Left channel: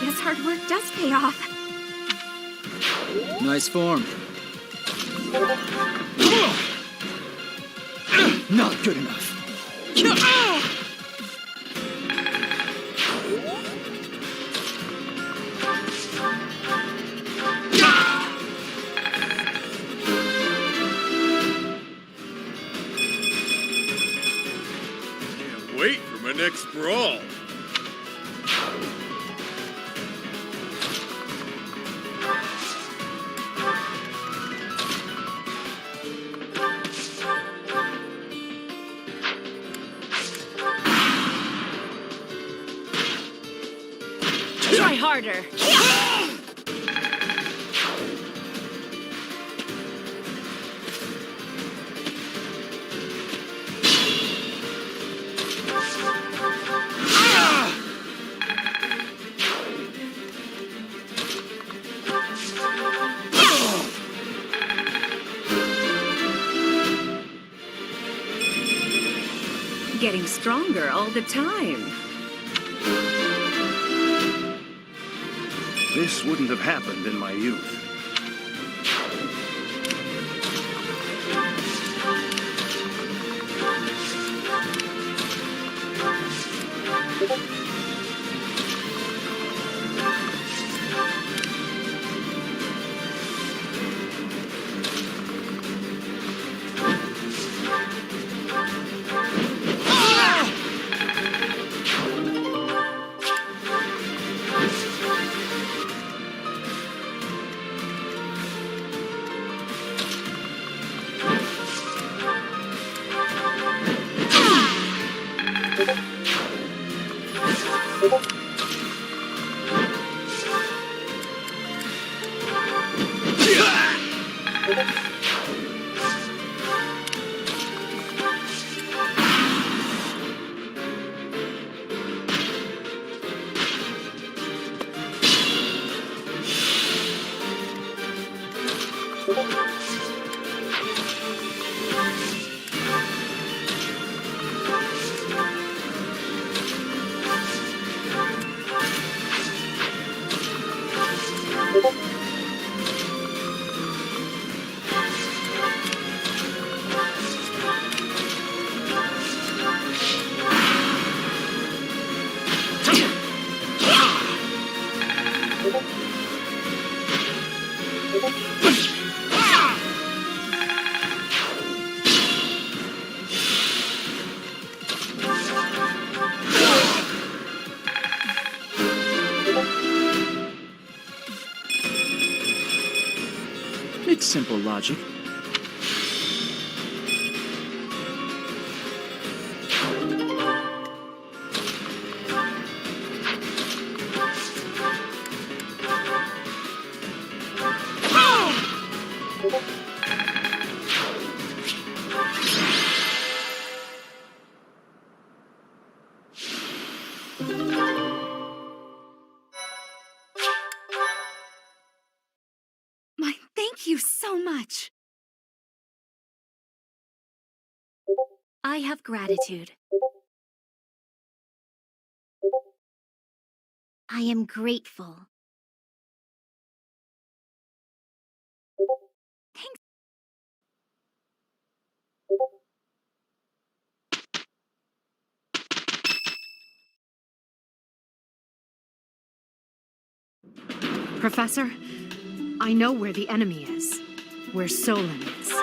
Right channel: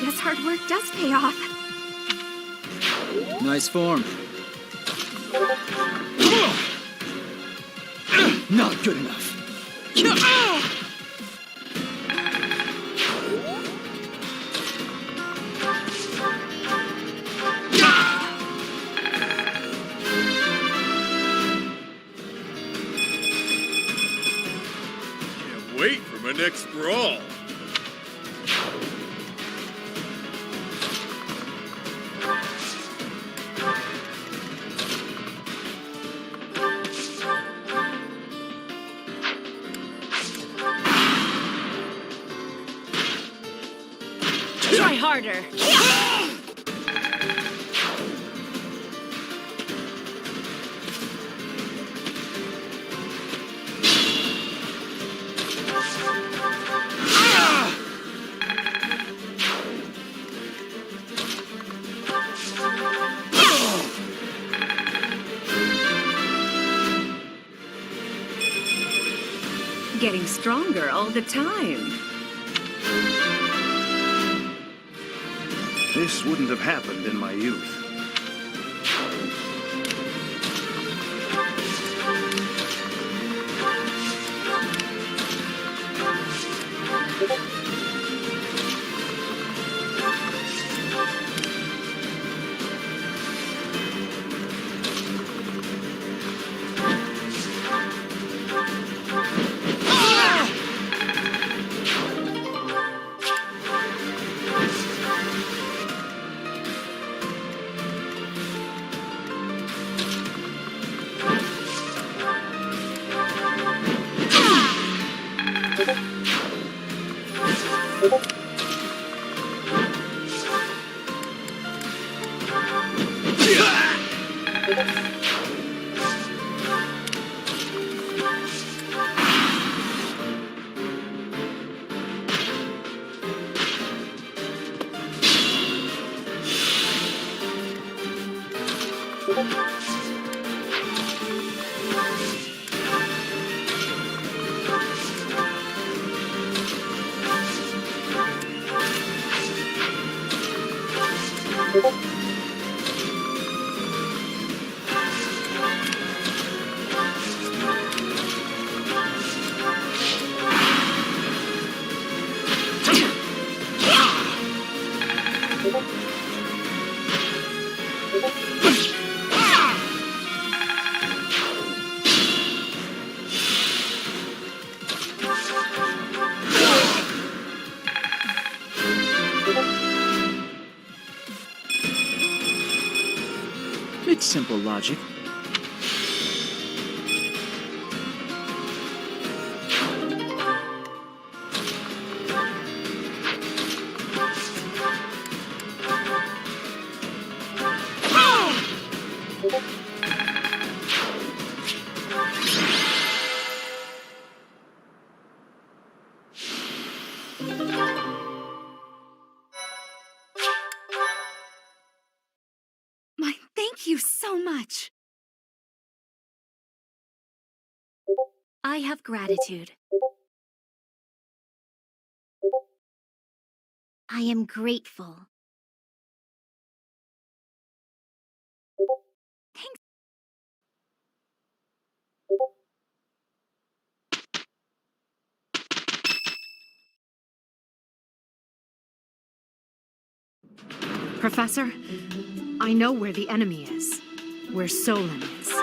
guess hard work does pay off. Nice form. Not good enough. Can't wait for my next brawl. Try harder. Getting stronger all the time. This wouldn't have happened in my youth. It's simple logic. Thank you so much. I have gratitude. I am grateful. Thanks. Professor, I know where the enemy is. Where Solon is.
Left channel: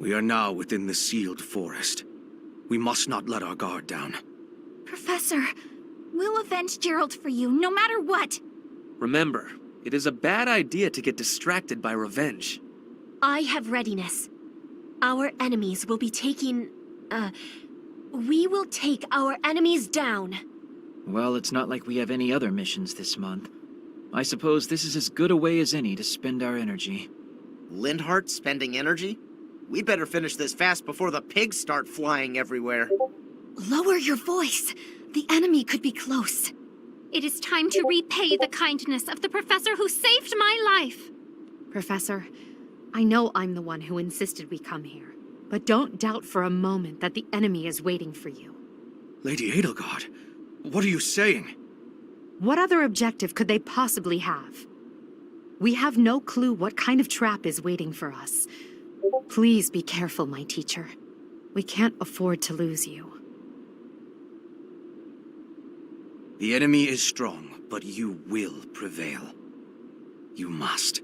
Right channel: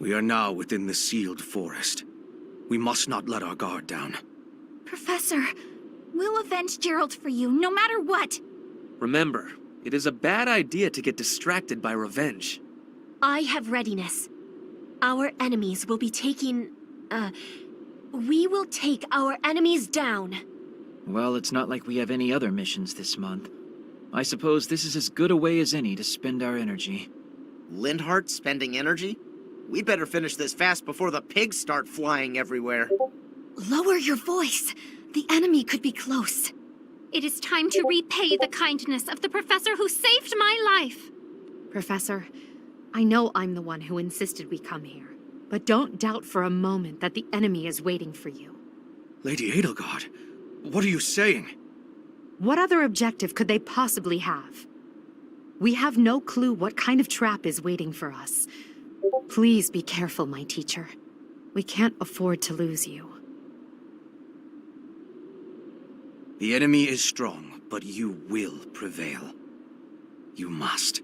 We are now within the sealed forest. We must not let our guard down. Professor, we'll avenge Gerald for you, no matter what. Remember, it is a bad idea to get distracted by revenge. I have readiness. Our enemies will be taking... we will take our enemies down. Well, it's not like we have any other missions this month. I suppose this is as good a way as any to spend our energy. Lindhart spending energy? We'd better finish this fast before the pigs start flying everywhere. Lower your voice. The enemy could be close. It is time to repay the kindness of the professor who saved my life. Professor, I know I'm the one who insisted we come here, but don't doubt for a moment that the enemy is waiting for you. Lady Edelgard, what are you saying? What other objective could they possibly have? We have no clue what kind of trap is waiting for us. Please be careful, my teacher. We can't afford to lose you. The enemy is strong, but you will prevail. You must.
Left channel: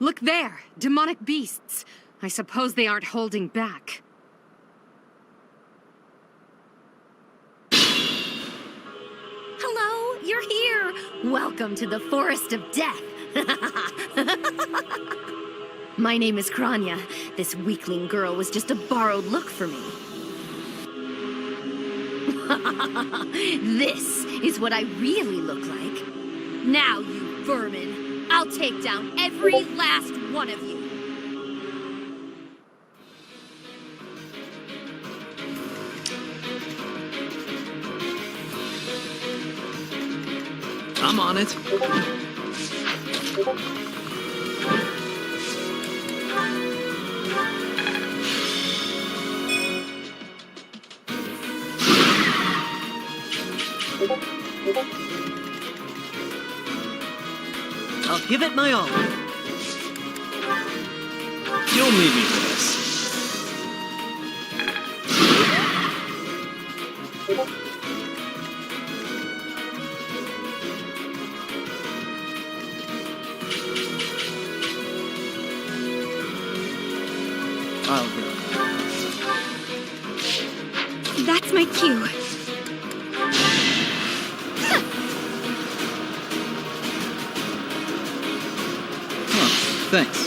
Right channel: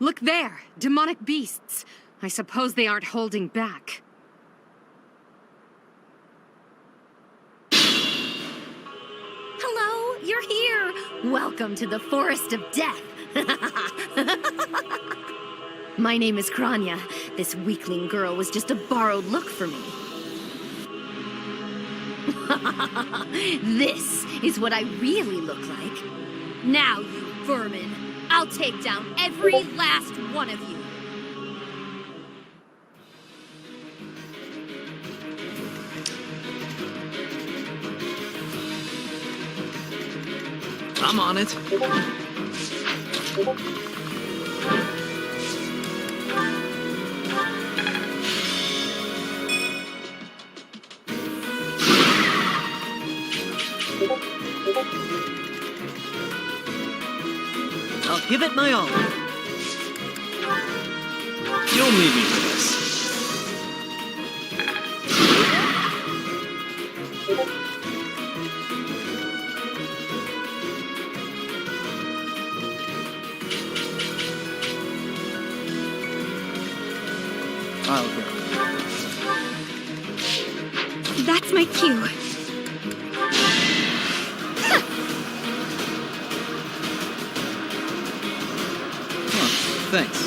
Look there! Demonic beasts! I suppose they aren't holding back. Hello, you're here! Welcome to the Forest of Death! My name is Kranya. This weakling girl was just a borrowed look for me. This is what I really look like. Now, you vermin, I'll take down every last one of you. I'm on it. I'll give it my all. You'll need me for this. I'll go. That's my cue. Thanks.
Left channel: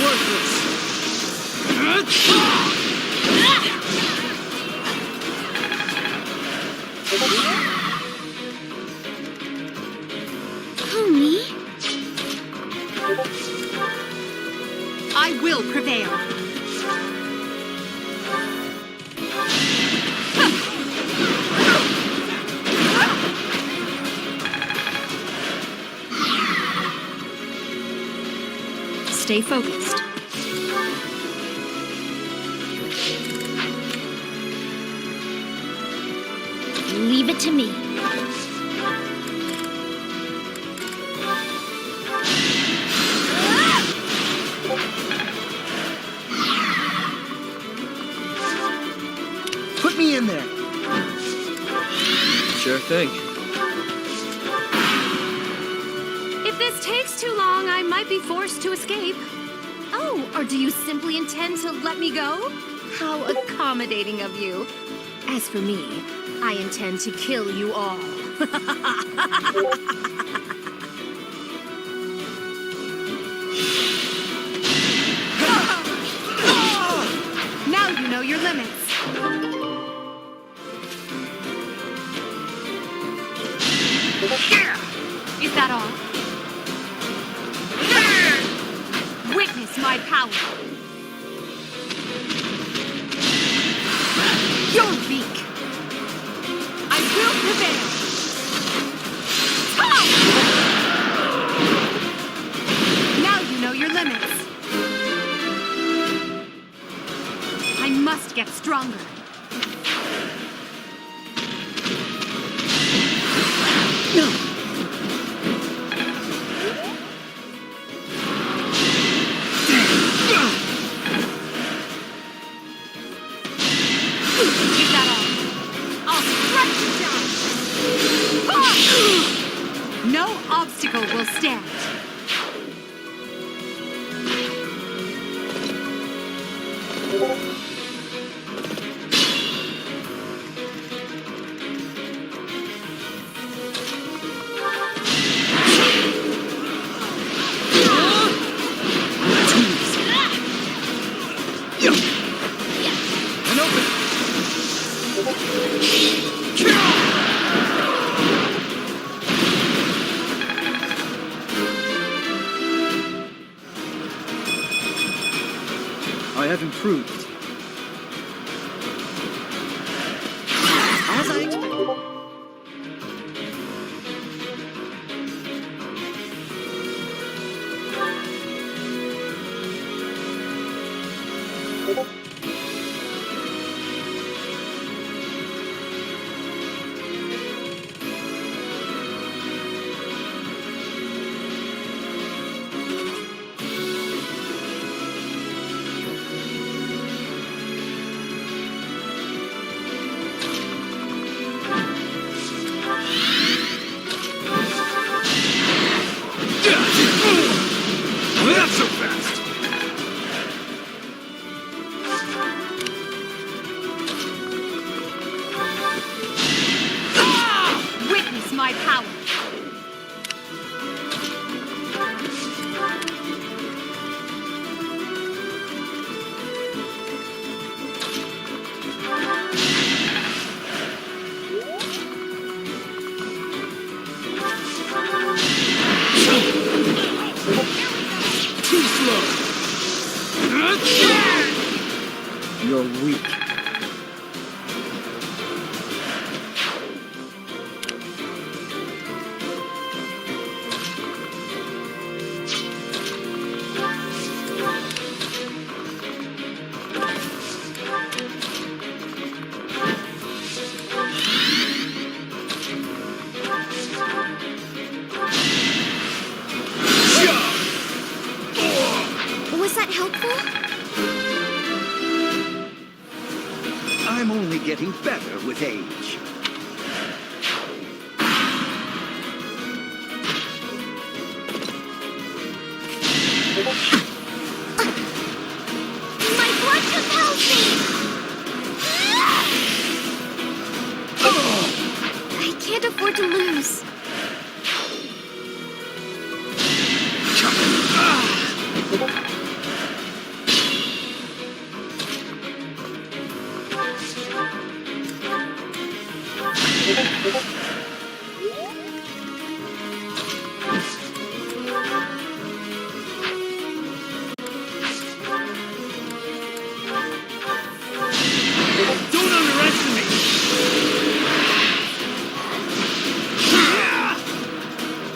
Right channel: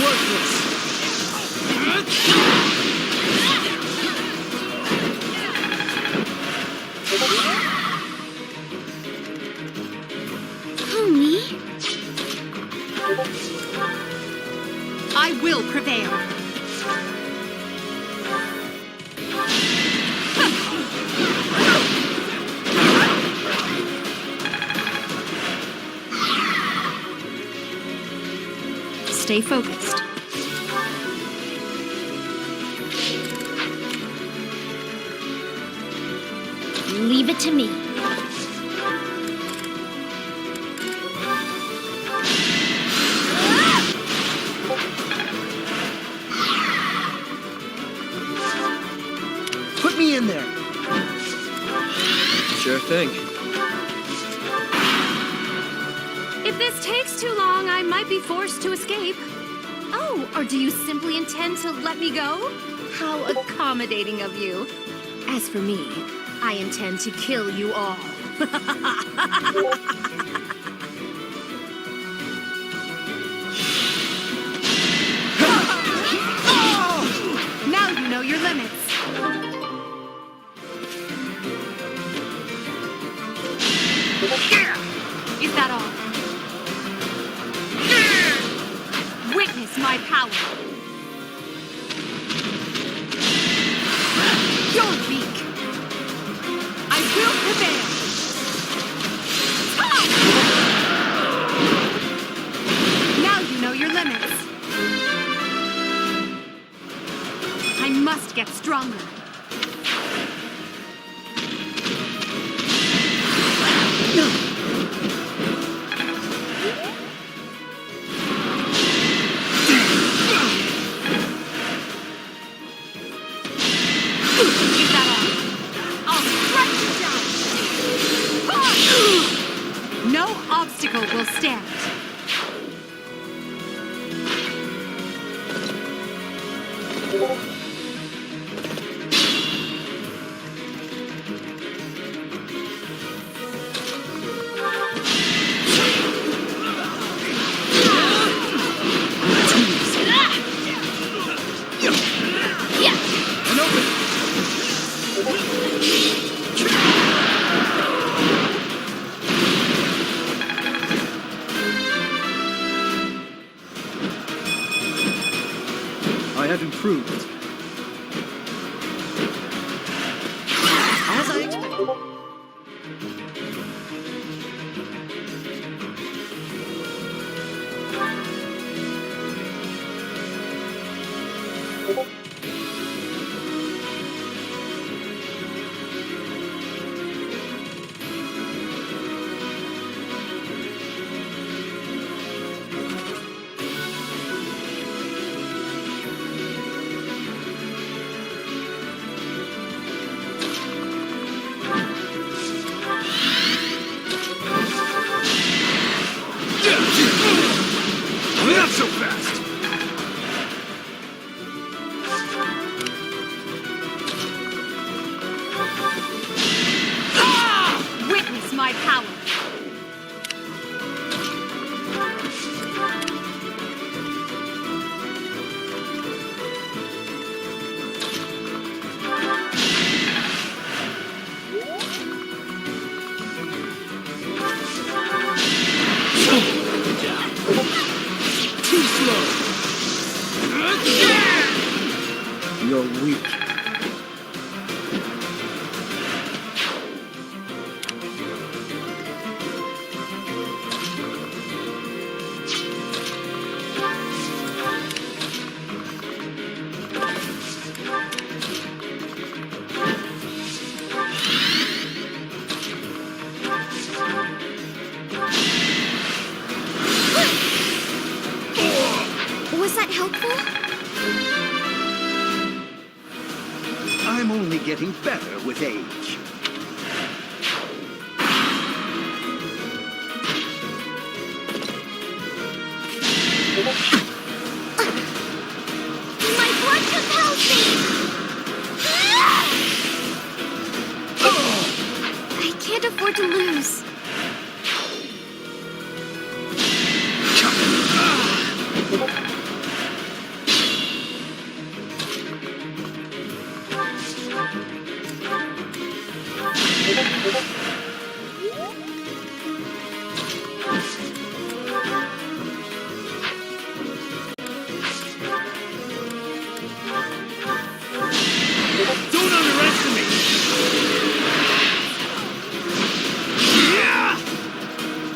Worthless. Pony? I will prevail. Stay focused. Leave it to me. Put me in there. Sure thing. If this takes too long, I might be forced to escape. Oh, or do you simply intend to let me go? How accommodating of you. As for me, I intend to kill you all. Now you know your limits. Is that all? Witness my power. You're weak. I will prevail. Now you know your limits. I must get stronger. Is that all? I'll strike you down! No obstacle will stand. I have improved. As I expected. Not so fast! Witness my power. Too slow! You're weak. Was that helpful? I'm only getting better with age. My blood compels me! I can't afford to lose.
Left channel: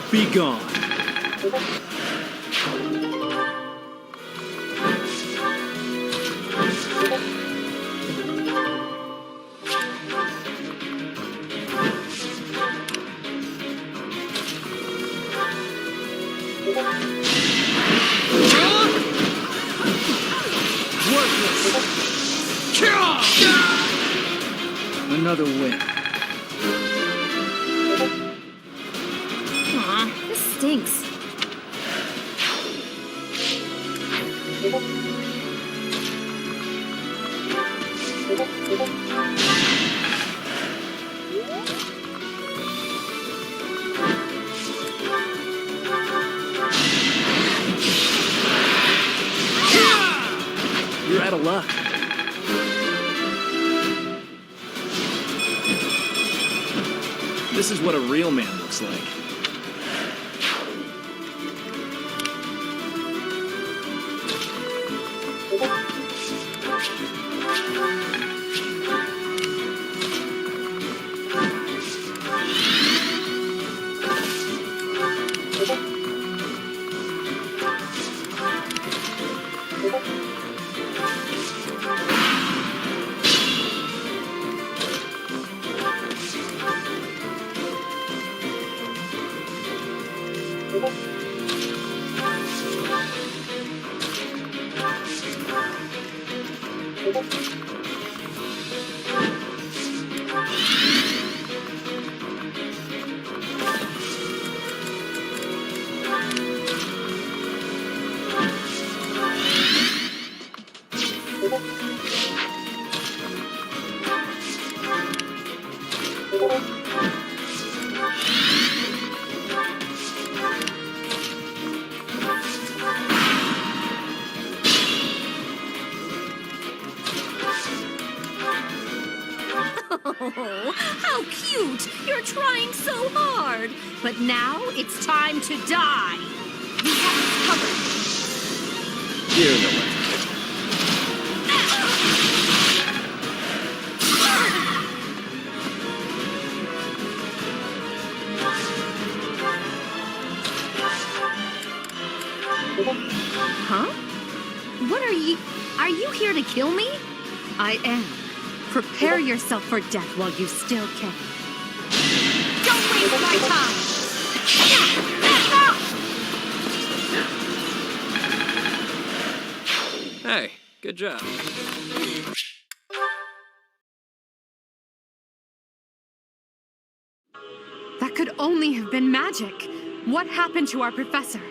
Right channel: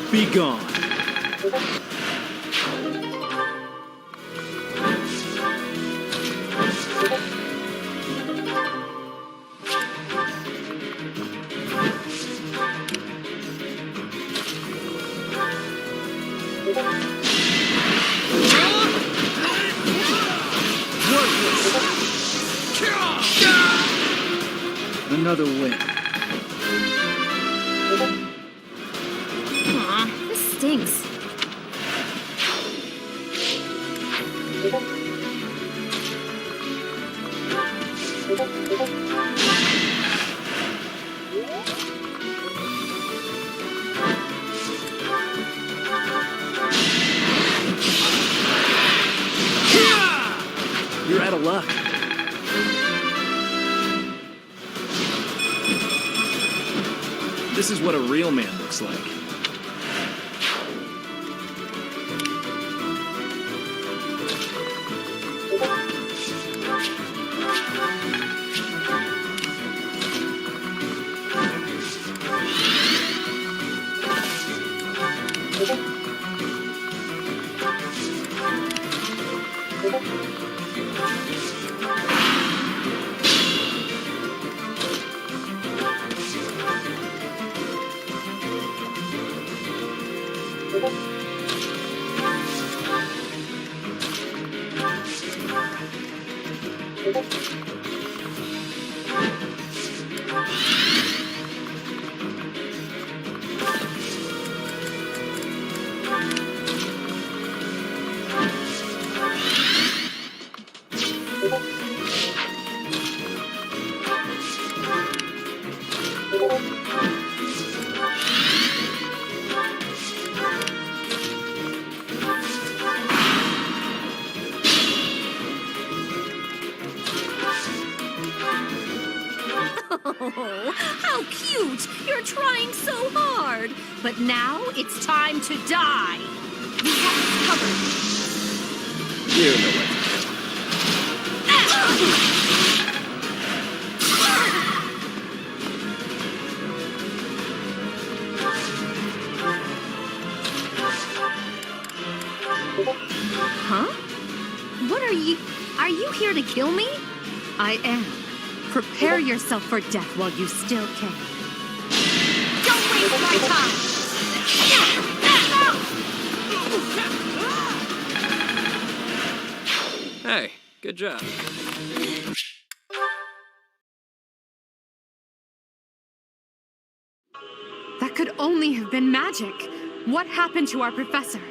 Be gone. Another win. Aw, this stinks. You're out of luck. This is what a real man looks like. Oh, how cute! You're trying so hard! But now it's time to die! We have it covered. You know what to do. Huh? What are you... Are you here to kill me? I am. Prepare yourself for death while you still can. Don't waste my time! Hey, good job. That could only have been magic. What happened to our professor?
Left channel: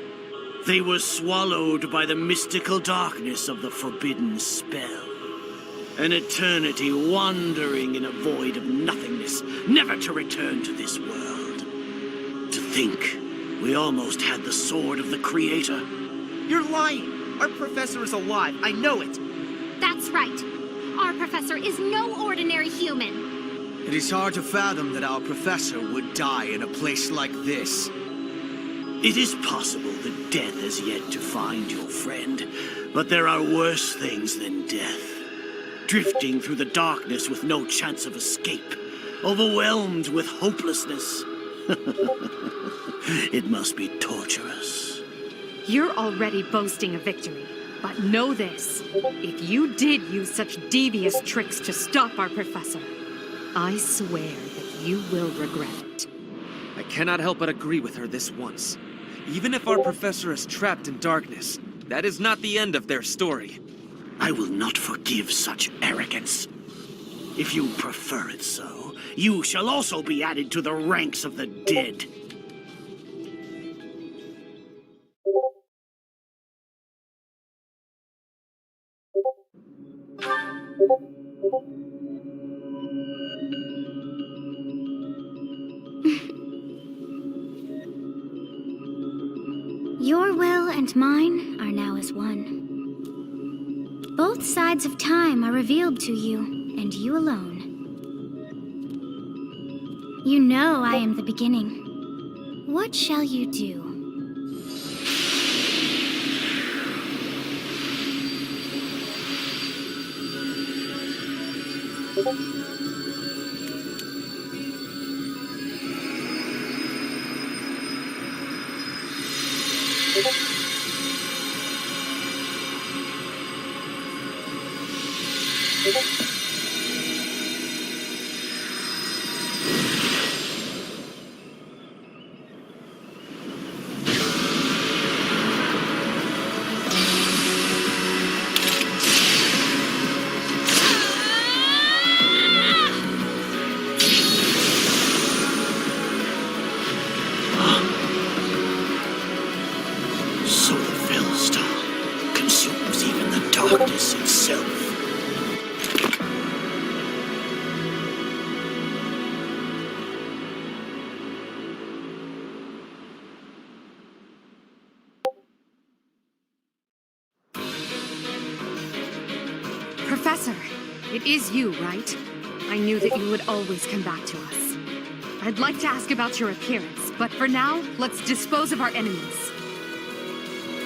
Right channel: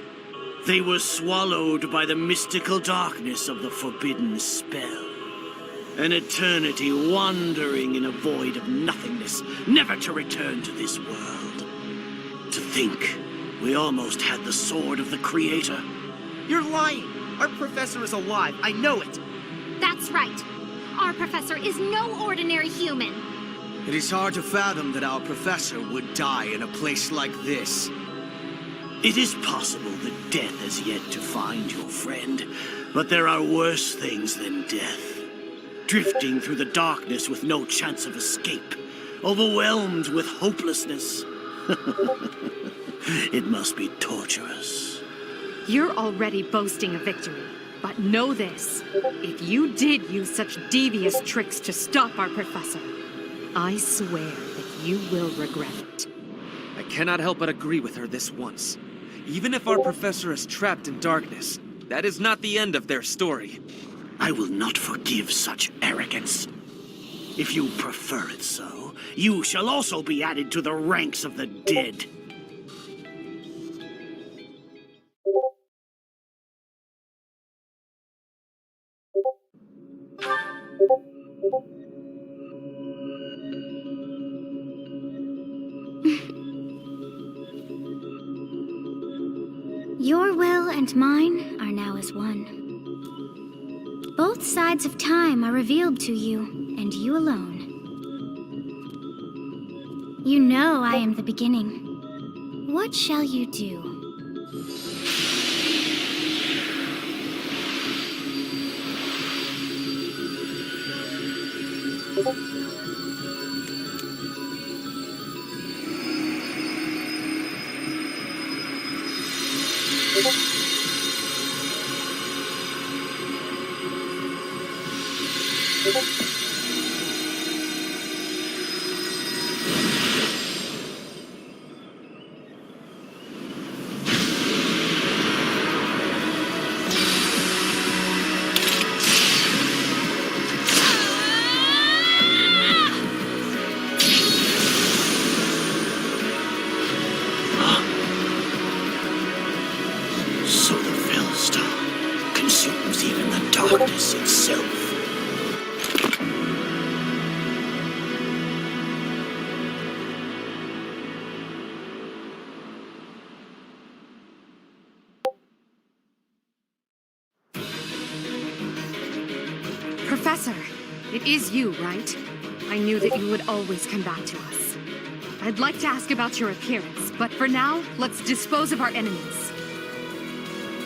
They were swallowed by the mystical darkness of the forbidden spell. An eternity wandering in a void of nothingness, never to return to this world. To think, we almost had the sword of the Creator. You're lying. Our professor is alive. I know it. That's right. Our professor is no ordinary human. It is hard to fathom that our professor would die in a place like this. It is possible that death has yet to find your friend, but there are worse things than death. Drifting through the darkness with no chance of escape, overwhelmed with hopelessness. It must be torturous. You're already boasting a victory. But know this. If you did use such devious tricks to stop our professor, I swear that you will regret it. I cannot help but agree with her this once. Even if our professor is trapped in darkness, that is not the end of their story. I will not forgive such arrogance. If you prefer it so, you shall also be added to the ranks of the dead. Your will and mine are now as one. Both sides of time are revealed to you, and you alone. You know I am the beginning. What shall you do? So the Velstar consumes even the darkness itself. Professor, it is you, right? I knew that you would always come back to us. I'd like to ask about your appearance, but for now, let's dispose of our enemies.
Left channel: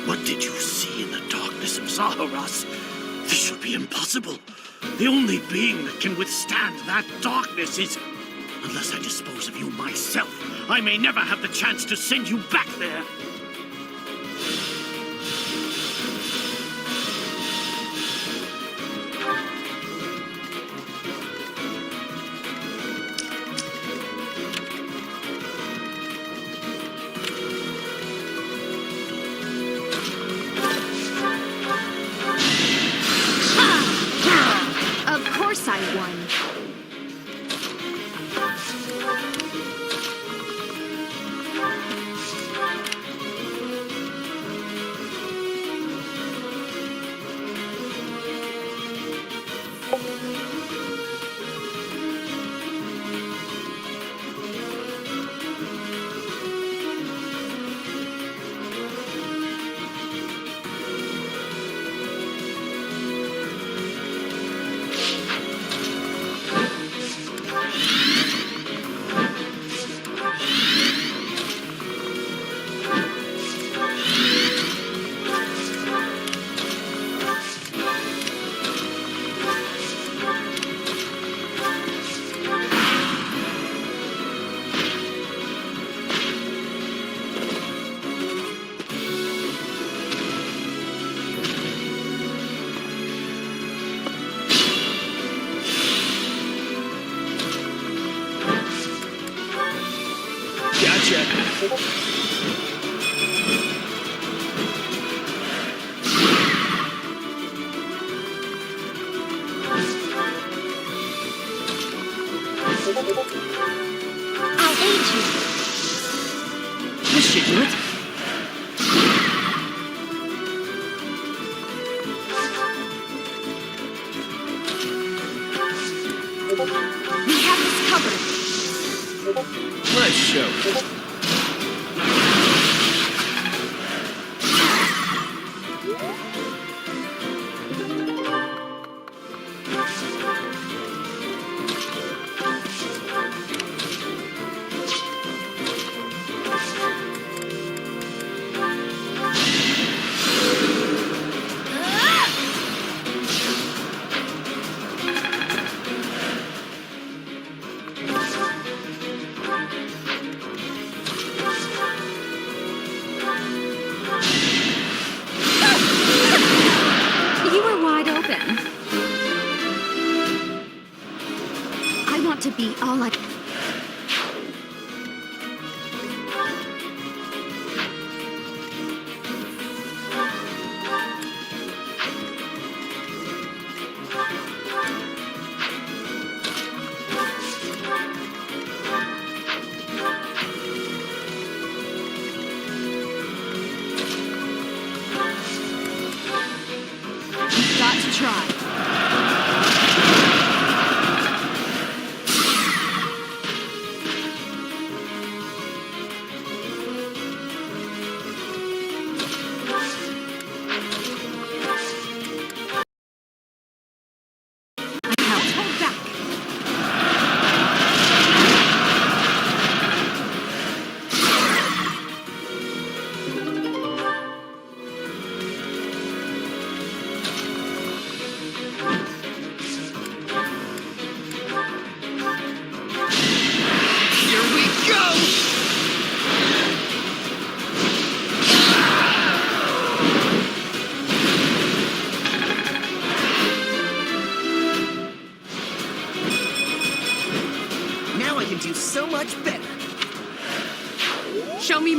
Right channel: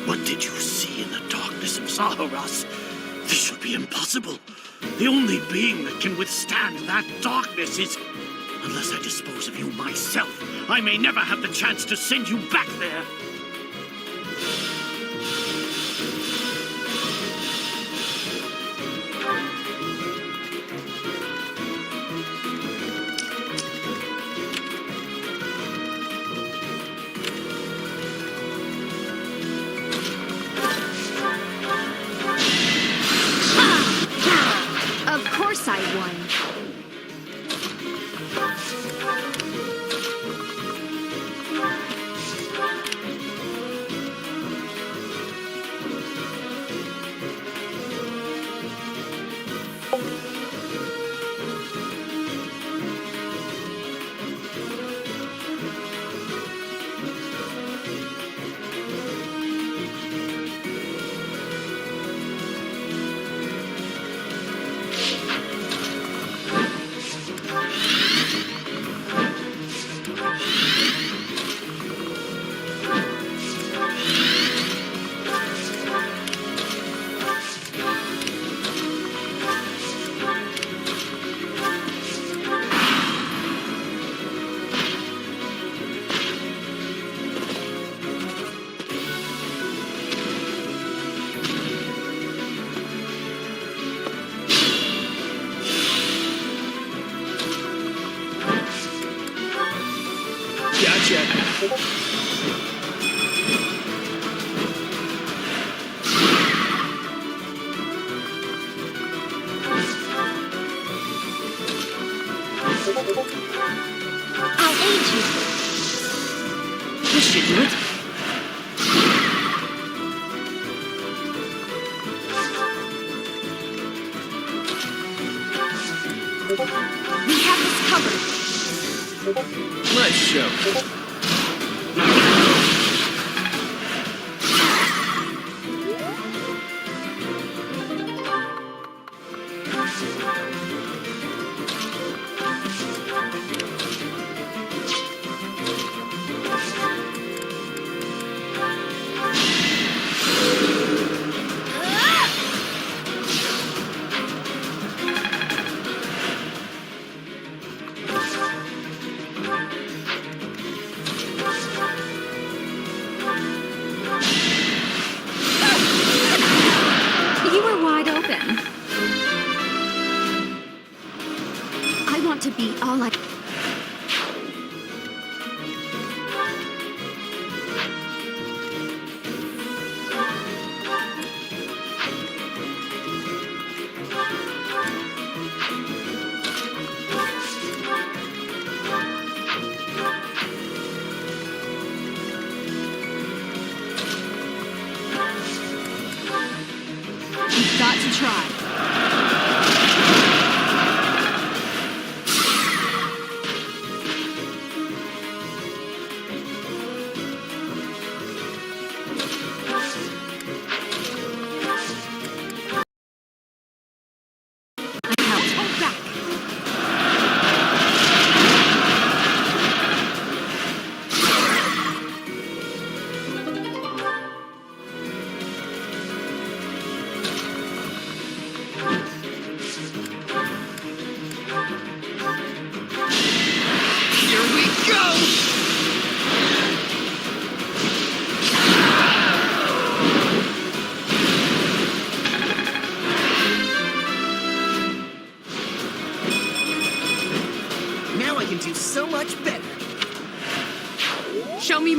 What did you see in the darkness of Zaharas? This would be impossible. The only being that can withstand that darkness is... Unless I dispose of you myself, I may never have the chance to send you back there. Of course I won. Gotcha. I'll aid you. This should do it. We have this covered. Nice show. You were wide open. I want to be all I... We've got to try. Don't hold back.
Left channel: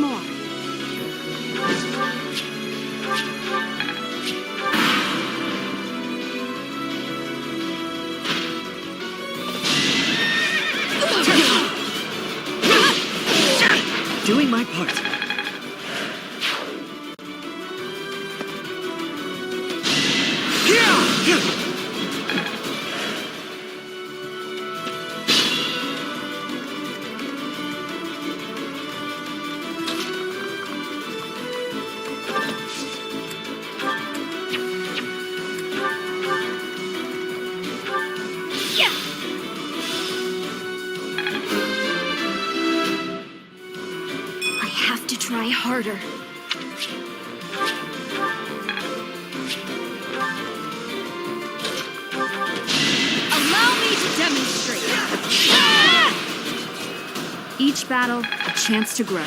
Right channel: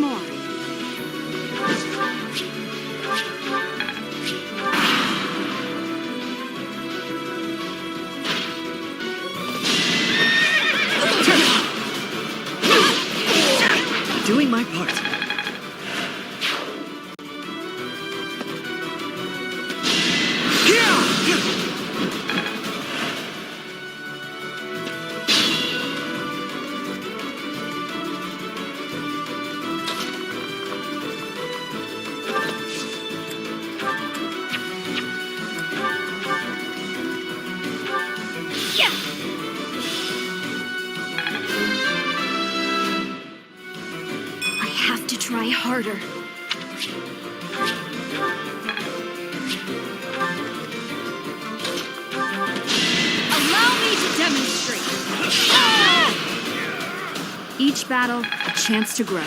more. Doing my part. I have to try harder. Allow me to demonstrate. Each battle, a chance to grow.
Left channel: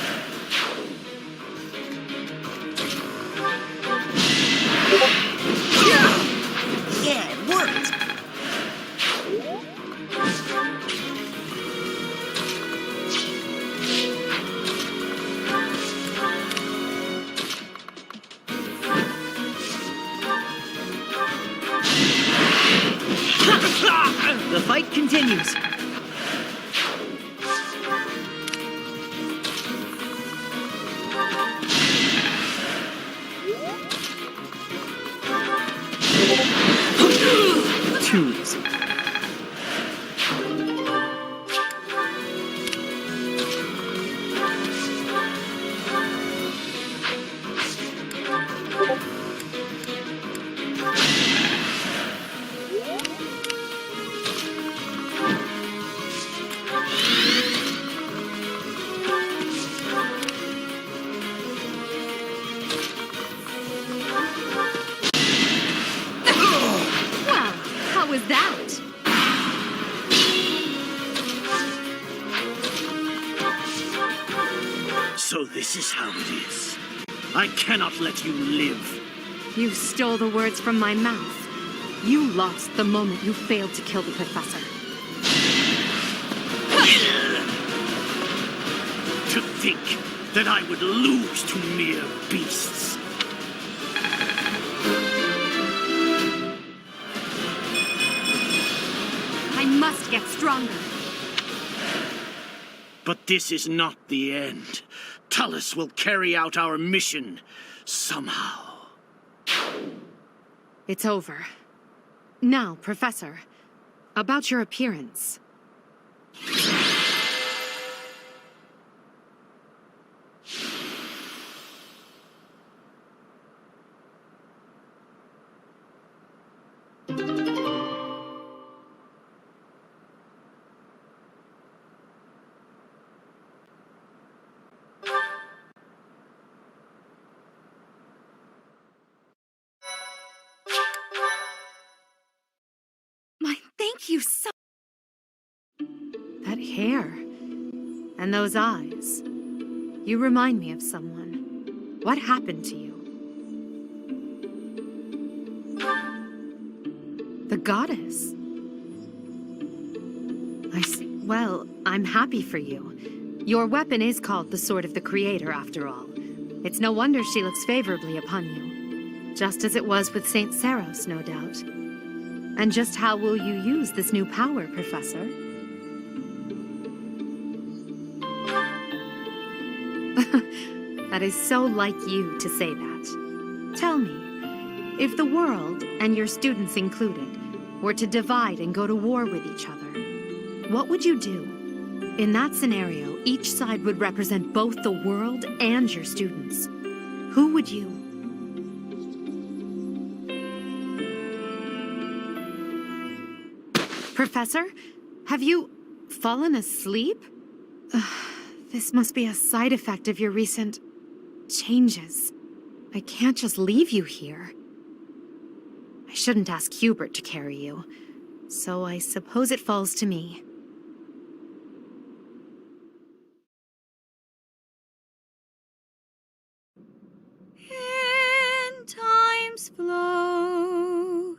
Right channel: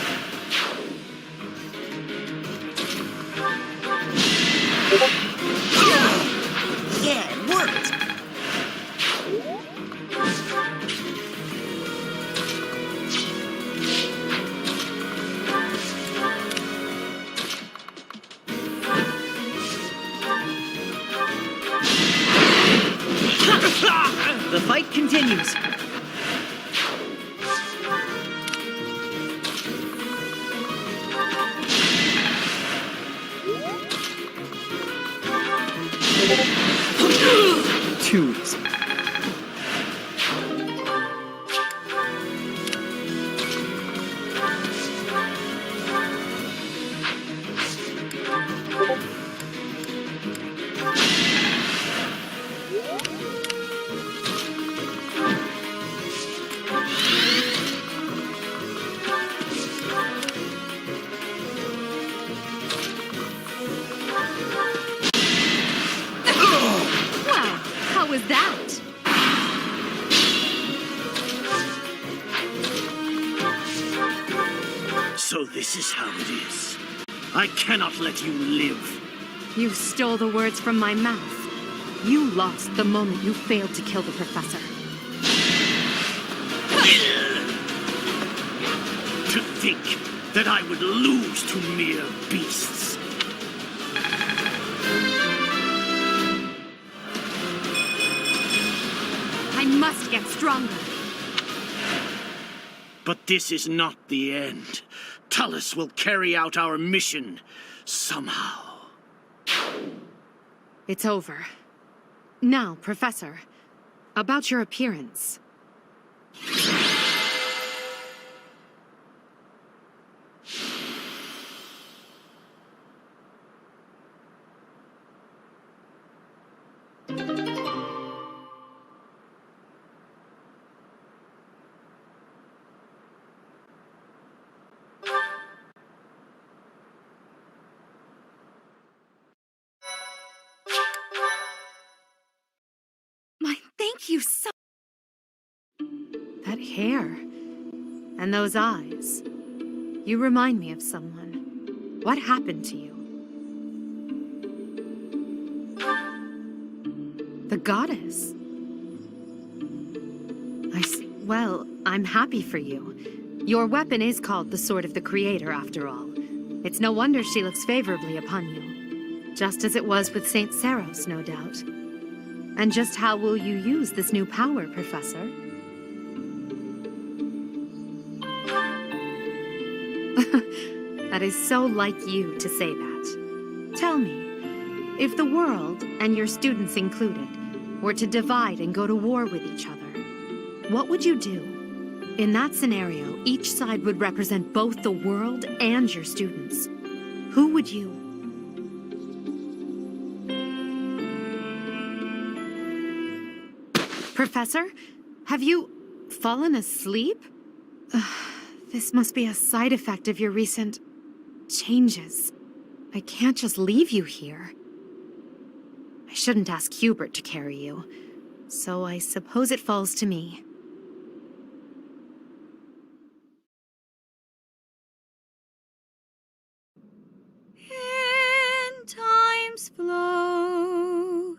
Yeah, it worked! The fight continues. Too easy. Wow, how was that? So this is how it is. I cannot let you live. You stole the words from my mouth. You lost the moment you failed to kill the professor. To think that I would lose to mere beasts. I must get stronger. But this is not the end. Tullus will carry out our mission somehow. It's over. Now, Professor, about your appearance. Thank you so. That hair. And those eyes. You remind me of someone. What happened to you? The goddess. Well, I'm happy for you. Your weapon is called the Sword of the Creator, after all. It's no wonder she looks favorably upon you. Just as it was with Saint Saros, no doubt. And just how will you use this new power, Professor? That is so like you to say that. Tell me, if the world, and your students included, were to divide and go to war with each other, what would you do? In that scenario, each side would represent both the world and your students. Who would you? Professor, have you fallen asleep? This must be a side effect of your recent changes. I can't just leave you here. I shouldn't ask Hubert to carry you, so I suppose it falls to me. In time's flow,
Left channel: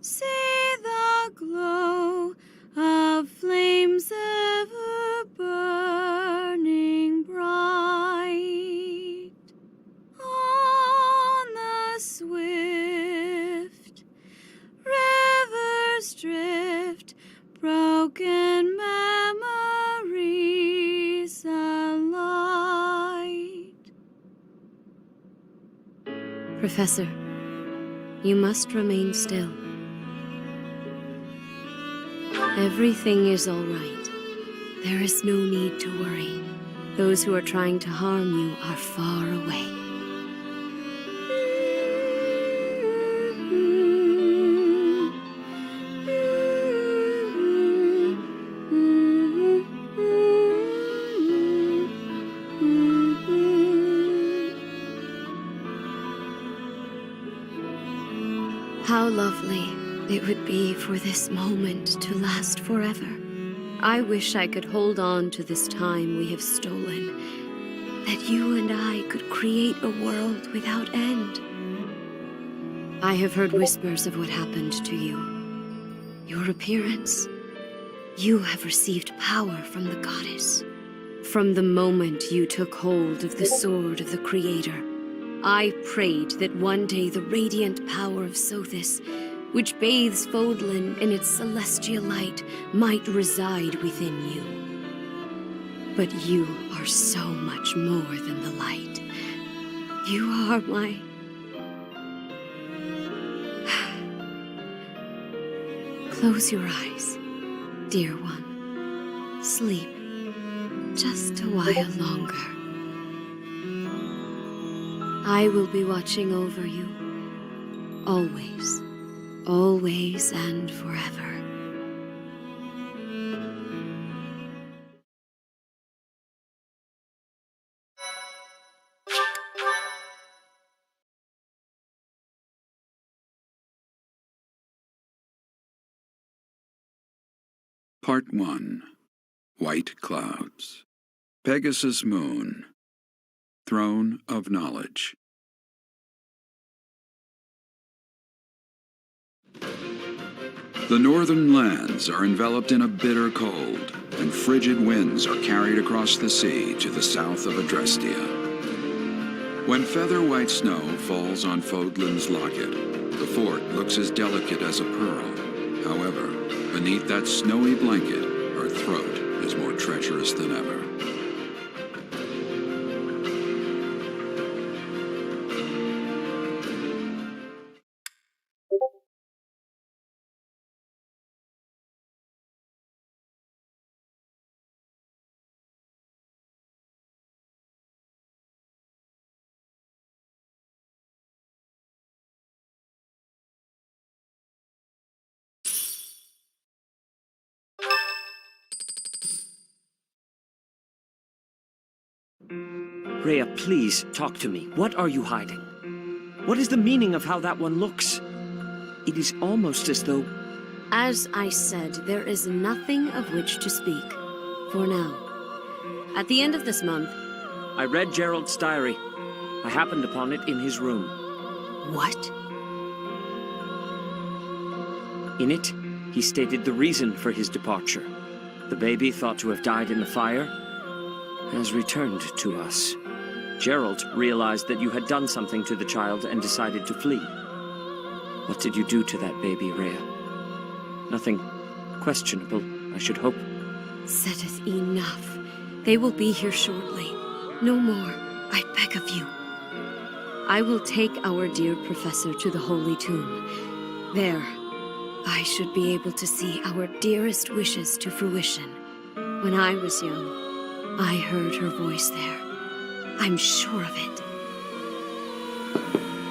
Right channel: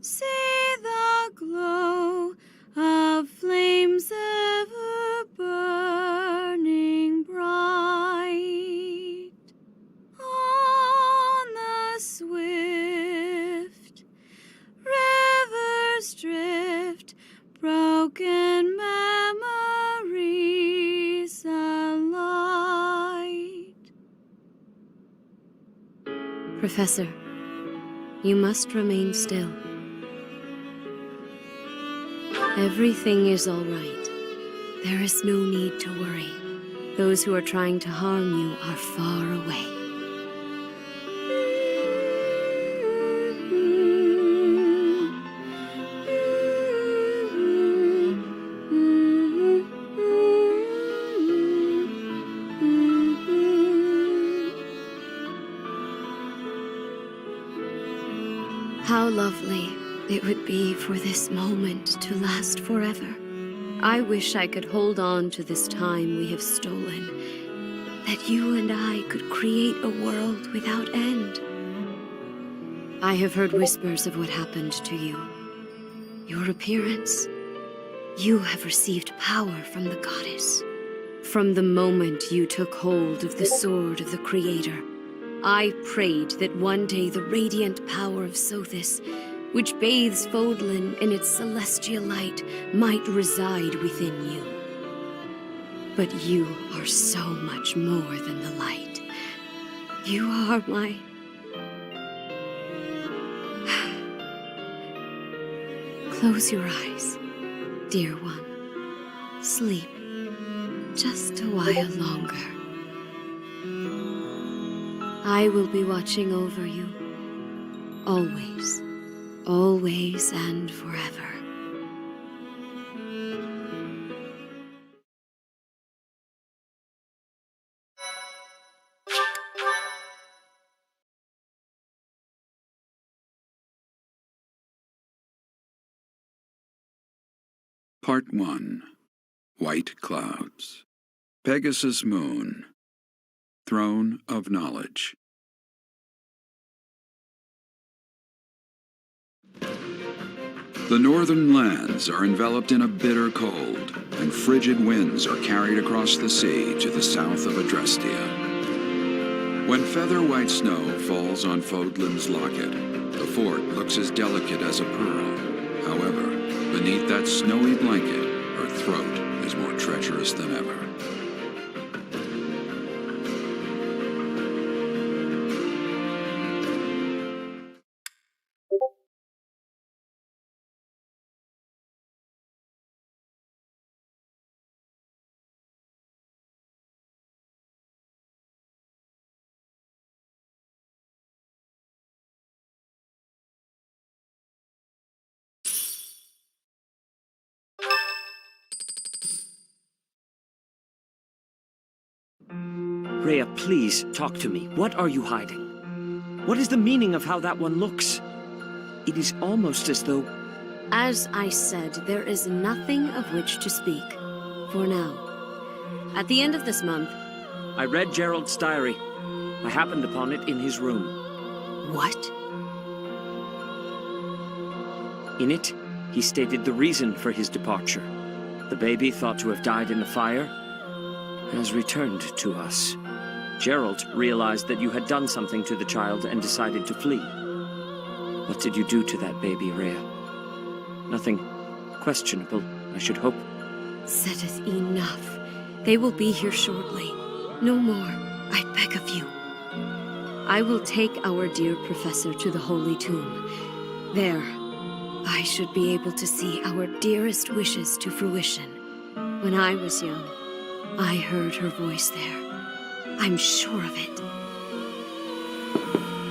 see the glow of flames ever burning bright. Professor, you must remain still. Everything is all right. There is no need to worry. Those who are trying to harm you are far away. How lovely it would be for this moment to last forever. I wish I could hold on to this time we have stolen, that you and I could create a world without end. I have heard whispers of what happened to you. Your appearance. You have received power from the goddess. From the moment you took hold of the sword of the Creator, I prayed that one day the radiant power of Sothis, which bathes Fodlan in its celestial light, might reside within you. But you are so much more than the light. You are my... Close your eyes, dear one. Sleep just a while longer. I will be watching over you, always, always and forever. Part 1. White Clouds. Pegasus Moon. Throne of Knowledge. The northern lands are enveloped in a bitter cold, and frigid winds are carried across the sea to the south of Adrestia. When feather-white snow falls on Fodlan's locket, the fort looks as delicate as a pearl. However, beneath that snowy blanket, her throat is more treacherous than ever. Rhea, please, talk to me. What are you hiding? What is the meaning of how that one looks? It is almost as though... As I said, there is nothing of which to speak, for now. At the end of this month... I read Gerald's diary. I happened upon it in his room. What? In it, he stated the reason for his departure. The baby, thought to have died in the fire, has returned to us. Gerald realized that you had done something to the child and decided to flee. What did you do to that baby, Rhea? Nothing questionable, I should hope. Seteth enough. They will be here shortly. No more, I beg of you. I will take our dear professor to the Holy Tomb. There, I should be able to see our dearest wishes to fruition. When I was young, I heard her voice there. I'm sure of it.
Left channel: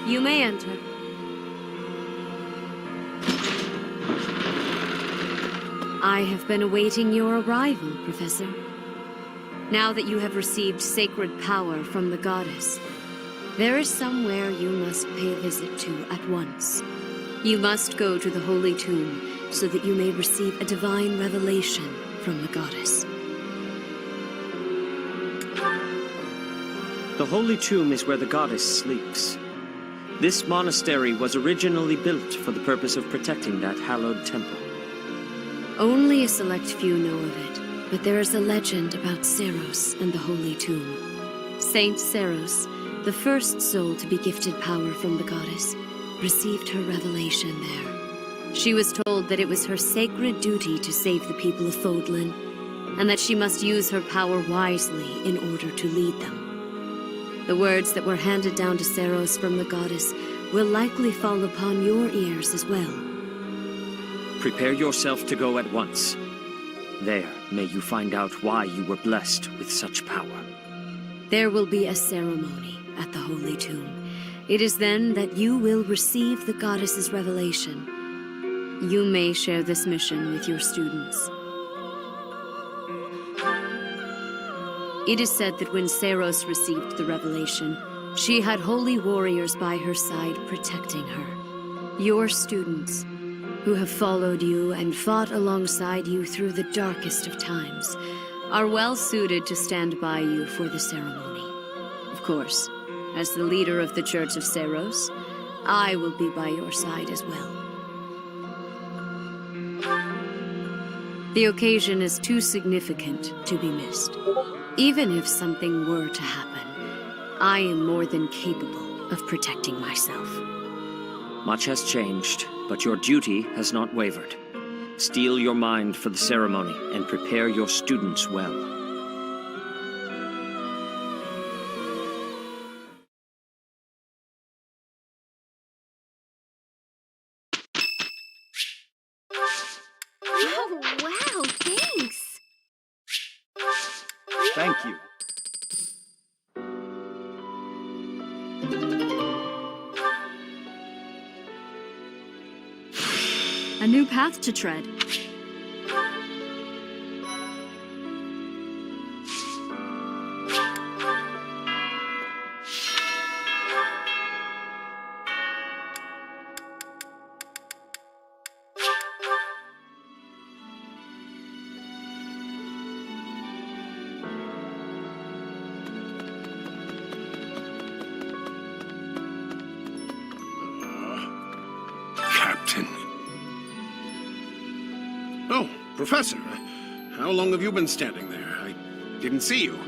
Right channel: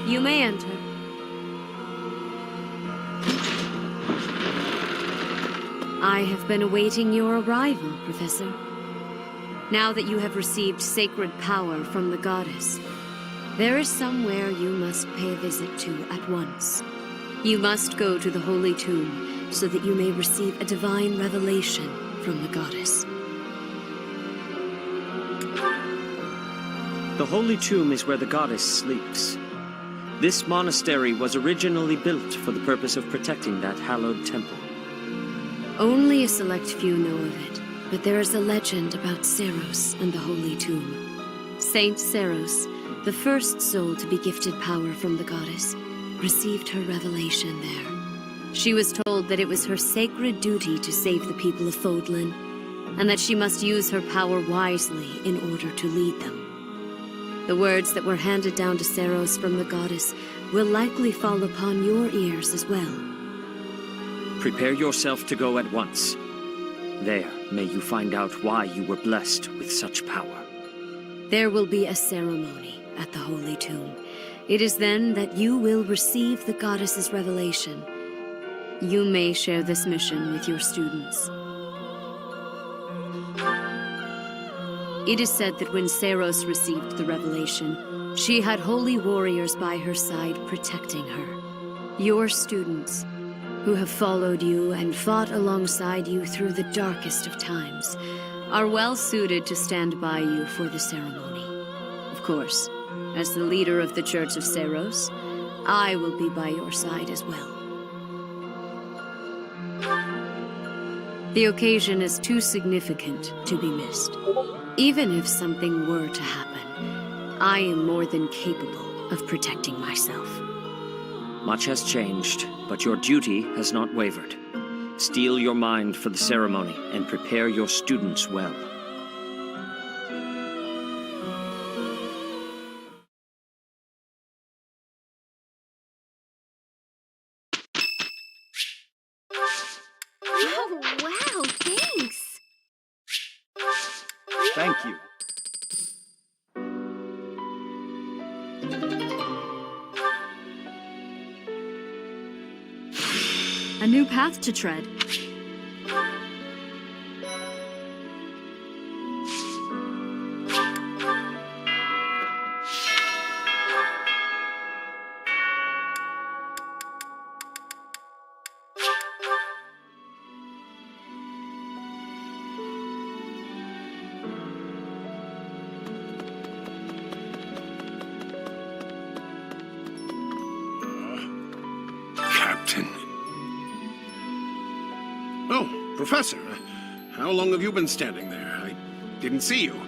You may enter. I have been awaiting your arrival, Professor. Now that you have received sacred power from the goddess, there is somewhere you must pay a visit to at once. You must go to the Holy Tomb so that you may receive a divine revelation from the goddess. The Holy Tomb is where the goddess sleeps. This monastery was originally built for the purpose of protecting that hallowed temple. Only a select few know of it, but there is a legend about Seiros and the Holy Tomb. Saint Seiros, the first soul to be gifted power from the goddess, received her revelation there. She was told that it was her sacred duty to save the people of Fodlan, and that she must use her power wisely in order to lead them. The words that were handed down to Seiros from the goddess will likely fall upon your ears as well. Prepare yourself to go at once. There, may you find out why you were blessed with such power. There will be a ceremony at the Holy Tomb. It is then that you will receive the goddess's revelation. You may share this mission with your students. It is said that when Seiros received the revelation, she had holy warriors by her side protecting her. Your students, who have followed you and fought alongside you through the darkest of times, are well suited to stand by you for the ceremony. Of course, as the leader of the Church of Seiros, I will be by your side as well. The occasion is too significant to be missed. Even if something were to happen, I am more than capable of protecting myself. Much has changed, but your duty has not wavered. Steel your mind for the ceremony and prepare your students well. Oh, wow, thanks. Thank you. A new path to tread. Captain. Oh, Professor. How long have you been standing there? I didn't see you.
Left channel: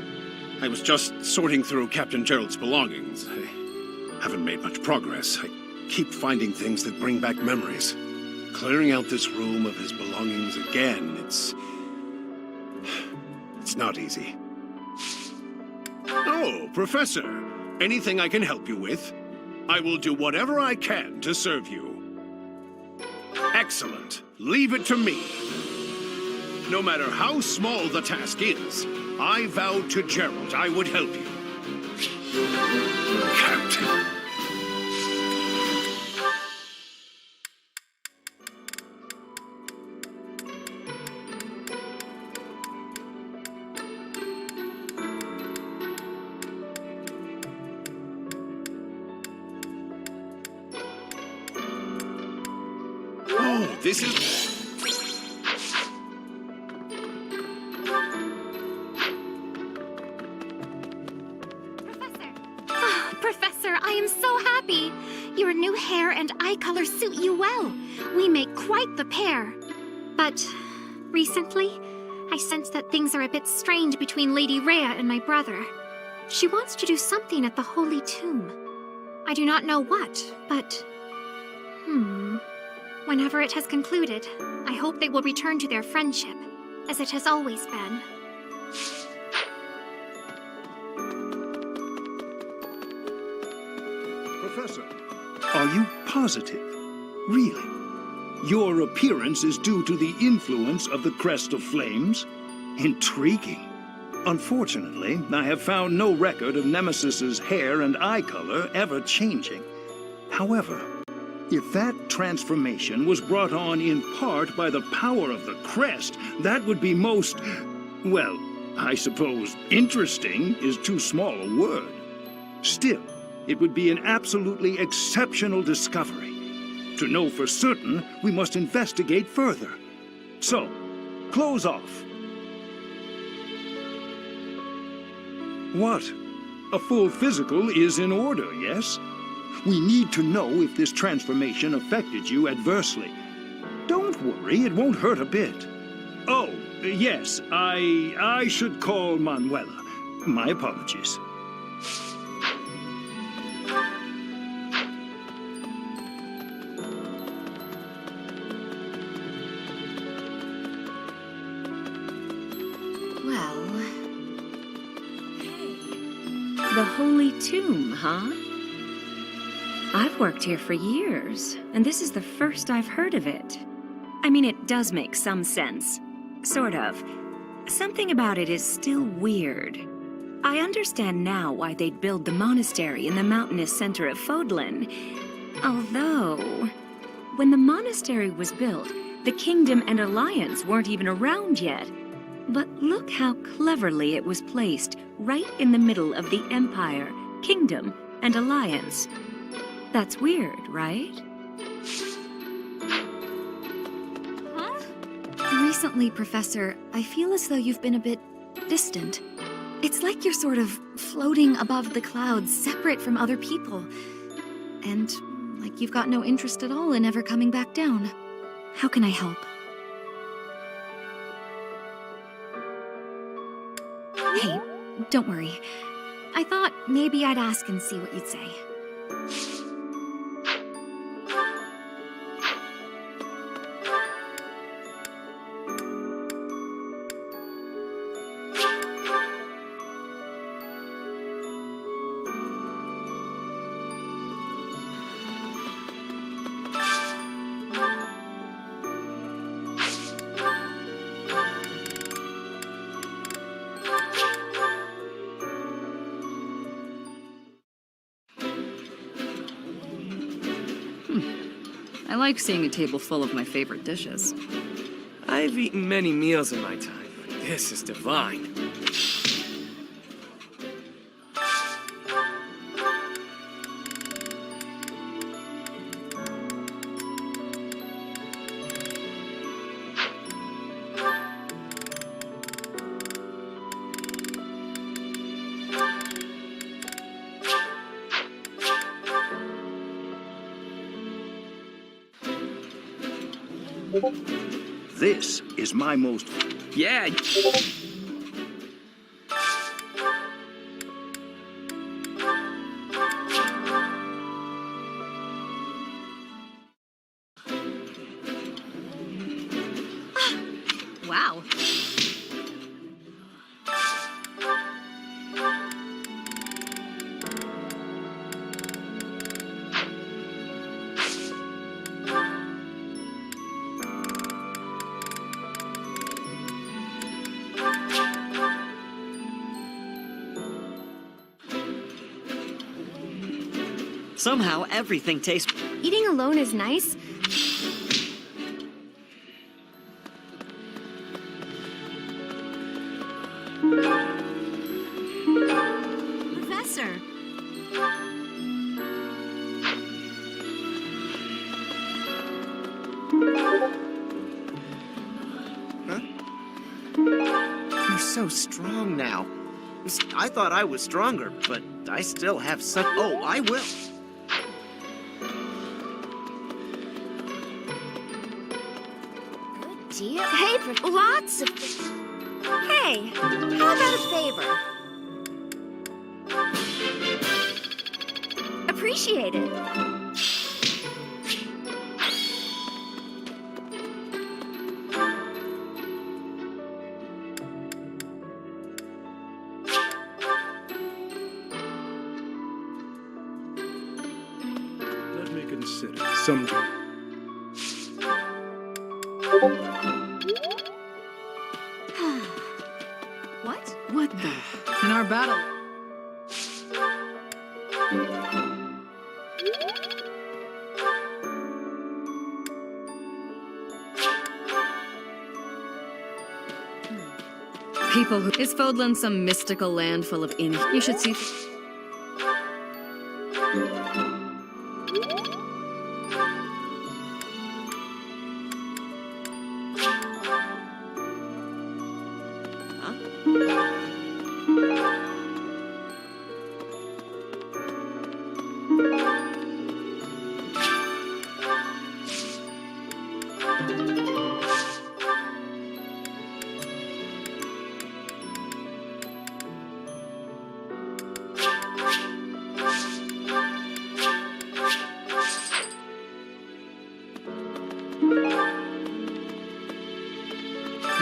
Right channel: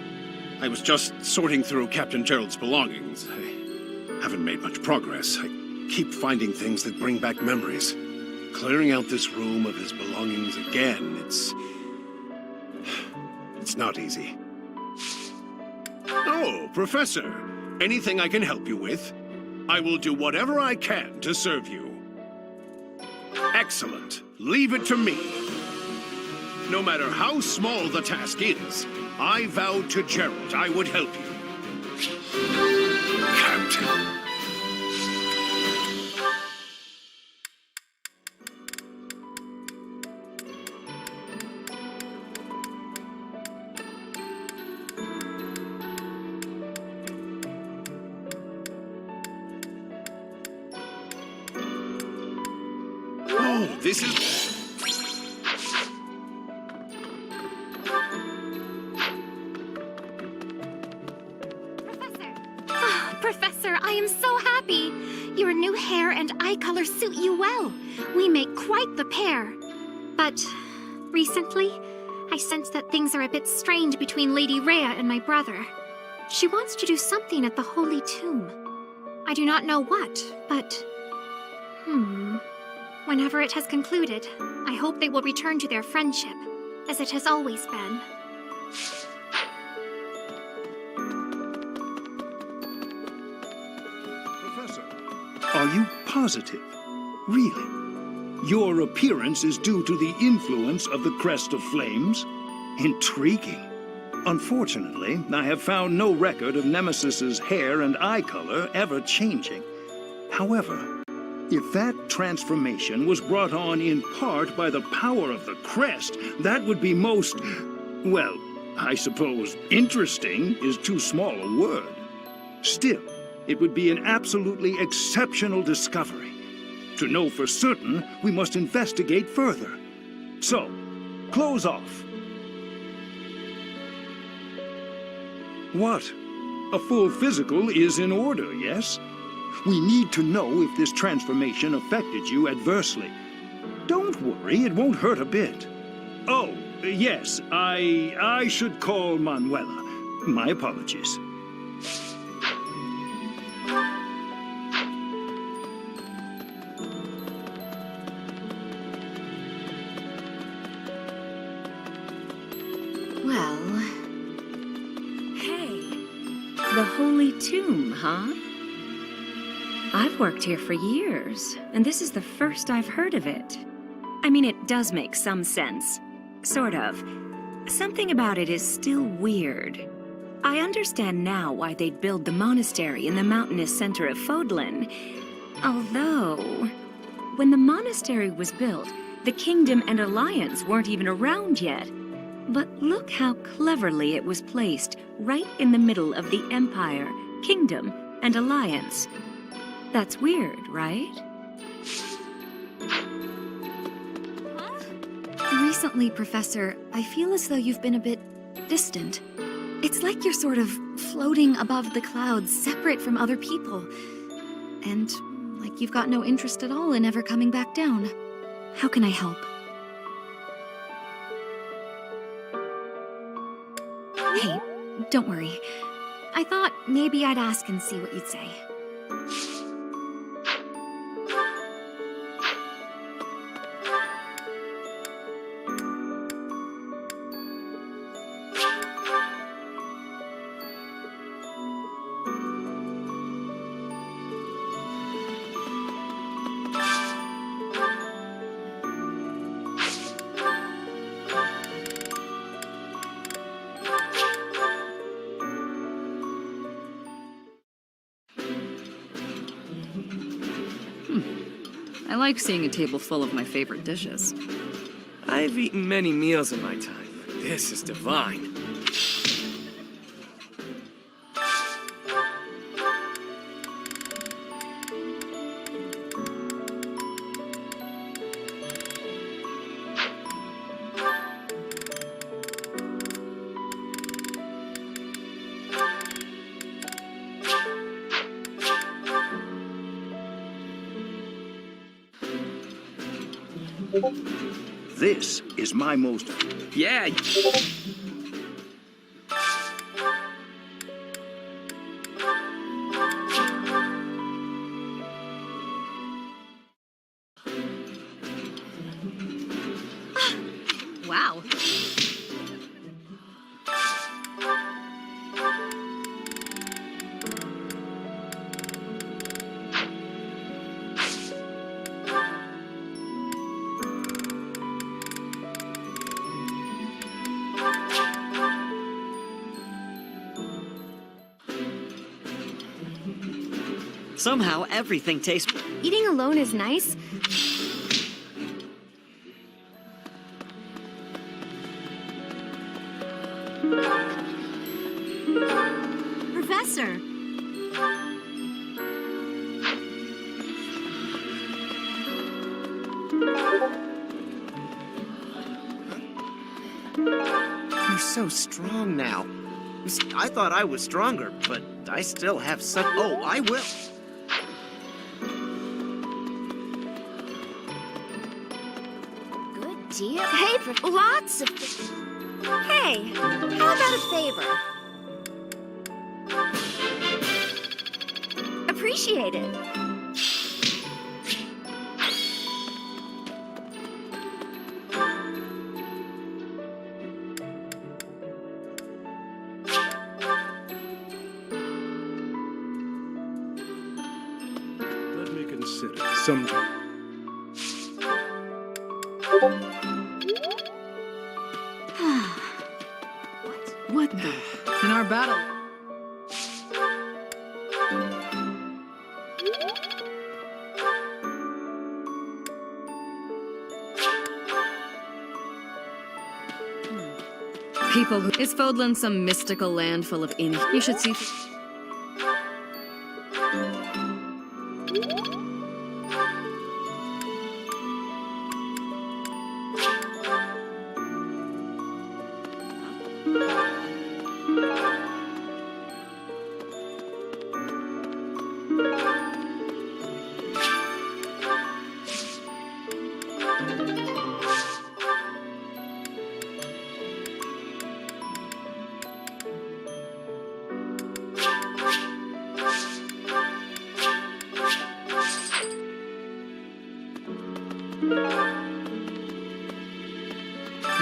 I was just sorting through Captain Gerald's belongings. I haven't made much progress. I keep finding things that bring back memories. Clearing out this room of his belongings again, it's not easy. Oh, Professor. Anything I can help you with? I will do whatever I can to serve you. Excellent. Leave it to me. No matter how small the task is, I vowed to Gerald I would help you. Captain. Oh, this is... Professor, I am so happy. Your new hair and eye color suit you well. We make quite the pair. But recently, I sense that things are a bit strained between Lady Rhea and my brother. She wants to do something at the Holy Tomb. I do not know what, but... Whenever it has concluded, I hope they will return to their friendship, as it has always been. Professor, are you positive? Really? Your appearance is due to the influence of the Crest of Flames? Intriguing. Unfortunately, I have found no record of Nemesis's hair and eye color ever changing. However, if that transformation was brought on in part by the power of the Crest, that would be most, well, I suppose interesting is too small a word. Still, it would be an absolutely exceptional discovery. To know for certain, we must investigate further. So, close off. What? A full physical is in order, yes? We need to know if this transformation affected you adversely. Don't worry, it won't hurt a bit. Oh, yes, I should call Manuela. My apologies. Well... The Holy Tomb, huh? I've worked here for years, and this is the first I've heard of it. I mean, it does make some sense. Sort of. Something about it is still weird. I understand now why they'd build the monastery in the mountainous center of Fodlan. Although, when the monastery was built, the Kingdom and Alliance weren't even around yet. But look how cleverly it was placed, right in the middle of the Empire, Kingdom, and Alliance. That's weird, right? Recently, Professor, I feel as though you've been a bit distant. It's like you're sort of floating above the clouds, separate from other people. And like you've got no interest at all in ever coming back down. How can I help? Hey, don't worry. I thought maybe I'd ask and see what you'd say. I like seeing a table full of my favorite dishes. I've eaten many meals in my time, but this is divine. This is my most... Yeah. Wow. Somehow, everything tastes... Eating alone is nice. Professor! You're so strong now. I thought I was stronger, but I still have such... Oh, I will. Good deal. Hey, lots of... Hey, how about a favor? Appreciate it. Let me consider some... What? What the? In our battle... People who... Is Fodlan some mystical land full of You should see...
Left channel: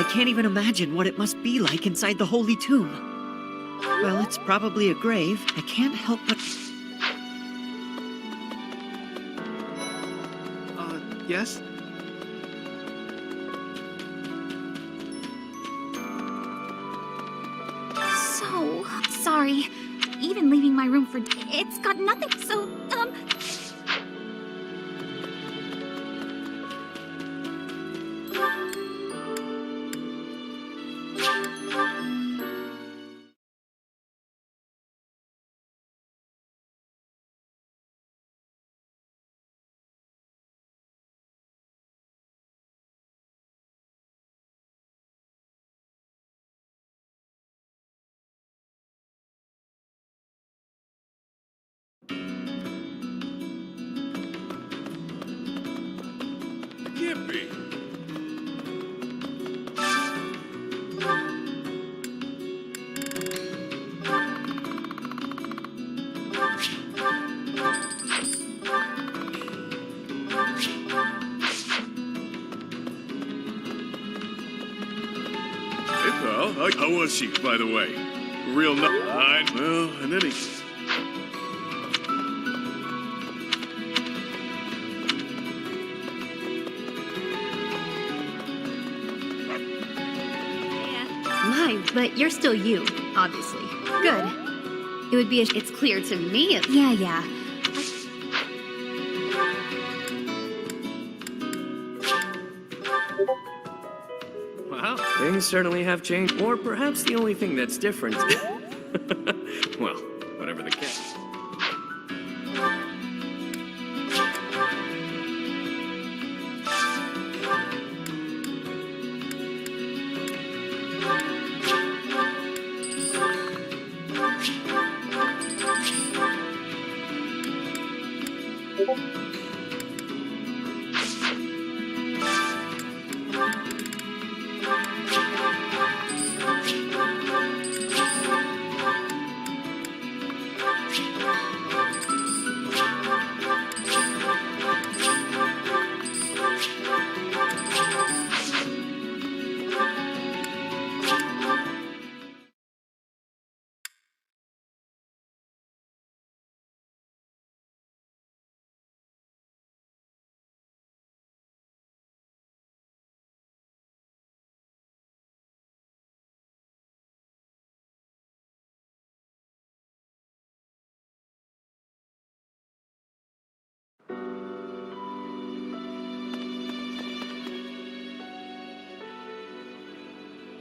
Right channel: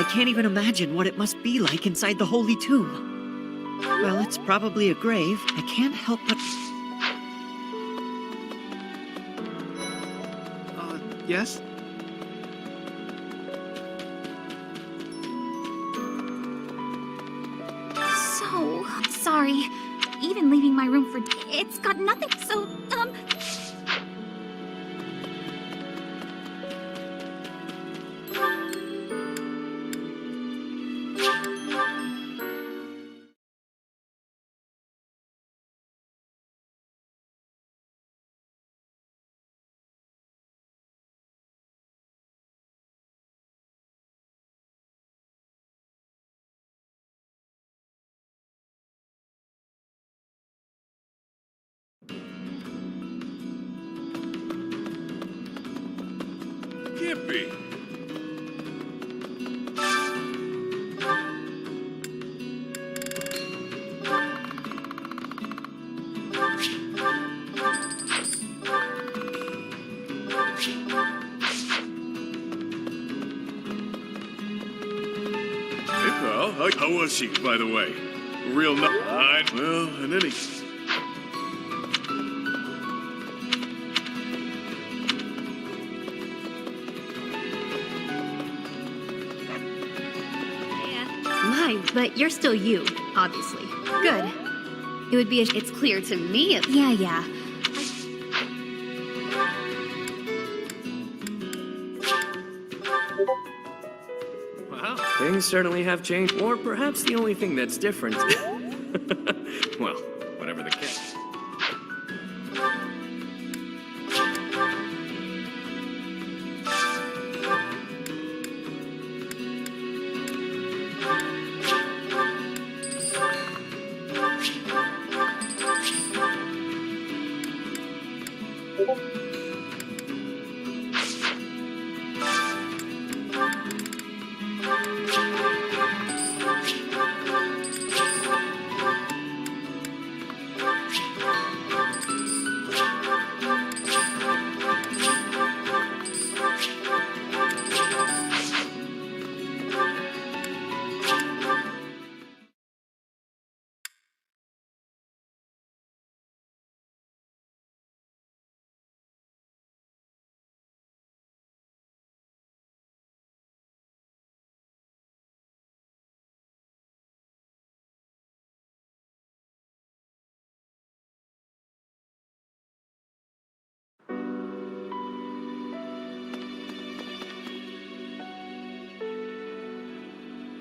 I can't even imagine what it must be like inside the Holy Tomb. Well, it's probably a grave. I can't help but... Yes? So sorry. Even leaving my room for it's got nothing. So, Can't be. Hey, pal. How was she, by the way? Real well, and any... My, but you're still you, obviously. Good. It would be it's clear to me if... Yeah. Wow, things certainly have changed. Or perhaps the only thing that's different... well, whatever the case.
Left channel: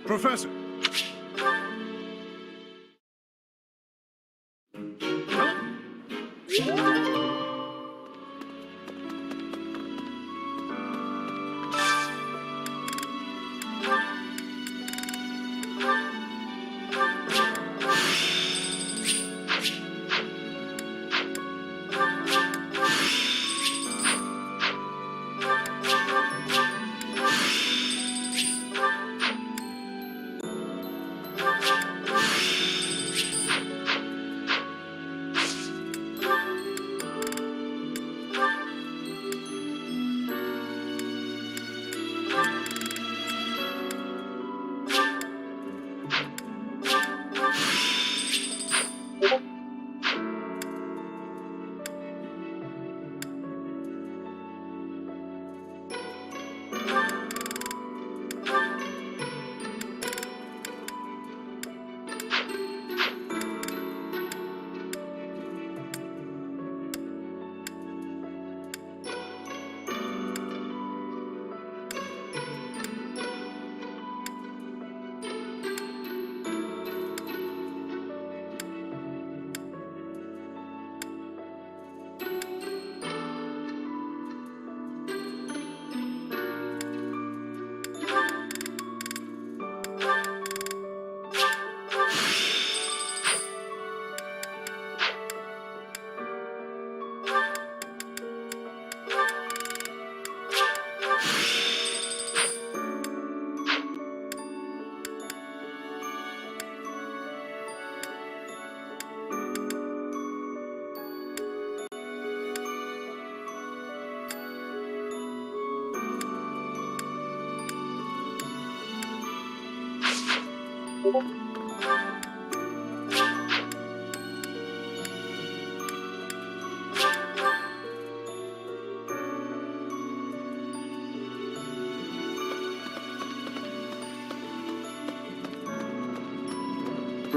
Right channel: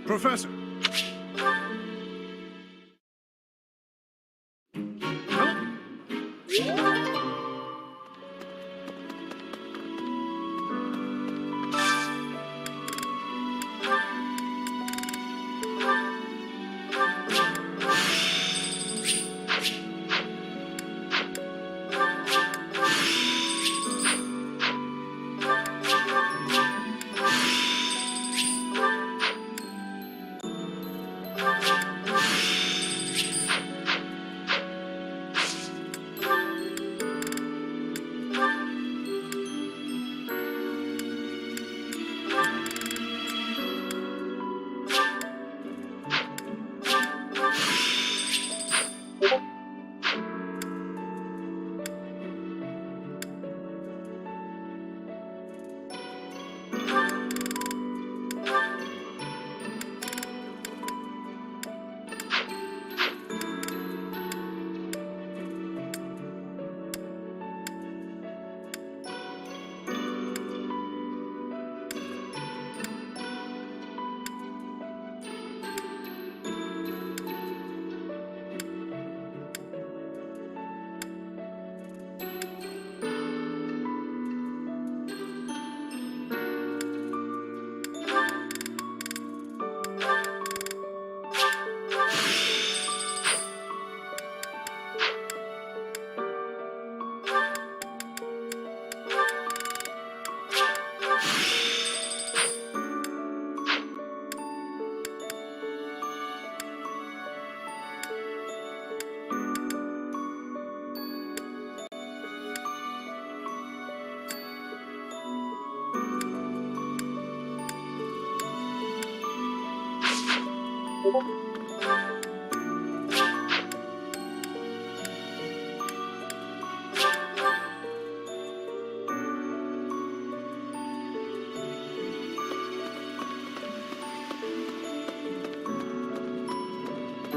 Professor.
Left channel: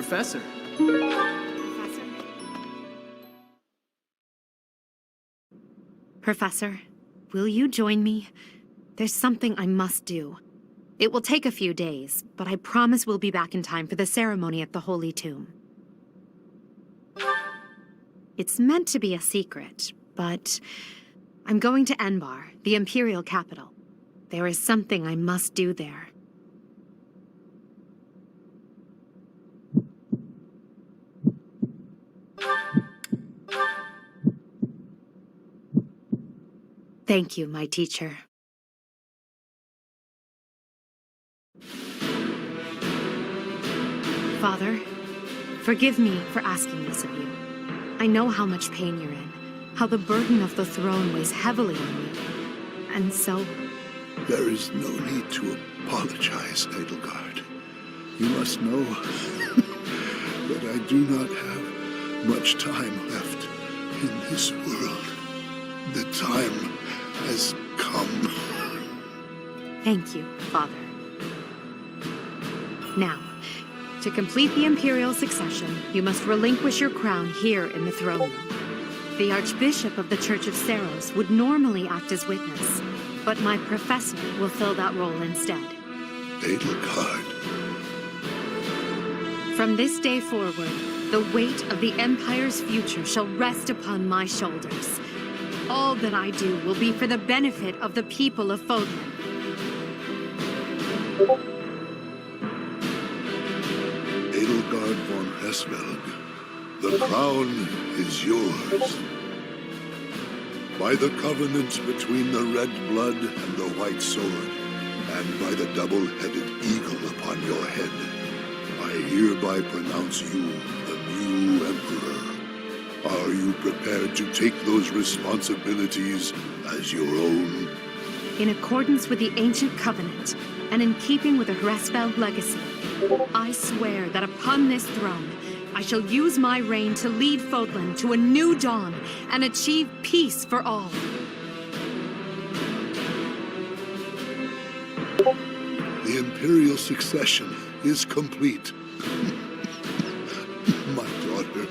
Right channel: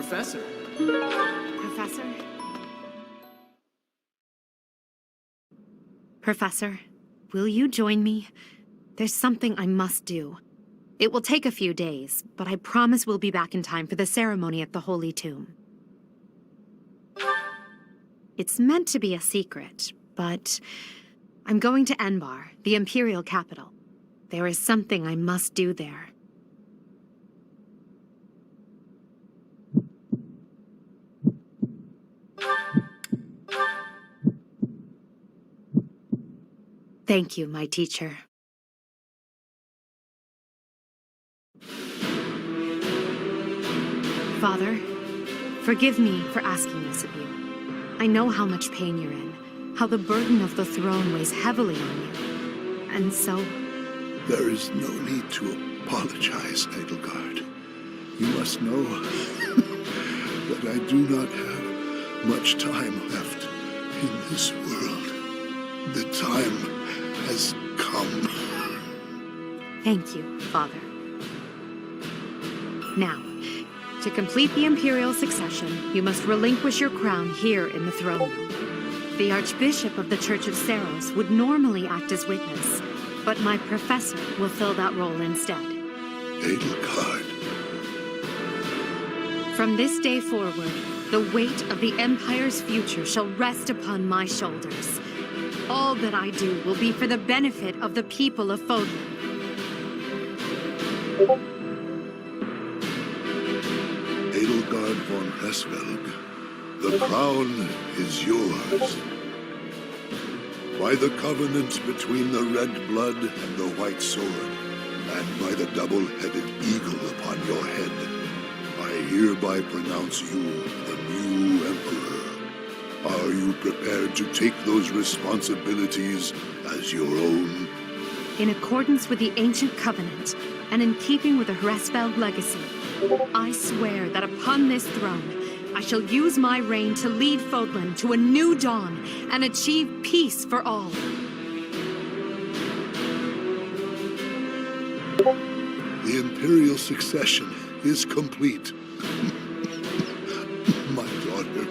Professor. Professor? Professor, will you join me? There's something I must do. It will take a few days, but I promise we'll be back in time for the ceremony at the Holy Tomb. It's meant to be a secret, but I'm going to Enbar, the Imperial capital. There is something I must do there. Thank you, my teacher. Father, forgive me for asking this of you. I know how much pain you're in, how the burden of the throne weighs heavily on you. And so... There is no need to apologize, Edelgard. You must know that I do not have much time left in this world. The time has come. Thank you, Father. Now, to complete the Imperial succession, you must relinquish your crown here in the throne room. The Archbishop of the Church of Seiros would normally act as witness, but my professor will fill that role instead. Edelgard. From this day forward, the weight of the Empire's future shall rest upon my shoulders. All that I do will be for the benefit of the people of Fodlan. Edelgard von Hresvelg, the crown is yours. By the covenant between the red blood and the white sword, and by the double-headed eagle upon your head, I hereby pronounce you the new Emperor. Are you prepared to take those responsibilities as your own? In accordance with the ancient covenant, and in keeping with the Hresvelg legacy, I swear that upon this throne, I shall use my reign to lead Fodlan to a new dawn and achieve peace for all. The Imperial succession is complete. My daughter,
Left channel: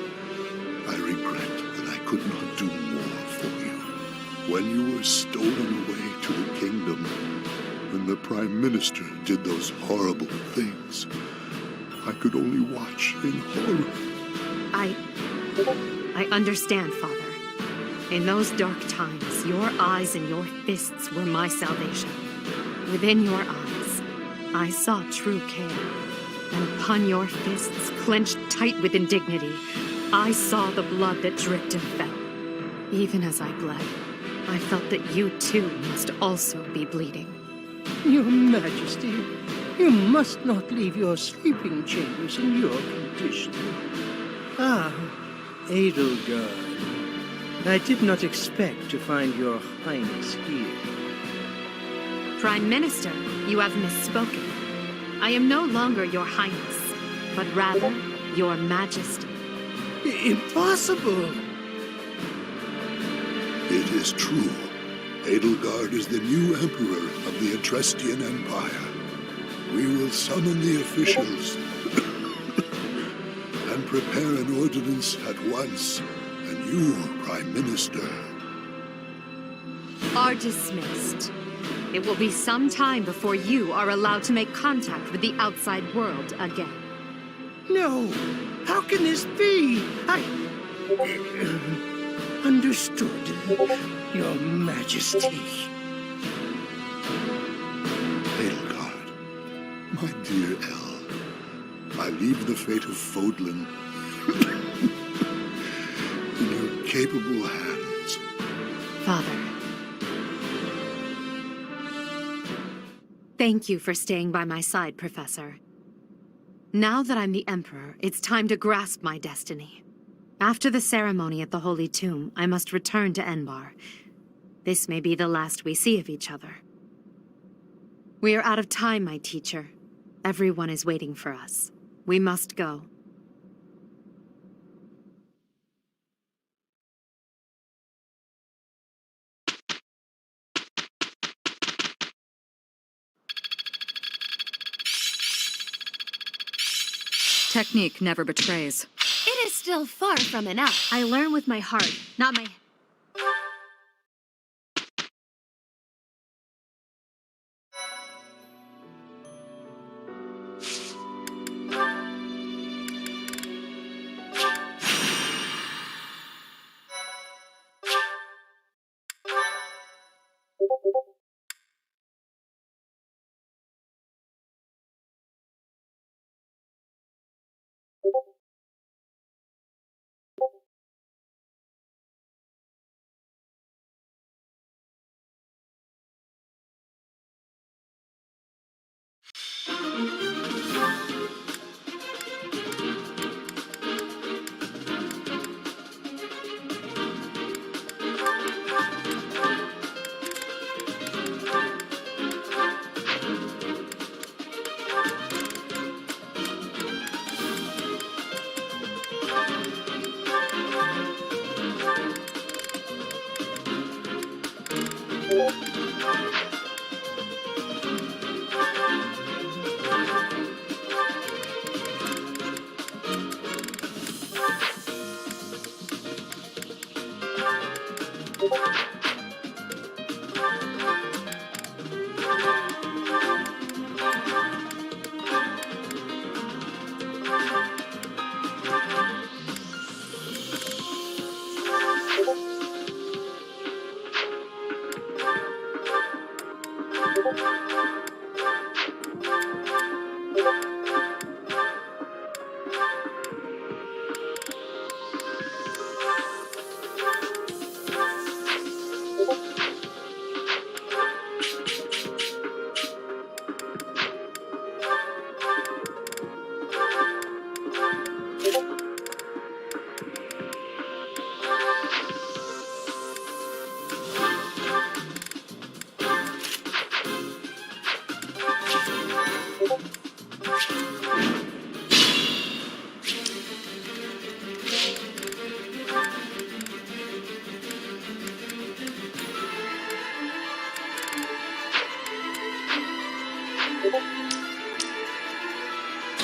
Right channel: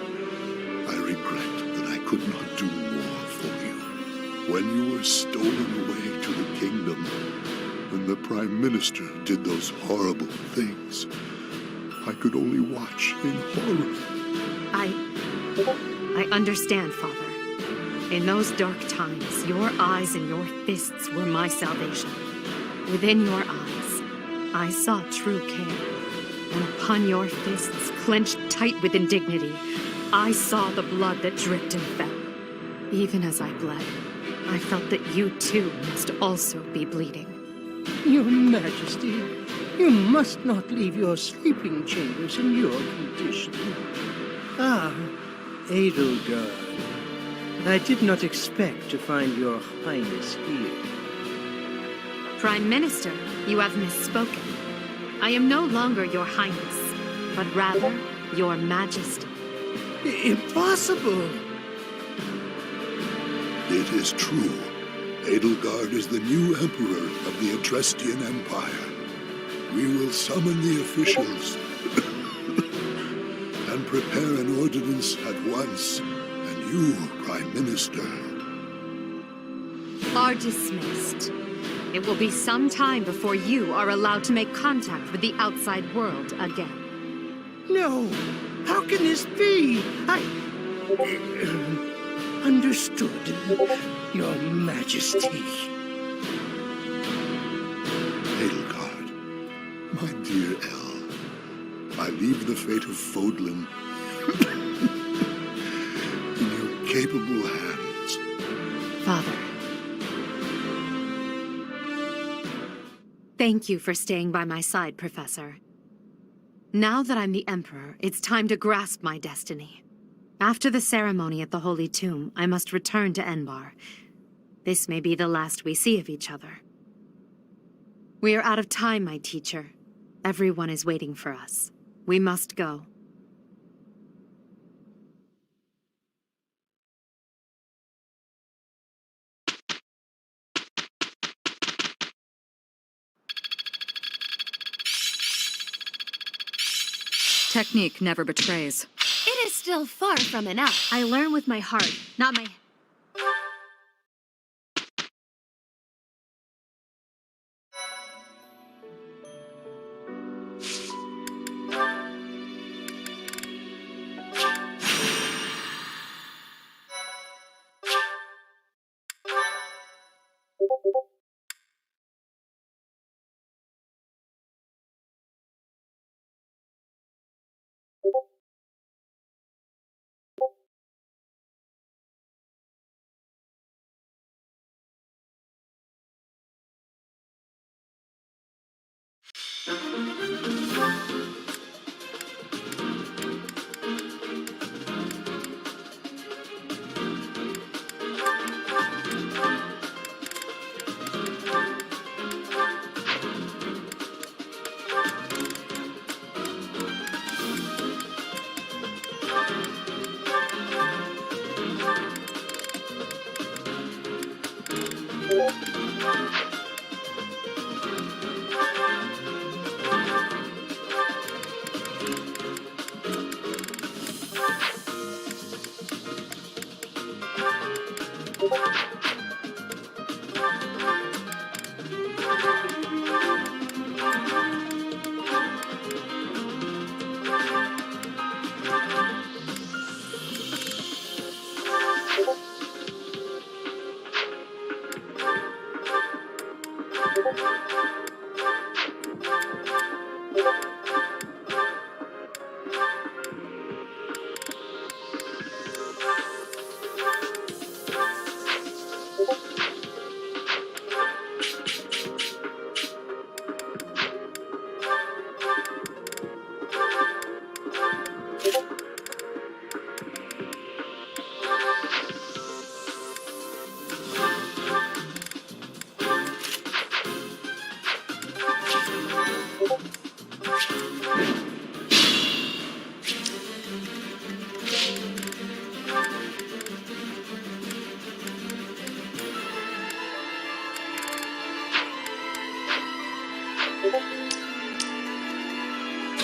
I regret that I could not do more for you. When you were stolen away to the kingdom, when the Prime Minister did those horrible things, I could only watch in horror. I understand, Father. In those dark times, your eyes and your fists were my salvation. Within your eyes, I saw true care. And upon your fists, clenched tight with indignity, I saw the blood that dripped and fell. Even as I bled, I felt that you too must also be bleeding. Your Majesty, you must not leave your sleeping chambers in your condition. Ah, Edelgard. I did not expect to find your Highness here. Prime Minister, you have misspoken. I am no longer your Highness, but rather your Majesty. Impossible! It is true. Edelgard is the new Emperor of the Adrestian Empire. We will summon the officials and prepare an ordinance at once. And you, Prime Minister, are dismissed. It will be some time before you are allowed to make contact with the outside world again. No! How can this be? Understood, Your Majesty. Edelgard, my dear El, I leave the fate of Fodlan in your capable hands. Father. Thank you for staying by my side, Professor. Now that I'm the Emperor, it's time to grasp my destiny. After the ceremony at the Holy Tomb, I must return to Enbar. This may be the last we see of each other. We are out of time, my teacher. Everyone is waiting for us. We must go. Technique never betrays. It is still far from enough. I learn with my heart, not my...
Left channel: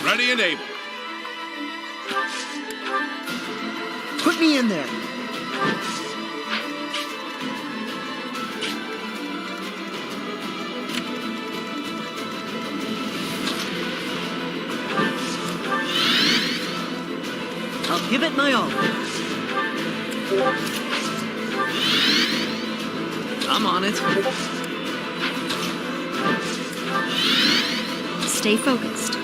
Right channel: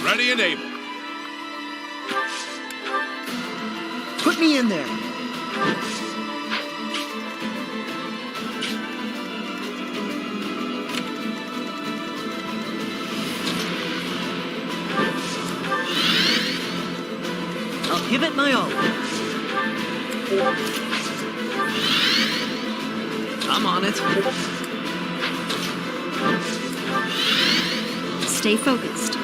Ready and able. Put me in there. I'll give it my all. I'm on it. Stay focused.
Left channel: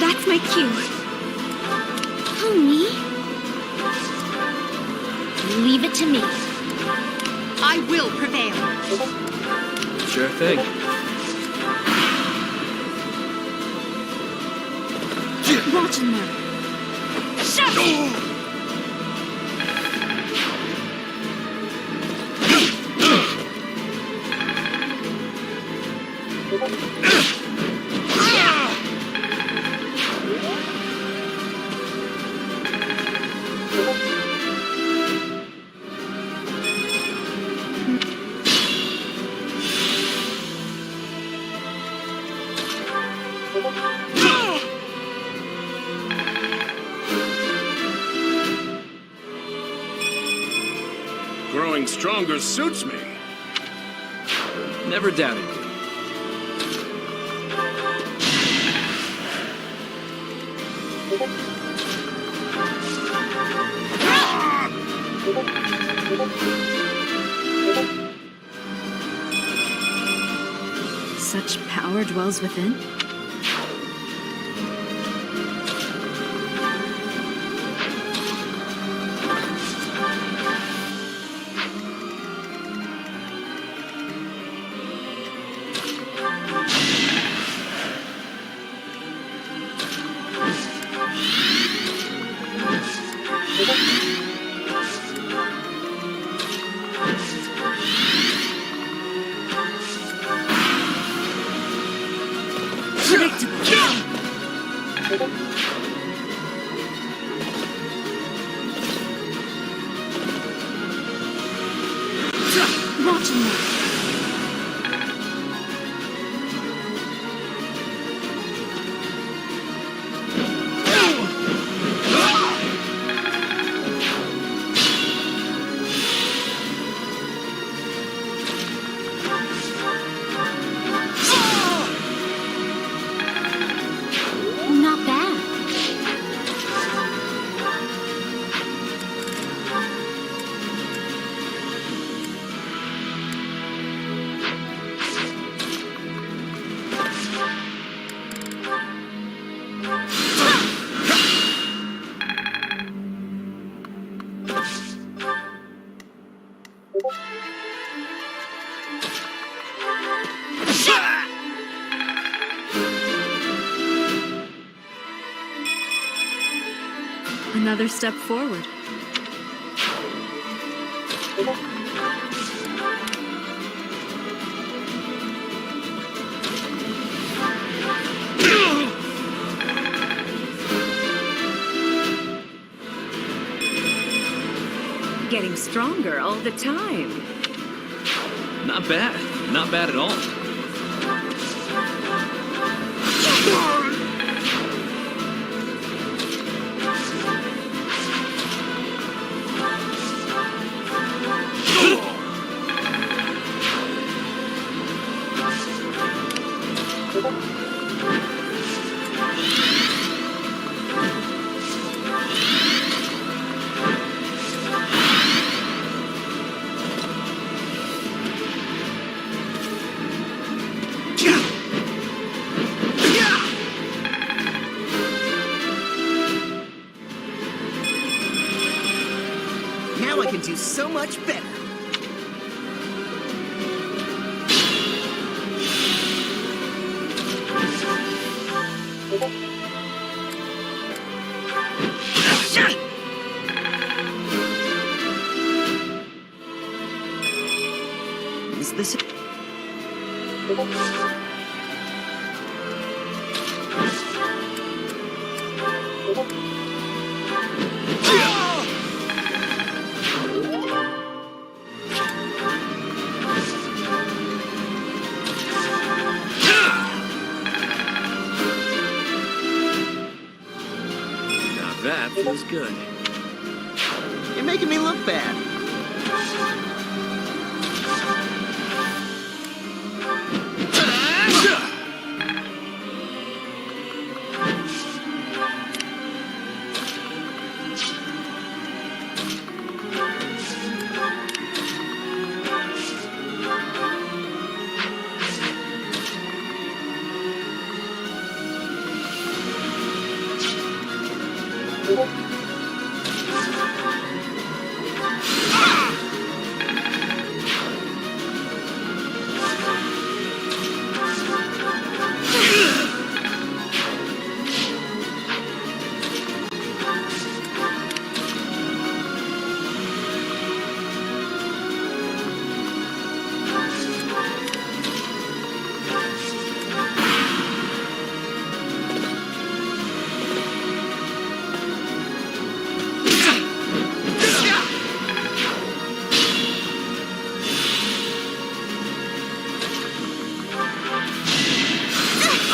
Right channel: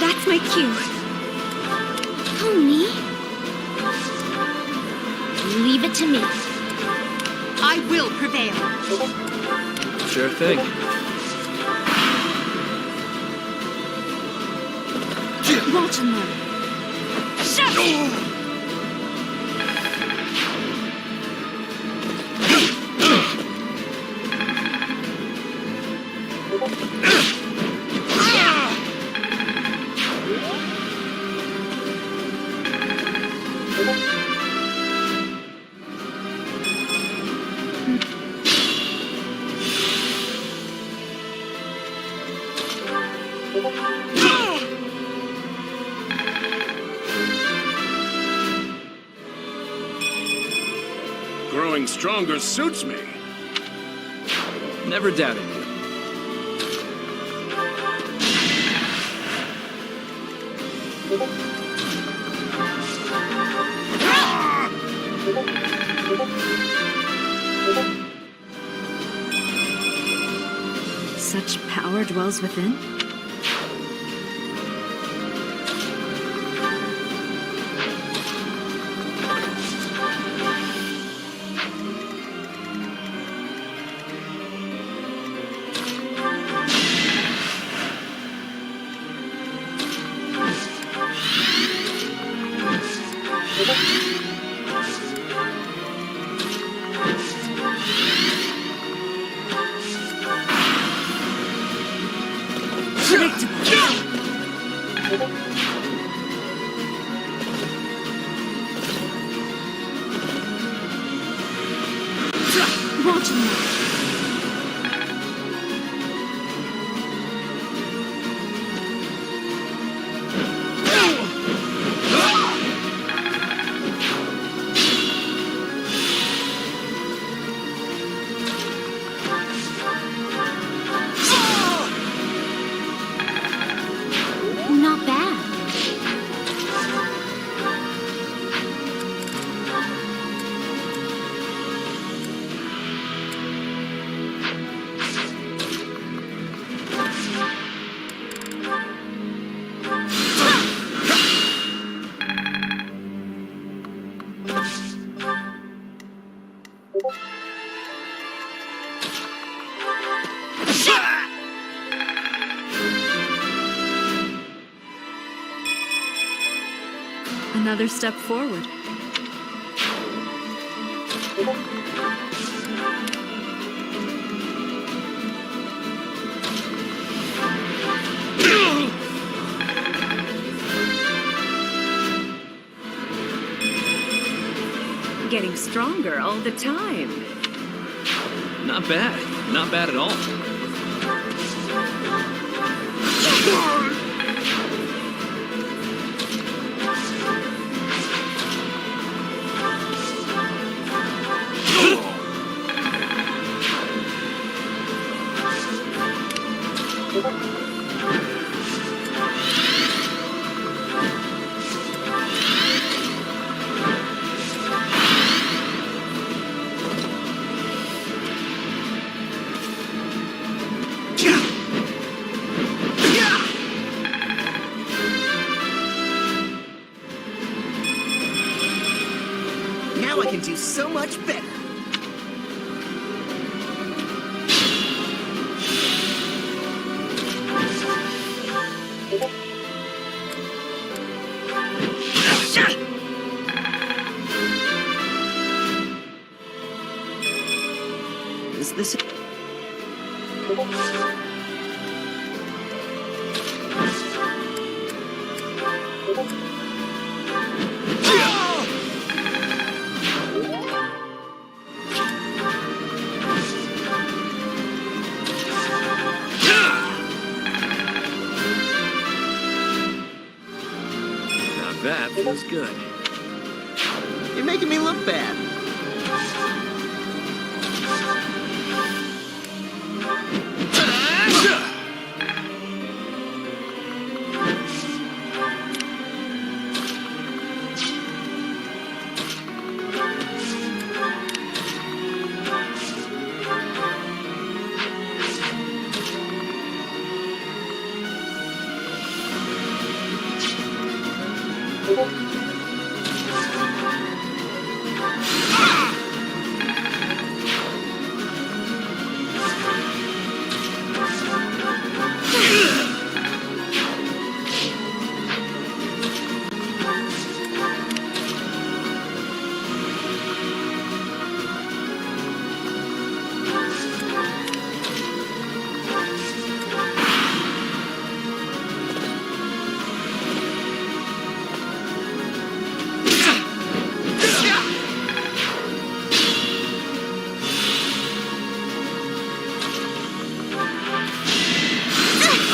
That's my cue. Pony? Leave it to me. I will prevail. Sure thing. Watching them. Shut! Growing stronger suits me. Never doubted you. Such power dwells within? Watching them. Another step forward. Getting stronger all the time. Not bad. Not bad at all. Now I can do so much better. Is this it? That feels good. You're making me look bad.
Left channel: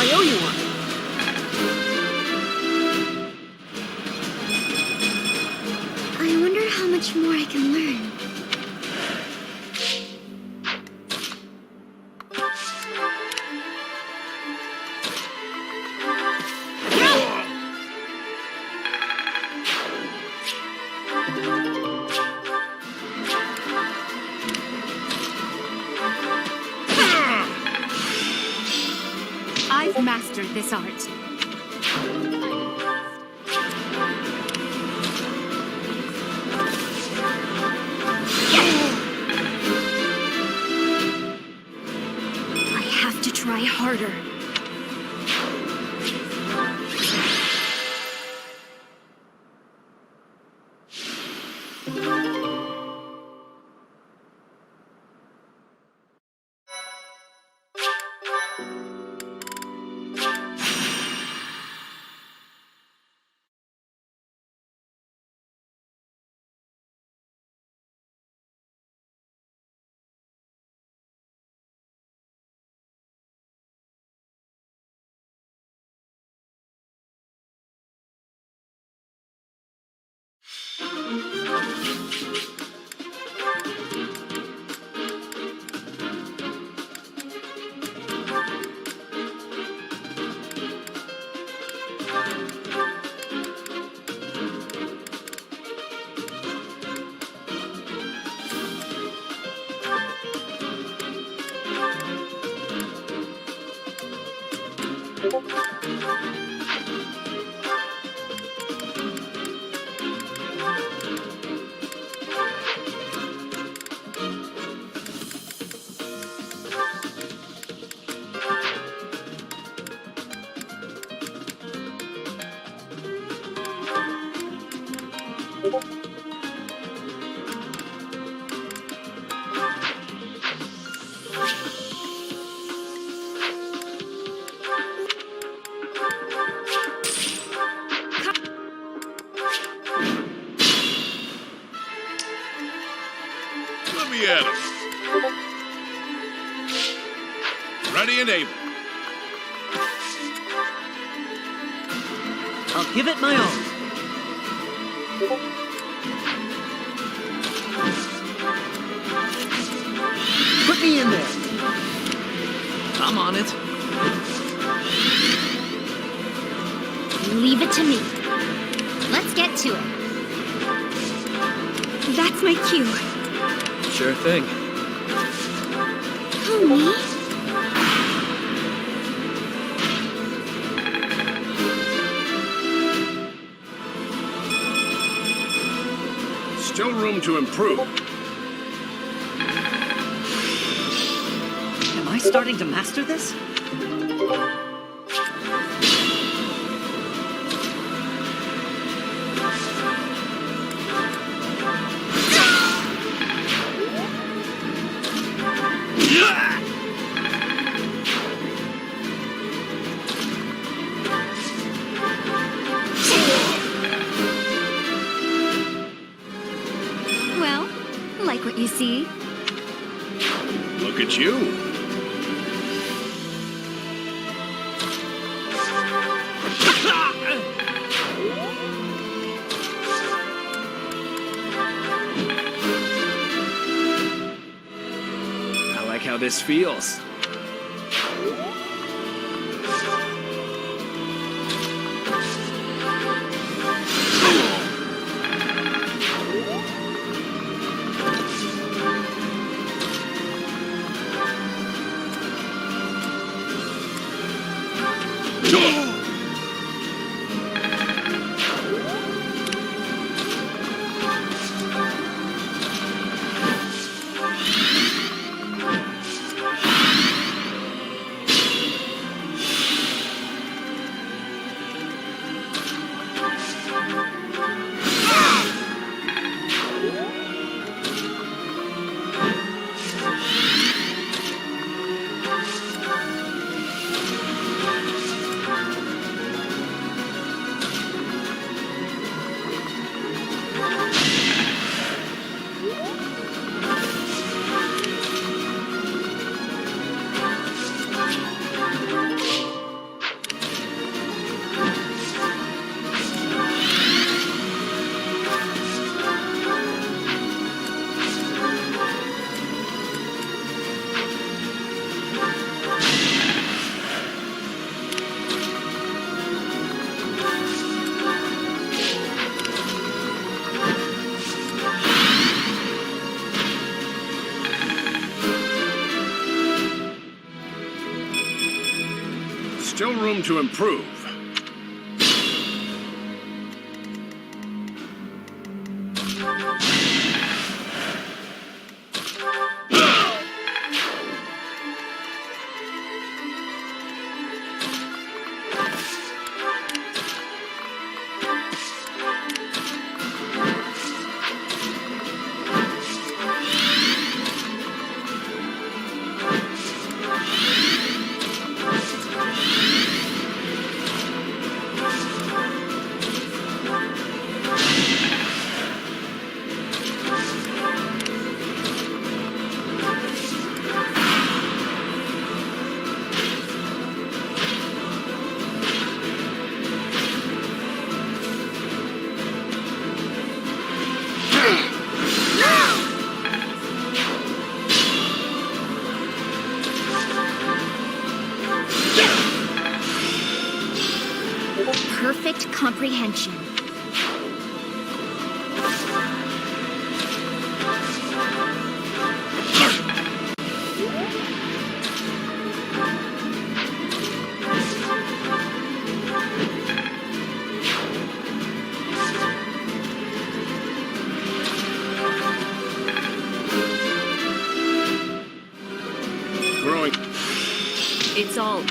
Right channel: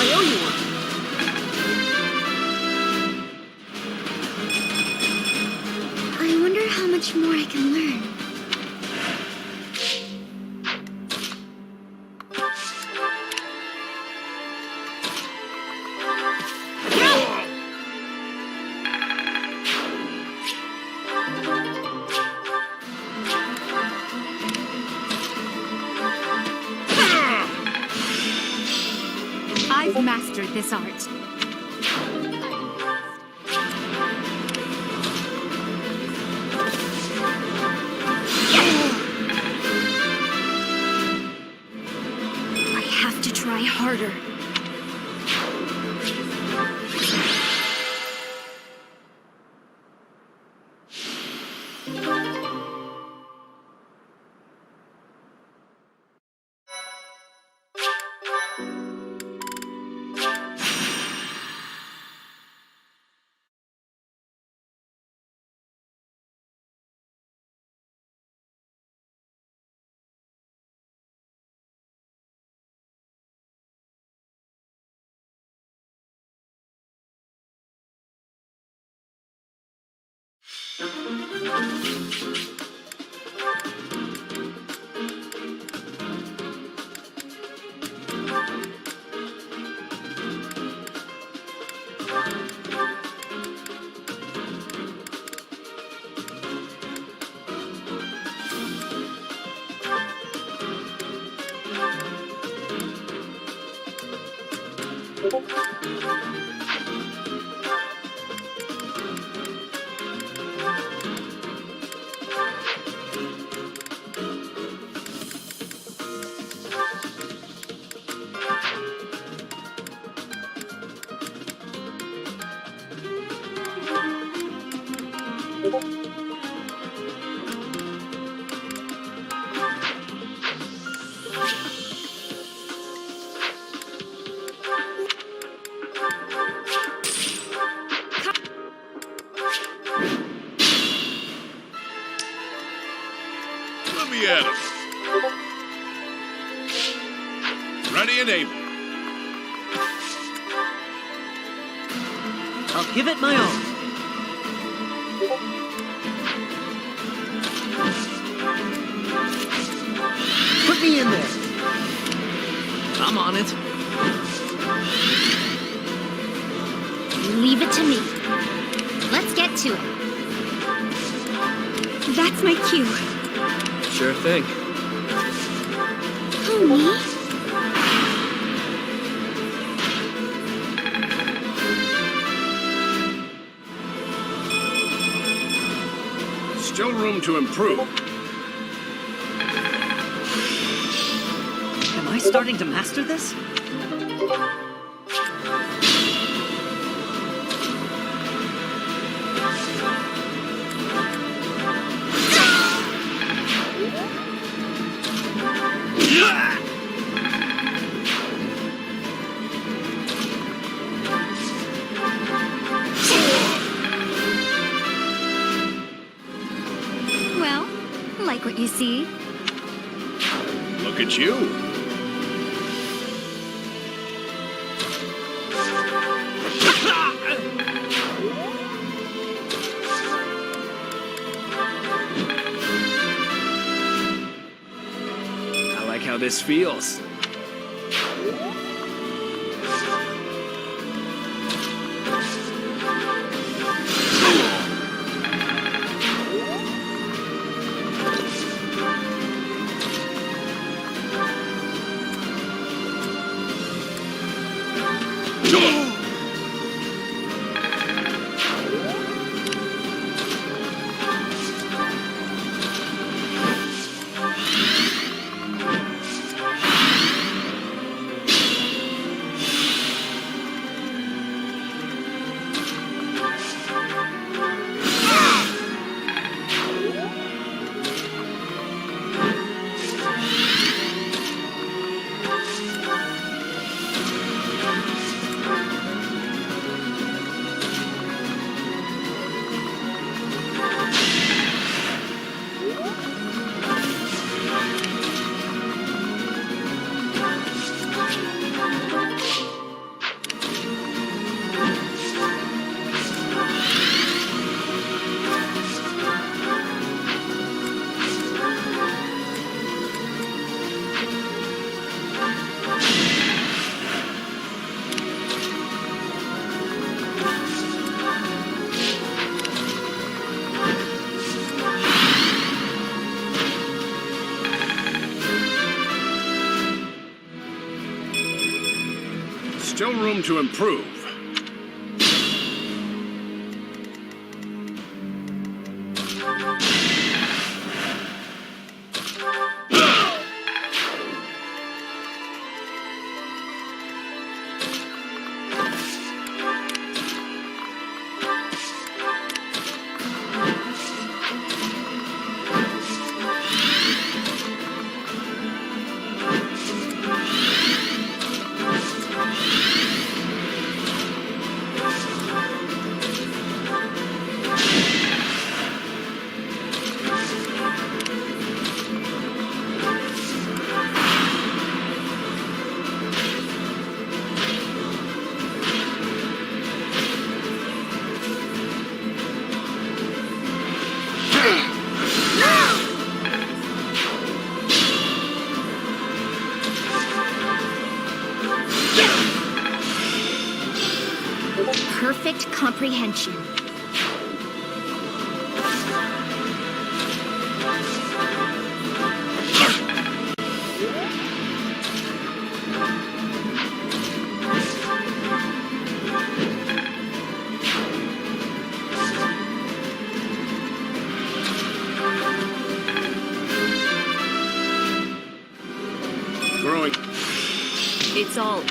I owe you one. I wonder how much more I can learn. I've mastered this art. I have to try harder. Let me at him. Ready and able. I'll give it my all. Put me in there. I'm on it. Leave it to me. Let's get to it. That's my cue. Sure thing. Who, me? Still room to improve. Am I starting to master this? Well, like what you see? Look at you. I like how this feels. Still room to improve. Perfect comprehension. Growing. It's all...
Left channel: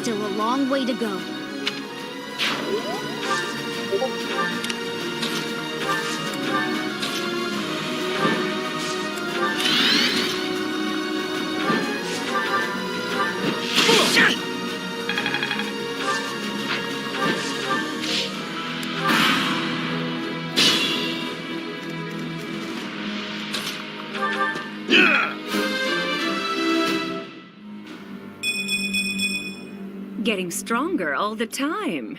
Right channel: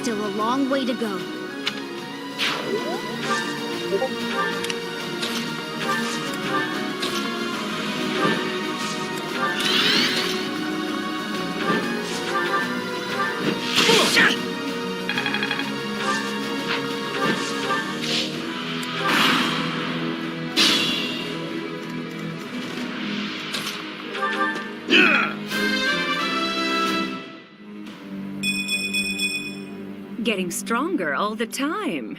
still a long way to go. Getting stronger all the time.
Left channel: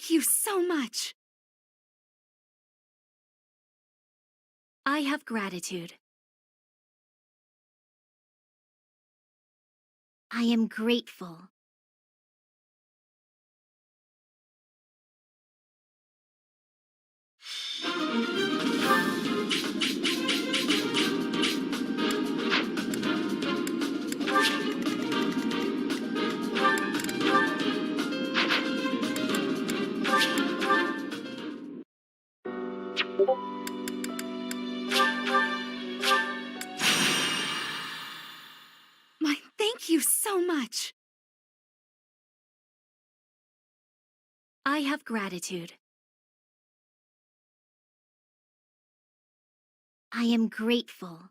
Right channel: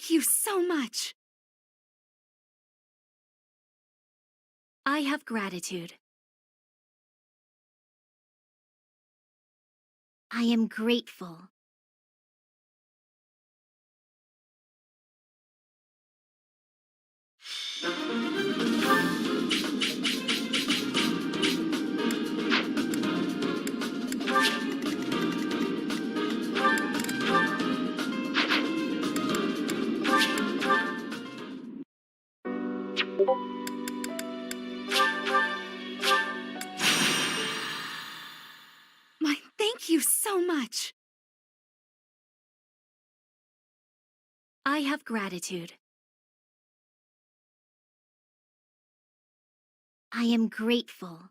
Thank you so much. I have gratitude. I am grateful. Thank you so much. I have gratitude. I am grateful.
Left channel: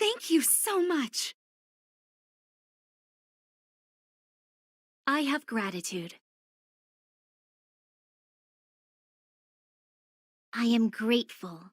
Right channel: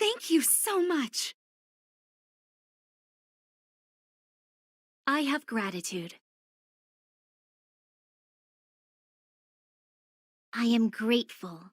Thank you so much. I have gratitude. I am grateful.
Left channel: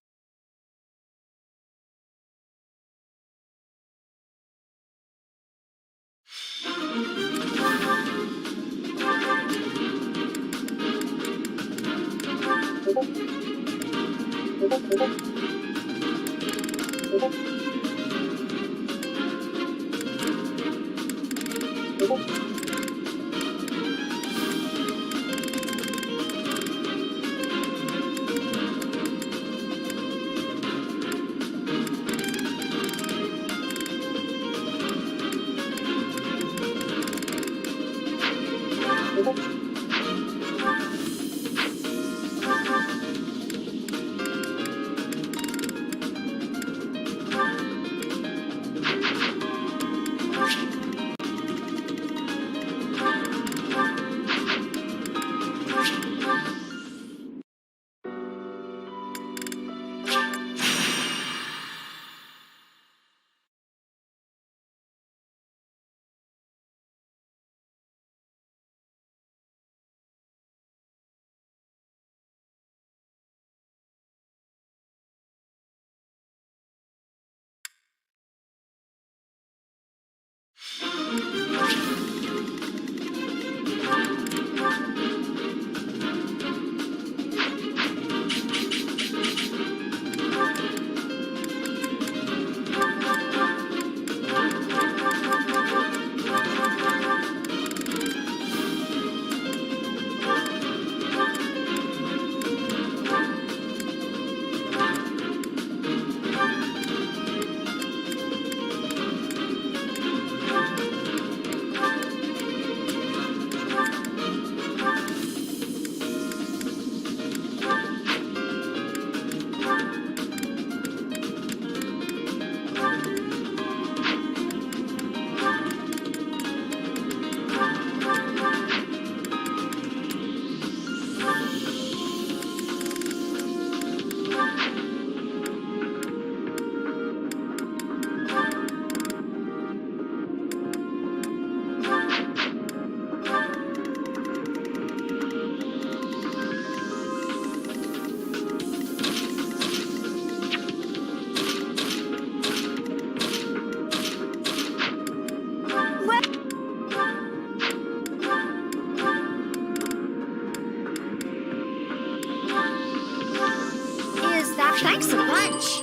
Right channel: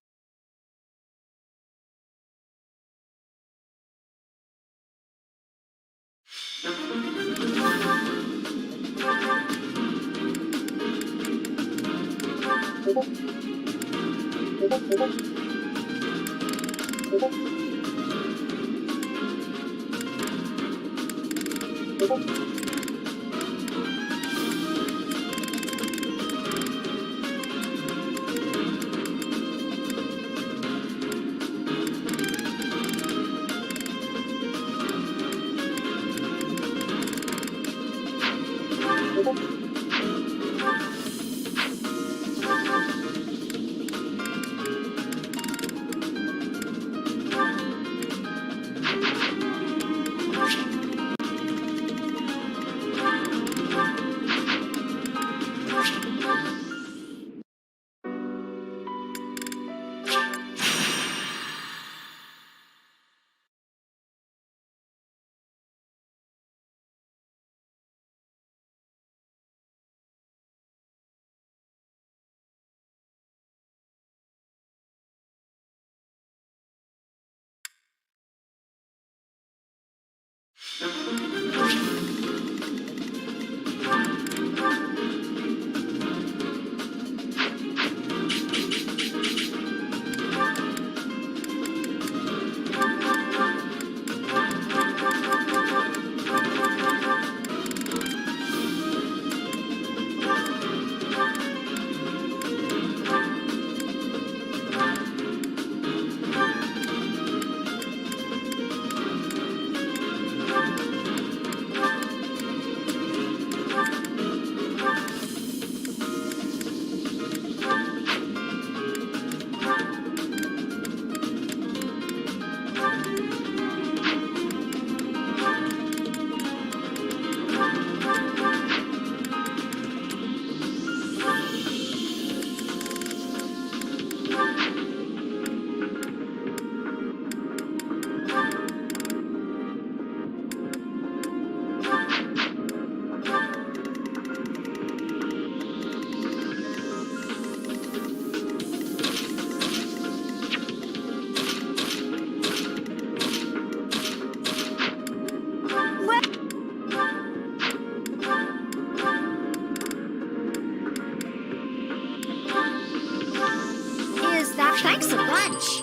Thanks a bunch.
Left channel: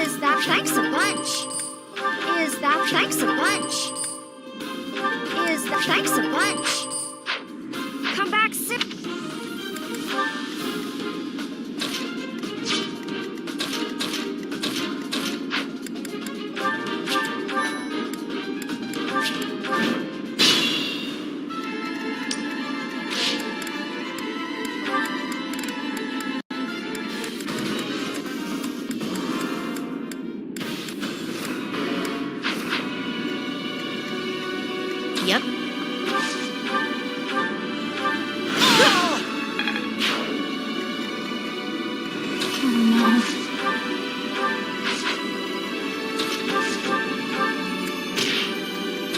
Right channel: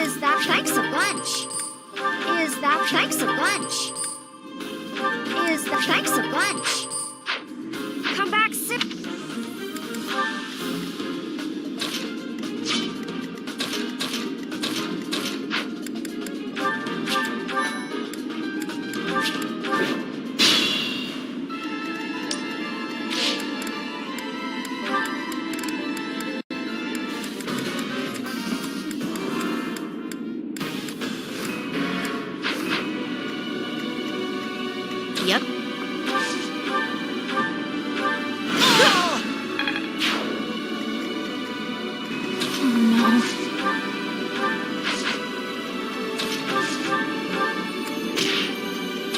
Is that thanks a bunch? Is that thanks a bunch? Is that thanks a bunch? Come back, sip. Yep. Oh no.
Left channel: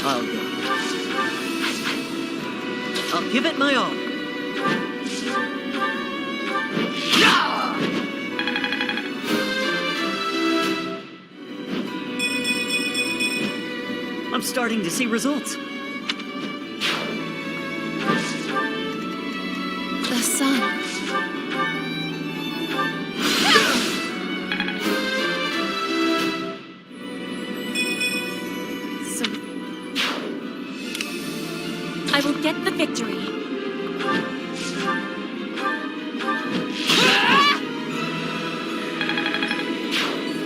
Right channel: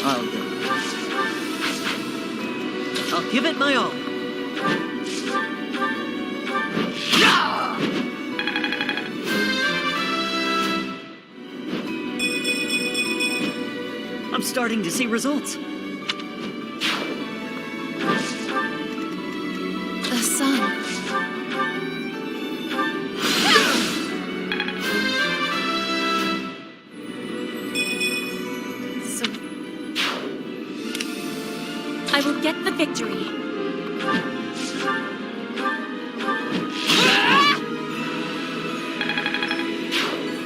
I'll go. I'll give it my all. I'm starting to see results. The sun. So I will get the victory.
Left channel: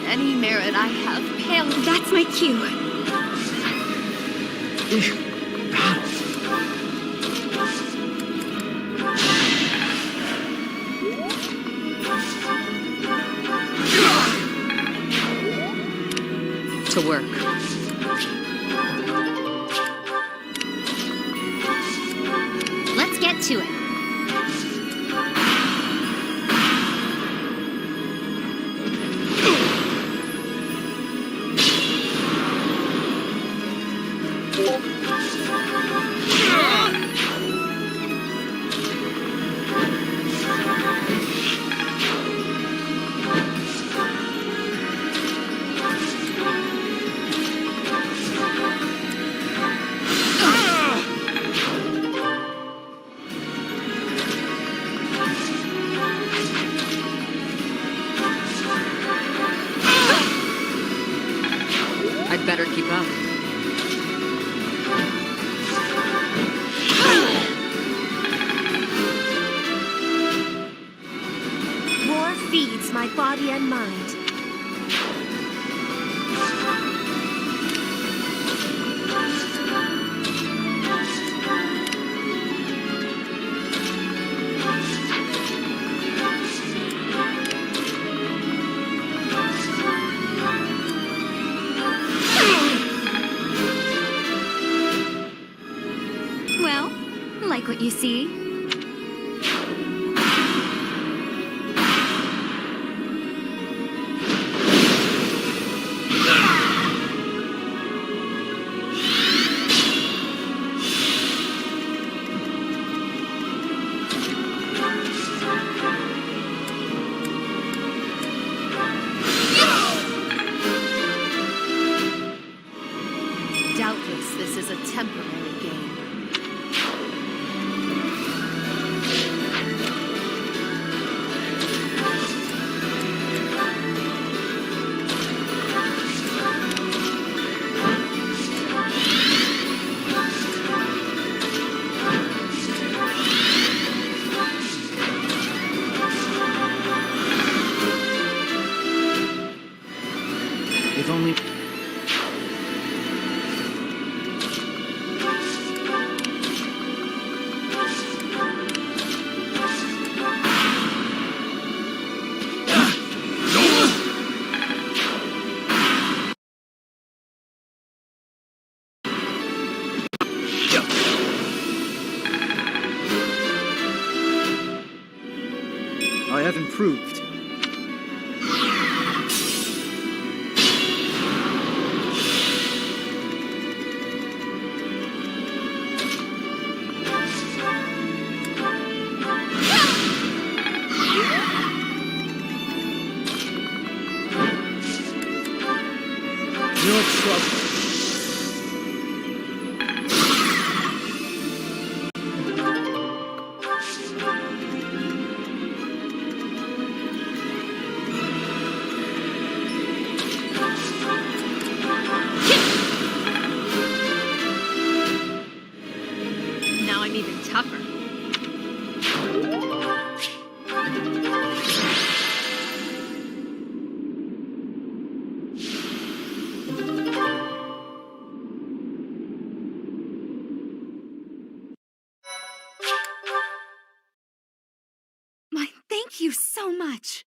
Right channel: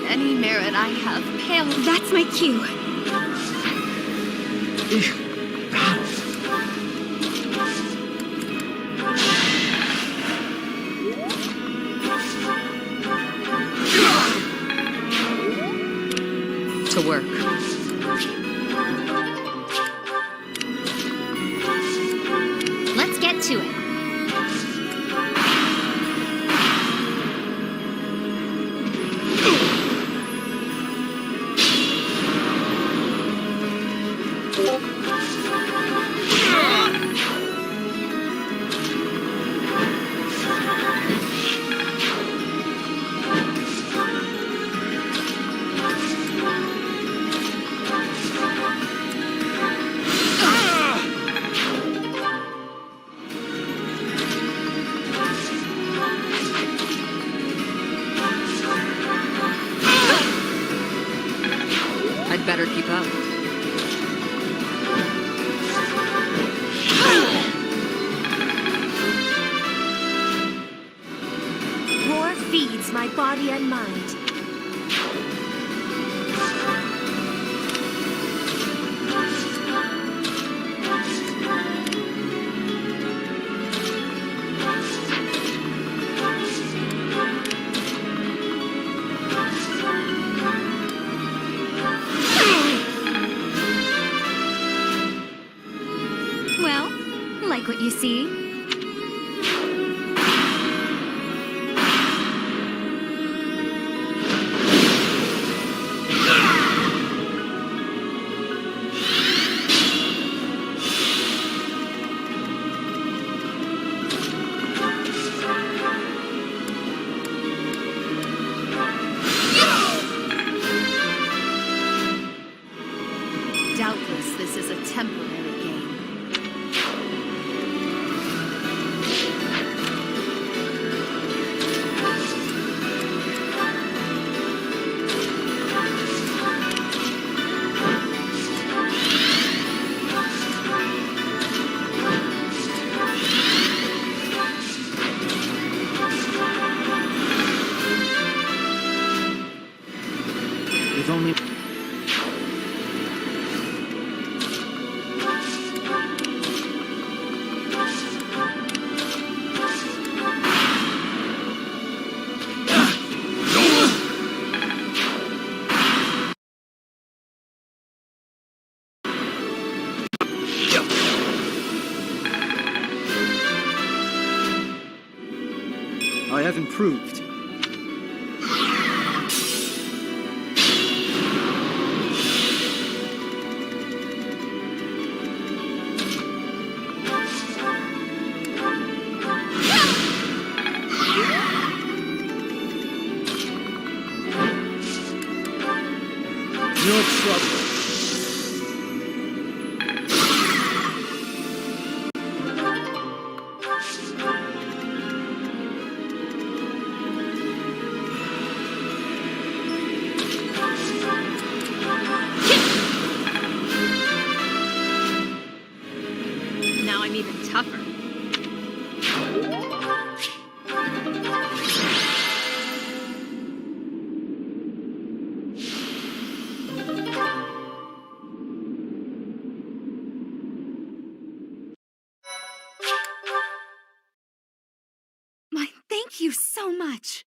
Any merit I have paled. That's my cue. To work. Let's get to it. better keep up. War feeds my body and mind. Well, like what you see. Doubtless, this is a temporary game. If only... I have improved. No trouble. Now I'm even tougher. Thank you so much.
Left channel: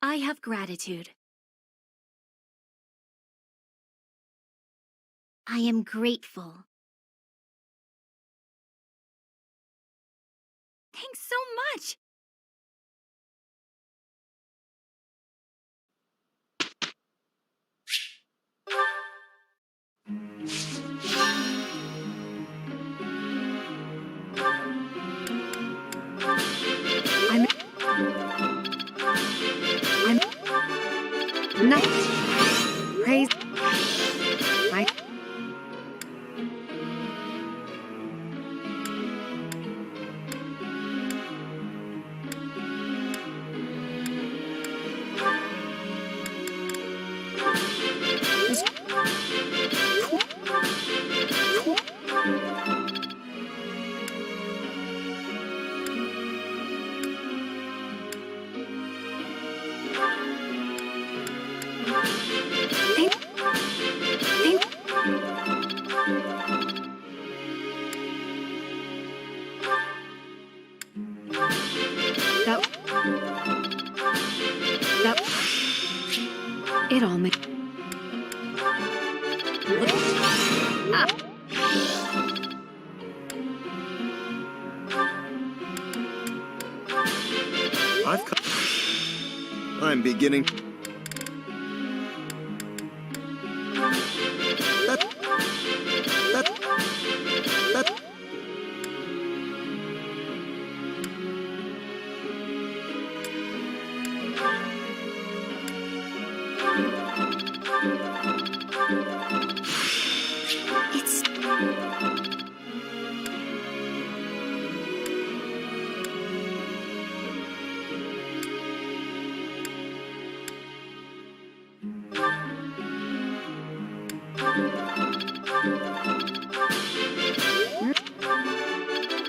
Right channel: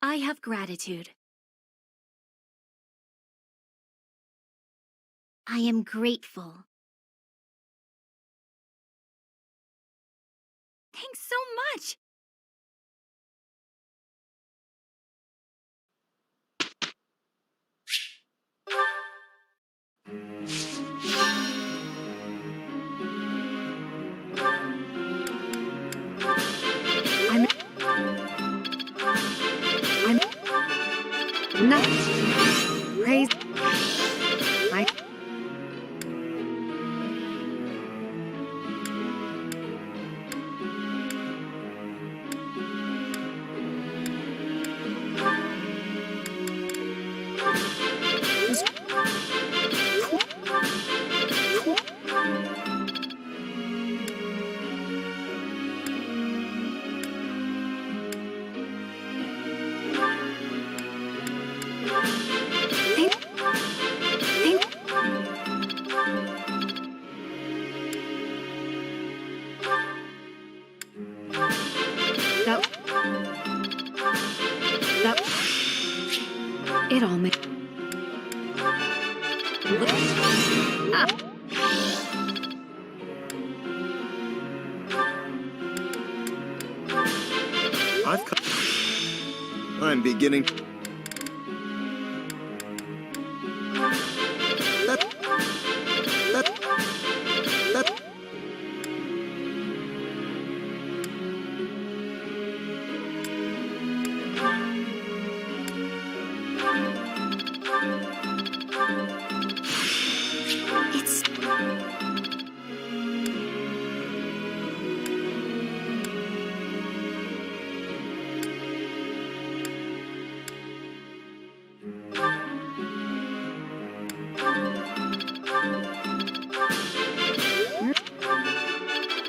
I have gratitude. I am grateful. Thanks so much. I'm not praise. It all makes. I'm beginning.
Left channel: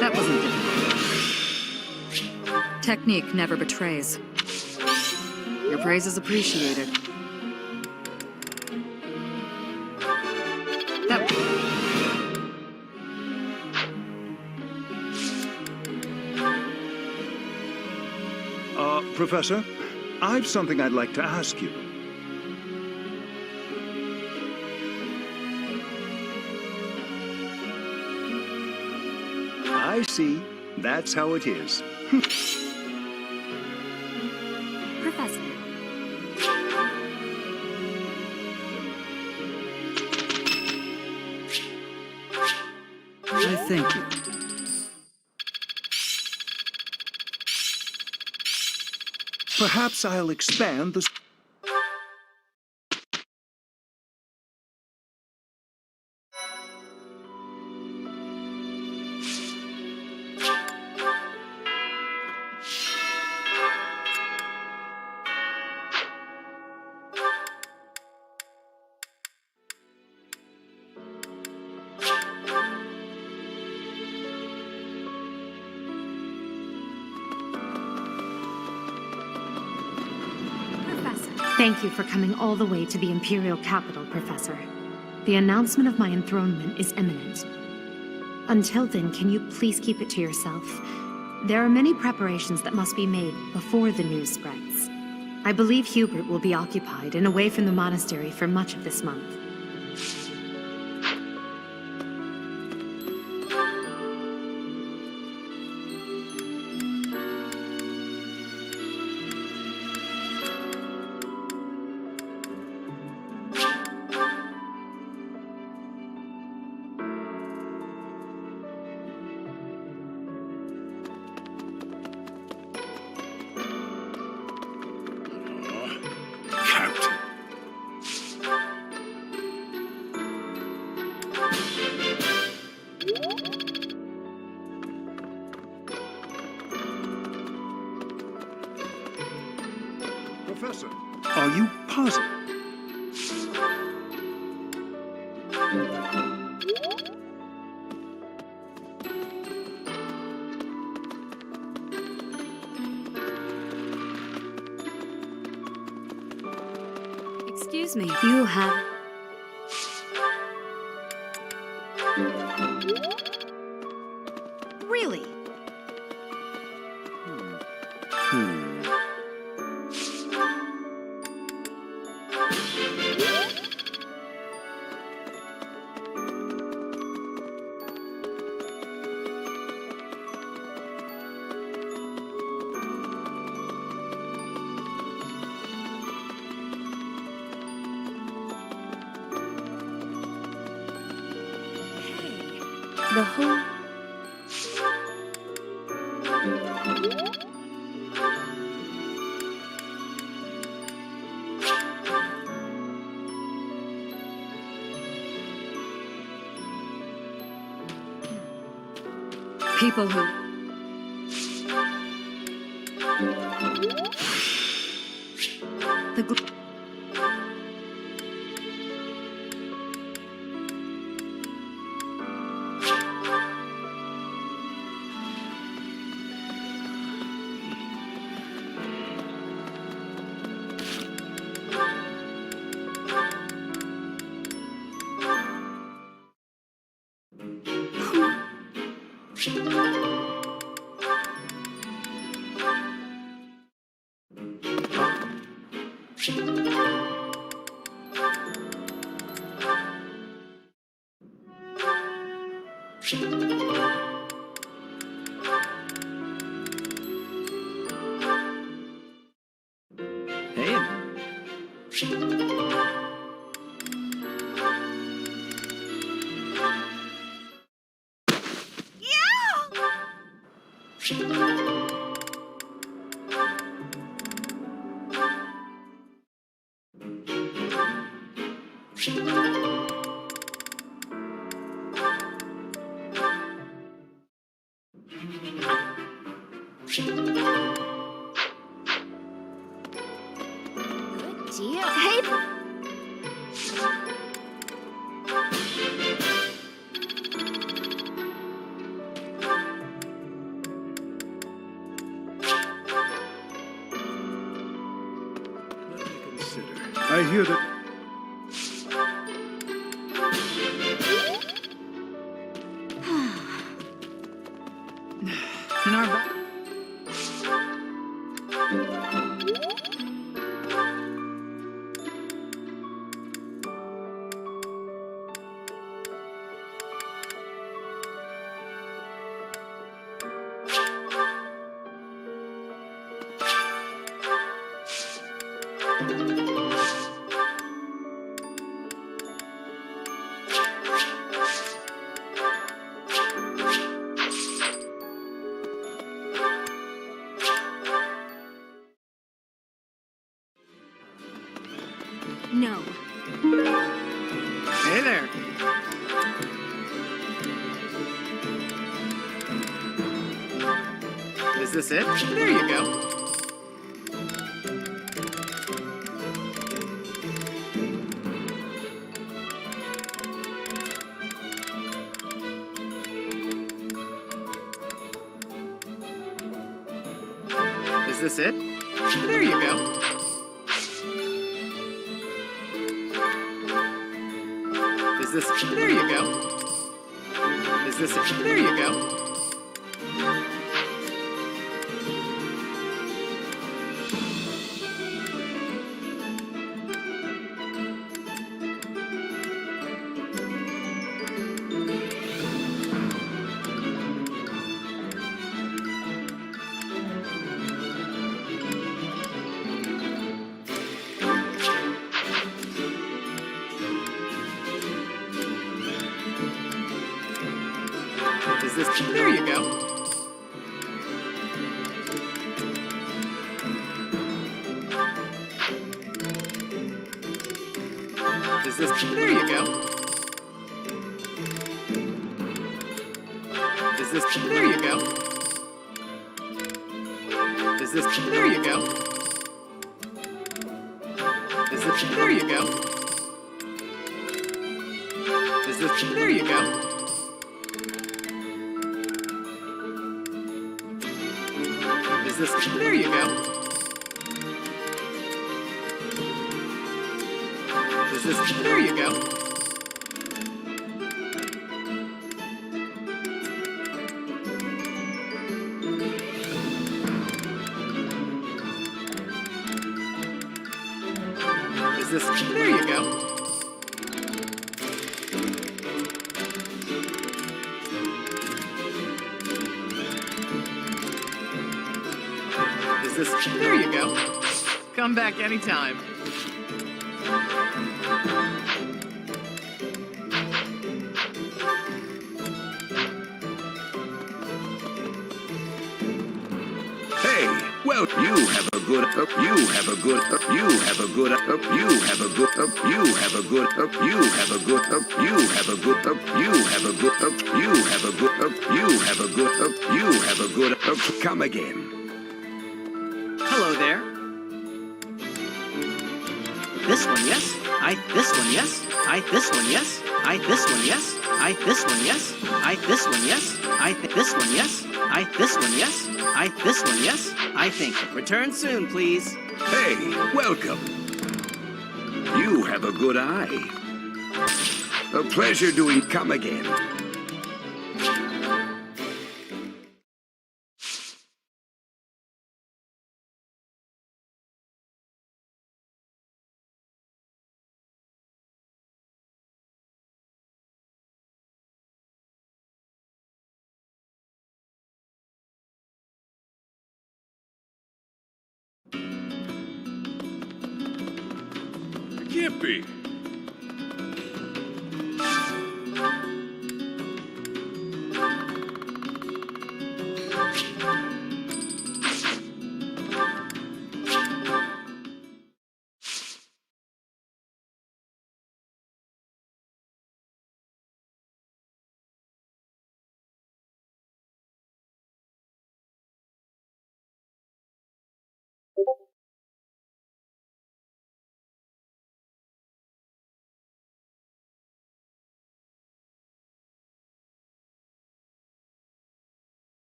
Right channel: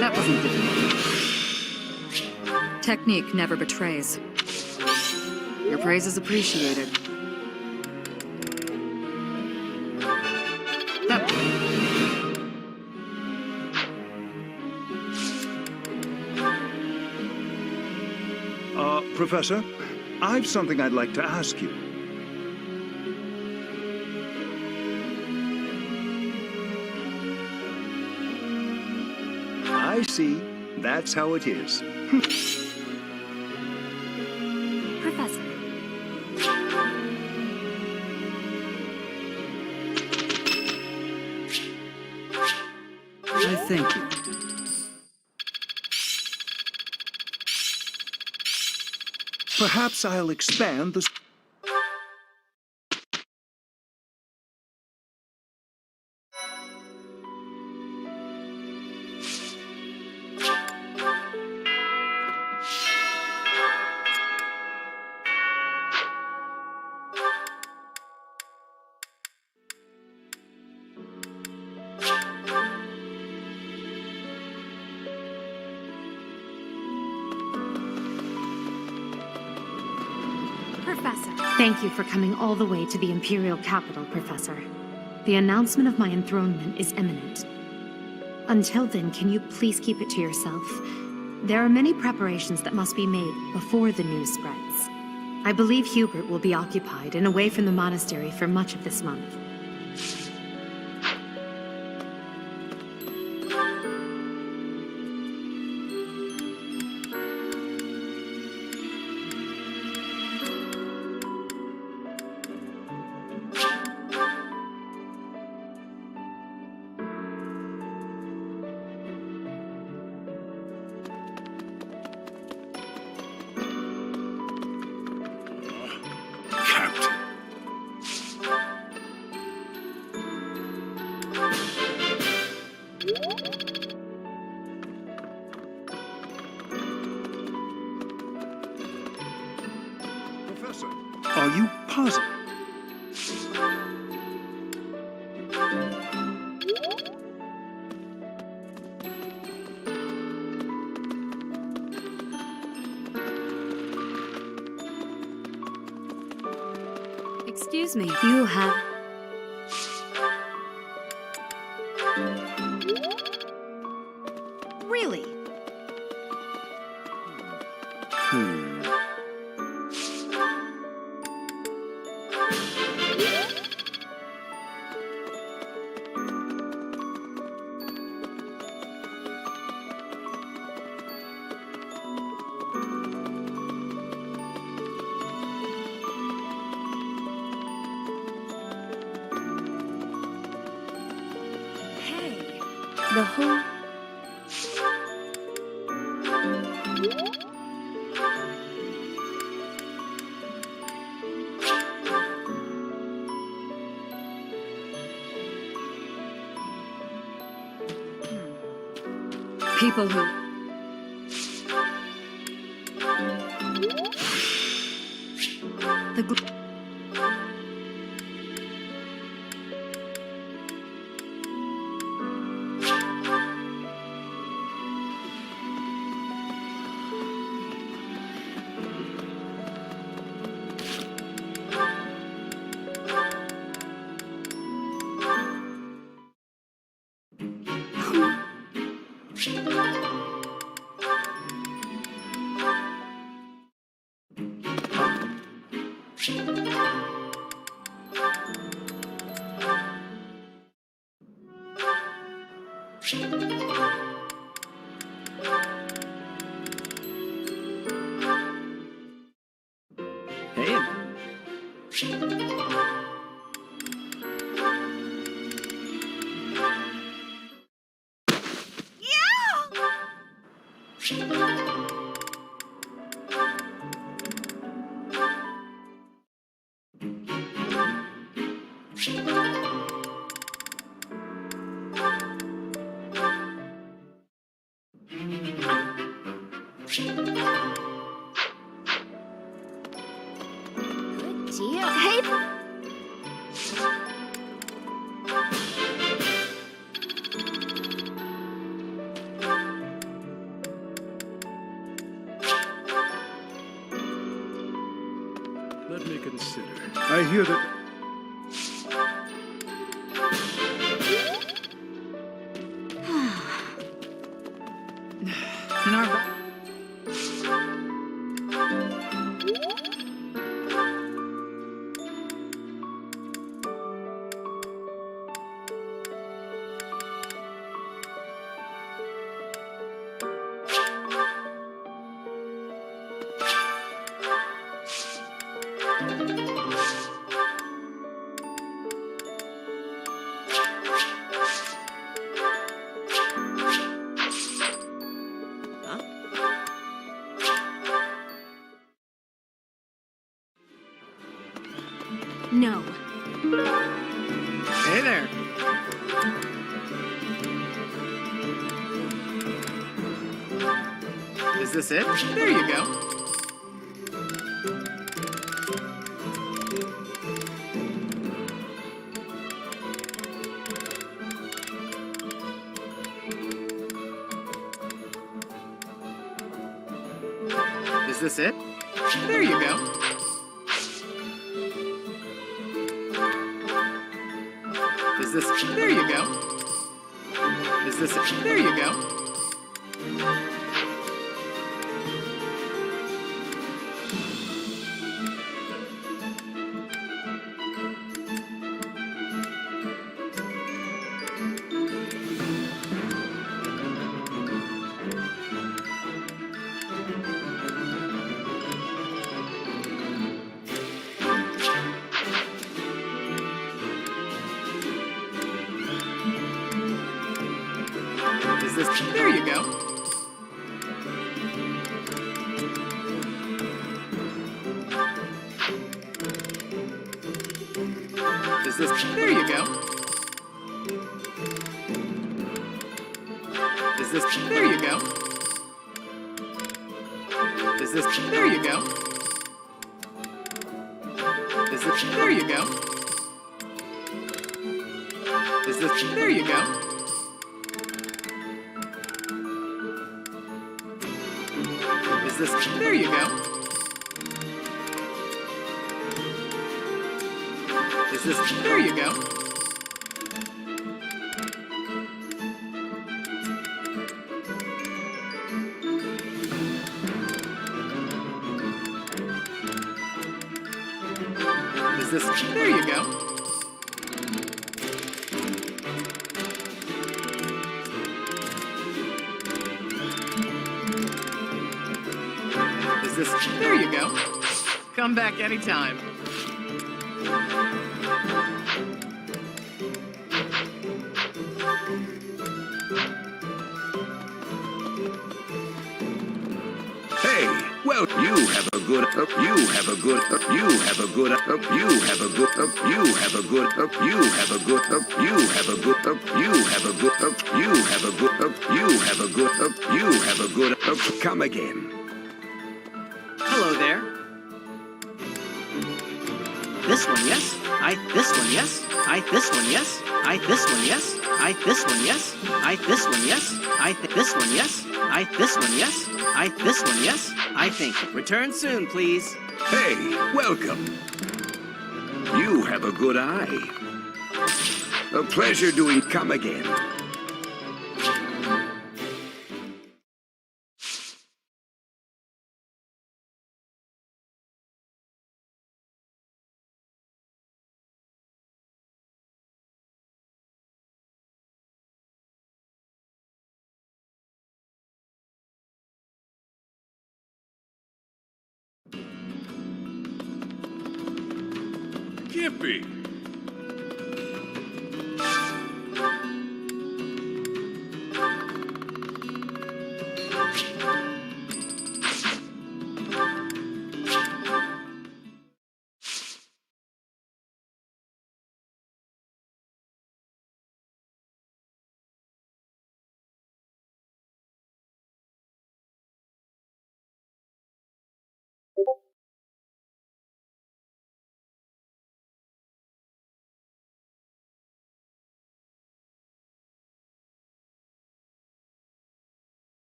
That wasn't difficult. Technique never betrays. Your praise is appreciated. That... Professor, I've something I'd like to ask you. I see. That's how it is. Professor. I thank you. Perhaps I'll expand the... Professor. Thank you for coming all the way to the Imperial capital, Professor. The announcement of my enthronement is imminent. Until then, can you please keep it to yourself? There are many preparations that must be made before the news spreads. I believe Hubert will be occupied and away from the monastery for much of this month. Professor, are you positive? Excuse me, you have... Really? The whole... People who... The... Good deal. Hey! consider. I hear that... In our back. No. Hey there. Is this it? There you go. Is this it? There you go. Is this... There you go. Is this... There you go. Is this... There you go. Is this... There you go. Is this... There you go. Is this... There you go. Is this... There you go. Is this... There you go. Is this... There you go. Is this... There you go. Is this... There you go. Is this... There you go. Come back anytime. Hey, well, you have a good, you have a good, you have a good, you have a good, you have a good, you have a good, you have a good, you have a good, you have a good, you have a good, you have a good, come again. Hello there. This one, yes. This one, yes. This one, yes. This one, yes. This one, yes. This one, yes. This one, yes. This one, yes. This one, yes. I think. Return soon, please. Hey, welcome. You have a good eye. A pleasure doing come again. Can't be.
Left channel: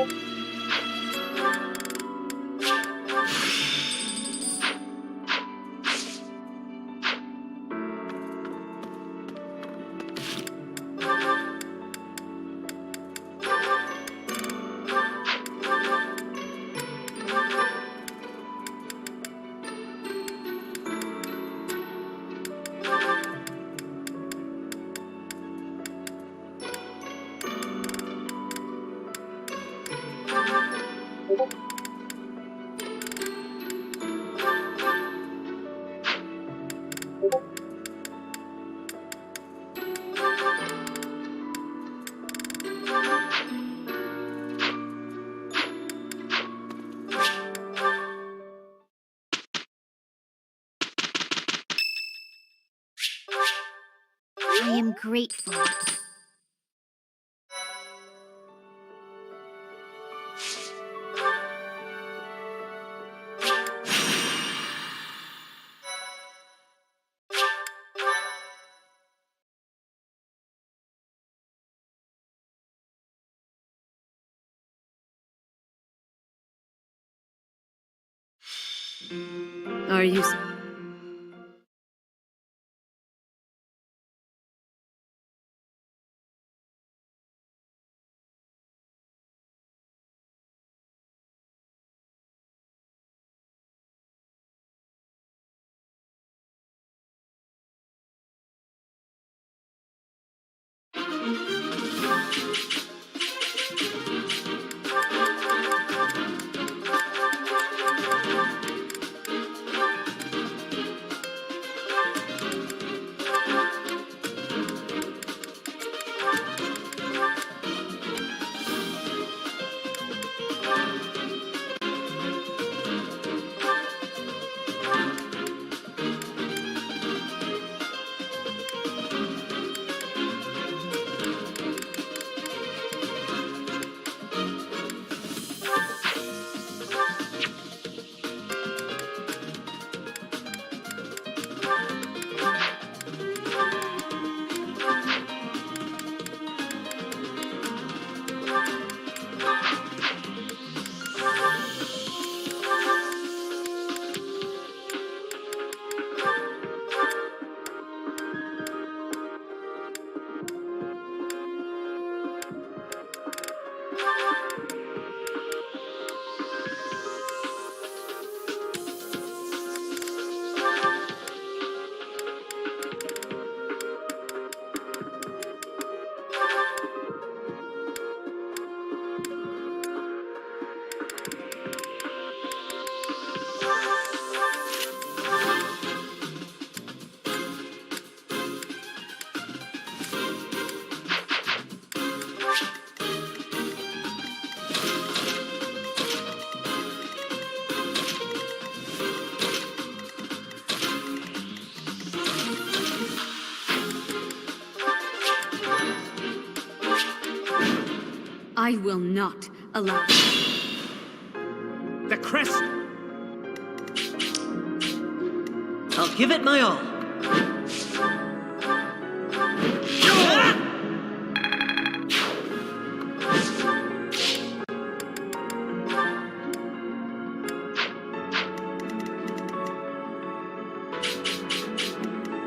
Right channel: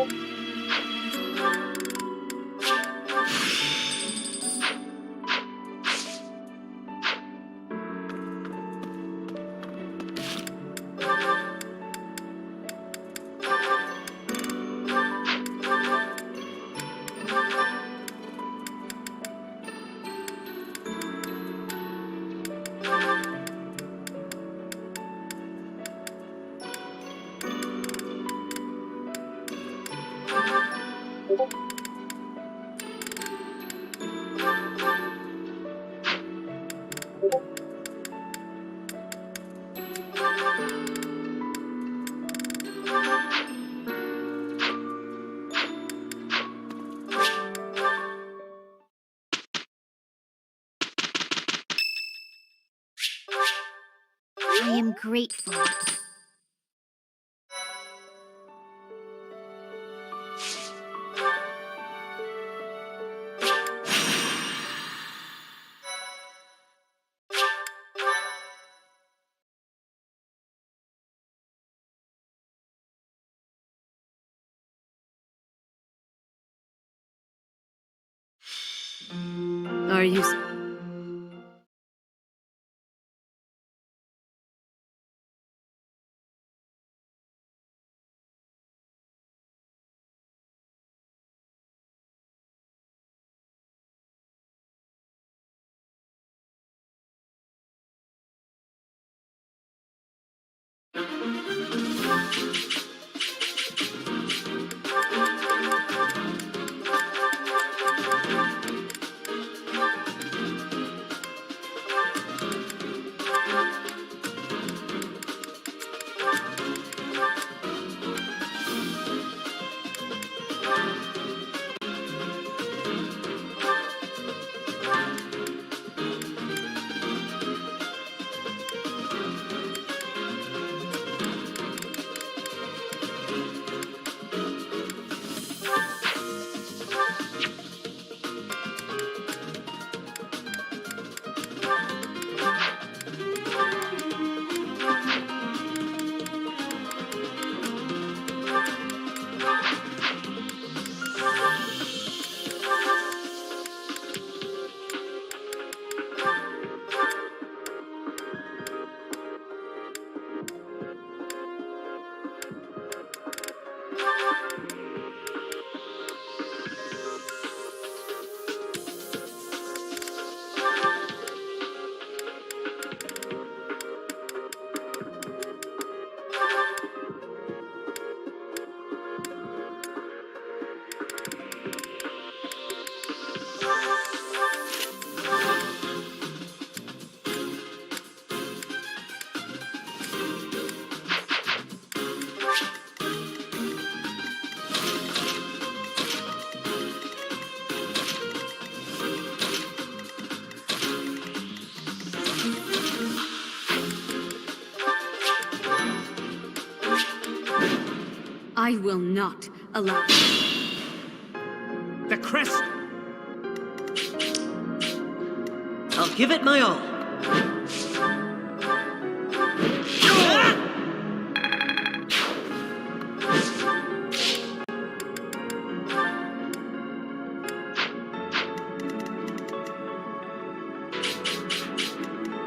I am grateful. Are you... I will not allow... The crest! I'll give it my all.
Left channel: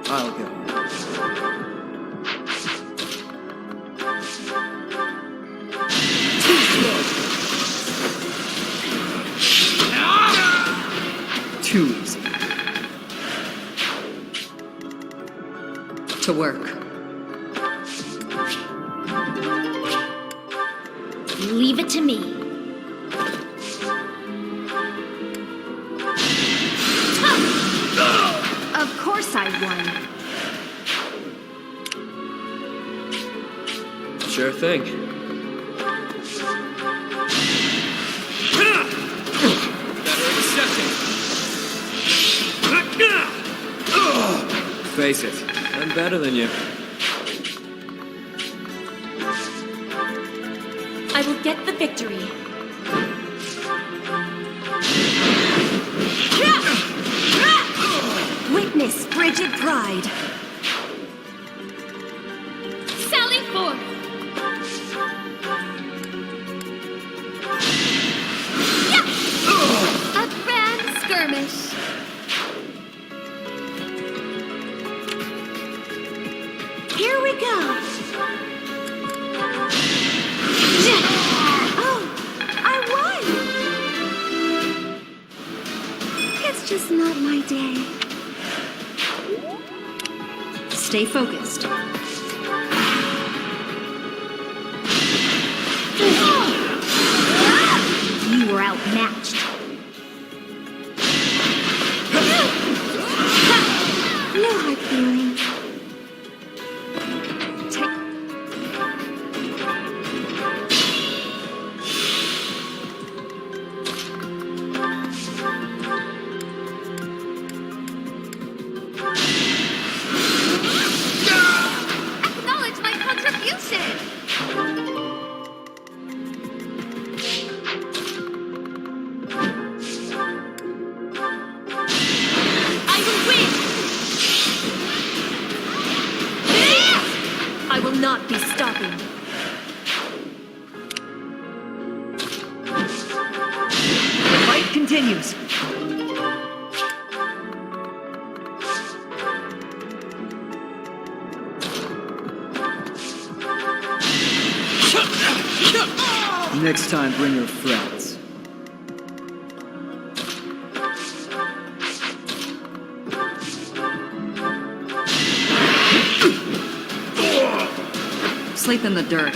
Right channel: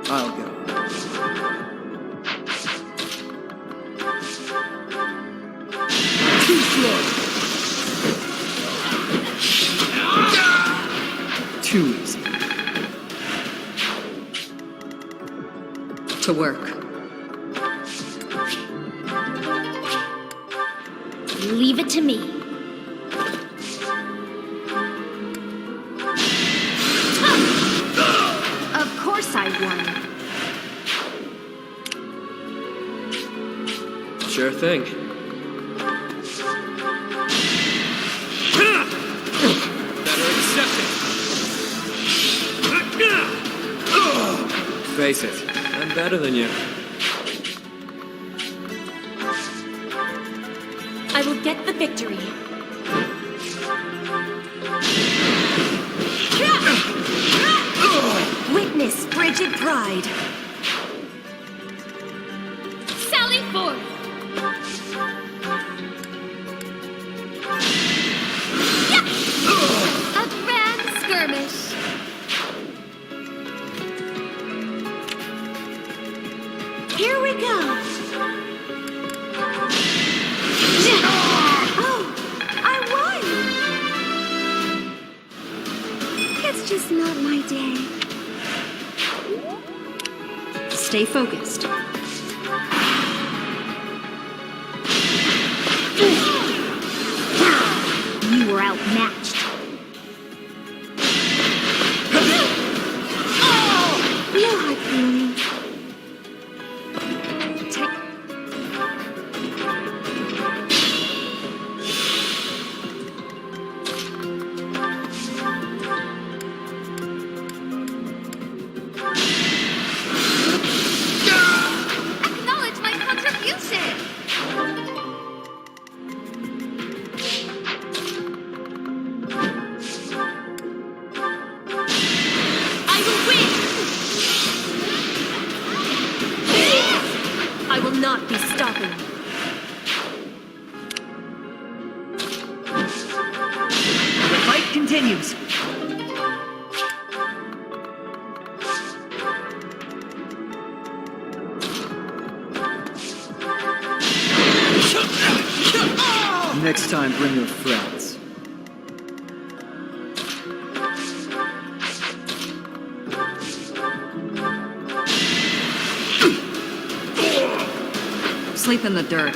I'll go. Too easy. To work. Leave it to me. Of course I won. Sure thing. Better accept it. Face it, I'm better than you. I will get the victory. Witness frigid pride. Sally forth! day. Stay focused. You were outmatched. No hard feelings. Acknowledge my contribution! I will win! I will not be stopping. The fight continues. Next time, bring your friends. Sleep in the dirt.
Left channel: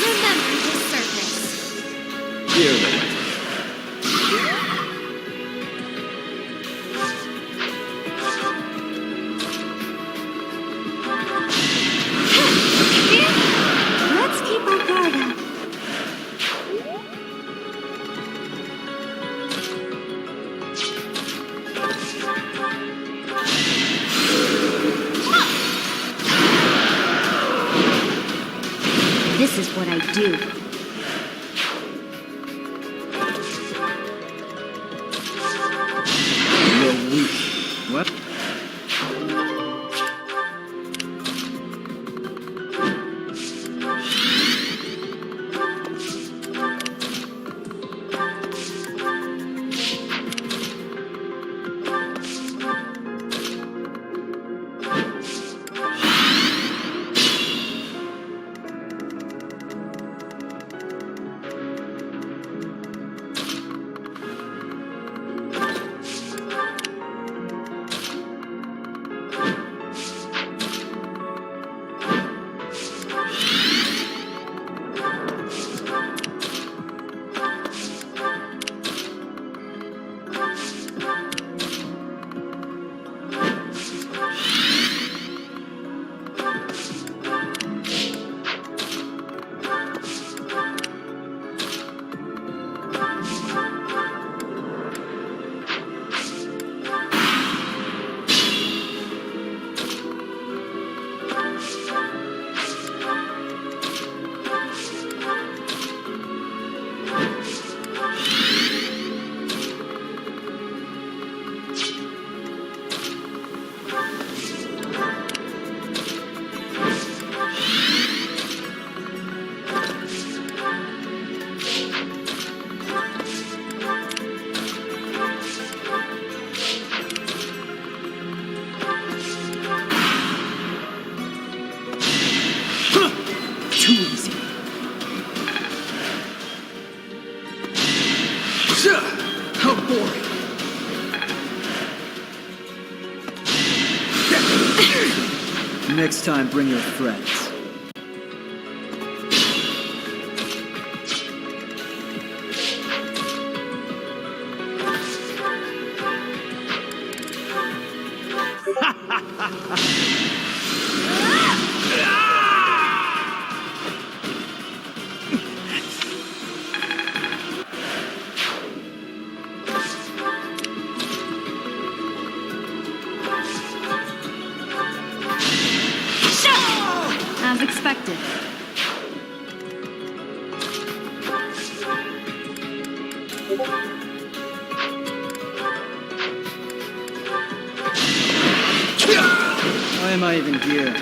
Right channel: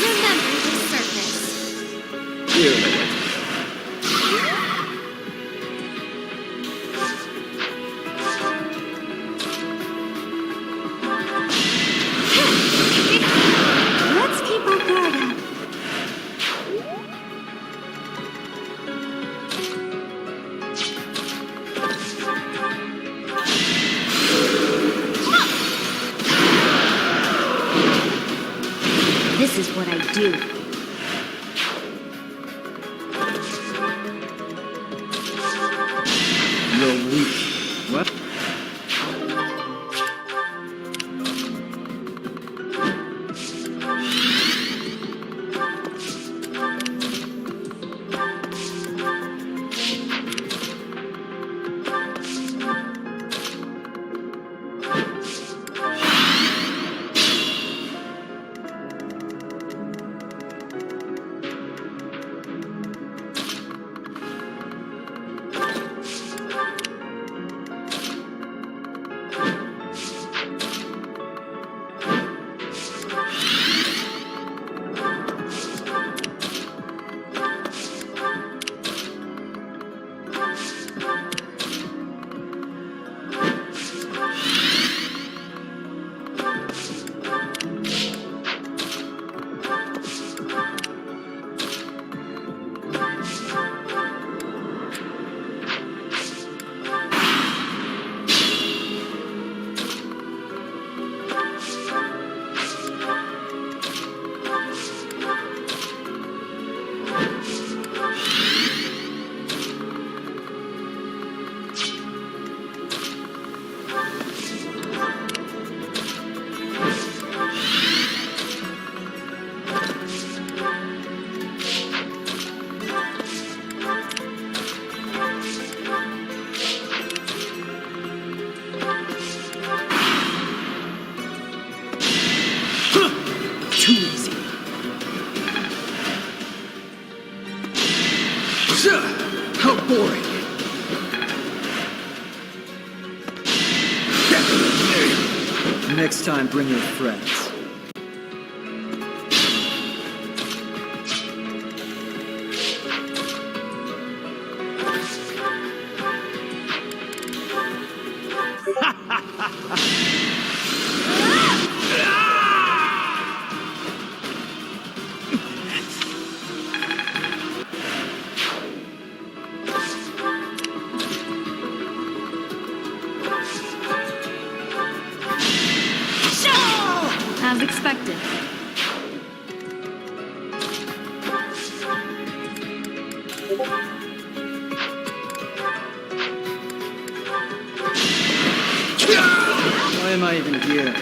Remember the surface. You know what to do. Let's keep our guard up. This is what I do. You're weak. What? Too easy. How boring. Next time, bring your friends. affected. Why am I even here?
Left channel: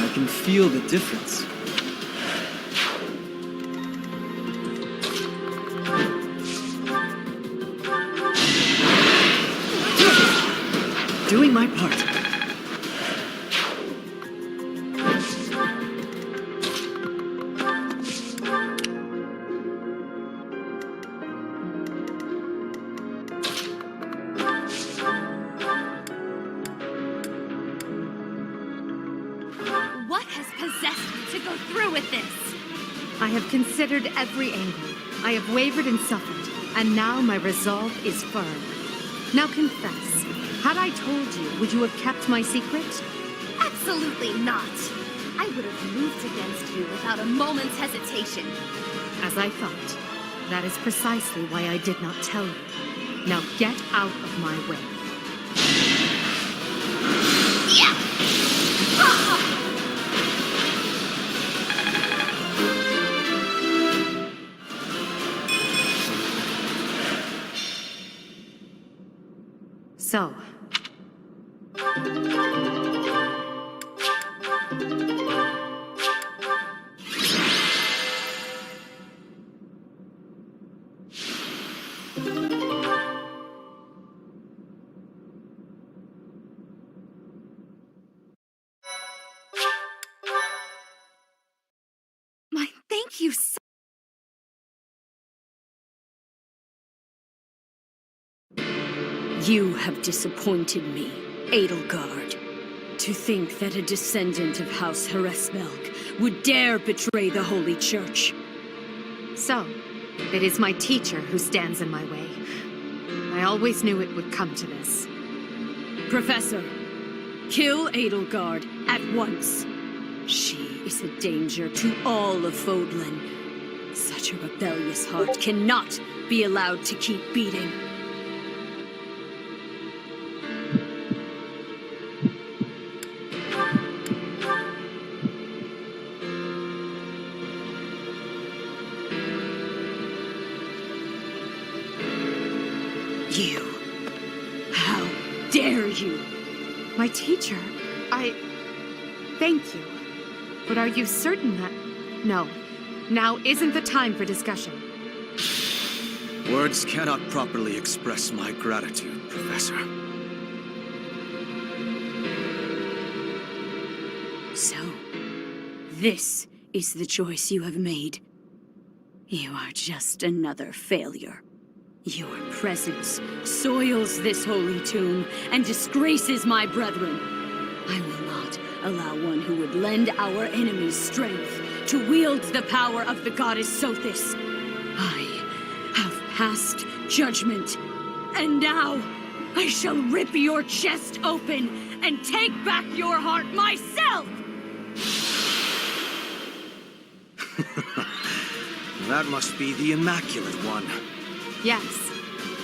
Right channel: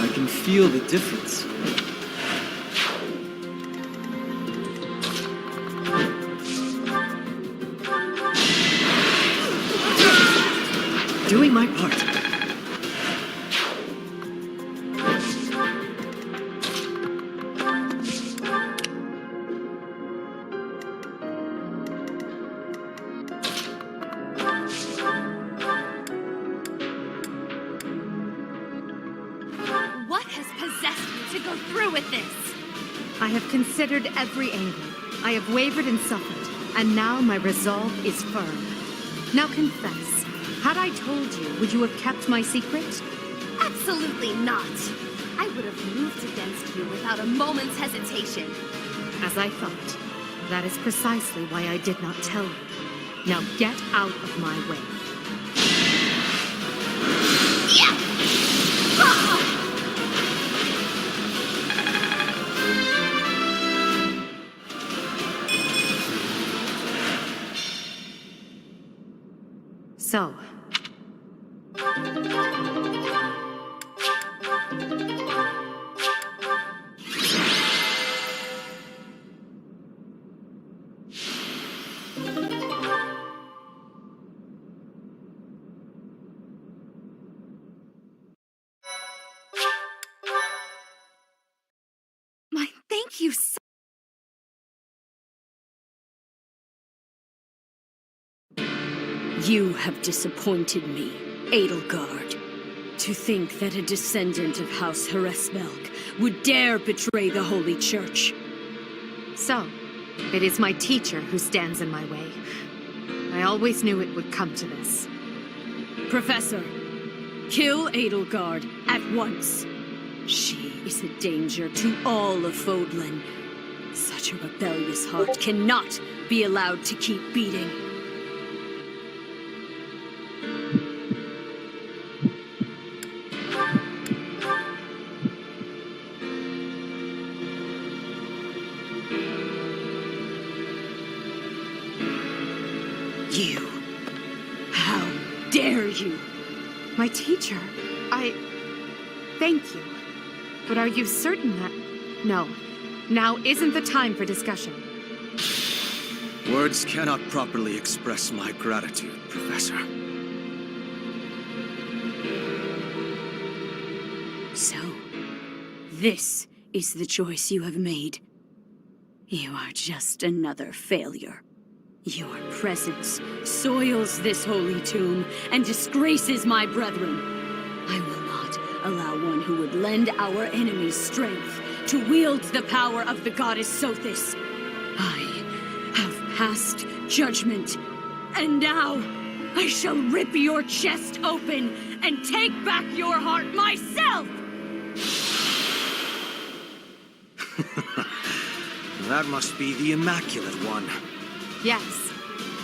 I can feel the difference. Doing my part. What has possessed you to go through with this? I have considered every angle. I have wavered and suffered, and now my resolve is firm. Now confess, had I told you, would you have kept my secret? Absolutely not. I would have moved against you without a moment's hesitation. As I thought. That is precisely why I did not tell you. Now get out of my way. So, Thank you so You have disappointed me, Edelgard. To think that a descendant of House Hresvelg would dare betray the Holy Church. So, it is my teacher who stands in my way. I always knew it would come to this. Professor, kill Edelgard at once. She is a danger to all of Fodlan. Such a rebellious heart cannot be allowed to keep beating. You. How dare you? My teacher, Thank you. But are you certain that... No. Now isn't the time for discussion. Words cannot properly express my gratitude, Professor. So, this is the choice you have made. You are just another failure. Your presence soils this holy tomb and disgraces my brethren. I will not allow one who would lend our enemies strength to wield the power of the goddess Sothis. I have passed judgment, and now I shall rip your chest open and take back your heart myself! That must be the Immaculate One. Yes.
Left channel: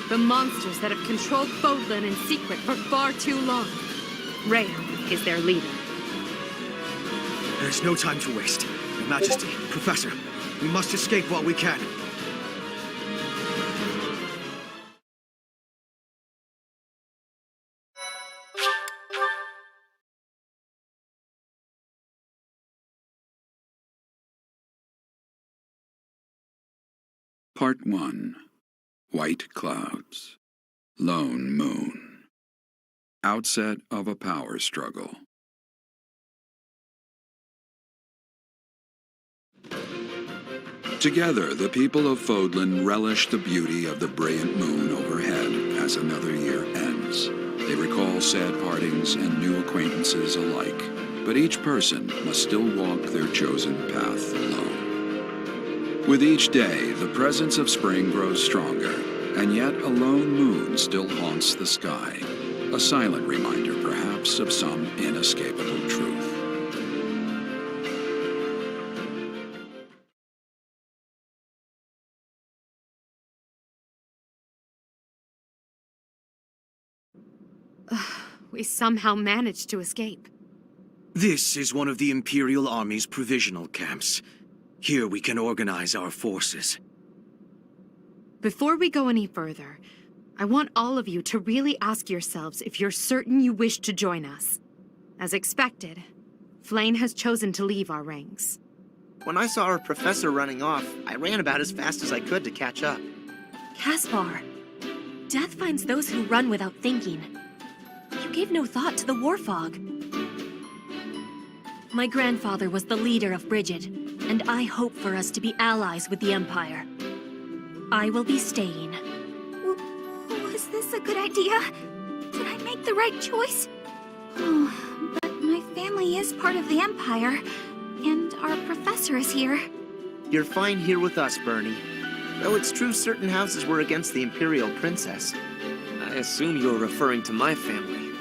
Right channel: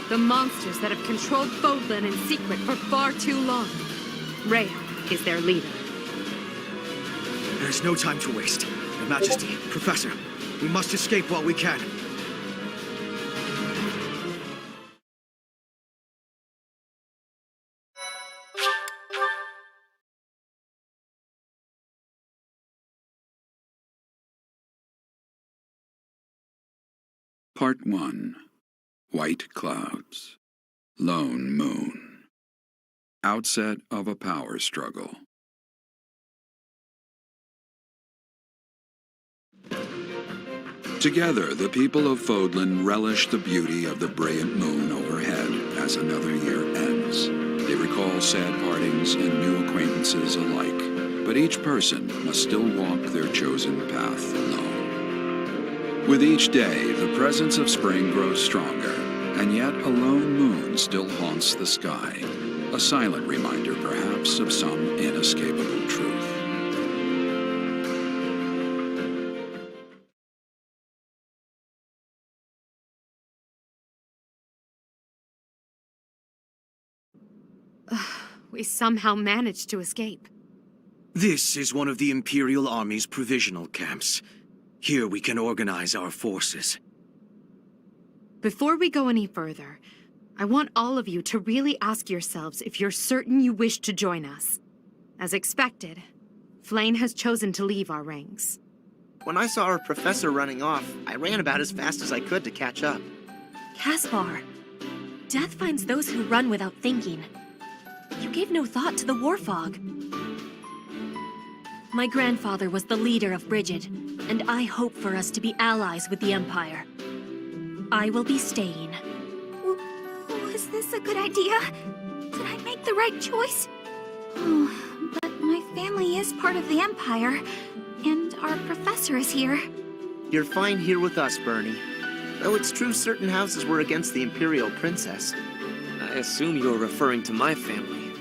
The monsters that have controlled Fodlan in secret for far too long. Rhea is their leader. There's no time to waste. Your Majesty, Professor, we must escape while we can. Part 1. White Clouds. Lone Moon. Outset of a power struggle. Together, the people of Fodlan relish the beauty of the brilliant moon overhead as another year ends. They recall sad partings and new acquaintances alike, but each person must still walk their chosen path alone. With each day, the presence of spring grows stronger, and yet a lone moon still haunts the sky, a silent reminder, perhaps, of some inescapable truth. We somehow managed to escape. This is one of the Imperial Army's provisional camps. Here we can organize our forces. Before we go any further, I want all of you to really ask yourselves if you're certain you wish to join us. As expected, Flayn has chosen to leave our ranks. When I saw our professor running off, I ran about as fast as I could to catch up. Caspar, death finds those who run without thinking. You gave no thought to the war fog. My grandfather was the leader of Brigid, and I hope for us to be allies with the Empire. I will be staying. Was this a good idea? Did I make the right choice? Oh, but my family is part of the Empire, and our professor is here. You're fine here with us, Bernie. Though it's true certain houses were against the Imperial Princess. I assume you're referring to my family.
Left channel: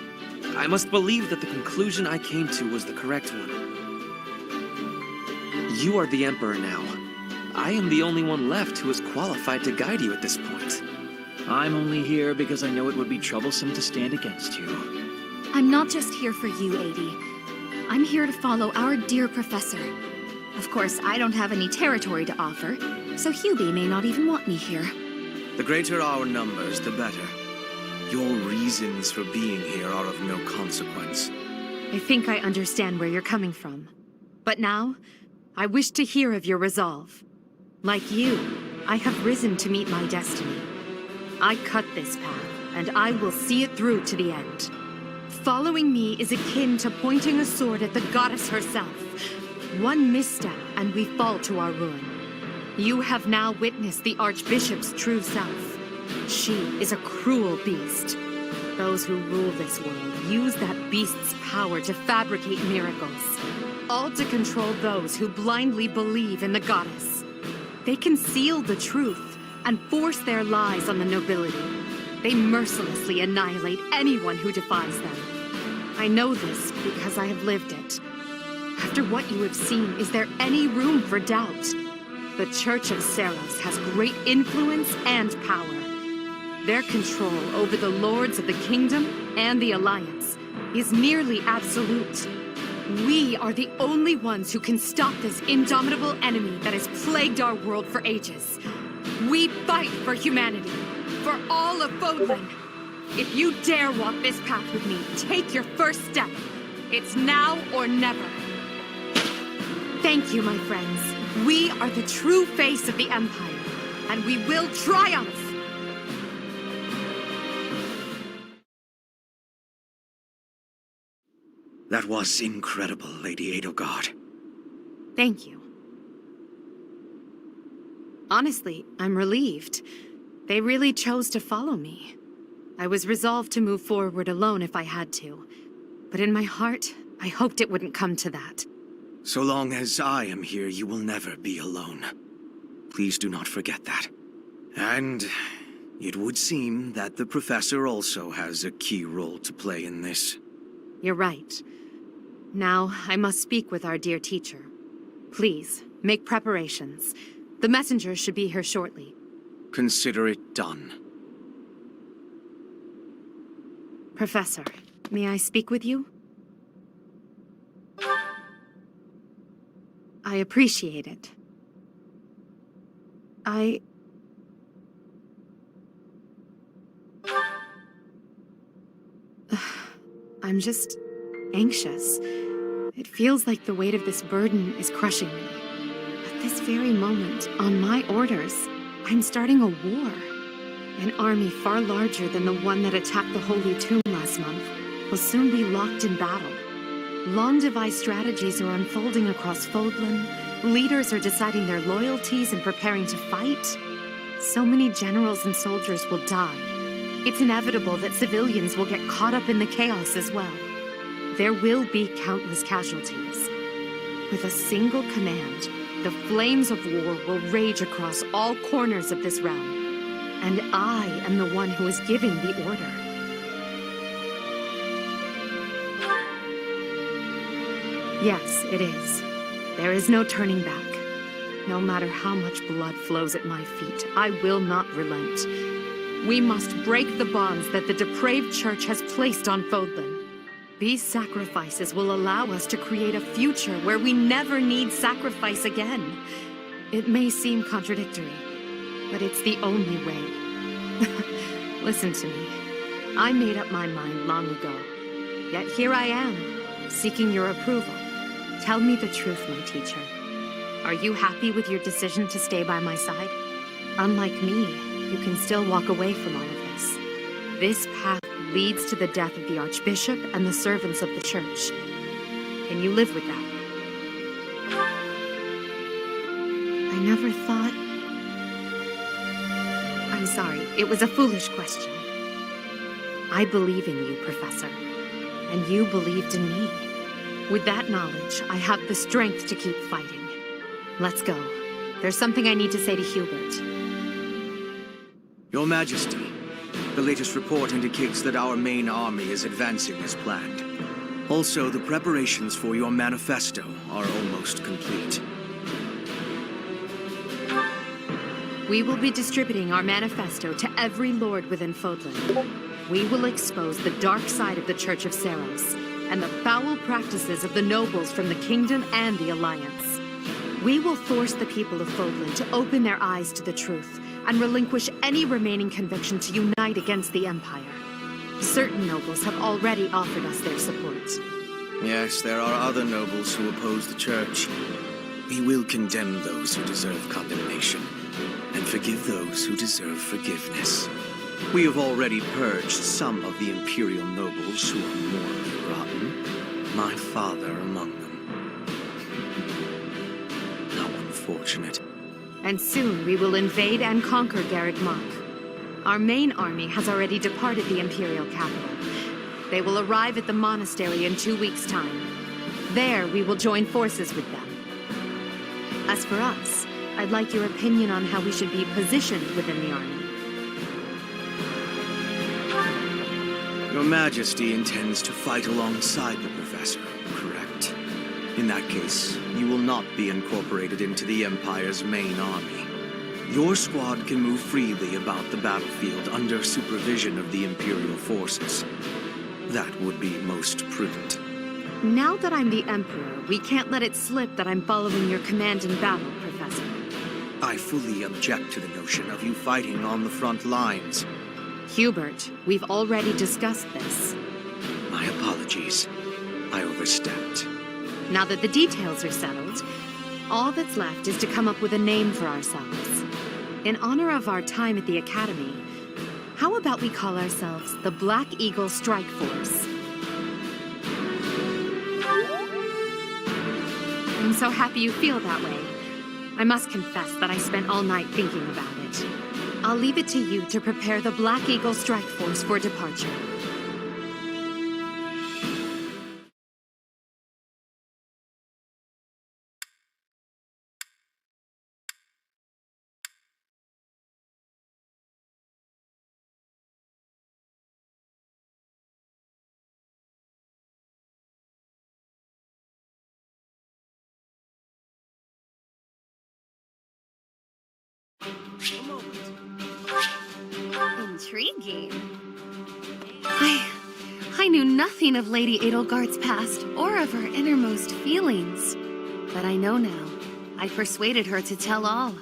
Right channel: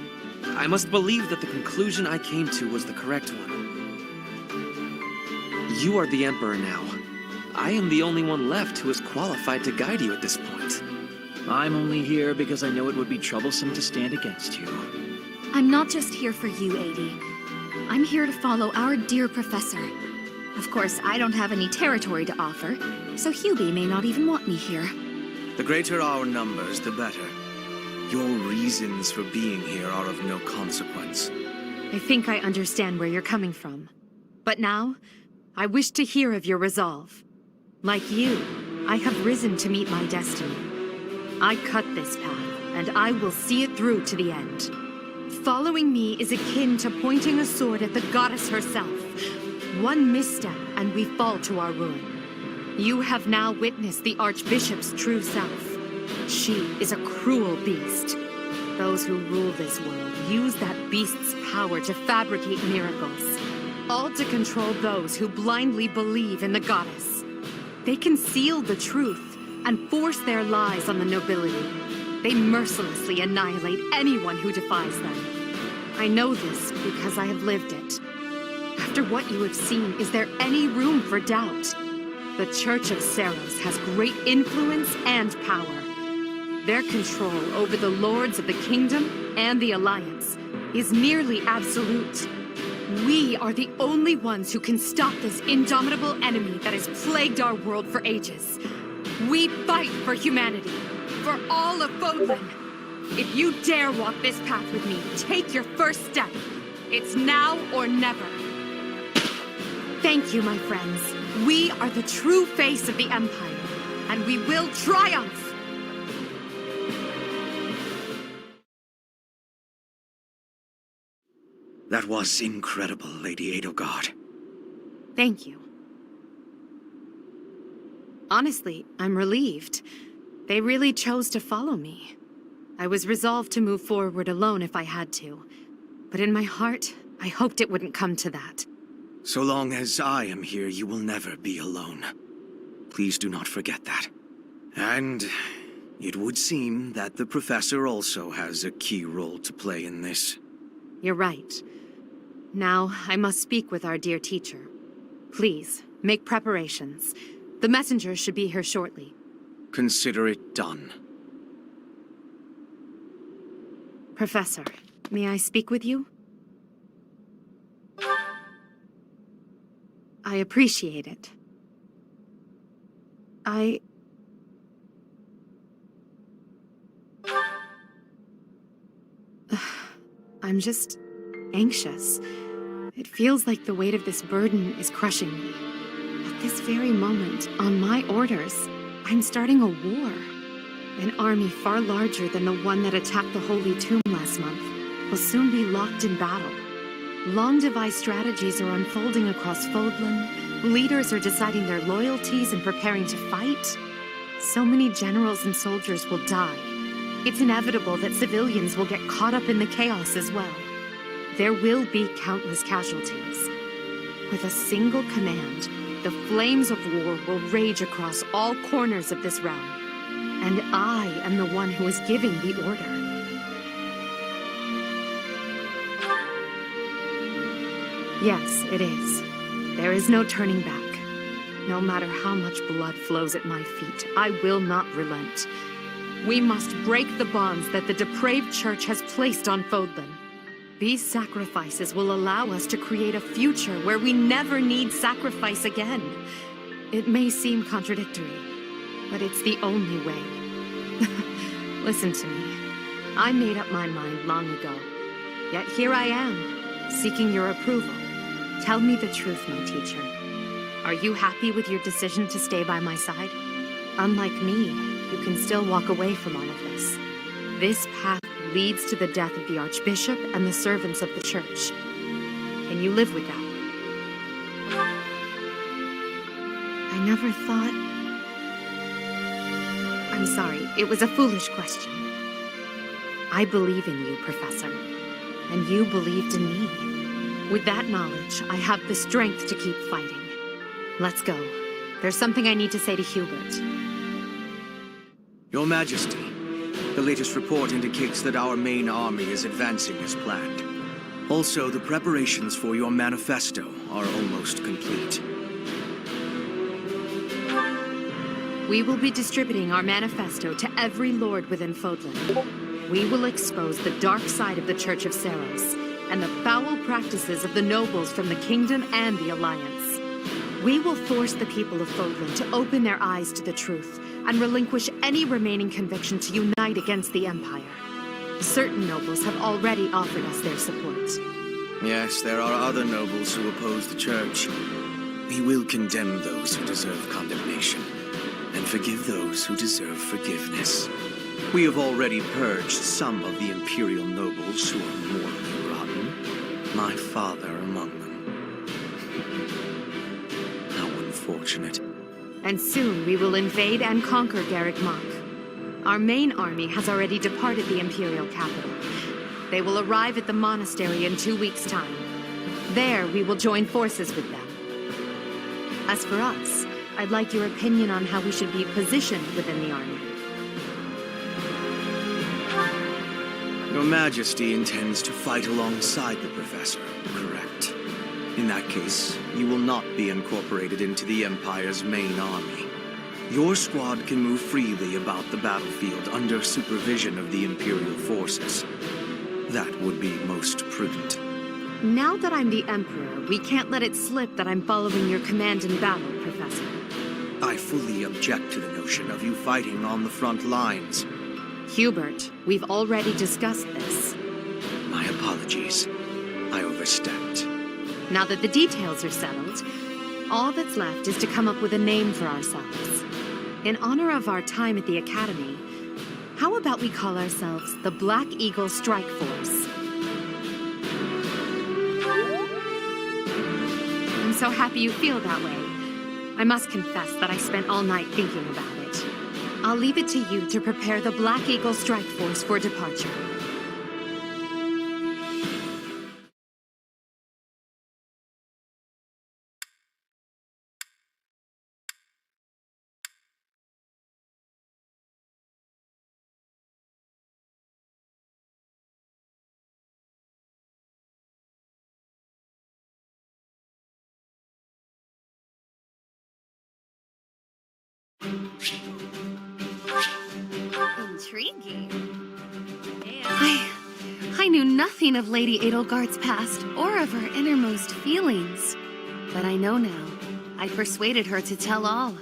I must believe that the conclusion I came to was the correct one. You are the Emperor now. I am the only one left who is qualified to guide you at this point. I'm only here because I know it would be troublesome to stand against you. I'm not just here for you, Adi. I'm here to follow our dear professor. Of course, I don't have any territory to offer, so Hubie may not even want me here. The greater our numbers, the better. Your reasons for being here are of no consequence. I think I understand where you're coming from. But now, I wish to hear of your resolve. Like you, I have risen to meet my destiny. I cut this path, and I will see it through to the end. Following me is akin to pointing a sword at the goddess herself. One misstep, and we fall to our ruin. You have now witnessed the Archbishop's true self. She is a cruel beast. Those who rule this world use that beast's power to fabricate miracles, all to control those who blindly believe in the goddess. They conceal the truth and force their lies on the nobility. They mercilessly annihilate anyone who defies them. I know this because I have lived it. After what you have seen, is there any room for doubt? The Church of Seiros has great influence and power. Their control over the lords of the kingdom and the Alliance is nearly absolute. We are the only ones who can stop this indomitable enemy that has plagued our world for ages. We fight for humanity, for all of Fodlan. If you dare walk this path with me, take your first step. It's now or never. Thank you, my friends. We are the true face of the Empire, and we will triumph! That was incredible, Lady Edelgard. Thank you. Honestly, I'm relieved. They really chose to follow me. I was resolved to move forward alone if I had to. But in my heart, I hoped it wouldn't come to that. So long as I am here, you will never be alone. Please do not forget that. And it would seem that the Professor also has a key role to play in this. You're right. Now, I must speak with our dear teacher. Please, make preparations. The messenger should be here shortly. Consider it done. Professor, may I speak with you? I appreciate it. I'm just anxious. It feels like the weight of this burden is crushing me. At this very moment, on my orders, I'm starting a war. An army far larger than the one that attacked the Holy Tomb last month will soon be locked in battle. Long-devised strategies are unfolding across Fodlan. Leaders are deciding their loyalties and preparing to fight. So many generals and soldiers will die. It's inevitable that civilians will get caught up in the chaos as well. There will be countless casualties. With a single command, the flames of war will rage across all corners of this realm. And I am the one who is giving the order. Yes, it is. There is no turning back. No matter how much blood flows at my feet, I will not relent. We must break the bonds that the depraved church has placed on Fodlan. These sacrifices will allow us to create a future where we never need sacrifice again. It may seem contradictory, but it's the only way. Listen to me. I made up my mind long ago. Yet here I am, seeking your approval. Tell me the truth, my teacher. Are you happy with your decision to stay by my side? Unlike me, you can still walk away from all of this. This path leads to the death of the Archbishop and the servants of the Church. Can you live with that? I never thought... I'm sorry, it was a foolish question. I believe in you, Professor, and you believed in me. With that knowledge, I have the strength to keep fighting. Let's go. There's something I need to say to Hubert. Your Majesty, the latest report indicates that our main army is advancing as planned. Also, the preparations for your manifesto are almost complete. We will be distributing our manifesto to every lord within Fodlan. We will expose the dark side of the Church of Seiros and the foul practices of the nobles from the Kingdom and the Alliance. We will force the people of Fodlan to open their eyes to the truth and relinquish any remaining conviction to unite against the Empire. Certain nobles have already offered us their support. Yes, there are other nobles who oppose the Church. We will condemn those who deserve condemnation, and forgive those who deserve forgiveness. We have already purged some of the Imperial nobles who are morally rotten, my father among them. How unfortunate. And soon we will invade and conquer Garreg Mach. Our main army has already departed the Imperial capital. They will arrive at the monastery in 2 weeks' time. There, we will join forces with them. As for us, I'd like your opinion on how we should be positioned within the army. Your Majesty intends to fight alongside the Professor, correct? In that case, you will not be incorporated into the Empire's main army. Your squad can move freely about the battlefield under supervision of the Imperial forces. That would be most prudent. Now that I'm the Emperor, we can't let it slip that I'm following your command in battle, Professor. I fully object to the notion of you fighting on the front lines. Hubert, we've already discussed this. My apologies. I overstepped. Now that the details are settled, all that's left is to come up with a name for ourselves. In honor of our time at the Academy, how about we call ourselves the Black Eagle Strike Force? I'm so happy you feel that way. I must confess that I spent all night thinking about it. I'll leave it to you to prepare the Black Eagle Strike Force for departure. Intriguing. I knew nothing of Lady Edelgard's past or of her innermost feelings. But I know now. I persuaded her to tell all.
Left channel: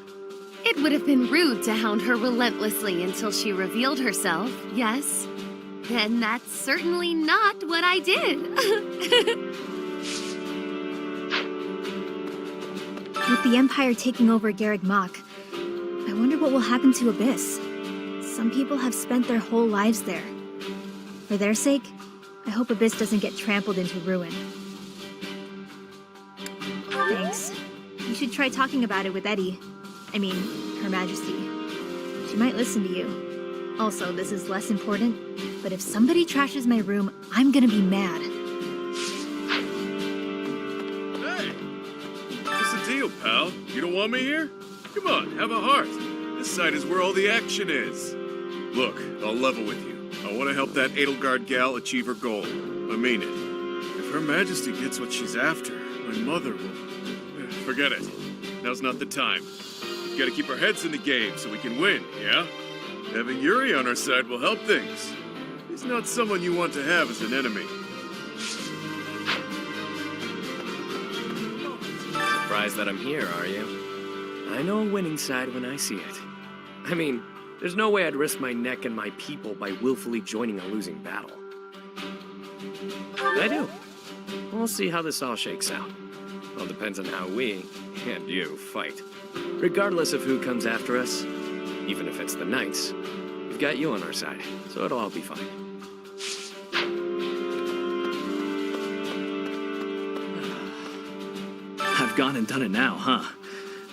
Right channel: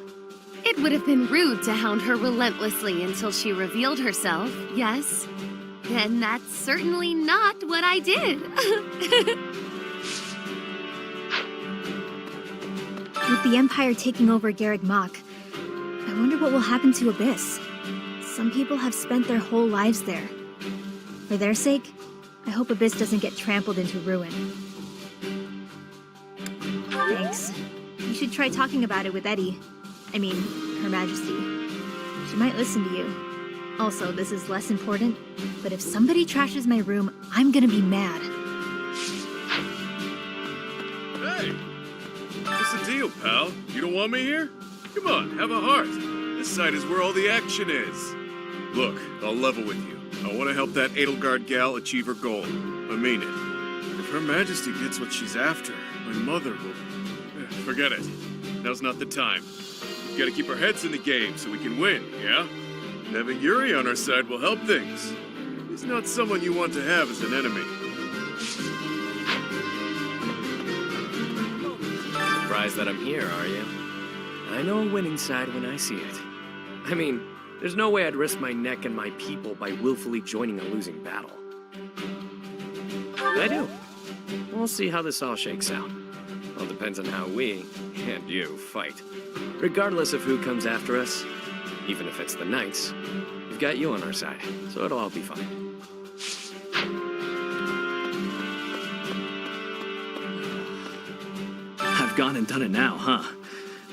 It would have been rude to hound her relentlessly until she revealed herself, yes? And that's certainly not what I did. With the Empire taking over Garreg Mach, I wonder what will happen to Abyss. Some people have spent their whole lives there. For their sake, I hope Abyss doesn't get trampled into ruin. Thanks. You should try talking about it with Eddie. I mean, Her Majesty. She might listen to you. Also, this is less important, but if somebody trashes my room, I'm gonna be mad. Hey! What's the deal, pal? You don't want me here? Come on, have a heart. This side is where all the action is. Look, I'll level with you. I want to help that Edelgard gal achieve her goal. I mean it. If Her Majesty gets what she's after, my mother will... Forget it. Now's not the time. We've got to keep our heads in the game so we can win, yeah? Having Yuri on our side will help things. He's not someone you want to have as an enemy. surprised that I'm here, are you? I know a winning side when I see it. I mean, there's no way I'd risk my neck and my people by willfully joining a losing battle. I do. We'll see how this all shakes out. All depends on how we, and you, fight. Regardless of who comes after us, even if it's the Knights, we've got you on our side, so it'll all be fine. I've gone and done it now, huh?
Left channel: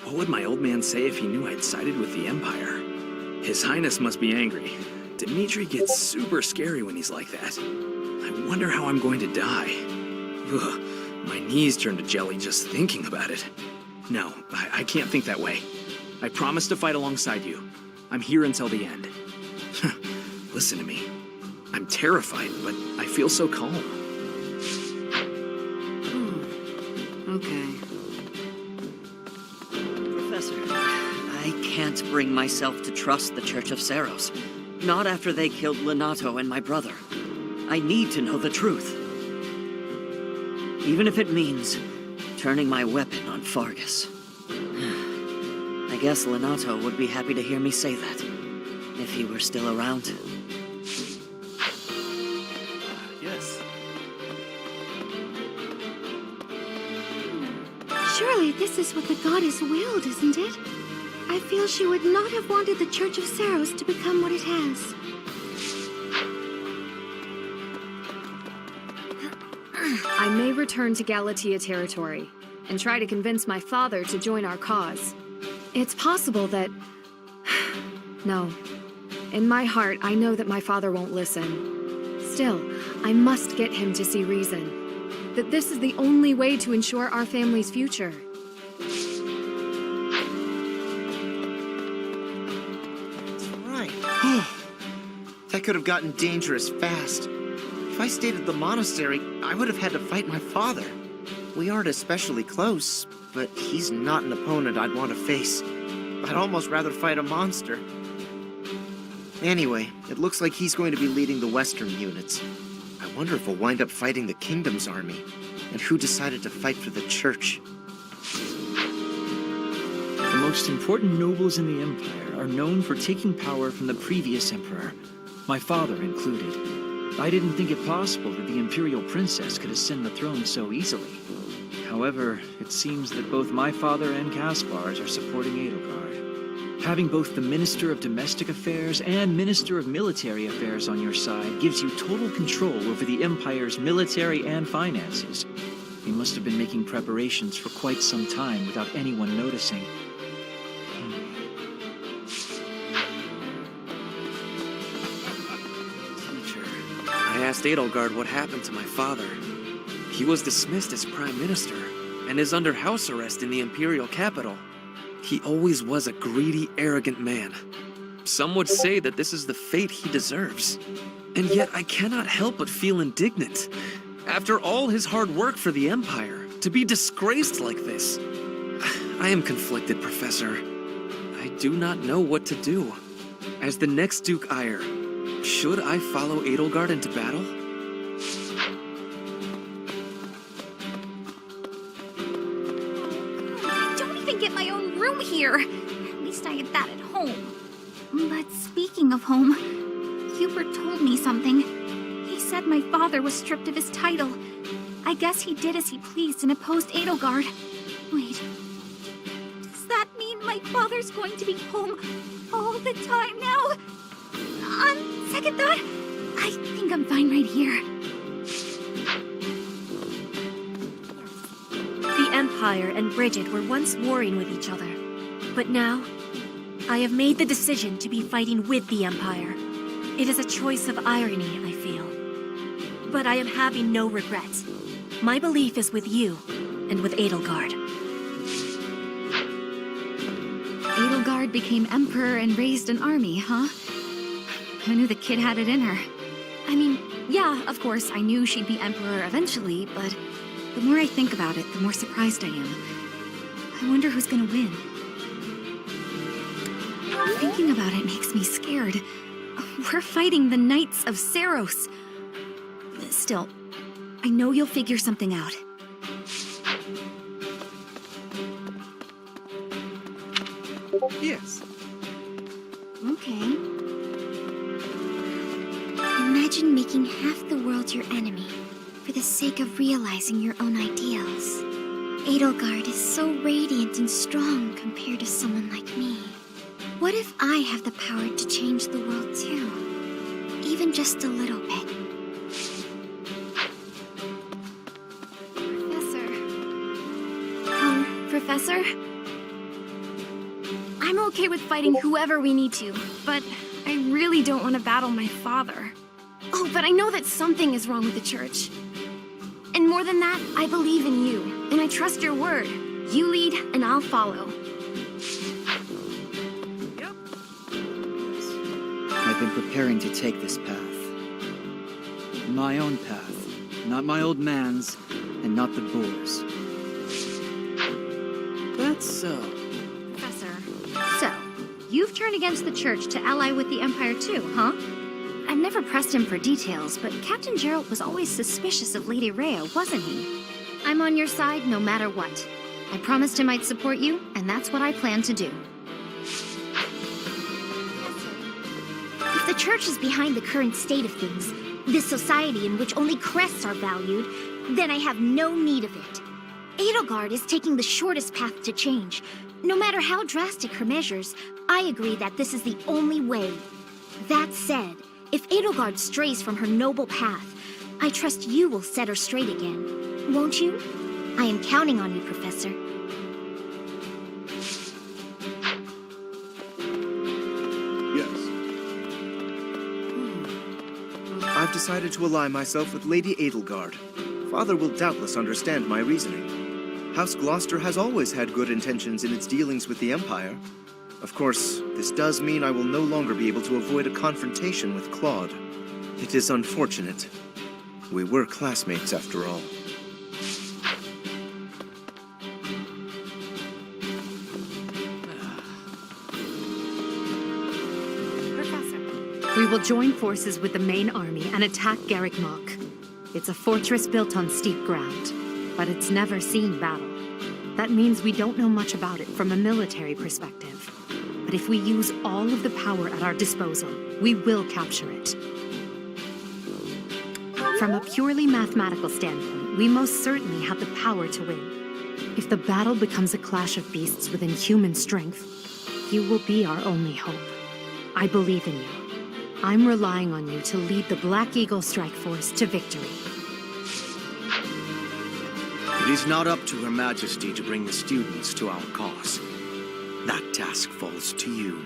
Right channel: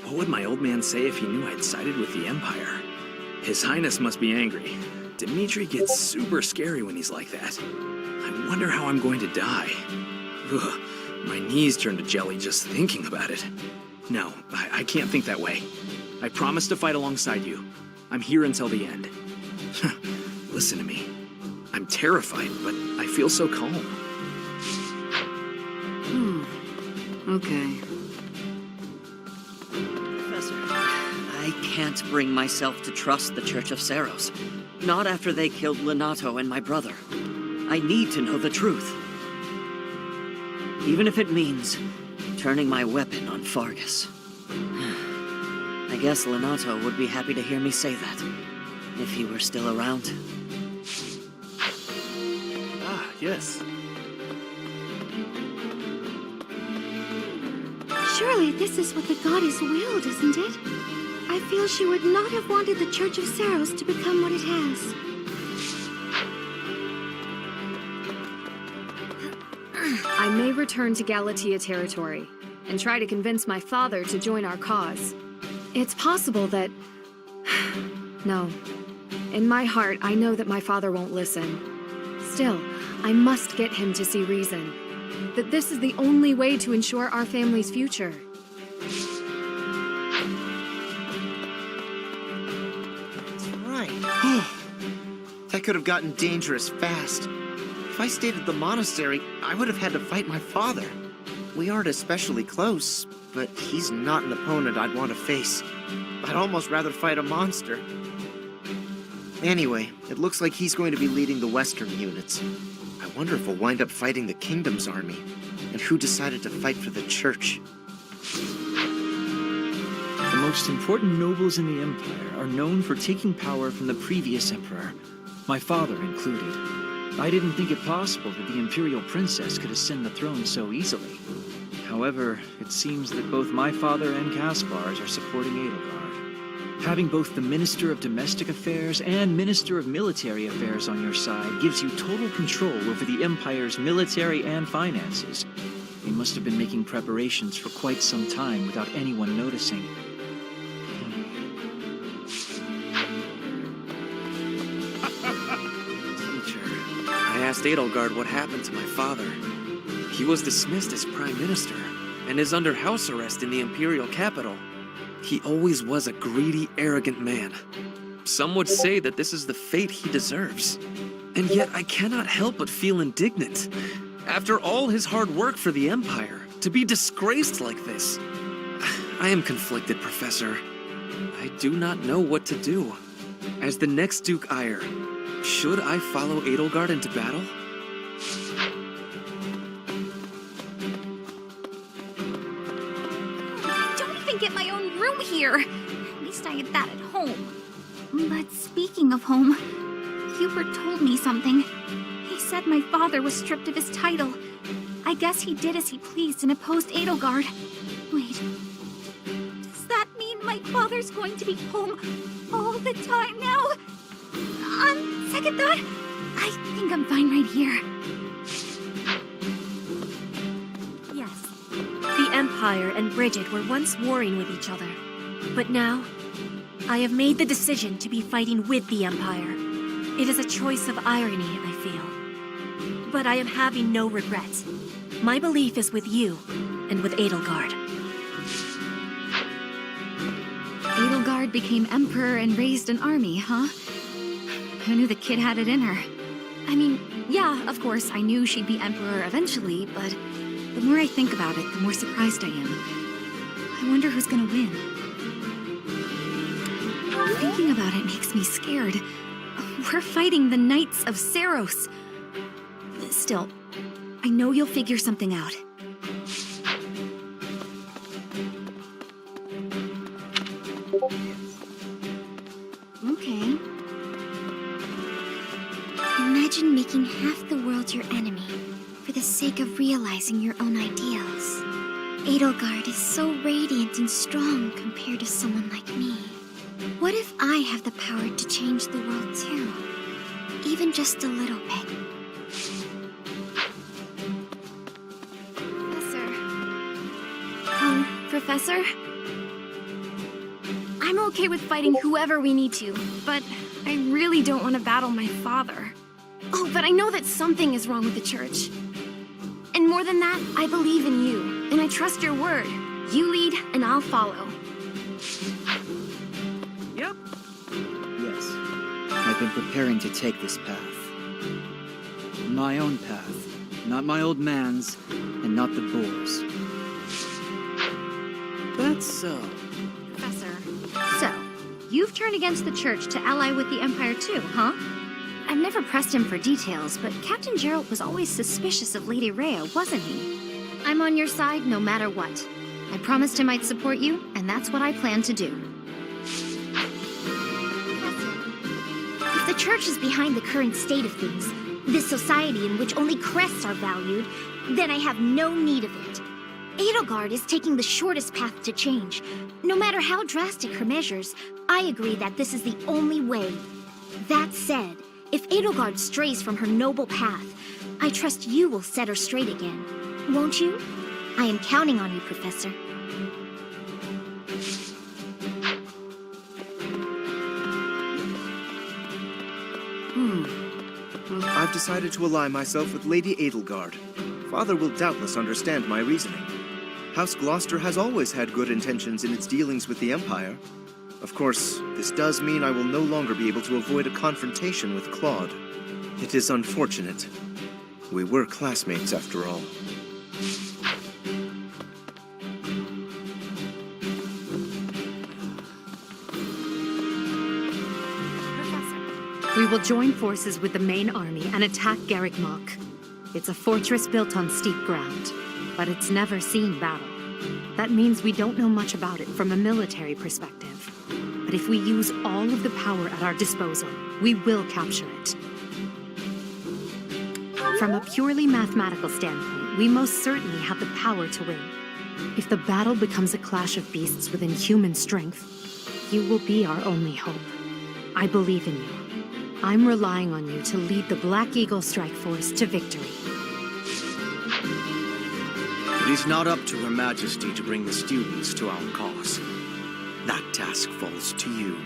What would my old man say if he knew I'd sided with the Empire? His Highness must be angry. Dimitri gets super scary when he's like that. I wonder how I'm going to die. Ugh, my knees turn to jelly just thinking about it. No, I can't think that way. I promise to fight alongside you. I'm here until the end. Listen to me. I'm terrified, but I feel so calm. Okay. Professor, I can't bring myself to trust the Church of Seiros. Not after they killed Lenato and my brother. I need to know the truth. Even if it means turning my weapon on Fargus. I guess Lenato would be happy to hear me say that, if he were still around. Ah, yes. Surely this is what the goddess willed, isn't it? I feel she would not have wanted the Church of Seiros to become what it has. I may return to Galatea territory and try to convince my father to join our cause. It's possible that... No. In my heart, I know that my father won't listen. Still, I must get him to see reason. That this is the only way to ensure our family's future. That's right. That could have gotten dangerous fast. If I stayed at the monastery, I would have had to fight my father. We aren't especially close, but he's not an opponent I'd want to face. I'd almost rather fight a monster. Anyway, it looks like he's going to be leading the western units. I wonder if we'll wind up fighting the Kingdom's army, and who decided to fight for the Church. The most important nobles in the Empire are known for taking power from the previous emperor, my father included. I didn't think it possible that the Imperial Princess could ascend the throne so easily. However, it seems that both my father and Caspar's are supporting Edelgard. Having both the Minister of Domestic Affairs and Minister of Military Affairs on your side gives you total control over the Empire's military and finances. They must have been making preparations for quite some time without anyone noticing. I asked Edelgard what happened to my father. He was dismissed as Prime Minister, and is under house arrest in the Imperial capital. He always was a greedy, arrogant man. Some would say that this is the fate he deserves. And yet I cannot help but feel indignant. After all his hard work for the Empire, to be disgraced like this. I am conflicted, Professor. I do not know what to do. As the next Duke Ire, should I follow Edelgard into battle? I don't even get my own room here. At least I had that at home. But speaking of home, Hubert told me something. He said my father was stripped of his title. I guess he did as he pleased and opposed Edelgard. Wait, does that mean my father's going to be home all the time now? On second thought, I think I'm fine right here. Yes. The Empire and Bridget were once warring with each other. But now, I have made the decision to be fighting with the Empire. It is a choice of irony, I feel. But I am having no regrets. My belief is with you, and with Edelgard. Edelgard became emperor and raised an army, huh? Who knew the kid had it in her? I mean, yeah, of course, I knew she'd be emperor eventually, but the more I think about it, the more surprised I am. I wonder who's gonna win. Thinking about it makes me scared. We're fighting the Knights of Seiros. Still, I know you'll figure something out. Yes. Okay. Imagine making half the world your enemy for the sake of realizing your own ideals. Edelgard is so radiant and strong compared to someone like me. What if I have the power to change the world too? Even just a little bit. Professor? I'm okay with fighting whoever we need to, but I really don't want to battle my father. Oh, but I know that something is wrong with the church. And more than that, I believe in you, and I trust your word. You lead, and I'll follow. Yes. I've been preparing to take this path. My own path. Not my old man's, and not the boar's. That's so. Professor, so, you've turned against the Church to ally with the Empire too, huh? I've never pressed him for details, but Captain Geralt was always suspicious of Lady Rhea, wasn't he? I'm on your side no matter what. I promised I might support you, and that's what I plan to do. If the Church is behind the current state of things, this society in which only crests are valued, then I have no need of it. Edelgard is taking the shortest path to change. No matter how drastic her measures, I agree that this is the only way. That said, if Edelgard strays from her noble path, I trust you will set her straight again. Won't you? I am counting on you, Professor. I've decided to ally myself with Lady Edelgard. Father will doubtless understand my reasoning. House Gloucester has always had good intentions in its dealings with the Empire. Of course, this does mean I will no longer be able to avoid a confrontation with Claude. It is unfortunate. We were classmates after all. We will join forces with the main army and attack Garreg Mach. It's a fortress built on steep ground, but it's never seen battle. That means we don't know much about it from a military perspective. But if we use all of the power at our disposal, we will capture it. From a purely mathematical standpoint, we most certainly have the power to win. If the battle becomes a clash of beasts within human strength, you will be our only hope. I believe in you. I'm relying on you to lead the Black Eagle Strike Force to victory. It is not up to Her Majesty to bring the students to our cause. That task falls to you.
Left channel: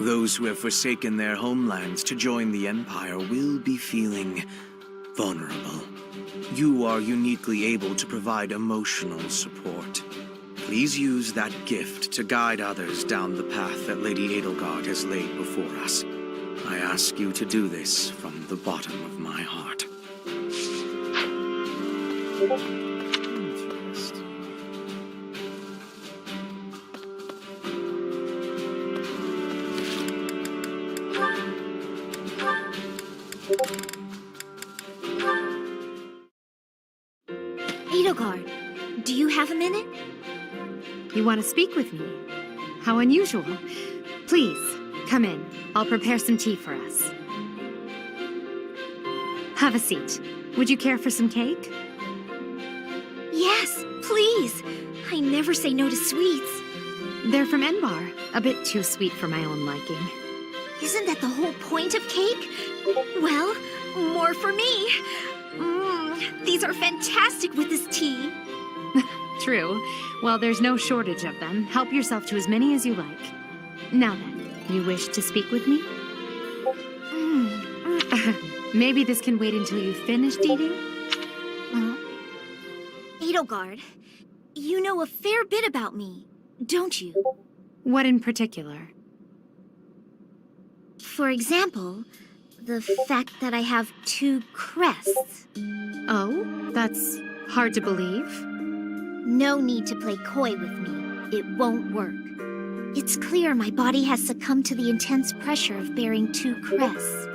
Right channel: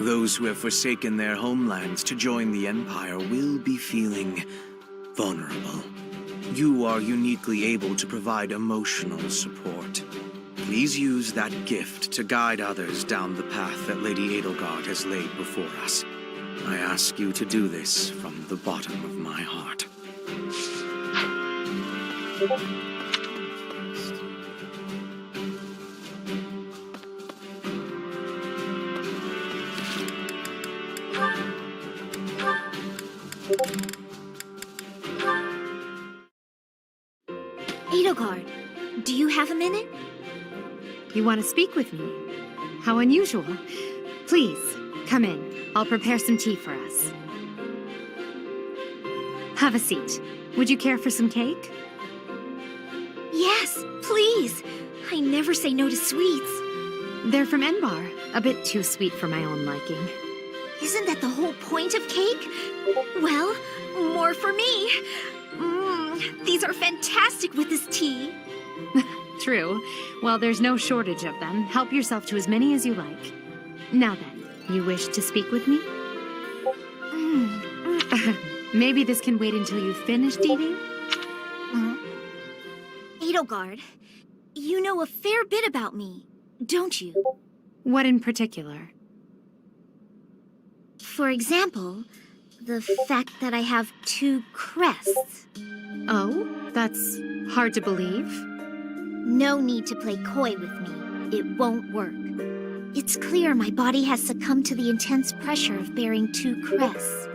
Those who have forsaken their homelands to join the Empire will be feeling vulnerable. You are uniquely able to provide emotional support. Please use that gift to guide others down the path that Lady Edelgard has laid before us. I ask you to do this from the bottom of my heart. Edelgard, do you have a minute? You want to speak with me? How unusual. Please, come in. I'll prepare some tea for us. Have a seat. Would you care for some cake? Yes, please. I never say no to sweets. They're from Enbar. A bit too sweet for my own liking. Isn't that the whole point of cake? Well, more for me. These are fantastic with this tea. True. Well, there's no shortage of them. Help yourself to as many as you like. Now then, you wish to speak with me? Maybe this can wait until you've finished eating? Edelgard, you know a fair bit about me, don't you? What in particular? For example, the fact that I have 2 crests. Oh, that's hard to believe. No need to play coy with me. It won't work. It's clear my body has succumbed to the intense pressure of bearing 2 crests.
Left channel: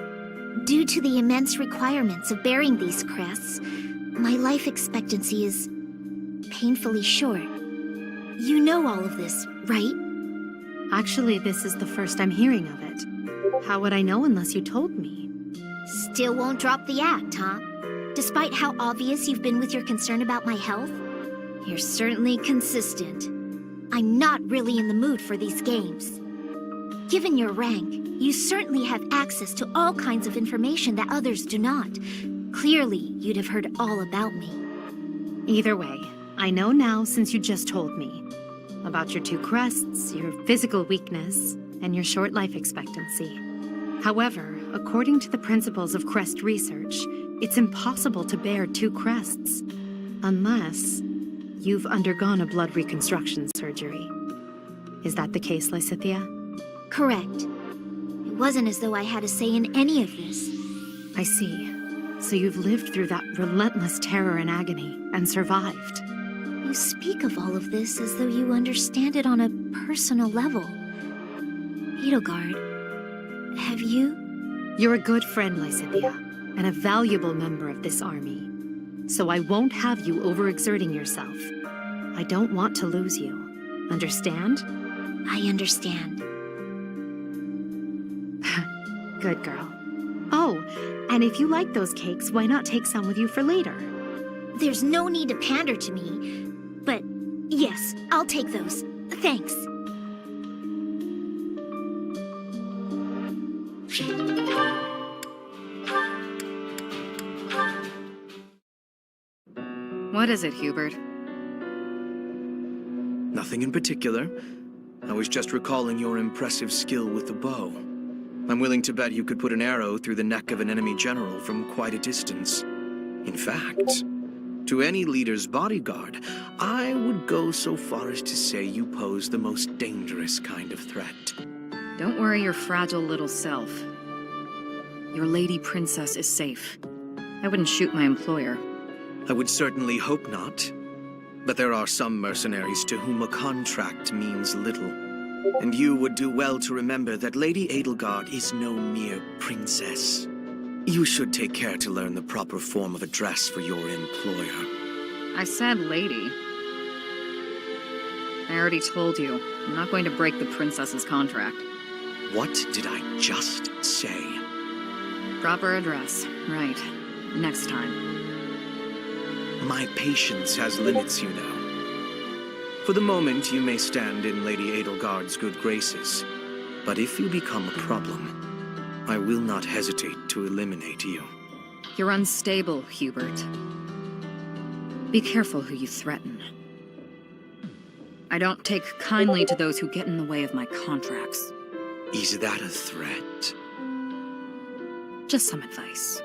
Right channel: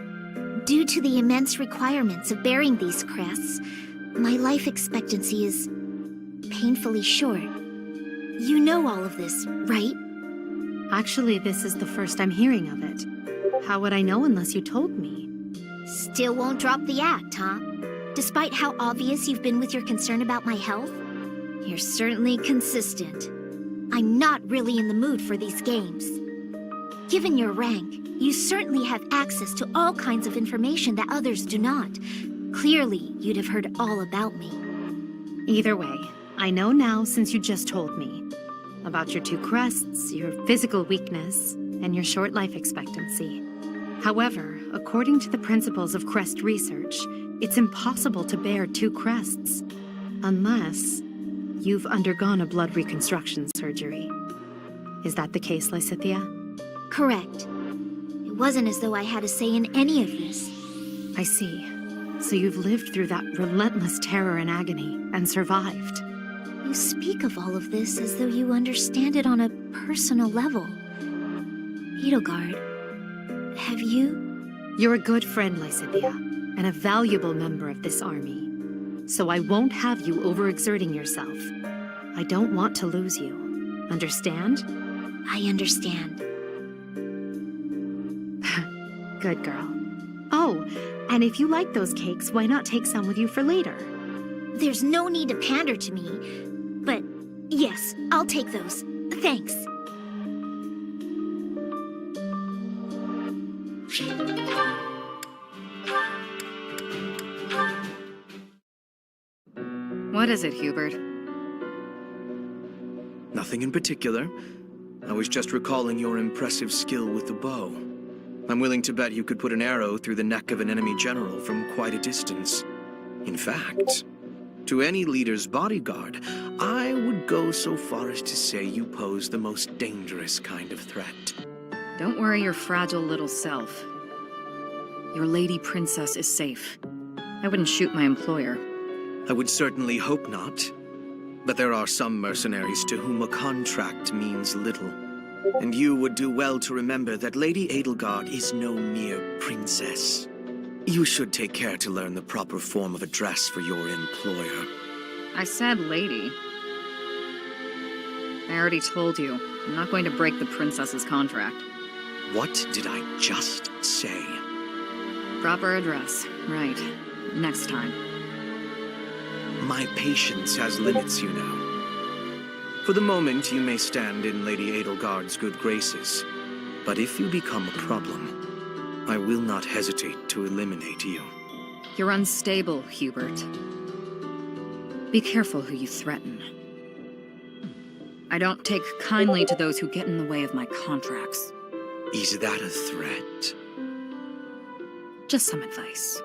Due to the immense requirements of bearing these crests, my life expectancy is painfully short. You know all of this, right? Actually, this is the first I'm hearing of it. How would I know unless you told me? Still won't drop the act, huh? Despite how obvious you've been with your concern about my health? You're certainly consistent. I'm not really in the mood for these games. Given your rank, you certainly have access to all kinds of information that others do not. Clearly, you'd have heard all about me. Either way, I know now since you just told me. About your 2 crests, your physical weakness, and your short life expectancy. However, according to the principles of crest research, it's impossible to bear 2 crests. Unless you've undergone a blood reconstruction surgery. Is that the case, Lysithea? Correct. It wasn't as though I had a say in any of this. I see. So you've lived through that relentless terror and agony, and survived. You speak of all of this as though you understand it on a personal level. Edelgard, have you? You're a good friend, Lysithea, and a valuable member of this army. So I won't have you overexerting yourself. I don't want to lose you. Understand? I understand. Good girl. Oh, and if you like those cakes, why not take some with you for later? There's no need to pander to me, but yes, I'll take those. Thanks. What is it, Hubert? Nothing in particular. I was just recalling your impressive skill with the bow. I'm willing to bet you could put an arrow through the neck of an enemy general from quite a distance. In fact, to any leader's bodyguard, I would go so far as to say you pose the most dangerous kind of threat. Don't worry your fragile little self. Your lady princess is safe. I wouldn't shoot my employer. I would certainly hope not. But there are some mercenaries to whom a contract means little. And you would do well to remember that Lady Edelgard is no mere princess. You should take care to learn the proper form of address for your employer. I said lady. I already told you, I'm not going to break the princess's contract. What did I just say? Proper address. Right. Next time. My patience has limits, you know. For the moment, you may stand in Lady Edelgard's good graces. But if you become a problem, I will not hesitate to eliminate you. You're unstable, Hubert. Be careful who you threaten. I don't take kindly to those who get in the way of my contracts. Is that a threat? Just some advice.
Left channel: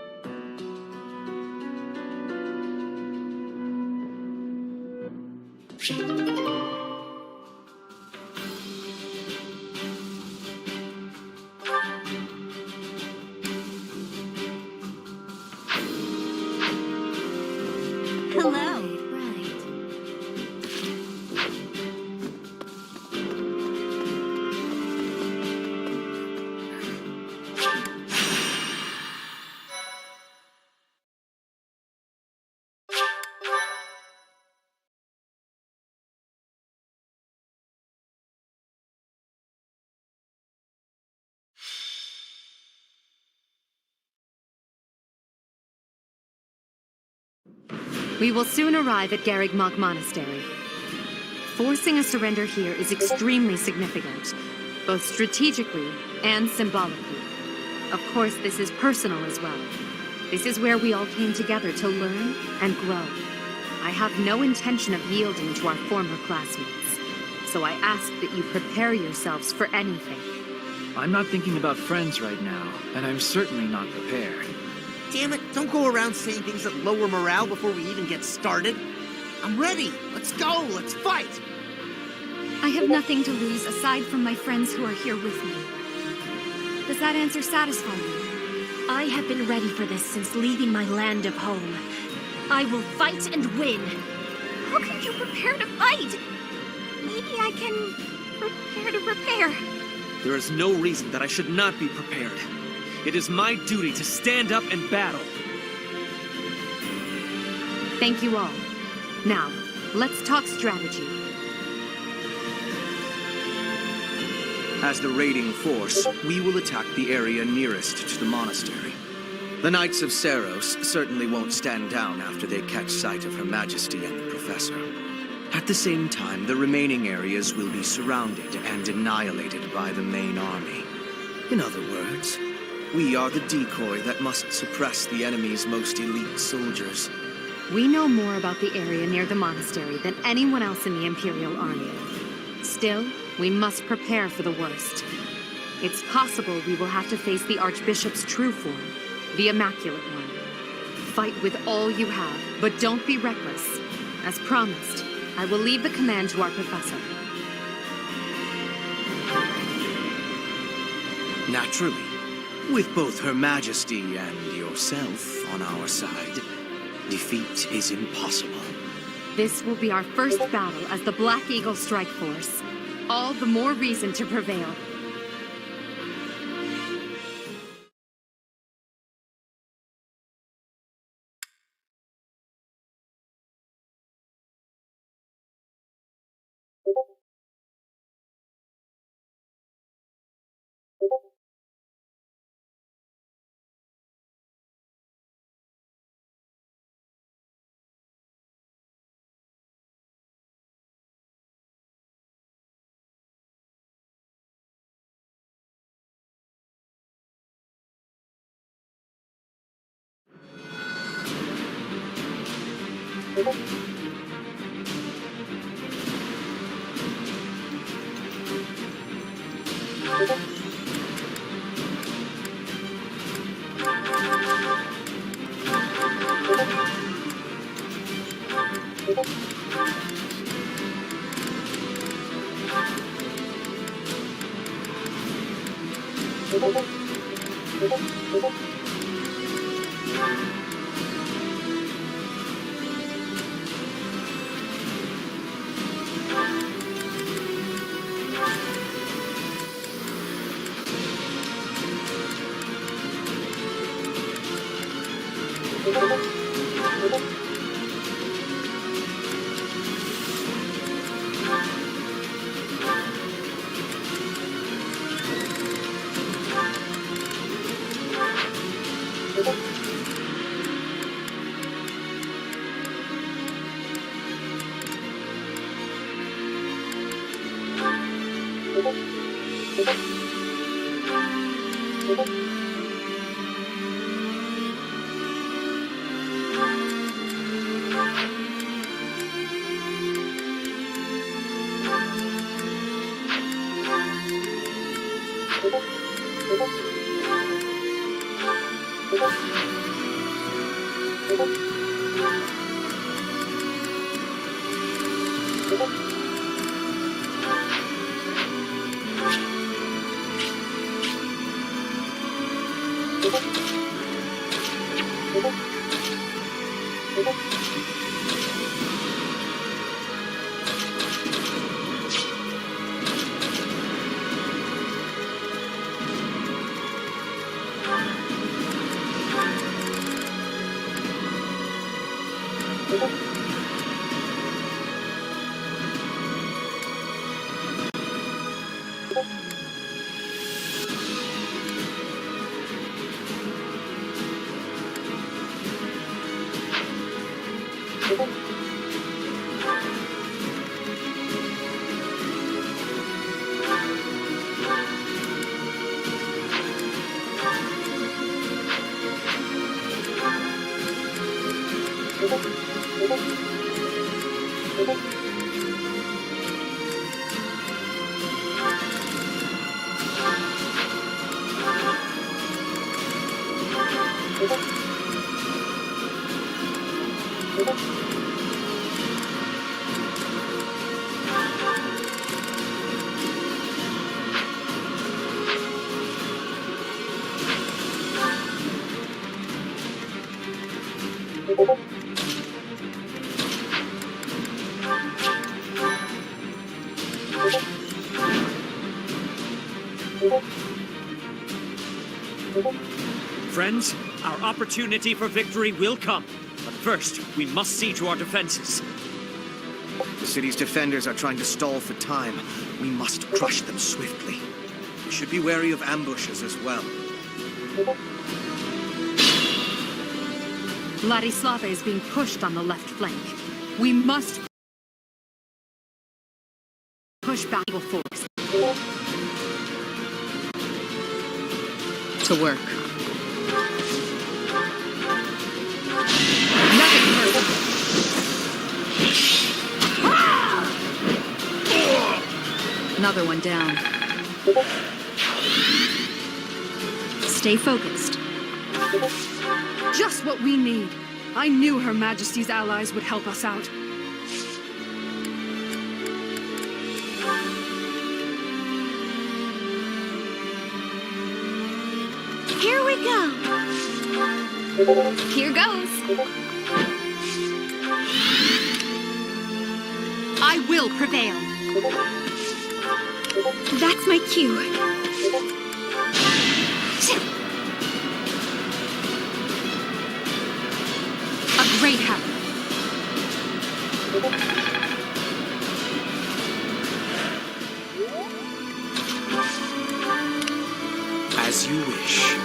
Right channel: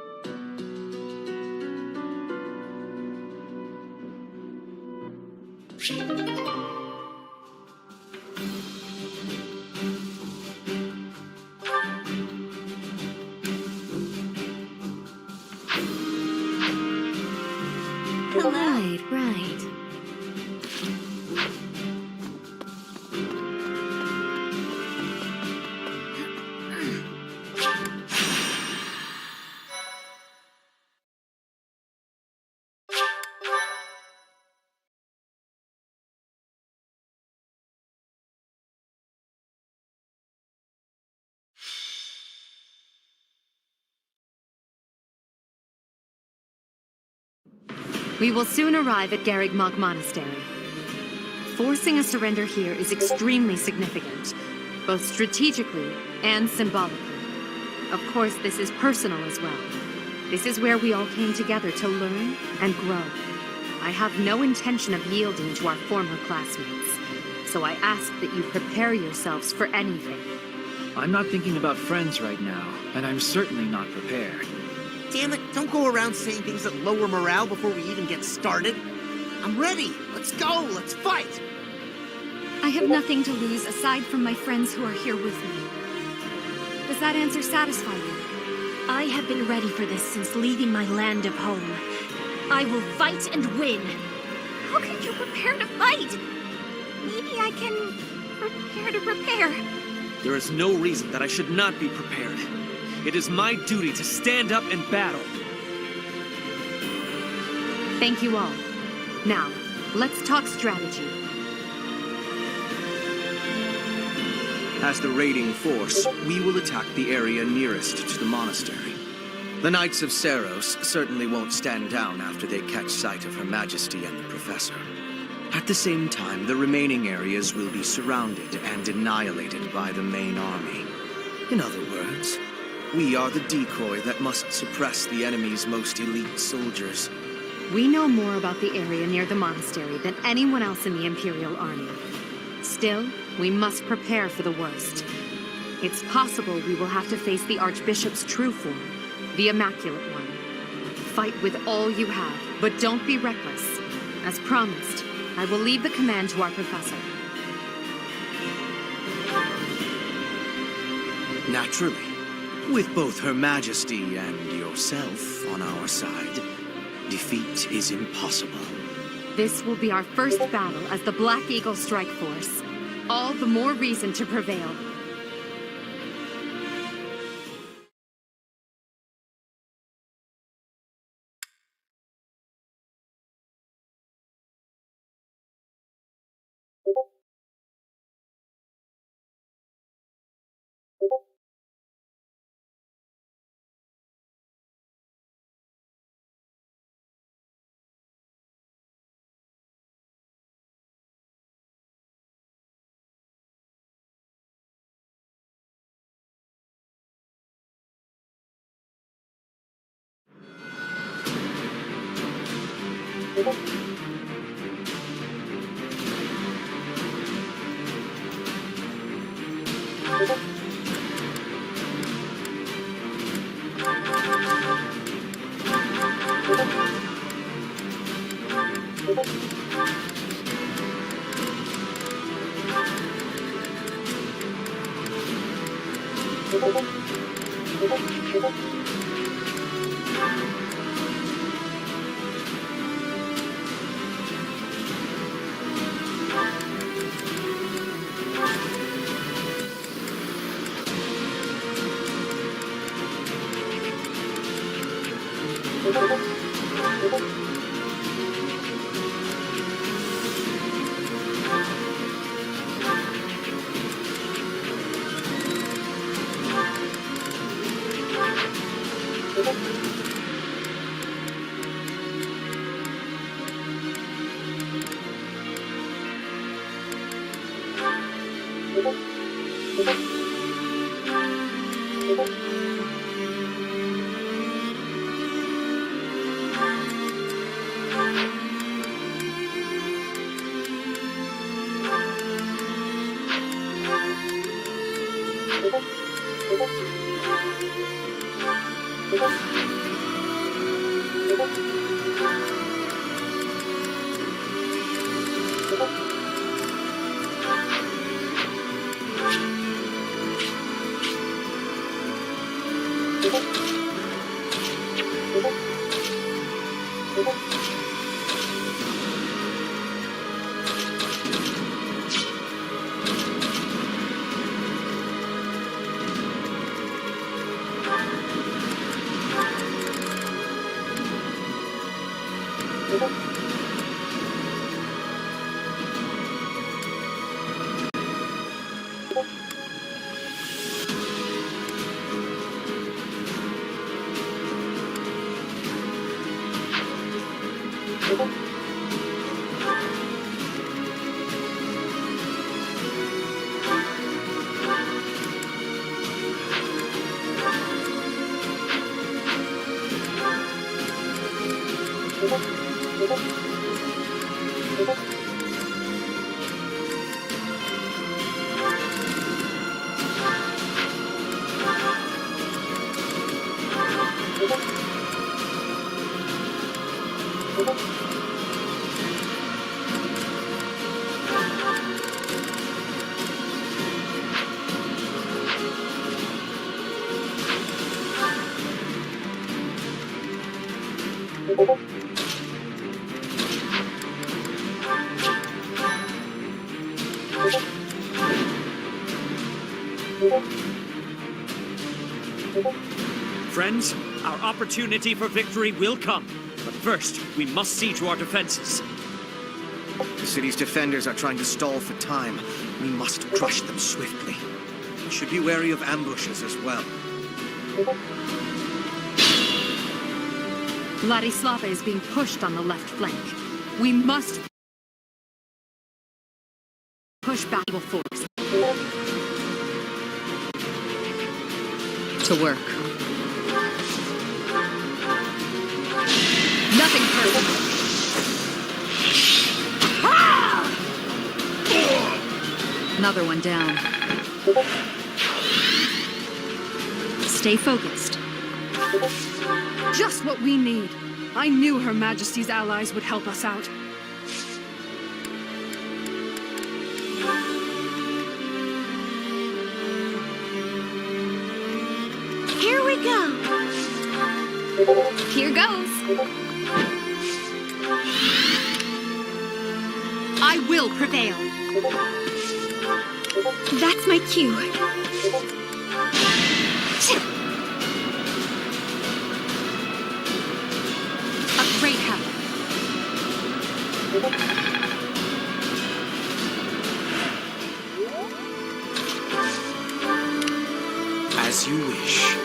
Right. We will soon arrive at Garreg Mach Monastery. Forcing a surrender here is extremely significant, both strategically and symbolically. Of course, this is personal as well. This is where we all came together to learn and grow. I have no intention of yielding to our former classmates, so I ask that you prepare yourselves for anything. I'm not thinking about friends right now, and I'm certainly not prepared. Damn it, don't go around saying things that lower morale before we even get started. I'm ready. Let's go. Let's fight. I have nothing to lose aside from my friends who are here with me. Does that answer satisfy you? I have been ready for this since leaving my land of home. I will fight and win. How can you prepare to fight? Maybe I can prepare to prepare. There is no reason that I should not be prepared. It is my duty to stand up and battle. Thank you all. Now, let's talk strategy. As the raiding force, we will attack the area nearest to the monastery. The Knights of Seiros certainly won't stand down after they catch sight of Her Majesty and the Professor. At the same time, the remaining areas will be surrounded and annihilated by the main army. In other words, we are the decoy that must suppress the enemy's most elite soldiers. We know more about the area near the monastery than anyone else in the Imperial Army. Still, we must prepare for the worst. It's possible we will have to face the Archbishop's true form, the Immaculate One. Fight with all you have, but don't be reckless. As promised, I will leave the command to our Professor. Naturally. With both Her Majesty and yourself on our side, defeat is impossible. This will be our first battle as the Black Eagle Strike Force. All the more reason to prevail. Friends, our opportunity for victory will come. But first, we must see to our defenses. The city's defenders are trying to stall for time. We must crush them swiftly. should be wary of ambushes as well. Ladislava is being pushed on the left flank. We must push back evil force. To work. Nothing personal. Another one down. Stay focused. Just what we need. I knew Her Majesty's allies would help us out. Here we go. Here goes. I will prevail. That's my cue. A great help. As you wish.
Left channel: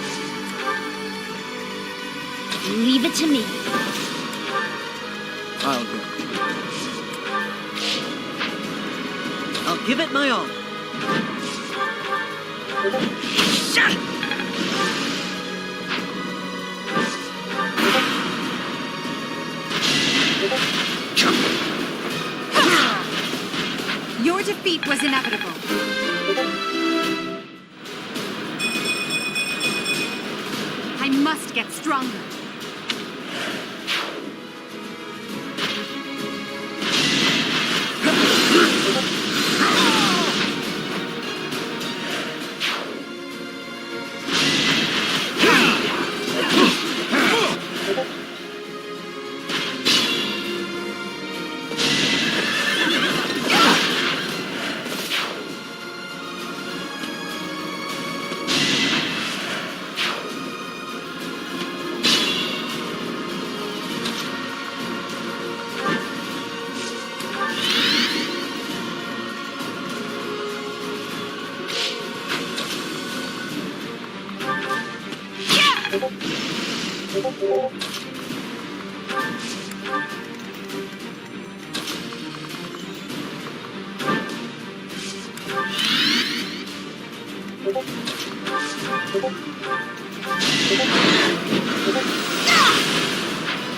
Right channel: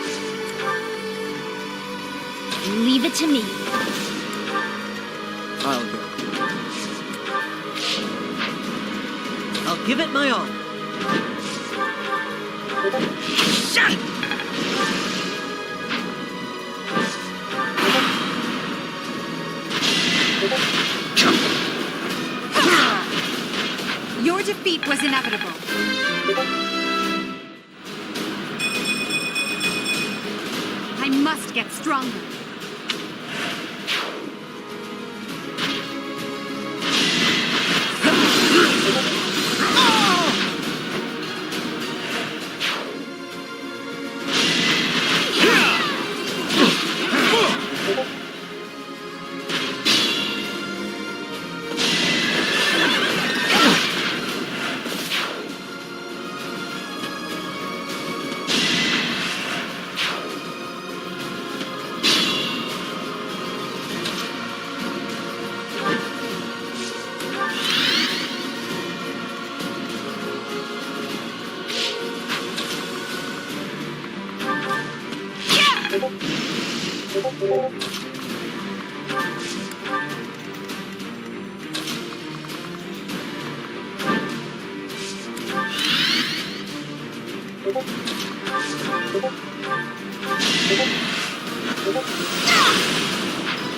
Leave it to me. I'll go. I'll give it my all. Your defeat was inevitable. I must get stronger.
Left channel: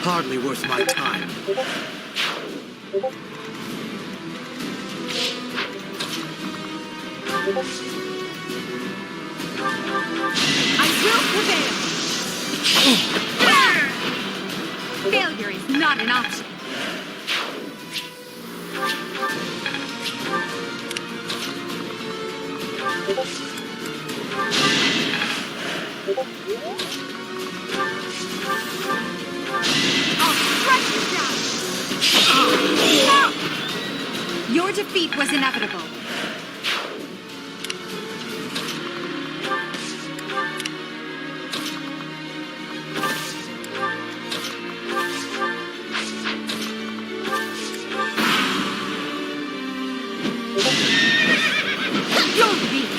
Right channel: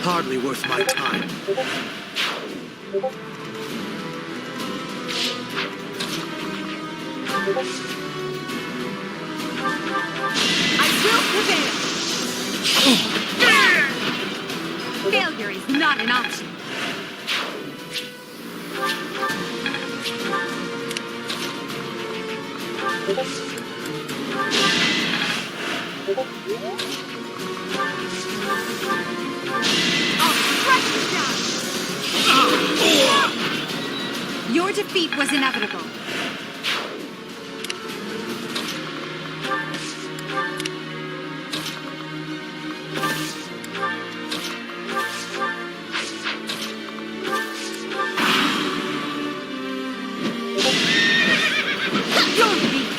Hardly worth my time. I will prevail. Failure is not an option. I'll strike you down. Your defeat was inevitable. You're weak.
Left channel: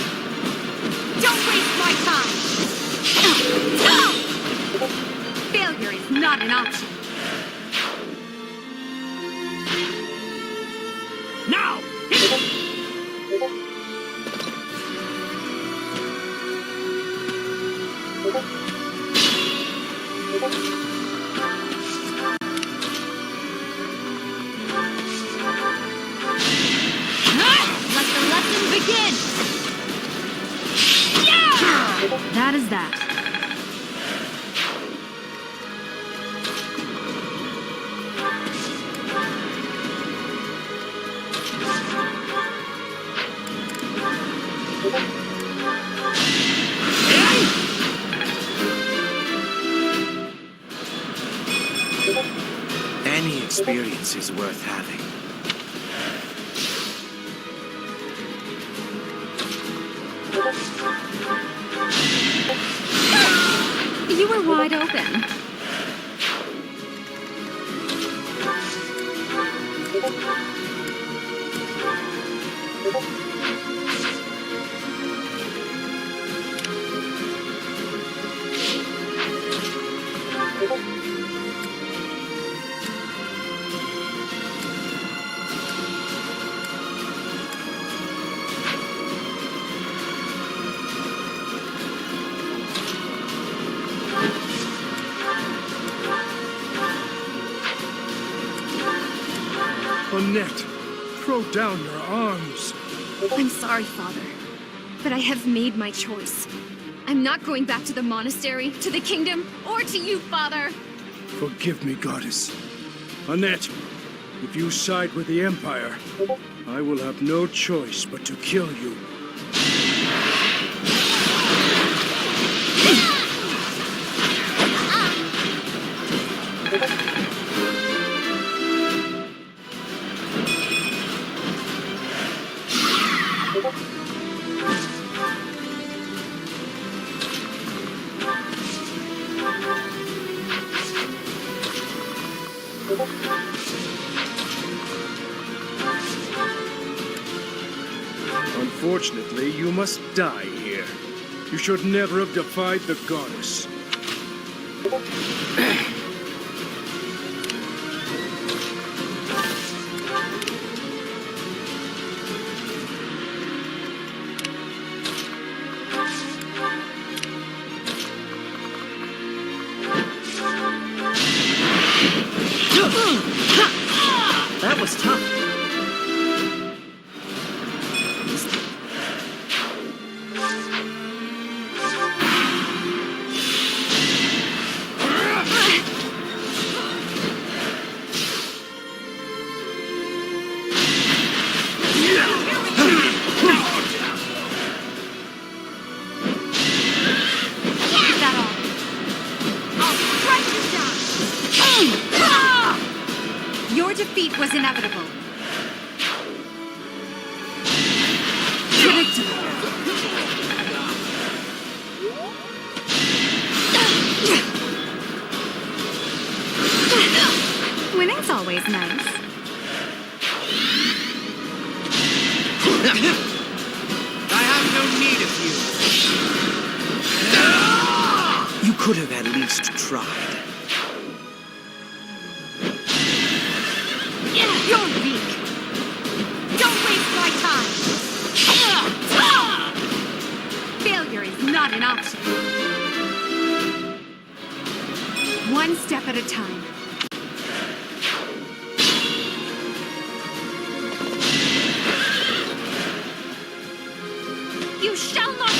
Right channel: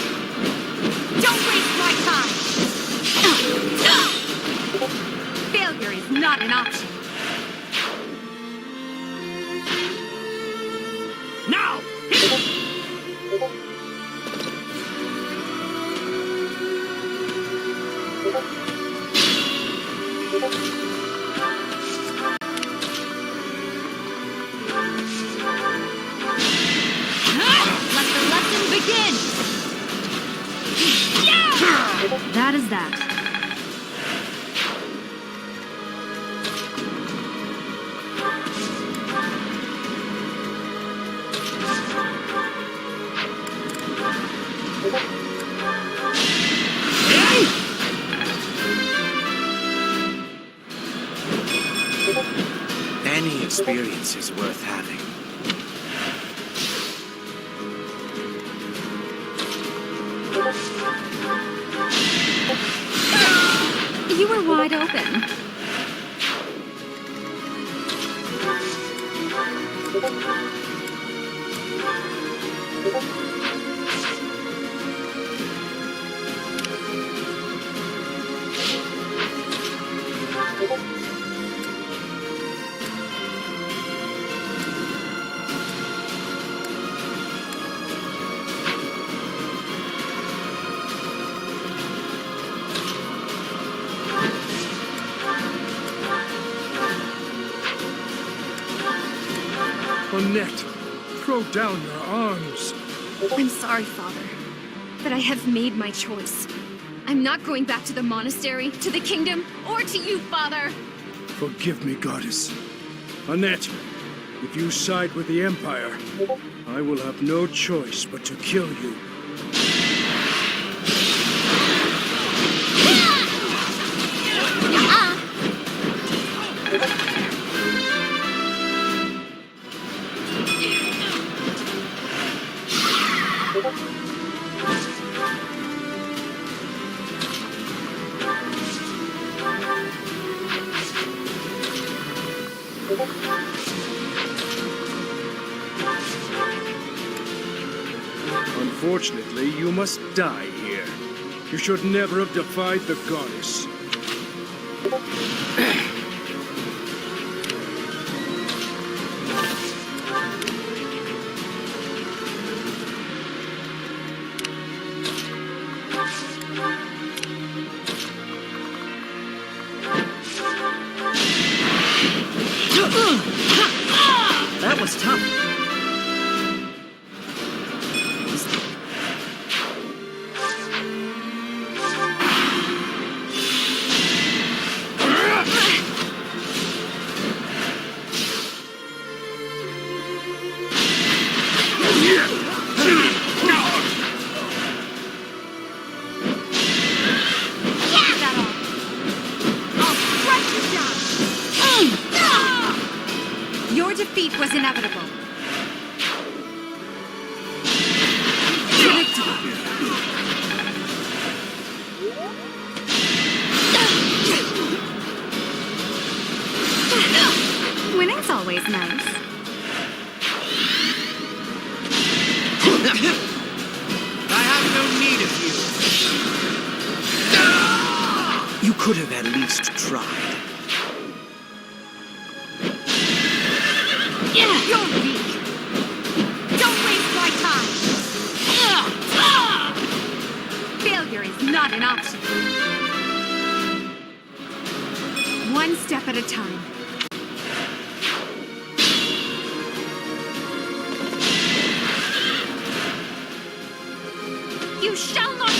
Don't waste my time. Failure is not an option. Now! Let the lesson begin. That is that. Any experience is worth having. You were wide open. Annette, throw down your arms. I'm sorry, Father, but I have made my choice. I'm not going back to the monastery, to the kingdom, or to you, Father. Forgive me, Goddess. Annette, if you side with the Empire, I will have no choice but to kill you. Unfortunately, you must die here. You should never have defied the goddess. That was tough. Your defeat was inevitable. Winning's always nice. I have no need of you. You could have at least tried. You're weak. Don't waste my time. Failure is not an option. One step at a time. You shall not...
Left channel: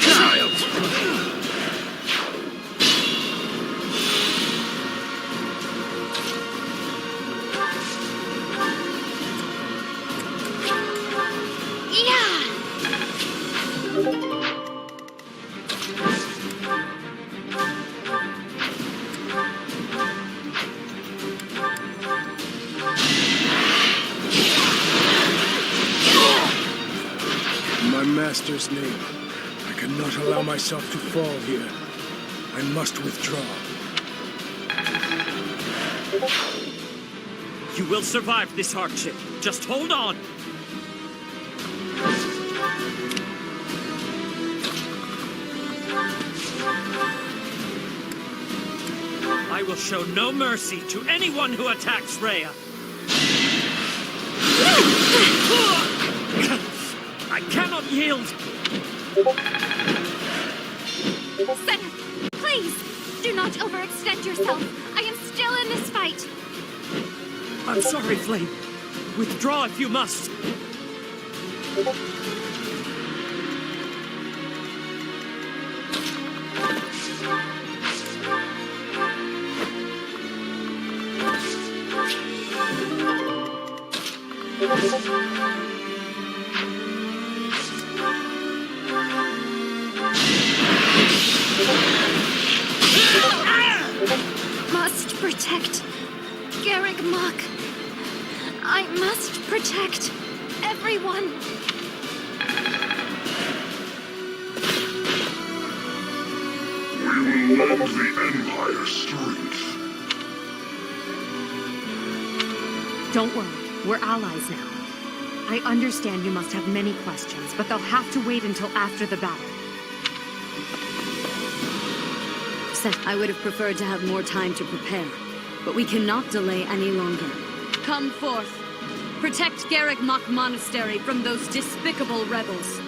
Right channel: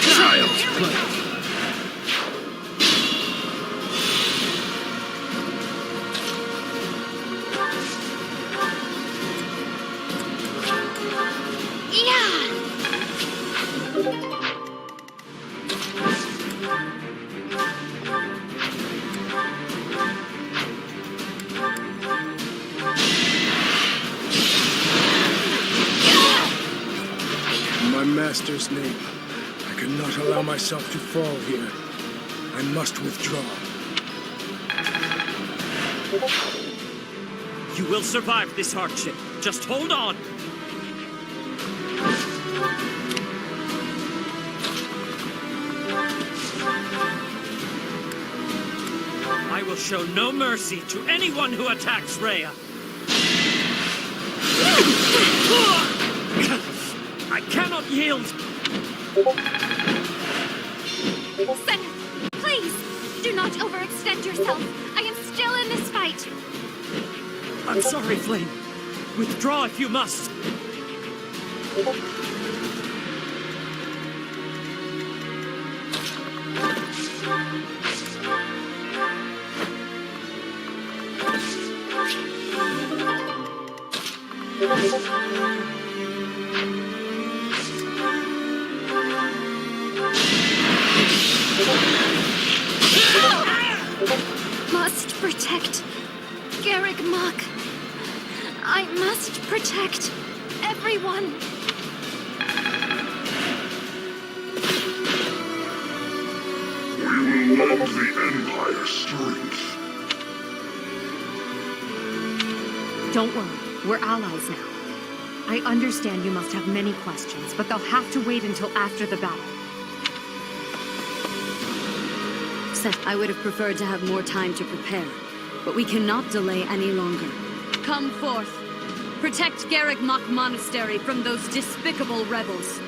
Child's play. In my master's name, I cannot allow myself to fall here. I must withdraw. You will survive this hardship. Just hold on. I will show no mercy to anyone who attacks Rhea. I cannot yield. Zenith, please, do not overextend yourself. I am still in this fight. I'm sorry, Flame. Withdraw if you must. Must protect Garreg Mach. I must protect everyone. We will lend the Empire strength. Don't worry, we're allies now. I understand you must have many questions, but they'll have to wait until after the battle. Seth, I would have preferred to have more time to prepare, but we cannot delay any longer. Come forth. Protect Garreg Mach Monastery from those despicable rebels.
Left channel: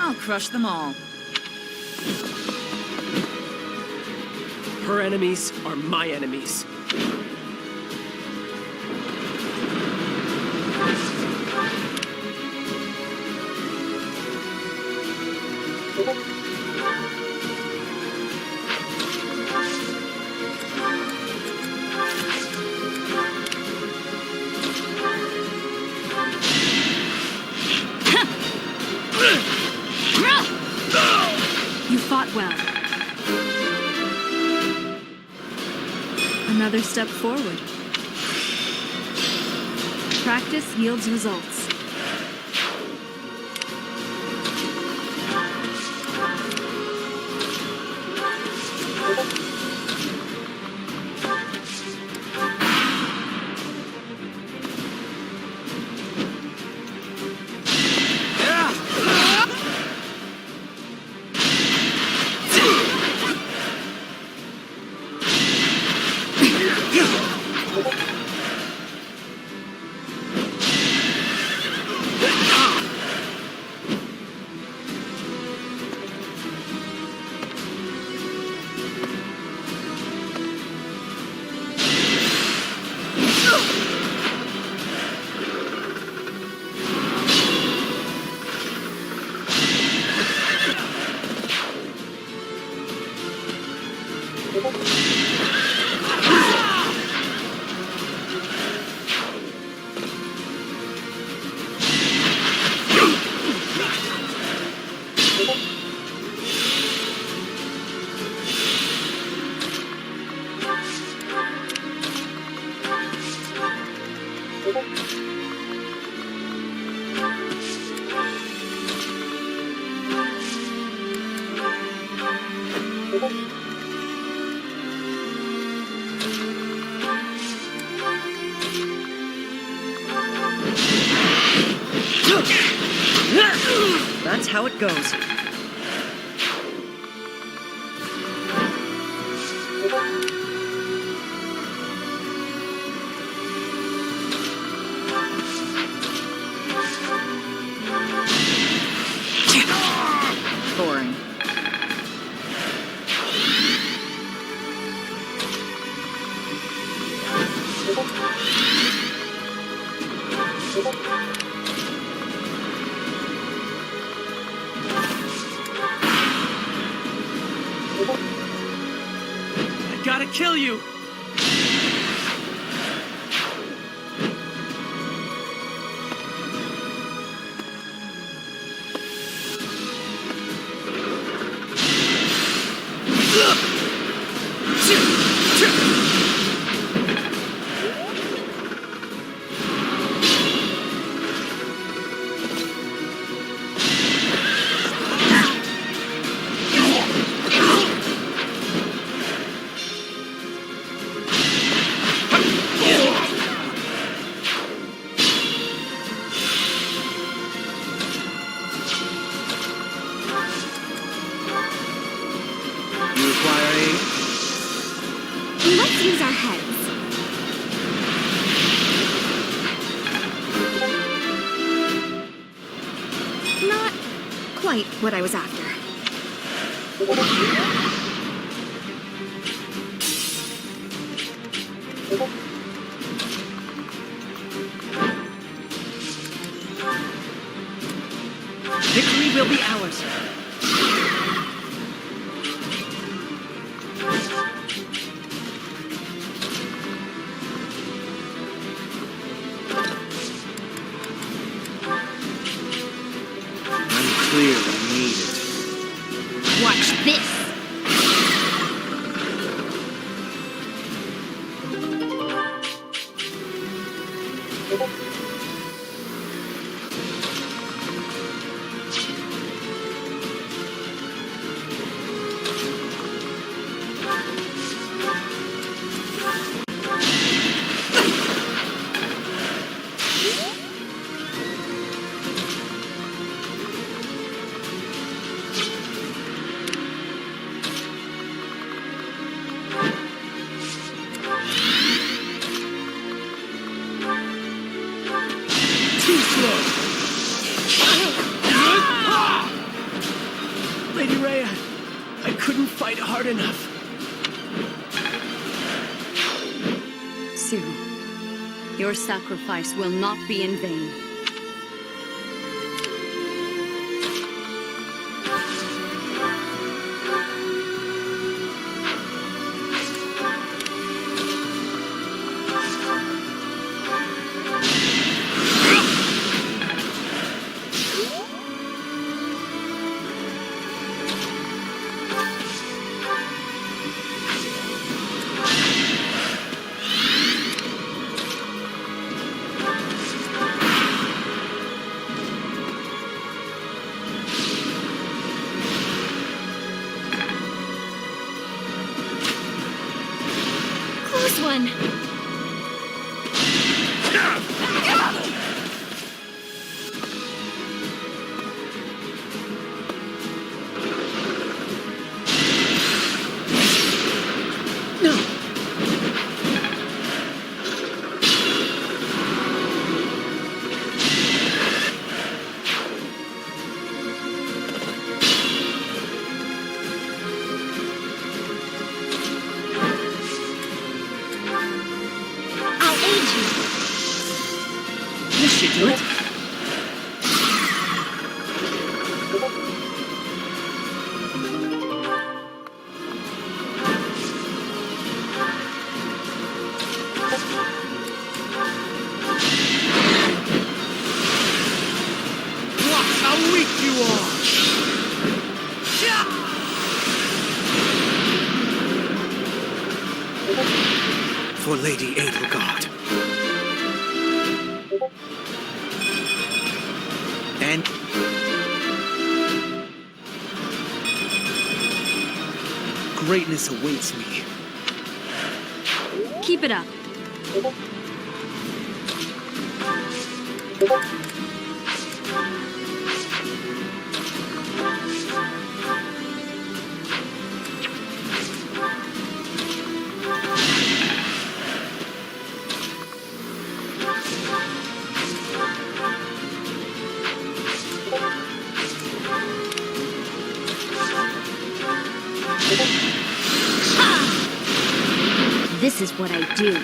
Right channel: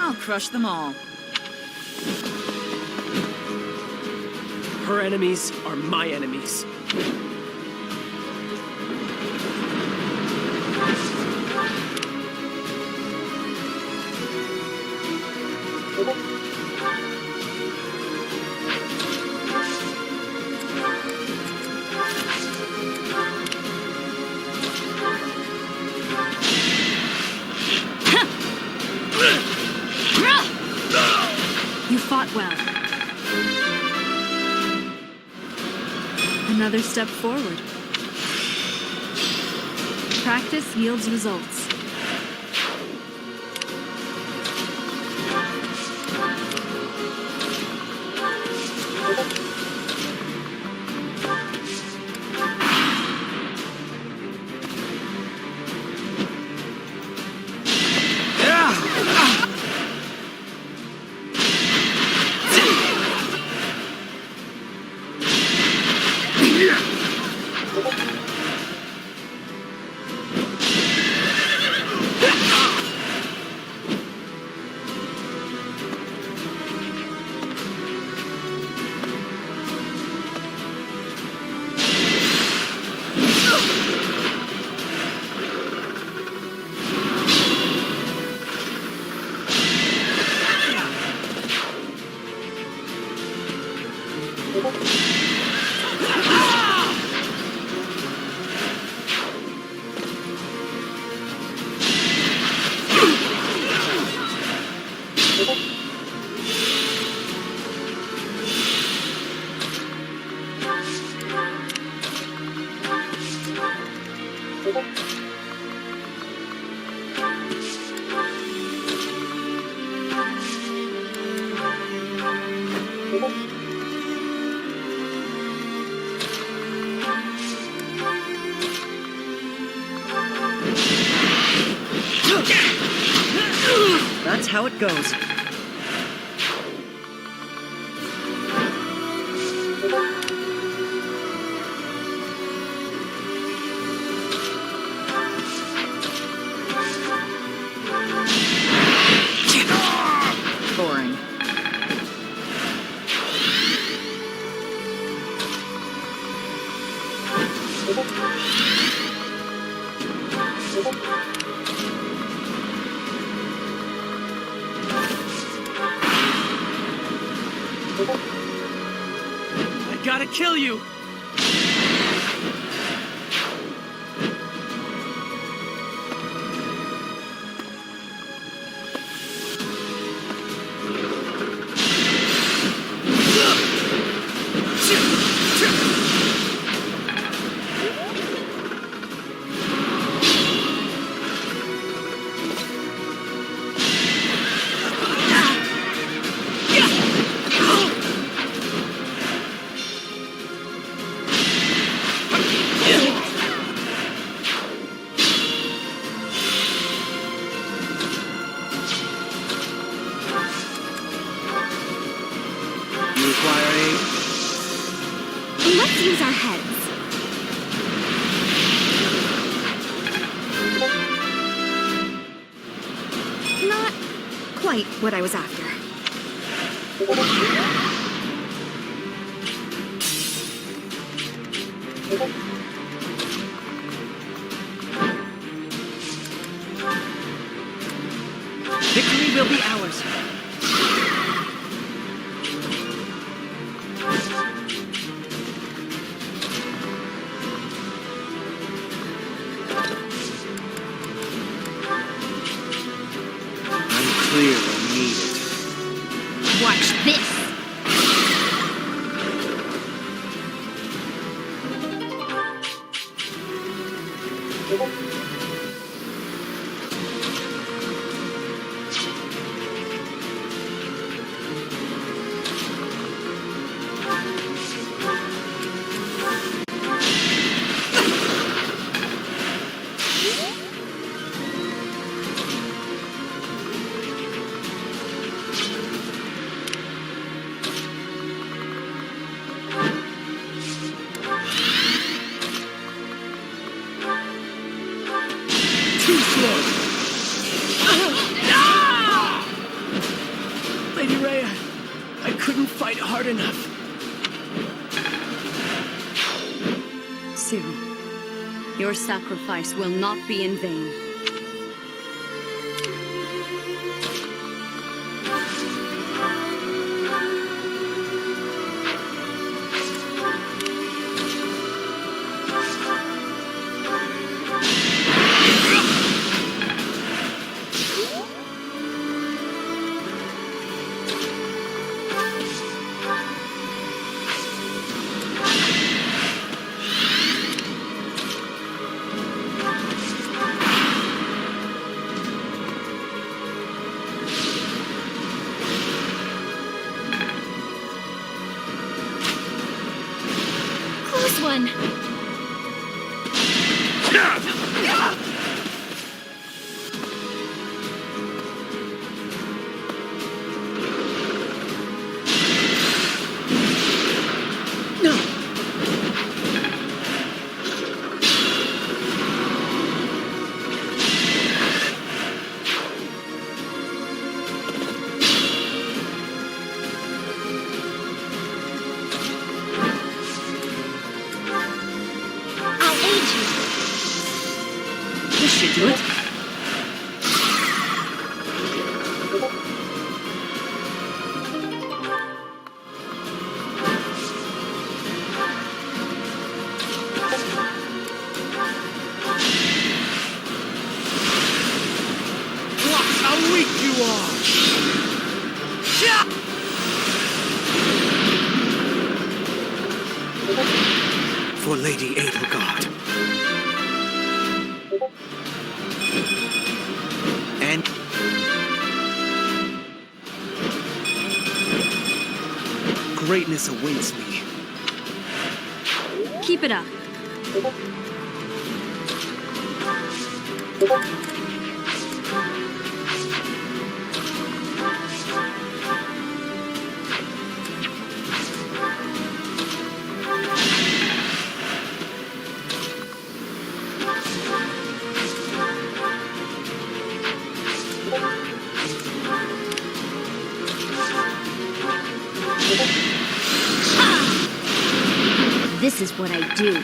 I'll crush them all. Her enemies are my enemies. You fought well. Another step forward. Practice yields results. That's how it goes. Boring. I gotta kill you! You require aid? Let's use our heads. Not quite what I was after. Victory will be ours. I'm clear I need it. Watch this. fight hard enough. Cyril, your sacrifice will not be in vain. Close one. I'll aid you. This should do it. Watch how weak you are! For Lady Edelgard. And greatness awaits me. Keep it up. This is what I do.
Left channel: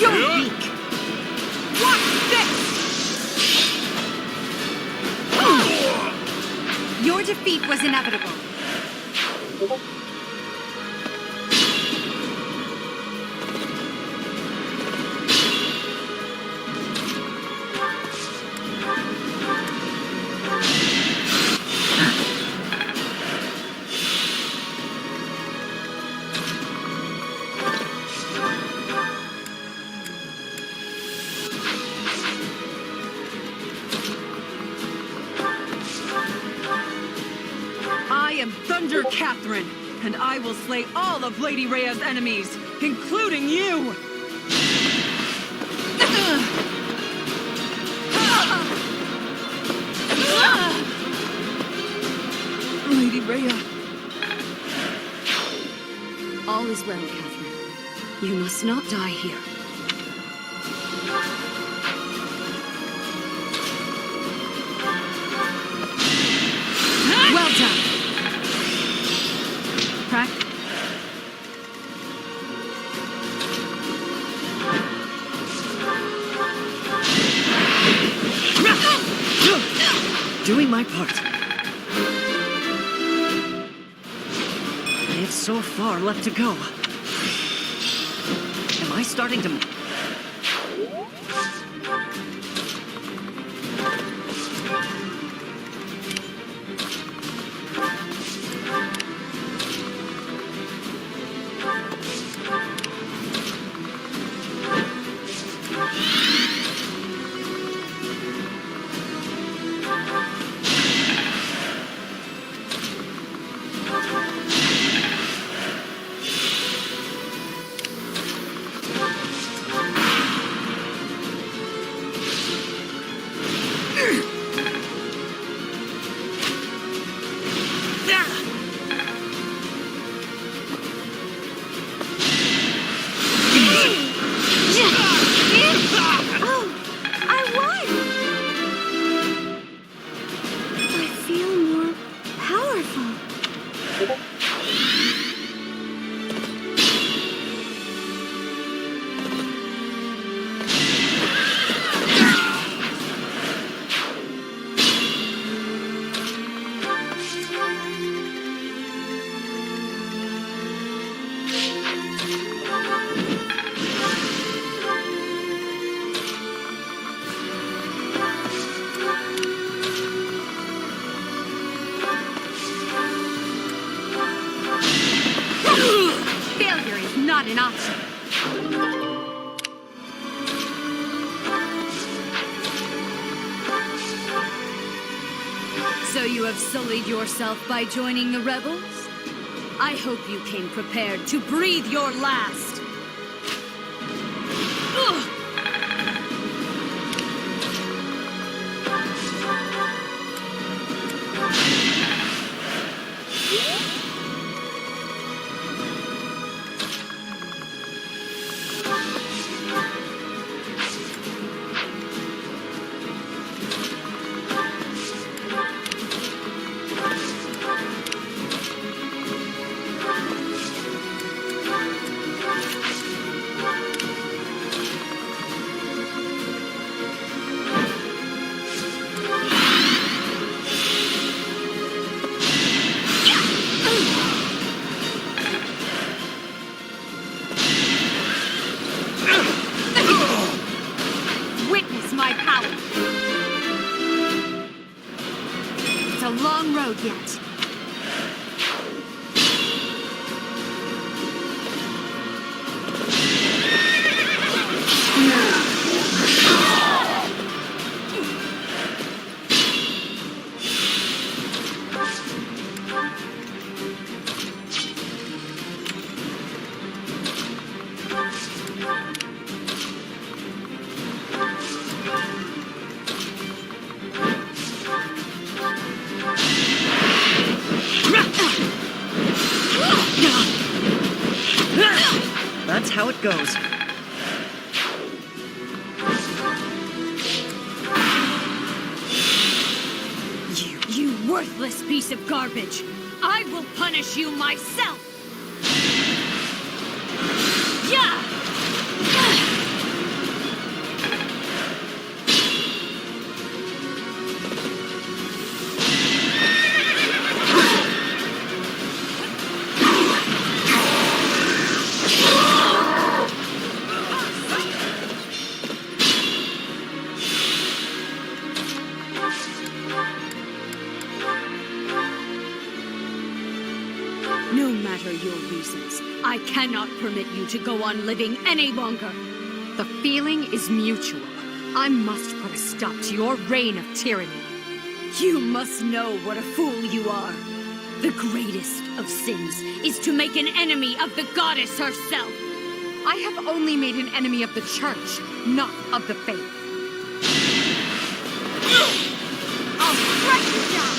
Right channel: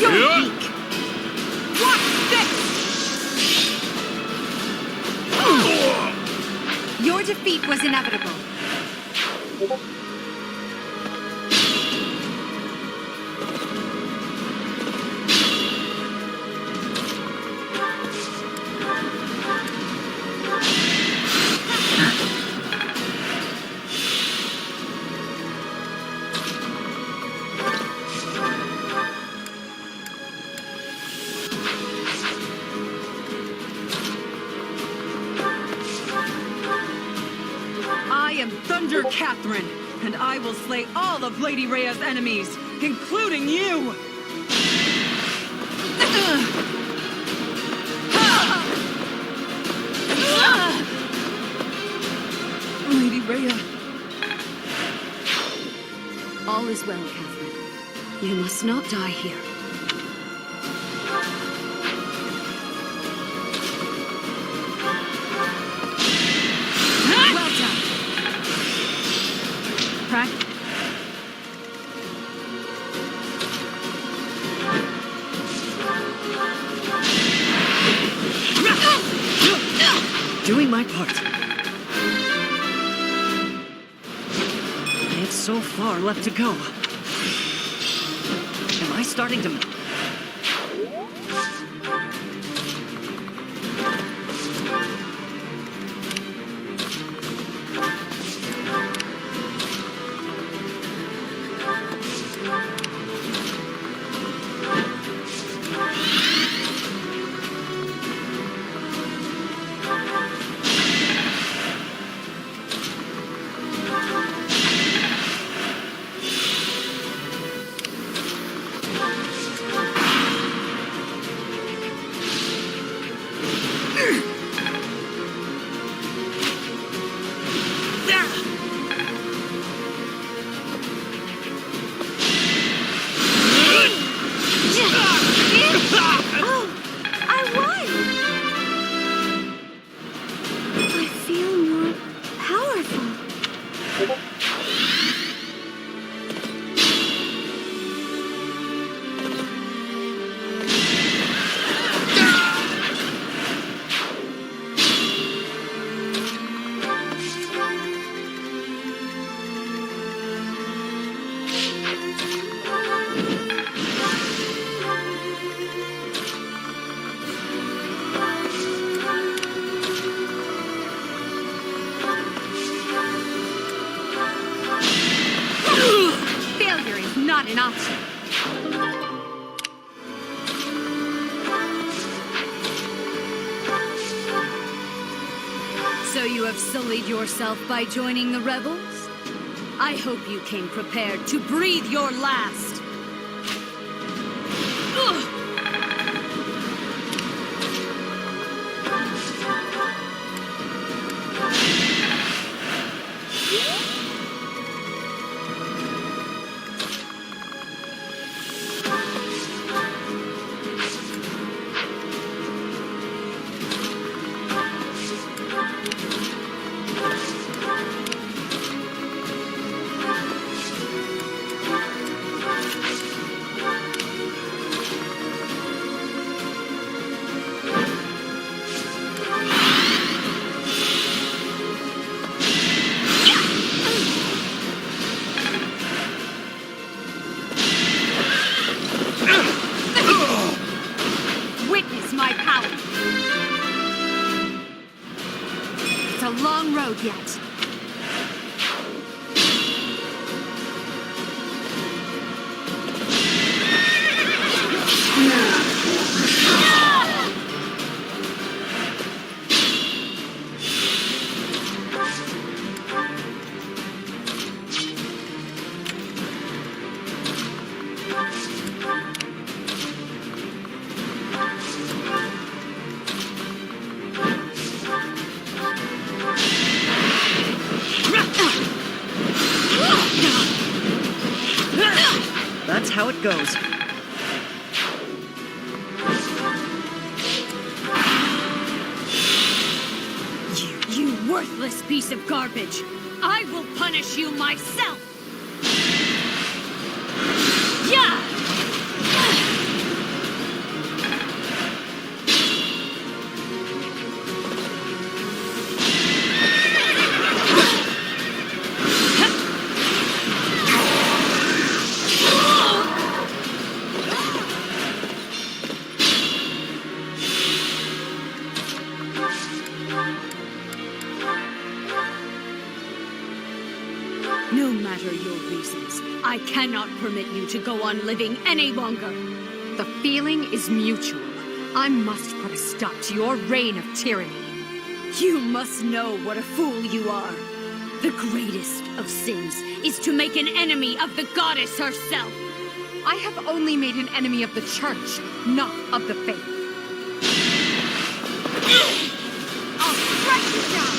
You're weak. Watch this! Your defeat was inevitable. I am Thunder Catherine, and I will slay all of Lady Rhea's enemies, including you! Lady Rhea. All is well, Catherine. You must not die here. Well done! Doing my part. I have so far left to go. Am I starting to... Oh, I won! I feel more powerful. Failure is not an option. So you have sullied yourself by joining the rebels? I hope you came prepared to breathe your last. Ugh! Witness my power. It's a long road yet. That's how it goes. You worthless piece of garbage! I will punish you myself! Yeah! No matter your reasons, I cannot permit you to go on living any longer. The feeling is mutual. I must put a stop to your reign of tyranny. You must know what a fool you are. The greatest of sins is to make an enemy of the goddess herself. I have only made an enemy of the church, not of the faith. I'll strike you down!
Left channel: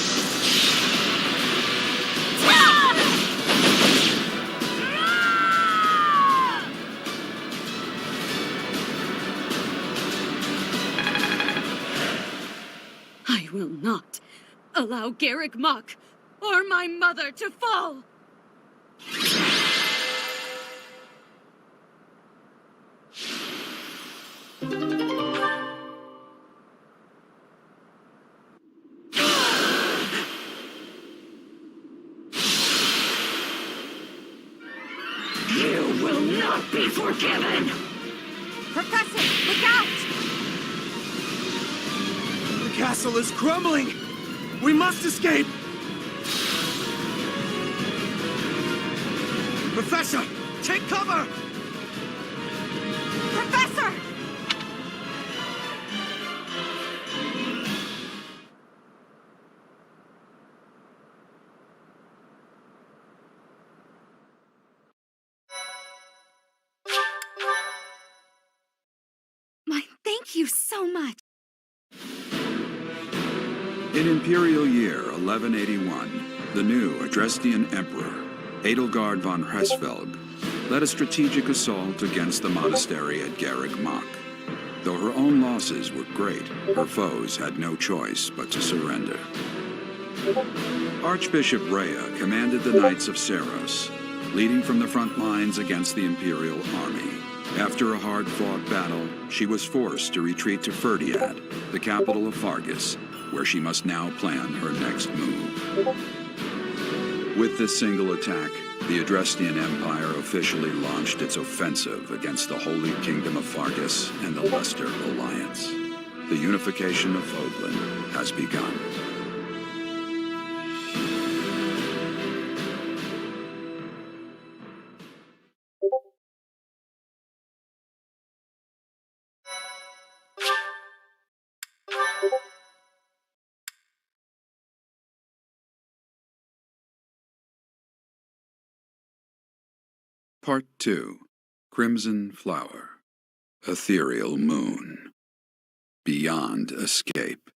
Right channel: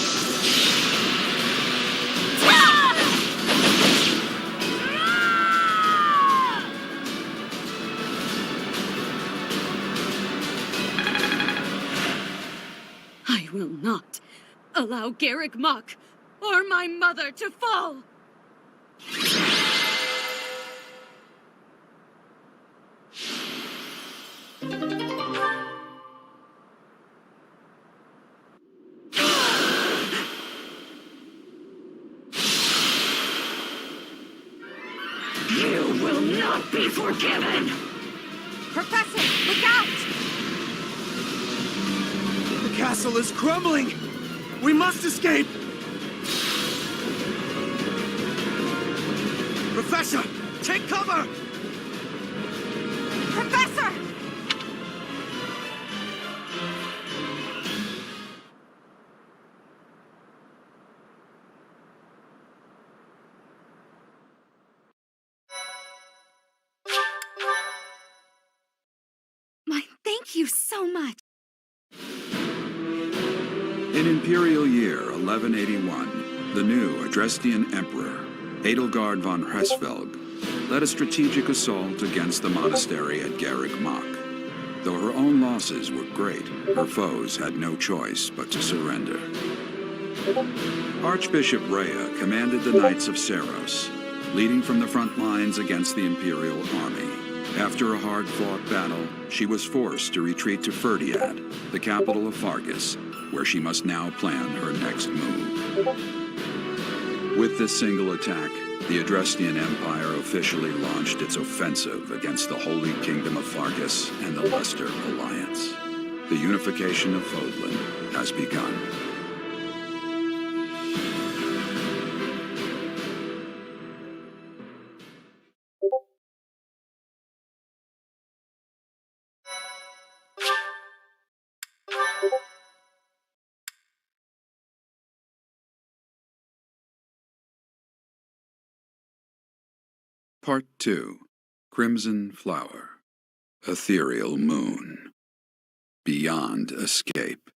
I will not allow Garrick Mach or my mother to fall! You will not be forgiven! Professor, look out! The castle is crumbling! We must escape! Professor, take cover! Professor! Thank you so much. In Imperial Year 1181, the new Adrestian Emperor, Edelgard von Hresvelg, led a strategic assault against the monastery at Garreg Mach. Though her own losses were great, her foes had no choice but to surrender. Archbishop Rhea commanded the Knights of Seiros, leading from the front lines against the Imperial army. After a hard-fought battle, she was forced to retreat to Ferdiad, the capital of Fargus, where she must now plan her next move. With this single attack, the Adrestian Empire officially launched its offensive against the Holy Kingdom of Fargus and the Leicester Alliance. The unification of Fodlan has begun. Part 2. Crimson Flower. Ethereal Moon. Beyond Escape.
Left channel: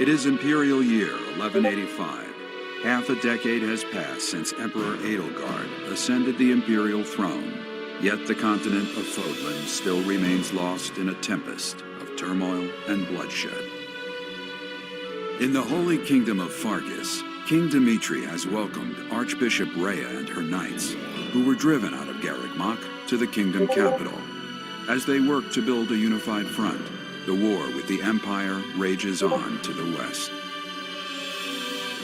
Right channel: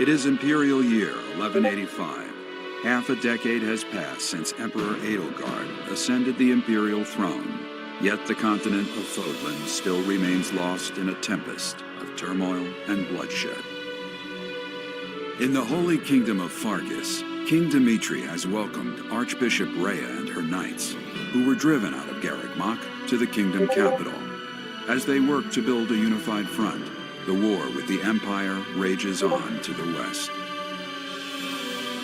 It is Imperial Year 1185. Half a decade has passed since Emperor Edelgard ascended the Imperial throne, yet the continent of Fodlan still remains lost in a tempest of turmoil and bloodshed. In the Holy Kingdom of Fargus, King Dimitri has welcomed Archbishop Rhea and her knights, who were driven out of Garreg Mach to the kingdom capital. As they work to build a unified front, the war with the Empire rages on to the west.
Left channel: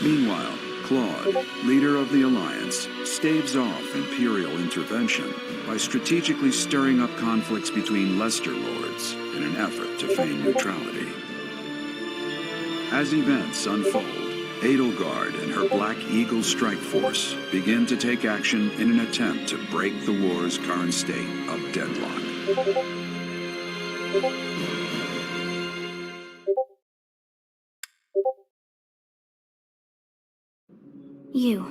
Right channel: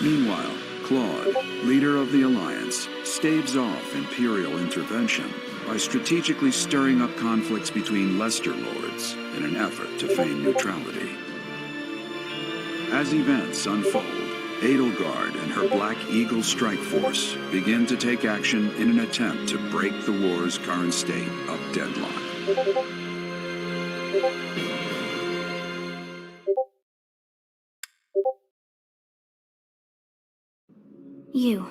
Meanwhile, Claude, leader of the Alliance, staves off Imperial intervention by strategically stirring up conflicts between Leicester lords in an effort to feign neutrality. As events unfold, Edelgard and her Black Eagle strike force begin to take action in an attempt to break the war's current state of deadlock. You.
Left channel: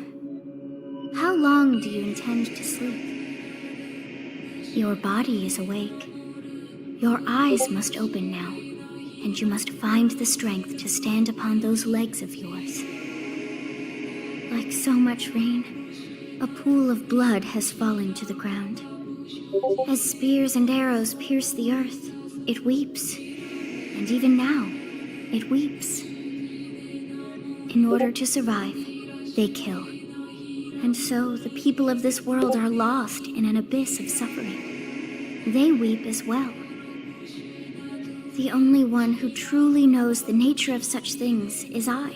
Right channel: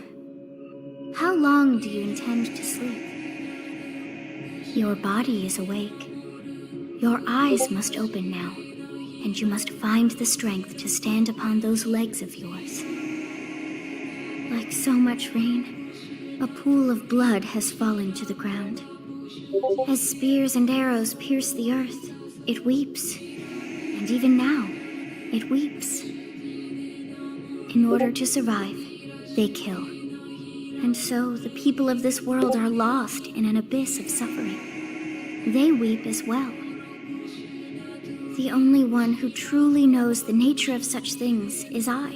How long do you intend to sleep? Your body is awake. Your eyes must open now, and you must find the strength to stand upon those legs of yours. Like so much rain, a pool of blood has fallen to the ground. As spears and arrows pierce the earth, it weeps. And even now, it weeps. In order to survive, they kill. And so the people of this world are lost in an abyss of suffering. They weep as well. The only one who truly knows the nature of such things is I.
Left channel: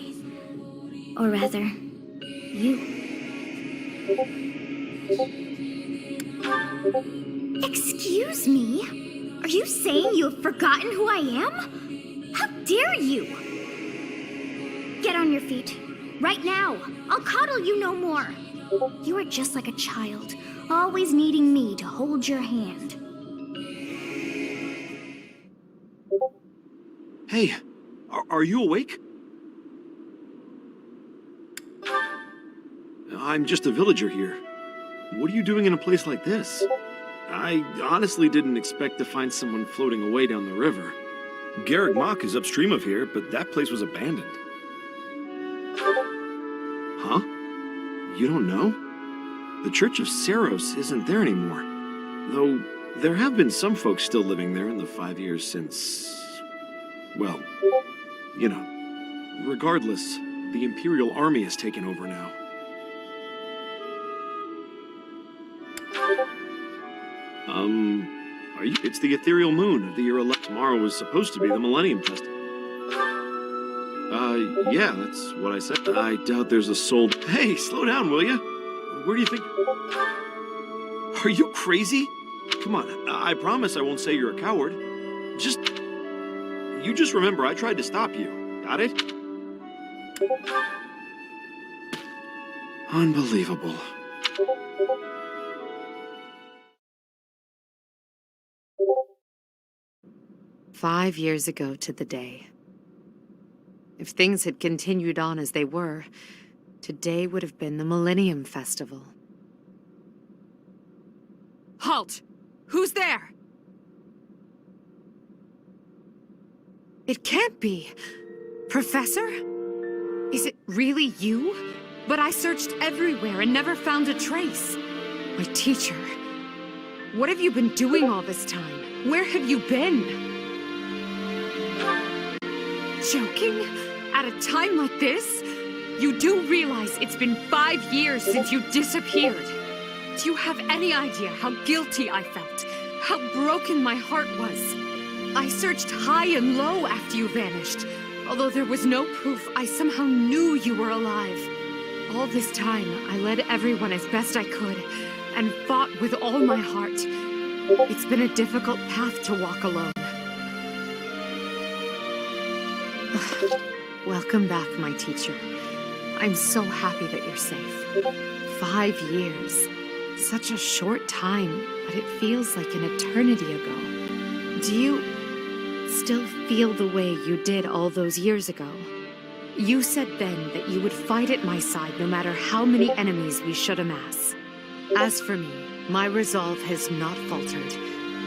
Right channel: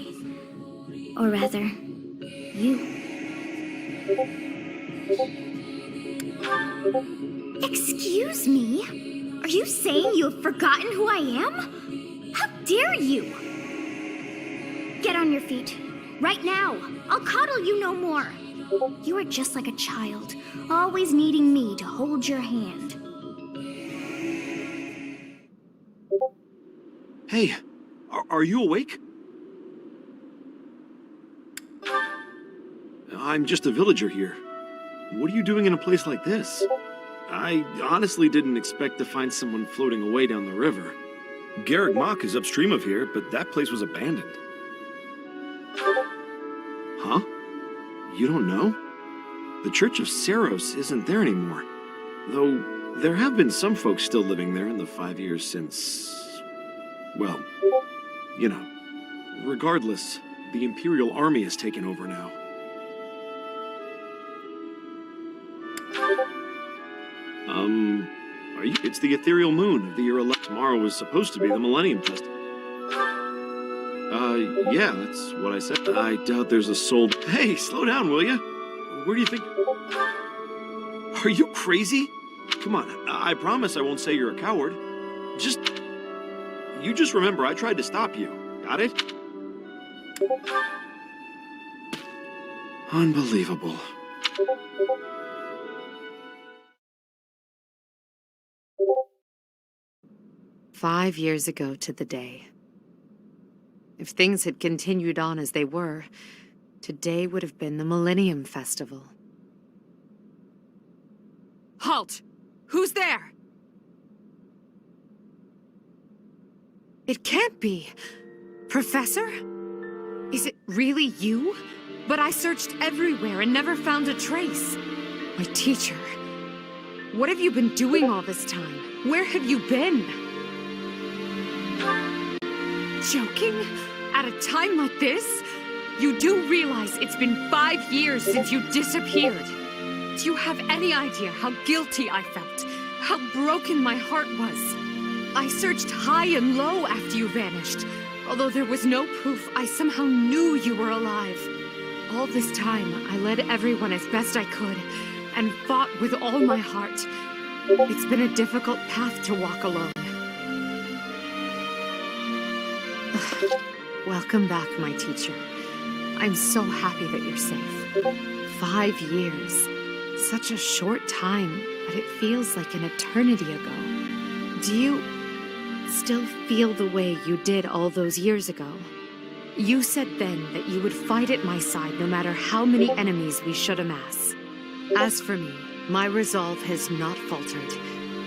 Or rather, you. Excuse me? Are you saying you have forgotten who I am? How dare you? Get on your feet. Right now. I'll coddle you no more. You are just like a child, always needing me to hold your hand. Hey, are you awake? I'm just a villager here. What are you doing in a place like this? I honestly didn't expect to find someone floating away down the river. Garreg Mach is upstream of here, but that place was abandoned. Huh? You don't know? The Church of Seiros isn't there anymore. Though, there have been some folks still living there in the 5 years since... well, you know. Regardless, the Imperial Army has taken over now. Are you? It's the ethereal moon of the year 11. Tomorrow was supposed to be the Millennium Festival. Yeah, that's what I said. I doubt there's a soul. Hey, slow down, will ya? Where do you think? Are you crazy? Come on, I promise I won't say you're a coward. You just remember I tried to stop you. Got it? Unbelievable. "5 years ago to the day. If things had continued on as they were, today would have been the Millennium Festival." Halt! Who's there? It can't be. Professor? Is it really you? But I searched everywhere and never found a trace. My teacher. What have you been doing all this time? Where have you been? Joking? At a time like this? You do realize it's been 5 years since you disappeared. Do you have any idea how guilty I felt? How broken my heart was? I searched high and low after you vanished. Although there was no proof, I somehow knew you were alive. All this time, I led everyone as best I could, and fought with all my heart. It's been a difficult path to walk alone. Welcome back, my teacher. I'm so happy that you're safe. 5 years. Such a short time, but it feels like an eternity ago. Do you still feel the way you did all those years ago? You said then that you would fight at my side no matter how many enemies we should amass. As for me, my resolve has not faltered.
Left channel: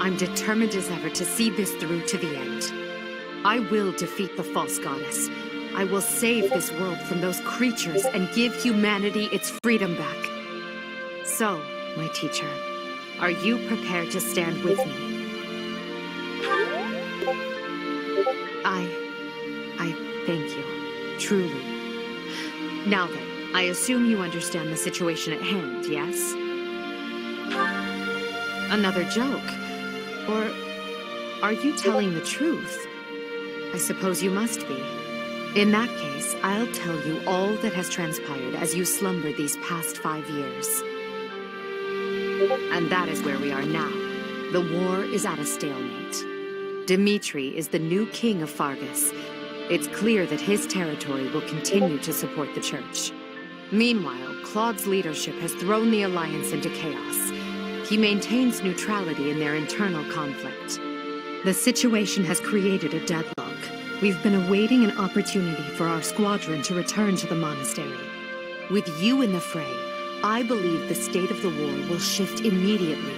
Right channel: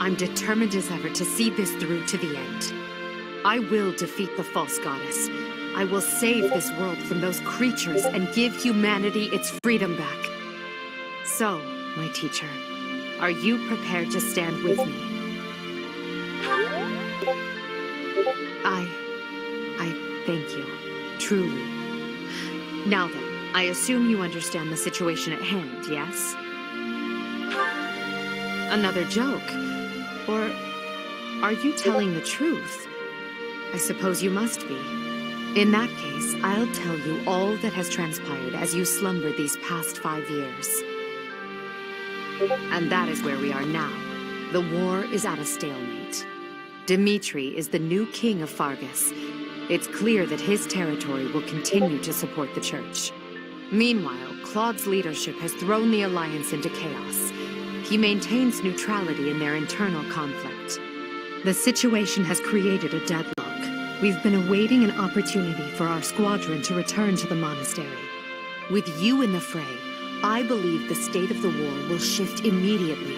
I'm determined as ever to see this through to the end. I will defeat the false goddess. I will save this world from those creatures and give humanity its freedom back. So, my teacher, are you prepared to stand with me? I thank you. Truly. Now then, I assume you understand the situation at hand, yes? Another joke? Or are you telling the truth? I suppose you must be. In that case, I'll tell you all that has transpired as you slumbered these past 5 years. And that is where we are now. The war is at a stalemate. Dimitri is the new king of Fargus. It's clear that his territory will continue to support the church. Meanwhile, Claude's leadership has thrown the Alliance into chaos. He maintains neutrality in their internal conflict. The situation has created a deadlock. We've been awaiting an opportunity for our squadron to return to the monastery. With you in the fray, I believe the state of the war will shift immediately.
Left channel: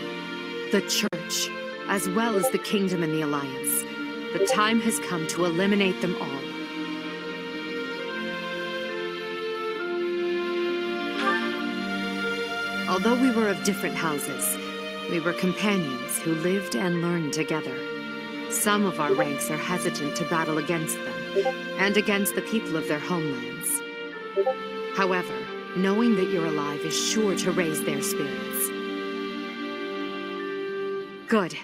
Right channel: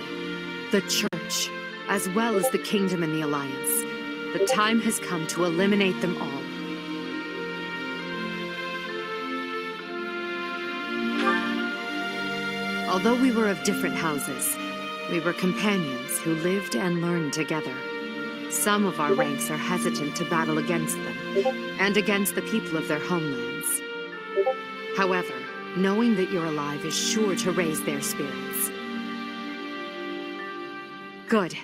The church, as well as the kingdom and the Alliance. The time has come to eliminate them all. Although we were of different houses, we were companions who lived and learned together. Some of our ranks are hesitant to battle against them, and against the people of their homelands. However, knowing that you're alive is sure to raise their spirits. Good.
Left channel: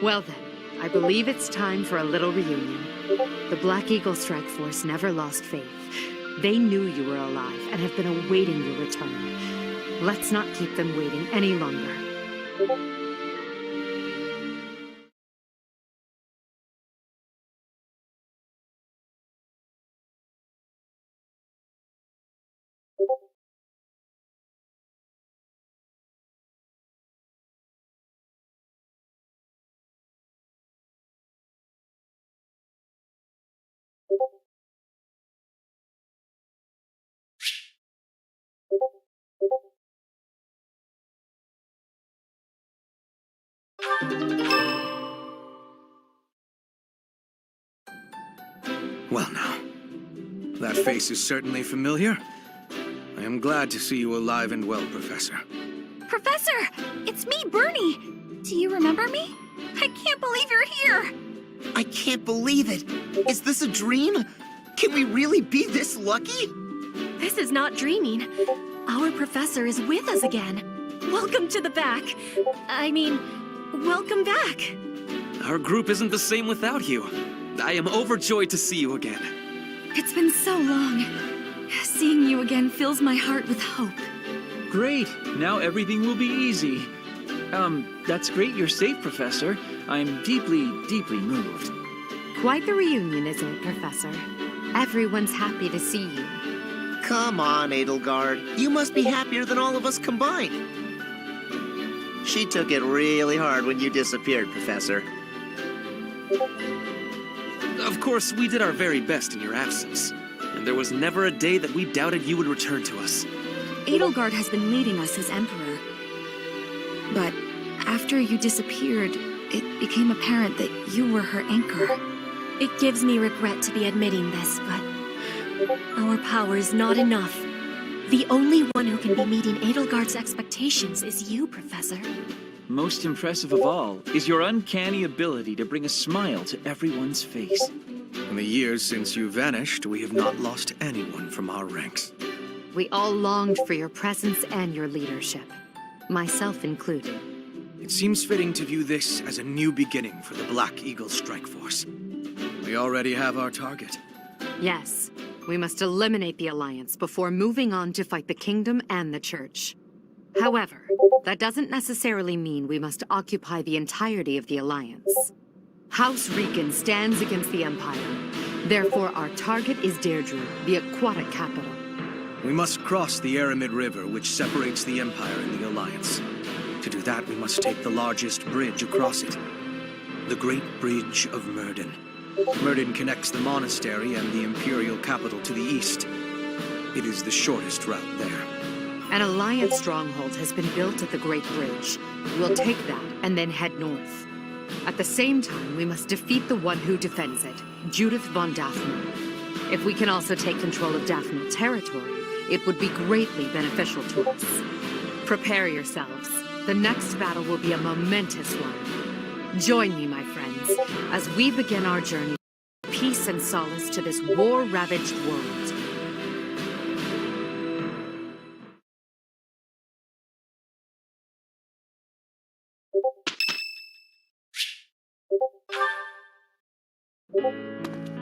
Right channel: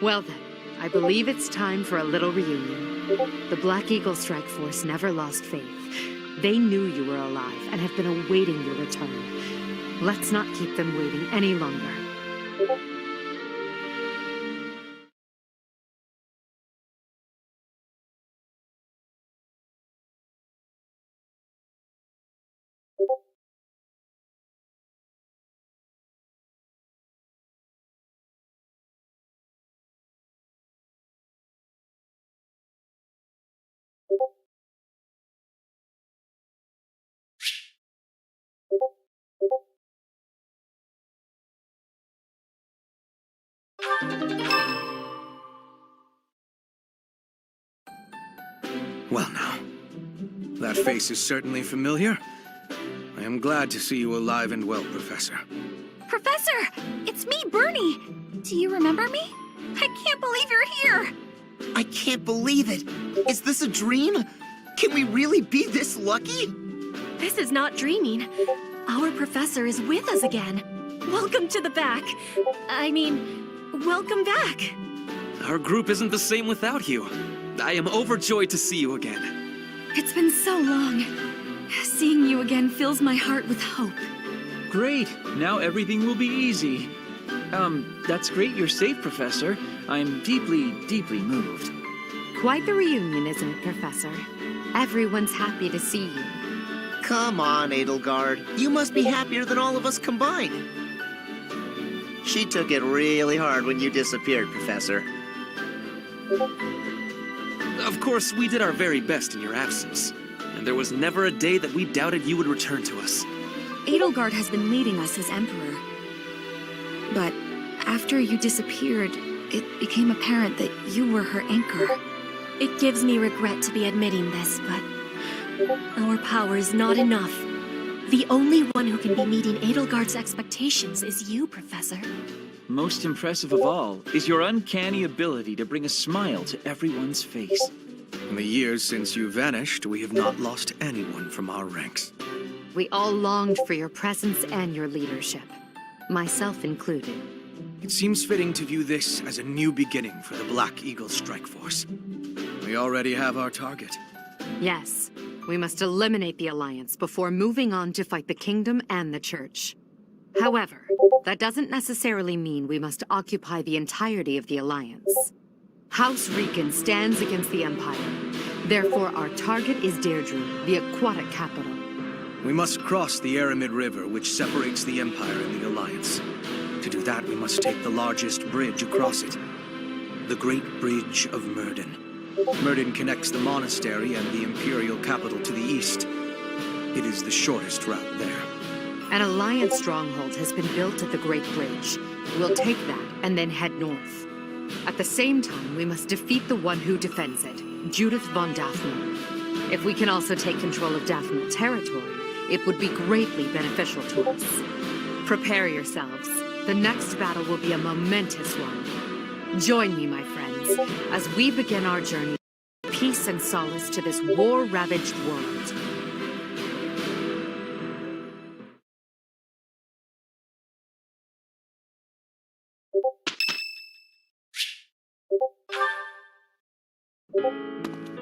Well then, I believe it's time for a little reunion. The Black Eagle Strike Force never lost faith. They knew you were alive and have been awaiting your return. Let's not keep them waiting any longer. Well now, that face is certainly familiar. I am glad to see you alive and well, Professor. Professor! It's me, Bernie! Do you remember me? I can't believe you're here! I can't believe it! Is this a dream? Can we really be this lucky? This is not dreaming. Our professor is with us again. Welcome to the back. I mean, welcome back. Our group isn't the same without you. I am overjoyed to see you again. It's been so long. Seeing you again fills my heart with hope. Great. Now everything will be easy. That's great you're safe, Professor. I'm deeply, deeply moved. Quite the reunion, isn't it, Professor? Everyone's happy to see you. Come on, Edelgard. You must be happier than all of us combined. She took it really hard when you disappeared, Professor. Of course, we did our very best in your absence. And there was never a day that we doubted you would return to us. Edelgard has been leading us as Emperor. But after you disappeared, it became apparent that you were her anchor. It gives me regret to be admitting this, but our power is not enough. The only one who can be meeting Edelgard's expectations is you, Professor. Most impressive of all is your uncanny ability to bring a smile to everyone's face. In the years since you vanished, we have not lost anyone from our ranks. We all longed for your presence and your leadership, myself included. It seems fitting to view this as a new beginning for the Black Eagle Strike Force. We already have our target. Yes, we must eliminate the Alliance before moving on to fight the Kingdom and the Church. However, that doesn't necessarily mean we must occupy the entirety of the Alliance. House Riken stands against the Empire. Therefore, our target is Deirdre, the aquatic capital. We must cross the Aramid River, which separates the Empire and the Alliance. To do that, we must take the largest bridge across it. The Great Bridge of Myrddin. Myrddin connects the monastery and the Imperial capital to the east. It is the shortest route there. An Alliance stronghold has been built at the Great Bridge. We'll take that and then head north. At the same time, we must defeat the one who defends it, Judith von Daphne. If we can also take control of Daphne territory, it would be greatly beneficial to us. Prepare yourselves. The next battle will be a momentous one. Join me, my friends, as we begin our journey to peace and solace to this war-ravaged world.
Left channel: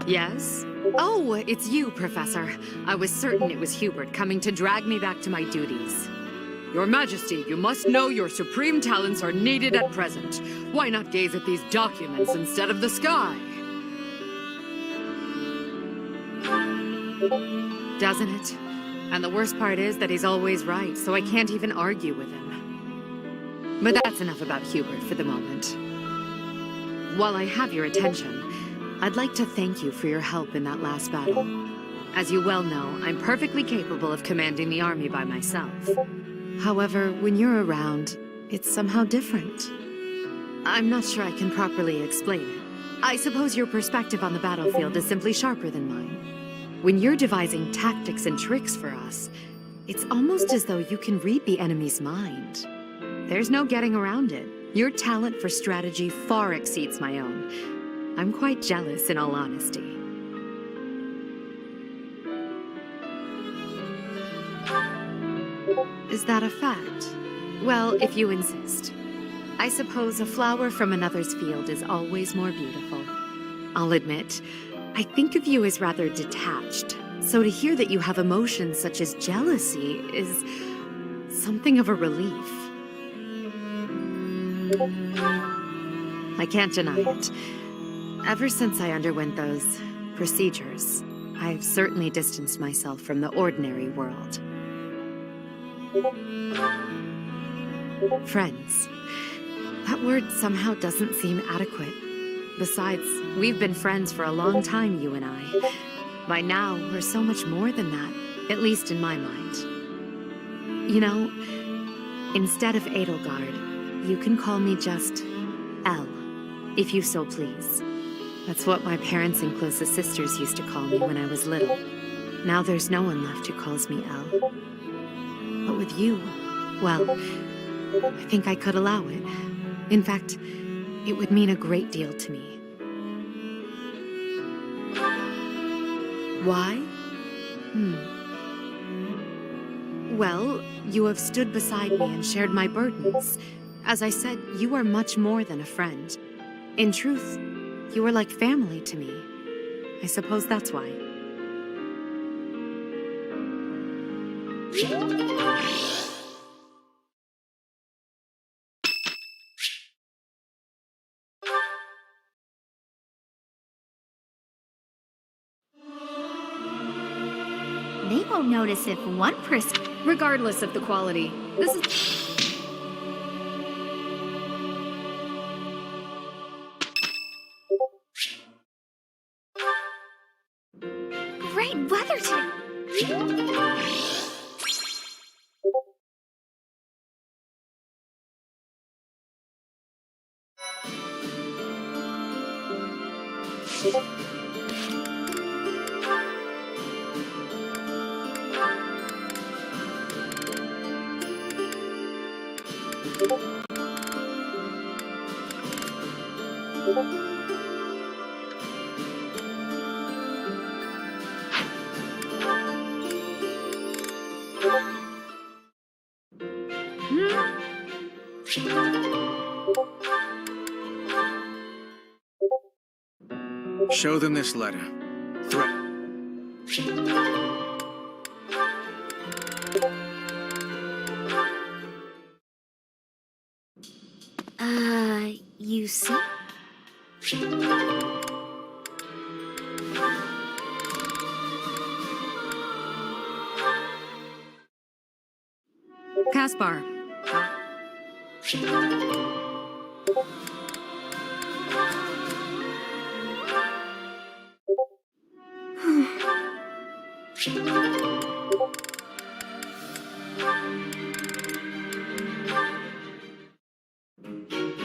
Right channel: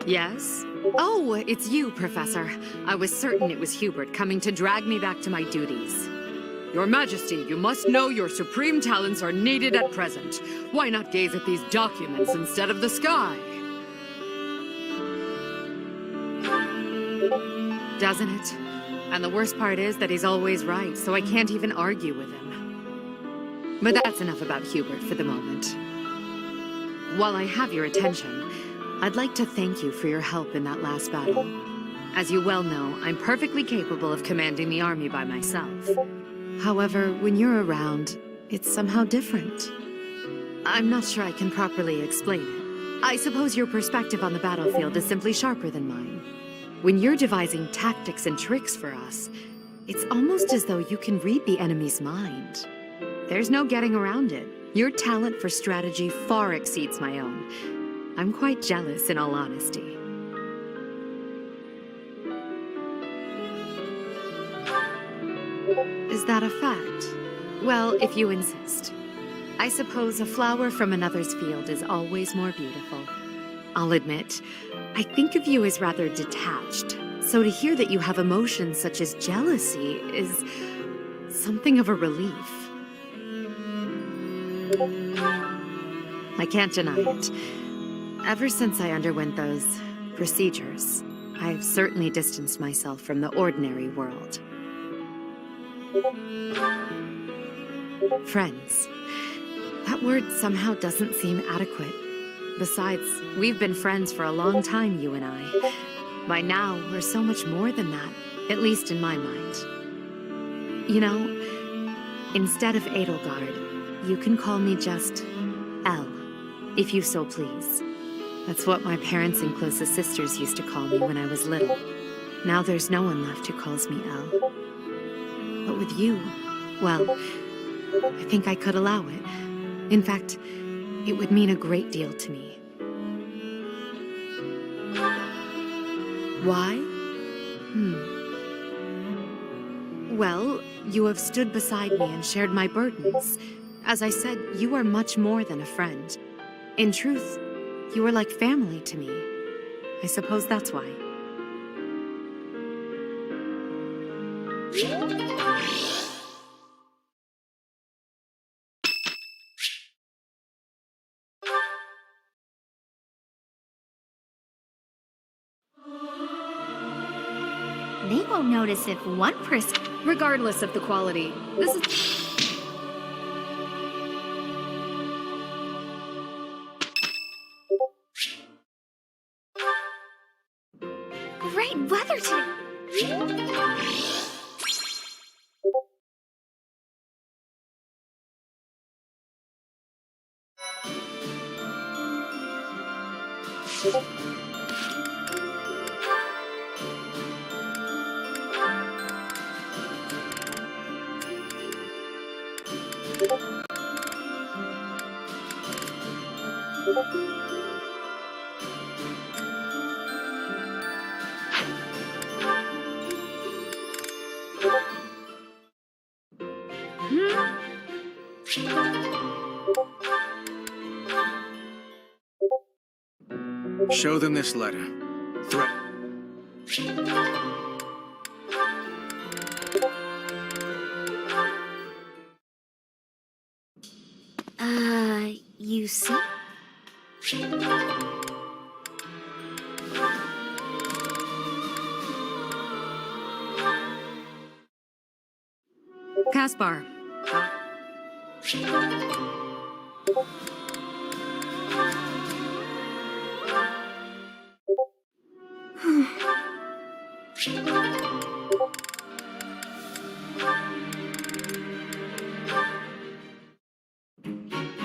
Yes? Oh, it's you, Professor. I was certain it was Hubert coming to drag me back to my duties. Your Majesty, you must know your supreme talents are needed at present. Why not gaze at these documents instead of the sky? Doesn't it? And the worst part is that he's always right, so I can't even argue with him. But that's enough about Hubert for the moment. While I have your attention, I'd like to thank you for your help in that last battle. As you well know, I'm perfectly capable of commanding the army by myself. However, when you're around, it's somehow different. I'm not sure I can properly explain it. I suppose your perspective on the battlefield is simply sharper than mine. When you're devising tactics and tricks for us, it's almost as though you can read the enemy's mind. There's no getting around it. Your talent for strategy far exceeds my own. I'm quite jealous, in all honesty. Is that a fact? Well, if you insist. I suppose a flower from another's field is always more beautiful. I'll admit, I think of you as rather detached, so to hear that you have emotions such as jealousy is something of a relief. I can't deny it. Ever since I underwent those procedures, I've certainly distanced myself from the ordinary world. Friends. That word somehow doesn't seem adequate. Besides, we've been friends for a long time, you and I. By now, we're so much more than that, at least in my mind. You know, instead of Edelgard, you can call me just Elle, if you so please. That's what my parents and closest sisters used to call me when I was little. Now there's no one left who calls me Elle. But with you, well, I think I could allow it. In fact, it would mean a great deal to me. Why? Well, you have stood beside me and shared my burdens. As I said, you are much more than a friend. In truth, you are like family to me. I suppose that's why. They won't notice if one person... Regardless of the quality, this is... Great weather today. Show them this letter. Threat. You see? Caspar.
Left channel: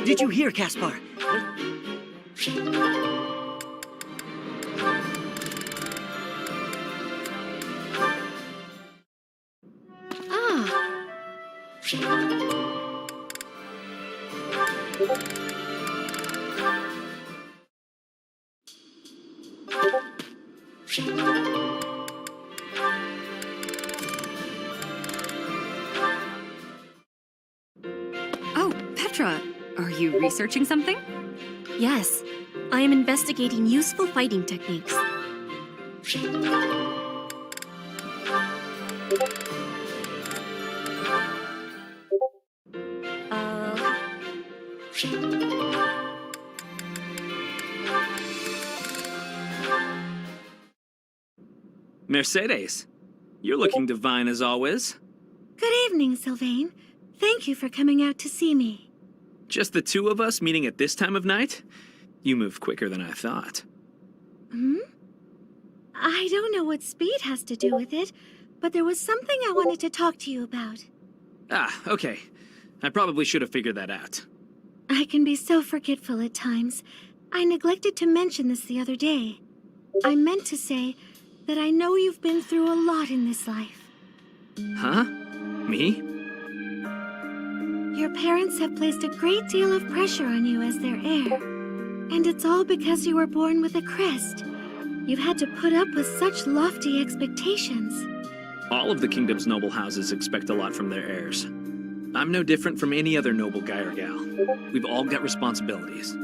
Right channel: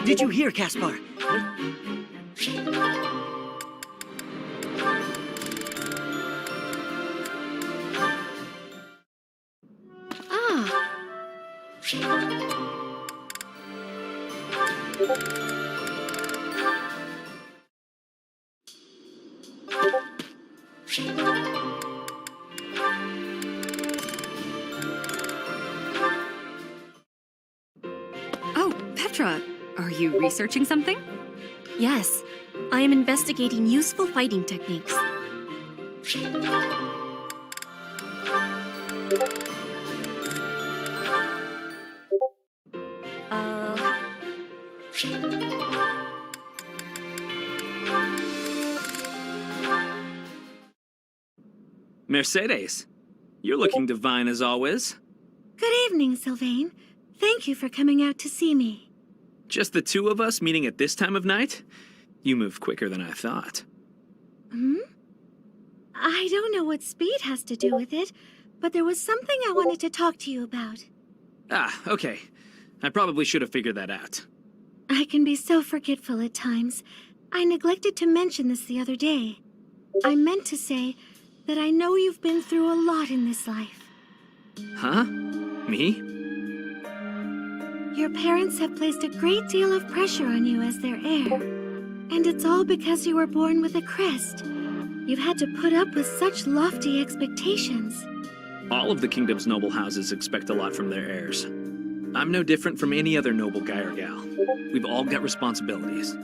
Did you hear, Caspar? Oh, Petra, are you researching something? Yes, I am investigating useful fighting techniques. Mercedes, you're looking divine as always. Good evening, Sylvain. Thank you for coming out to see me. Just the two of us meeting at this time of night? You move quicker than I thought. I don't know what speed has to do with it, but there was something I wanted to talk to you about. Ah, okay. I probably should have figured that out. I can be so forgetful at times. I neglected to mention this the other day. I meant to say that I know you've been through a lot in this life. Huh? Me? Your parents have placed a great deal of pressure on you as their heir. And it's all because you were born with a crest. You've had to put up with such lofty expectations. All of the kingdom's noble houses expect a lot from their heirs. I'm no different from any other noble guy or gal. We've all got responsibilities.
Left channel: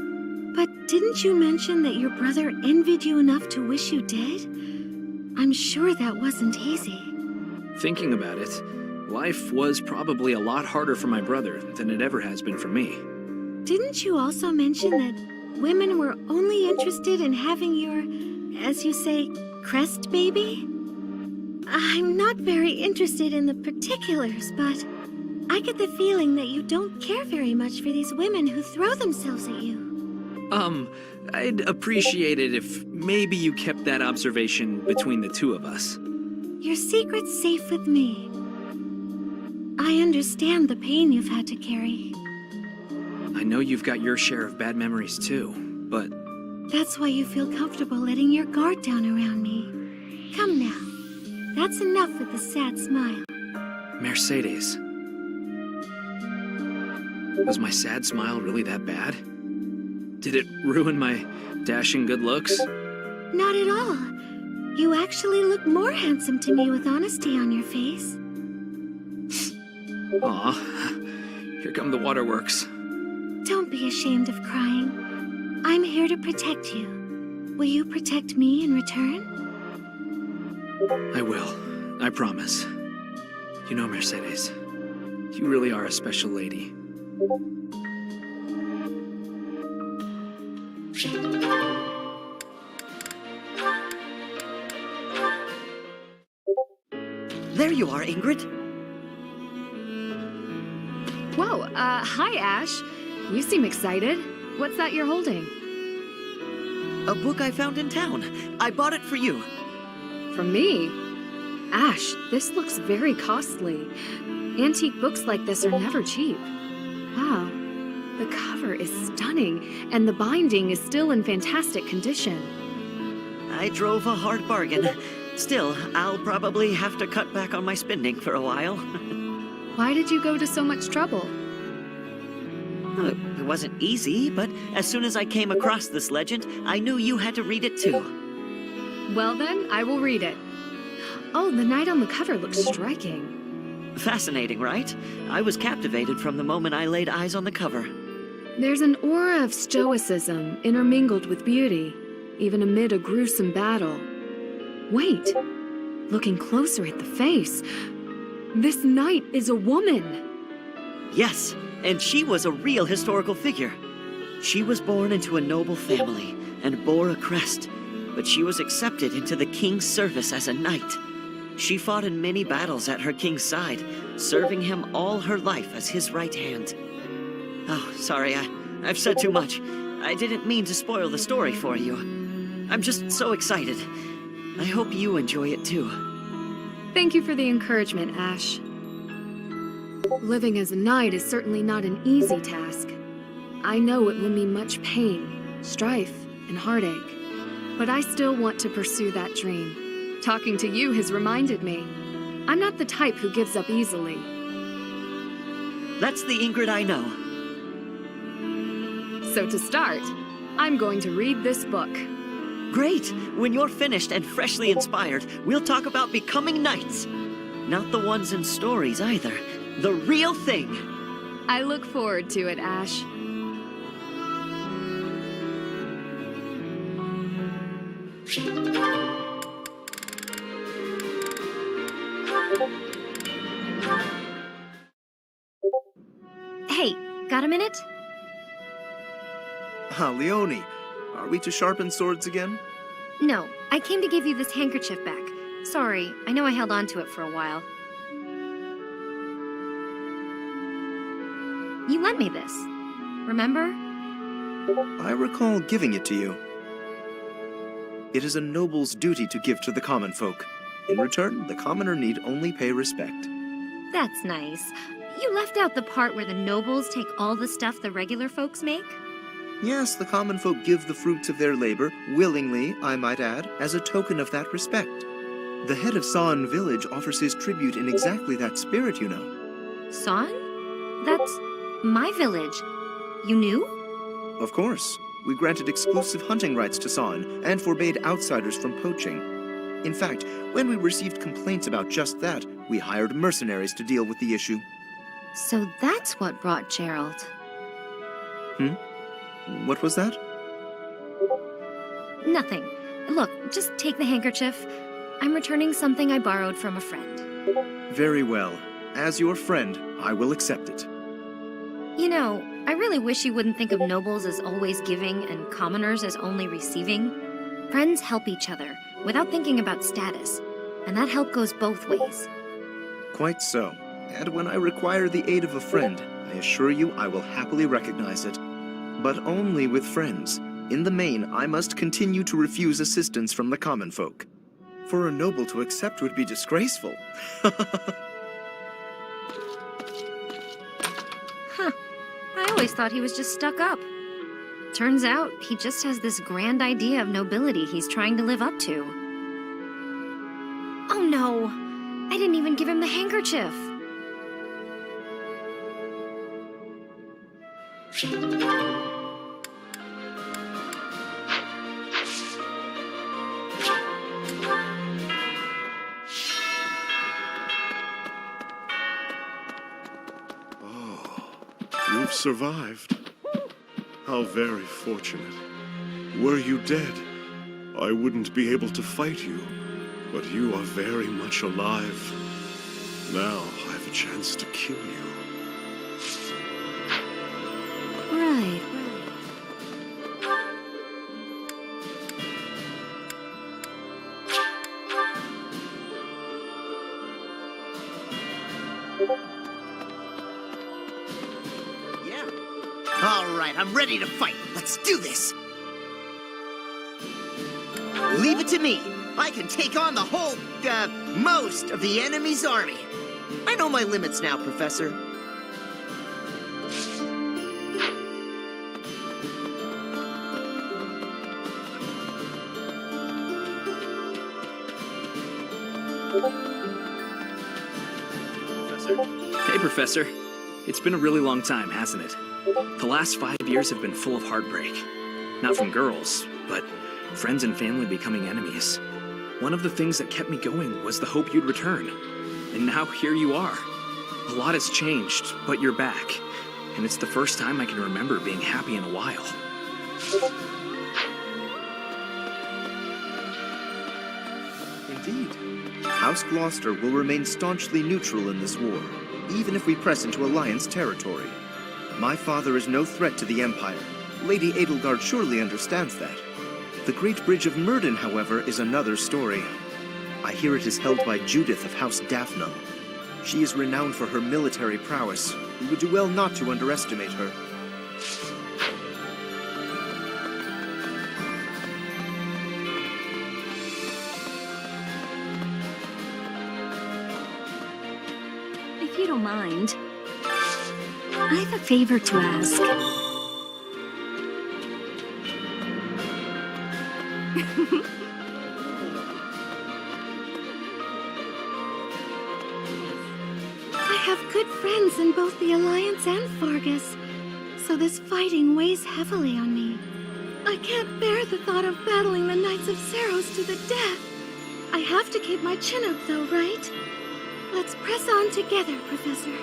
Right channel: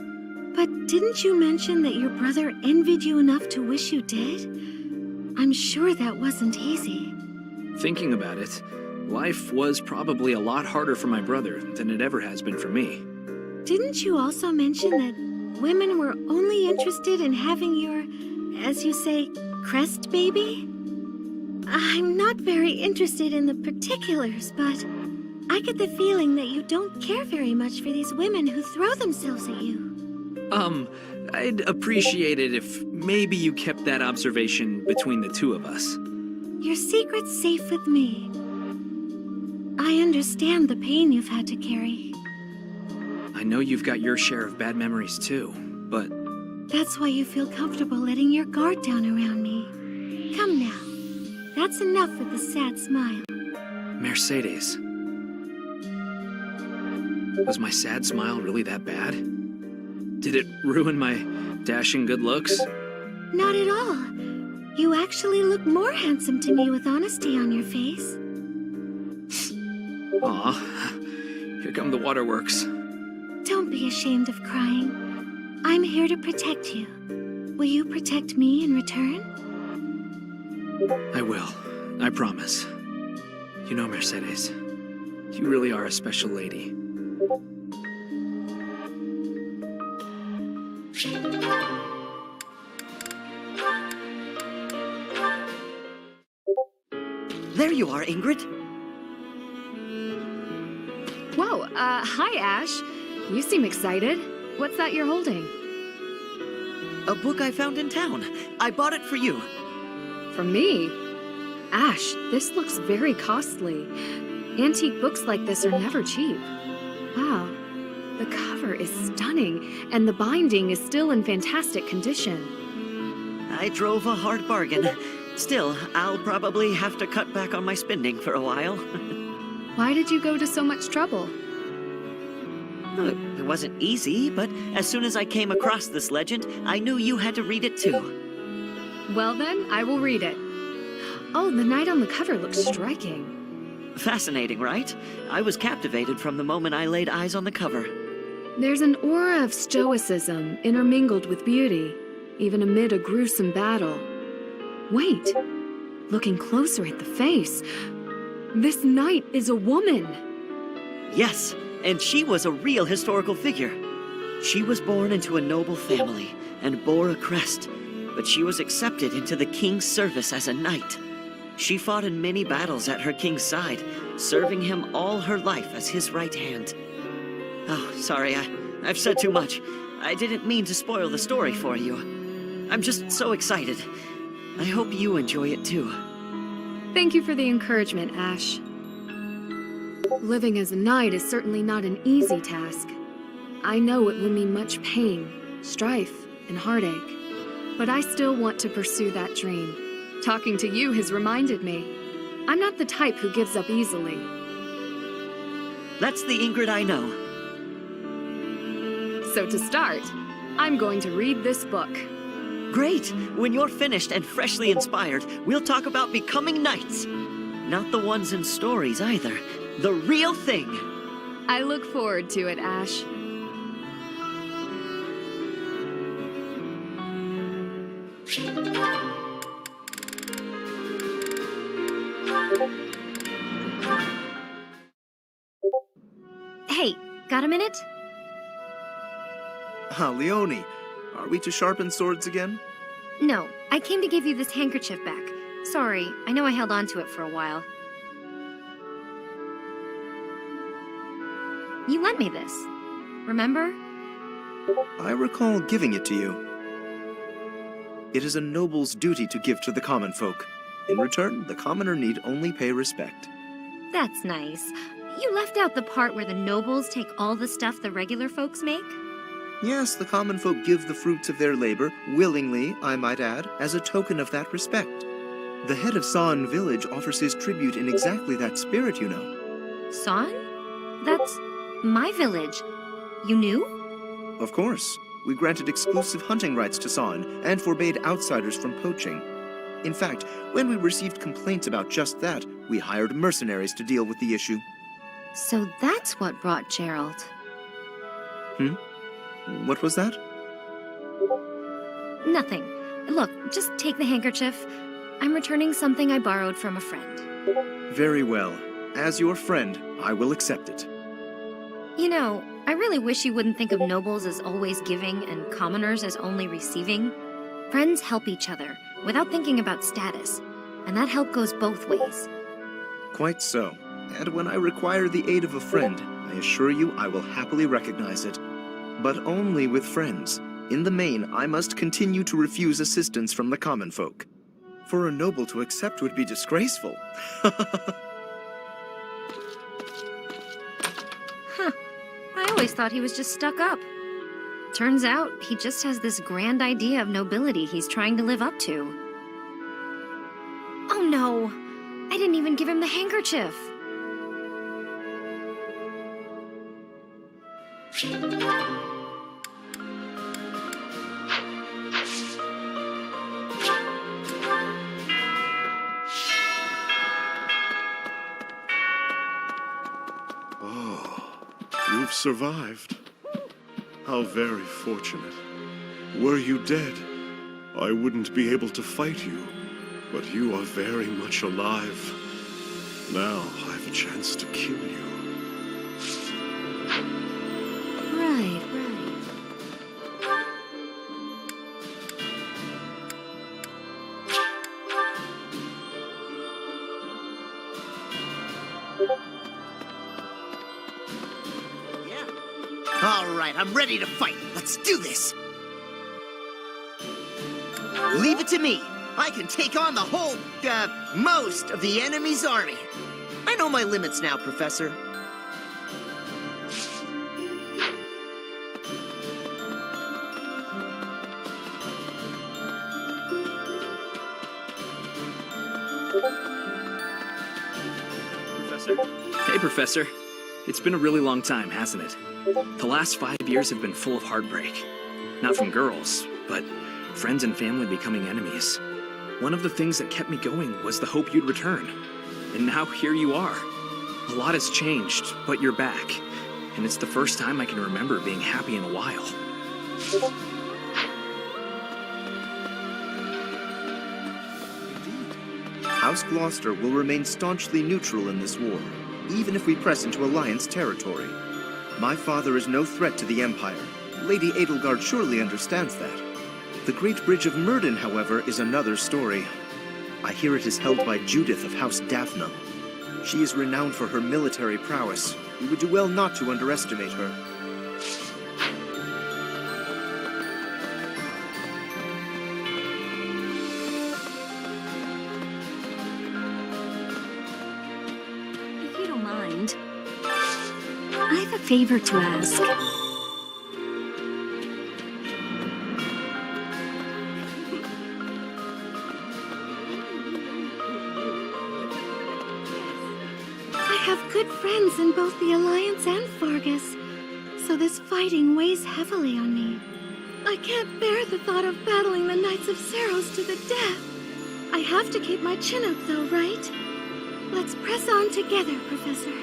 But didn't you mention that your brother envied you enough to wish you dead? I'm sure that wasn't easy. Thinking about it, life was probably a lot harder for my brother than it ever has been for me. Didn't you also mention that women were only interested in having your, as you say, crest baby? I'm not very interested in the particulars, but I get the feeling that you don't care very much for these women who throw themselves at you. I'd appreciate it if maybe you kept that observation between the two of us. Your secret's safe with me. I understand the pain you've had to carry. I know you've got your share of bad memories too, but... That's why you feel comfortable letting your guard down around me. Come now. That's enough with the sad smile. Mercedes. Was my sad smile really that bad? Did it ruin my dashing good looks? Not at all. You actually look more handsome to me with honesty on your face. Aw, here come the waterworks. Don't be ashamed of crying. I'm here to protect you. Will you protect me in return? I will. I promise. You know, Mercedes, you really are a special lady. There you are, Ingrid. Whoa, hi, Ash. You seem excited. What's that you're holding? A book I found in town. I bought it for you. For me? Ash, this looks very costly. Antique books like this are never cheap. Wow. The cover is stunning, and the binding is still in fantastic condition. I drove a hard bargain. Still, I'll probably have to cut back on my spending for a while. Why did you go to so much trouble? It wasn't easy, but as soon as I came across this legend, I knew you had to read it too. Well then, I will read it. Oh, the knight on the cover looks striking. Fascinating, right? I was captivated from the moment I laid eyes on the cover. There's an aura of stoicism intermingled with beauty, even amid a gruesome battle. Wait, looking closer at the face, this knight is a woman. Yes, and she was a real historical figure. She was born into a noble family and bore a crest, but she was accepted into the king's service as a knight. She fought in many battles at her king's side, serving him all her life as his right hand. Oh, sorry, I've said too much. I didn't mean to spoil the story for you. I'm just so excited. I hope you enjoy it too. Thank you for the encouragement, Ash. Living as a knight is certainly not an easy task. I know it will mean much pain, strife, and heartache. But I still want to pursue that dream. Talking to you has reminded me. I'm not the type who gives up easily. That's the Ingrid I know. So to start, I'm going to read this book. Great! When you're finished and freshly inspired, we'll talk about becoming knights. Not the ones in stories either. The real thing. I look forward to it, Ash. Hey, got a minute? Leone, are we to sharpen swords again? No, I came to give you this handkerchief back. Sorry, I know I held on to it for a while. You lent me this, remember? I recall giving it to you. It is a noble's duty to give to the common folk. In return, the commoner need only pay respect. That's nice. You left out the part where the nobles take all the stuff the regular folks make? Yes, the common folk give the fruits of their labor, willingly, I might add, as a token of that respect. The head of San village offers his tribute in exactly that spirit, you know. San? That's my village. You knew? Of course. We granted exclusive hunting rights to San and forbade outsiders from poaching. In fact, when we received complaints about just that, we hired mercenaries to deal with the issue. So that's what brought Gerald. What was that? Nothing. Look, just take the handkerchief. I'm returning something I borrowed from a friend. Very well. As your friend, I will accept it. You know, I really wish you wouldn't think of nobles as always giving and commoners as only receiving. Friends help each other, without thinking about status. And that help goes both ways. Quite so. And when I require the aid of a friend, I assure you I will happily recognize it. But only with friends. In the main, I must continue to refuse assistance from the common folk. For a noble to accept would be disgraceful. Huh. I always thought he was just stuck up. Turns out, he just has this grand idea of nobility he's trying to live up to. Oh no! I didn't even give him the handkerchief! You've survived. How very fortunate. Were you dead, I wouldn't be able to fight you, but you are very much alive. Now I have a chance to kill you. Right. All right, I'm ready to fight. Let's do this. Leave it to me. I can take on the whole, most of the enemy's army. I know my limits now, Professor. Professor? Hey, Professor. It's been a really long time, hasn't it? The last 5 years have been full of heartbreak. Not from girls, but friends and family becoming enemies. One of the things that kept me going was the hope you'd return. And now here you are. A lot has changed, but you're back. And it's the first time I can remember being happy in a while. Indeed. House Gloucester will remain staunchly neutral in this war, even if we press into Alliance territory. My father is no threat to the Empire. Lady Edelgard surely understands that. The Great Bridge of Myrddin, however, is another story. I hear it is held by Judith of House Daphne. She is renowned for her military prowess. We would do well not to underestimate her. If you don't mind. I have a favor to ask. I have good friends in both the Alliance and Fargus, so this fighting weighs heavily on me. I can't bear the thought of battling the Knights of Seiros to the death. I have to keep my chin up, though, right? Let's press on together, Professor.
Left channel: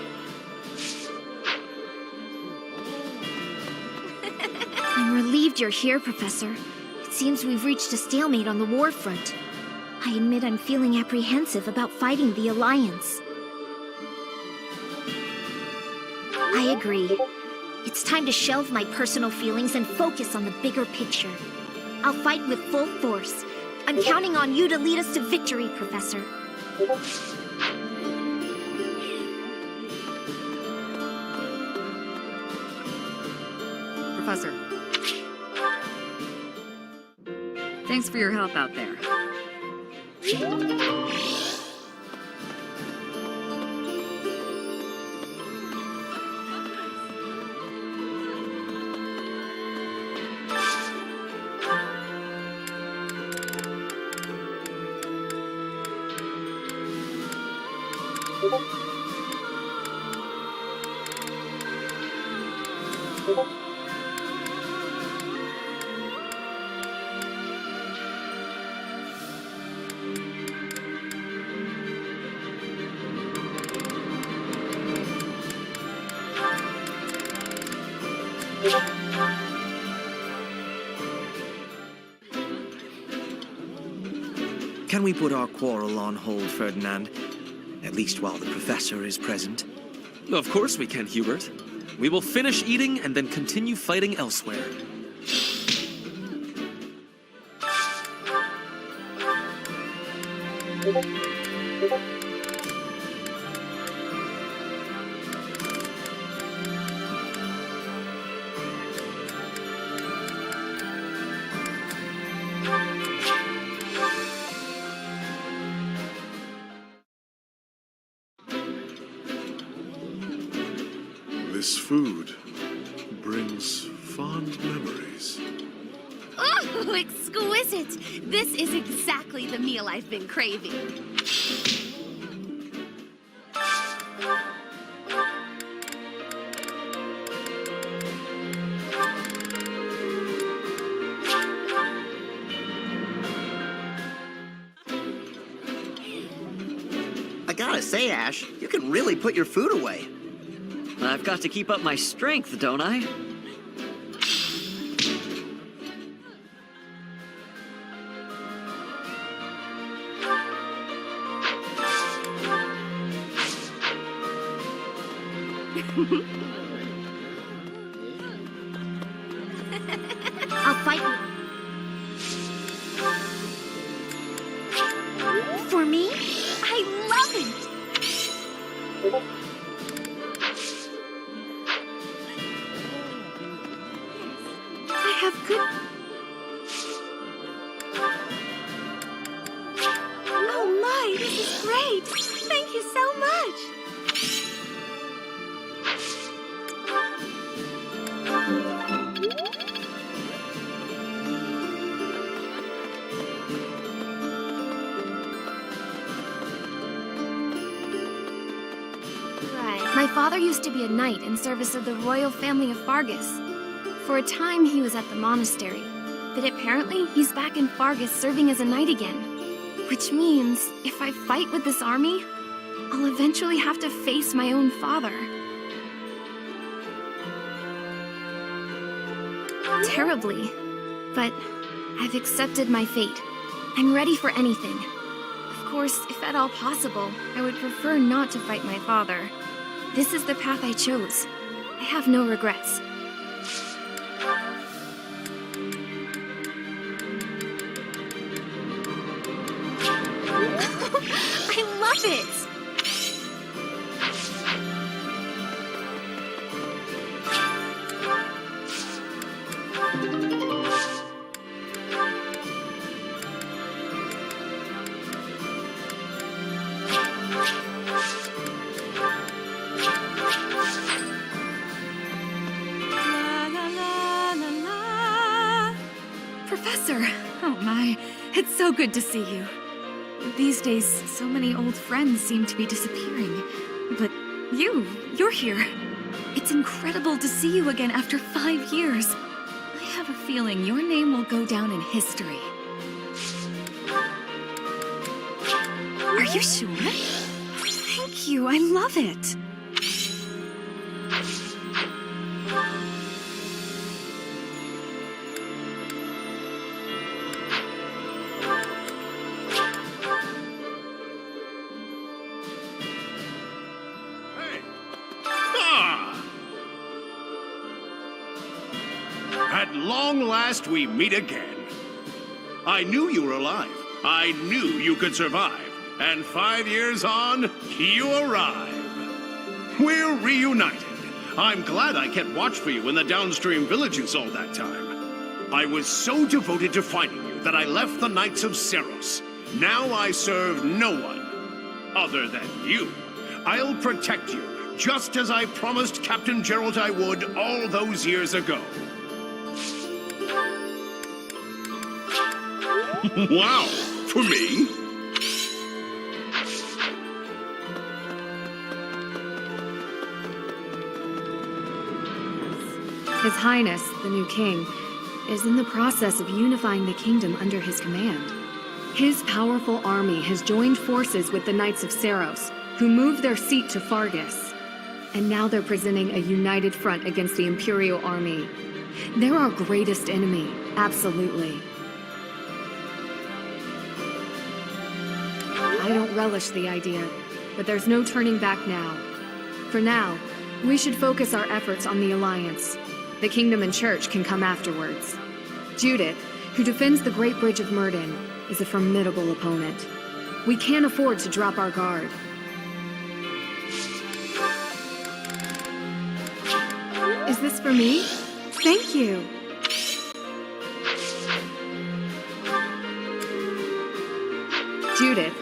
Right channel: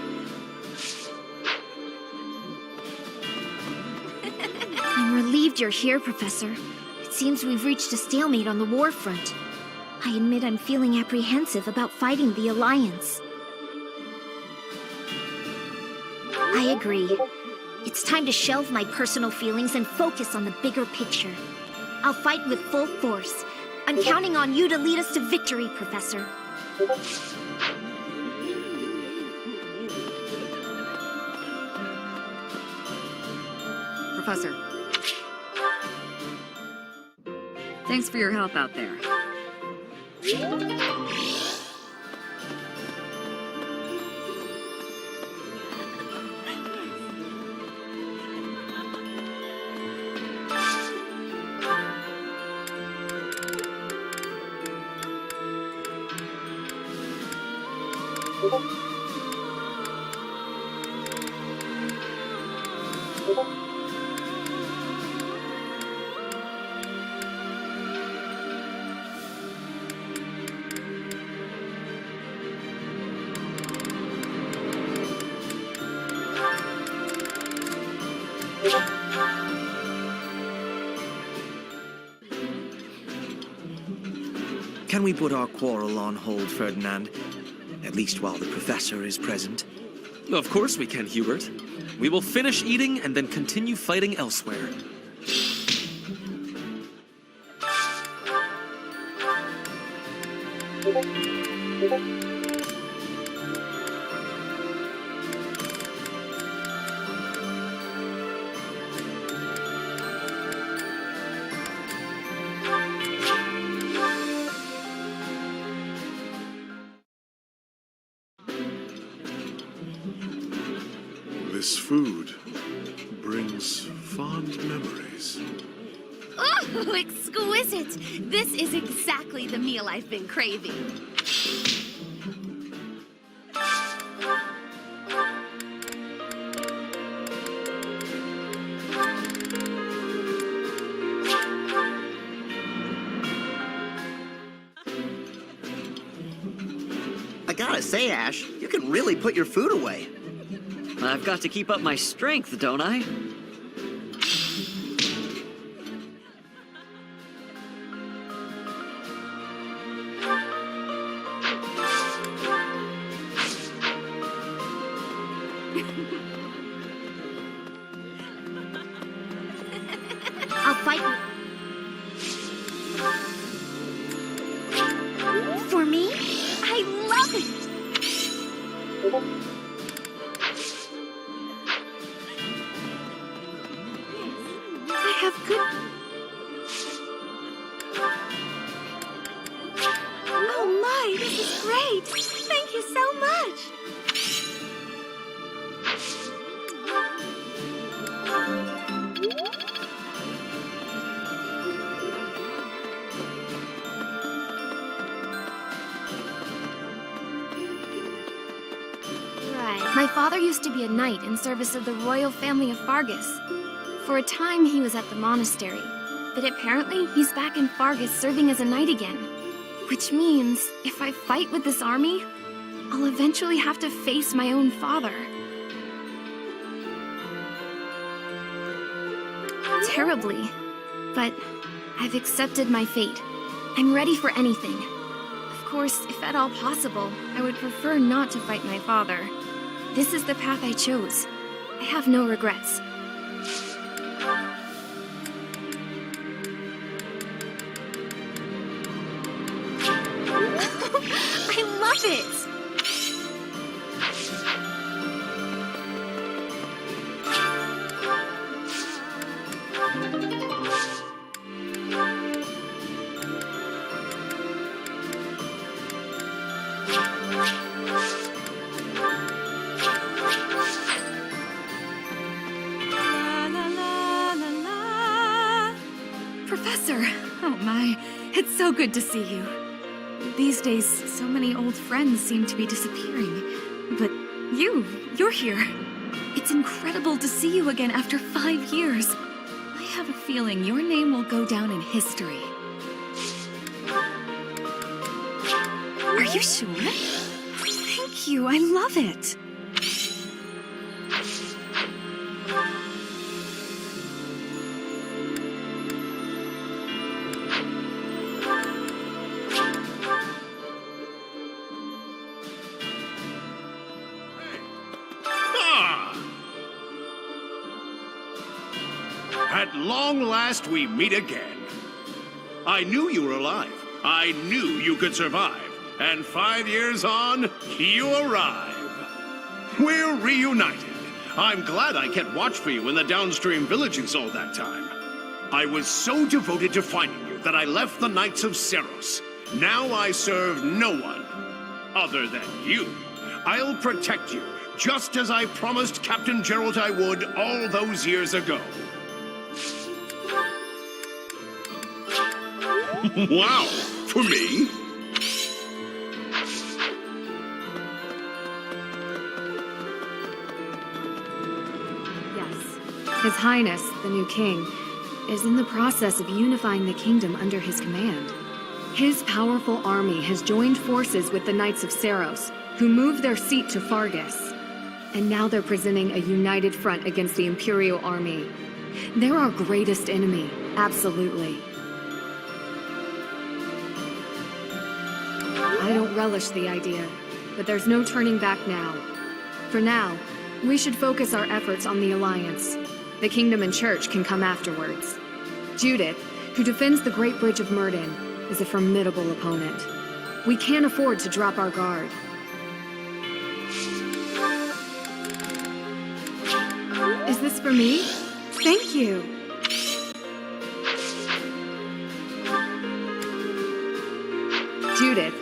I'm relieved you're here, Professor. It seems we've reached a stalemate on the war front. I admit I'm feeling apprehensive about fighting the Alliance. I agree. It's time to shelve my personal feelings and focus on the bigger picture. I'll fight with full force. I'm counting on you to lead us to victory, Professor. Professor. Thanks for your help out there. Can we put our quarrel on hold, Ferdinand? At least while the Professor is present. Of course we can, Hubert. We will finish eating and then continue fighting elsewhere. This food brings fond memories. Oh, exquisite! This is exactly the meal I've been craving. I gotta say, Ash, you can really put your food away. I've got to keep up my strength, don't I? I'll fight. For me? I love it! I have good... Oh my, this is great! Thank you so much! My father used to be a knight in service of the royal family of Fargus. For a time, he was at the monastery, but apparently he's back in Fargus serving as a knight again. Which means, if I fight with this army, I'll eventually have to face my own father. Terribly, but I've accepted my fate. I'm ready for anything. Of course, if at all possible, I would prefer not to fight my father. This is the path I chose. I have no regrets. I love it! Professor! Oh my, it's so good to see you. These days, so many old friends seem to be disappearing. But you're here. It's incredible to see you again after 5 years. I have a feeling your name will go down in history. Are you sure? Thank you, I love it. At long last, we meet again. I knew you were alive. I knew you could survive. And 5 years on, you arrive. We're reunited. I'm glad I kept watch for you in the downstream villages all that time. I was so devoted to finding you that I left the Knights of Seiros. Now I serve no one other than you. I'll protect you, just as I promised Captain Gerald I would all those years ago. Wow, for me? His Highness, the new king, is in the process of unifying the kingdom under his command. His powerful army has joined forces with the Knights of Seiros, who moved their seat to Fargus. And now they're presenting a united front against the Imperial army. They're our greatest enemy, absolutely. I don't relish the idea, but there's no turning back now. For now, we should focus our efforts on the Alliance. The Kingdom and Church can come afterwards. Judith, who defends the Great Bridge of Myrddin, is a formidable opponent. We can't afford to drop our guard. Is this for me? Thank you. Judith.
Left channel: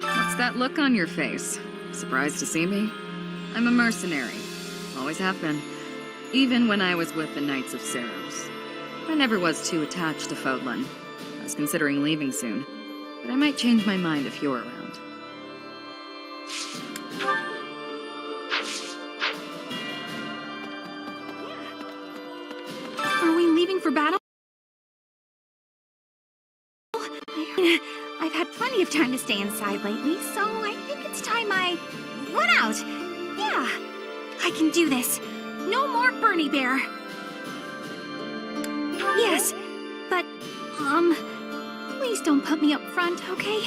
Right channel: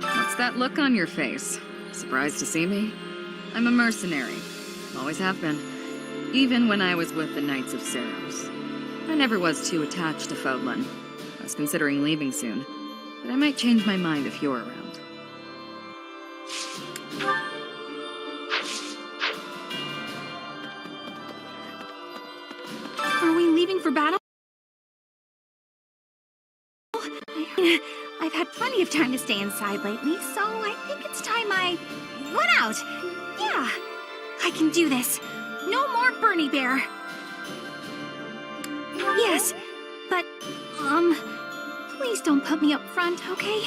What's that look on your face? Surprised to see me? I'm a mercenary. Always have been. Even when I was with the Knights of Seiros. I never was too attached to Fodlan. I was considering leaving soon, but I might change my mind if you're around. Are we leaving for battle? I've had plenty of time to stay inside lately, so I think it's time I run out. Yeah, I can do this. No more Bernie Bear. Yes, but, please don't put me up front, okay?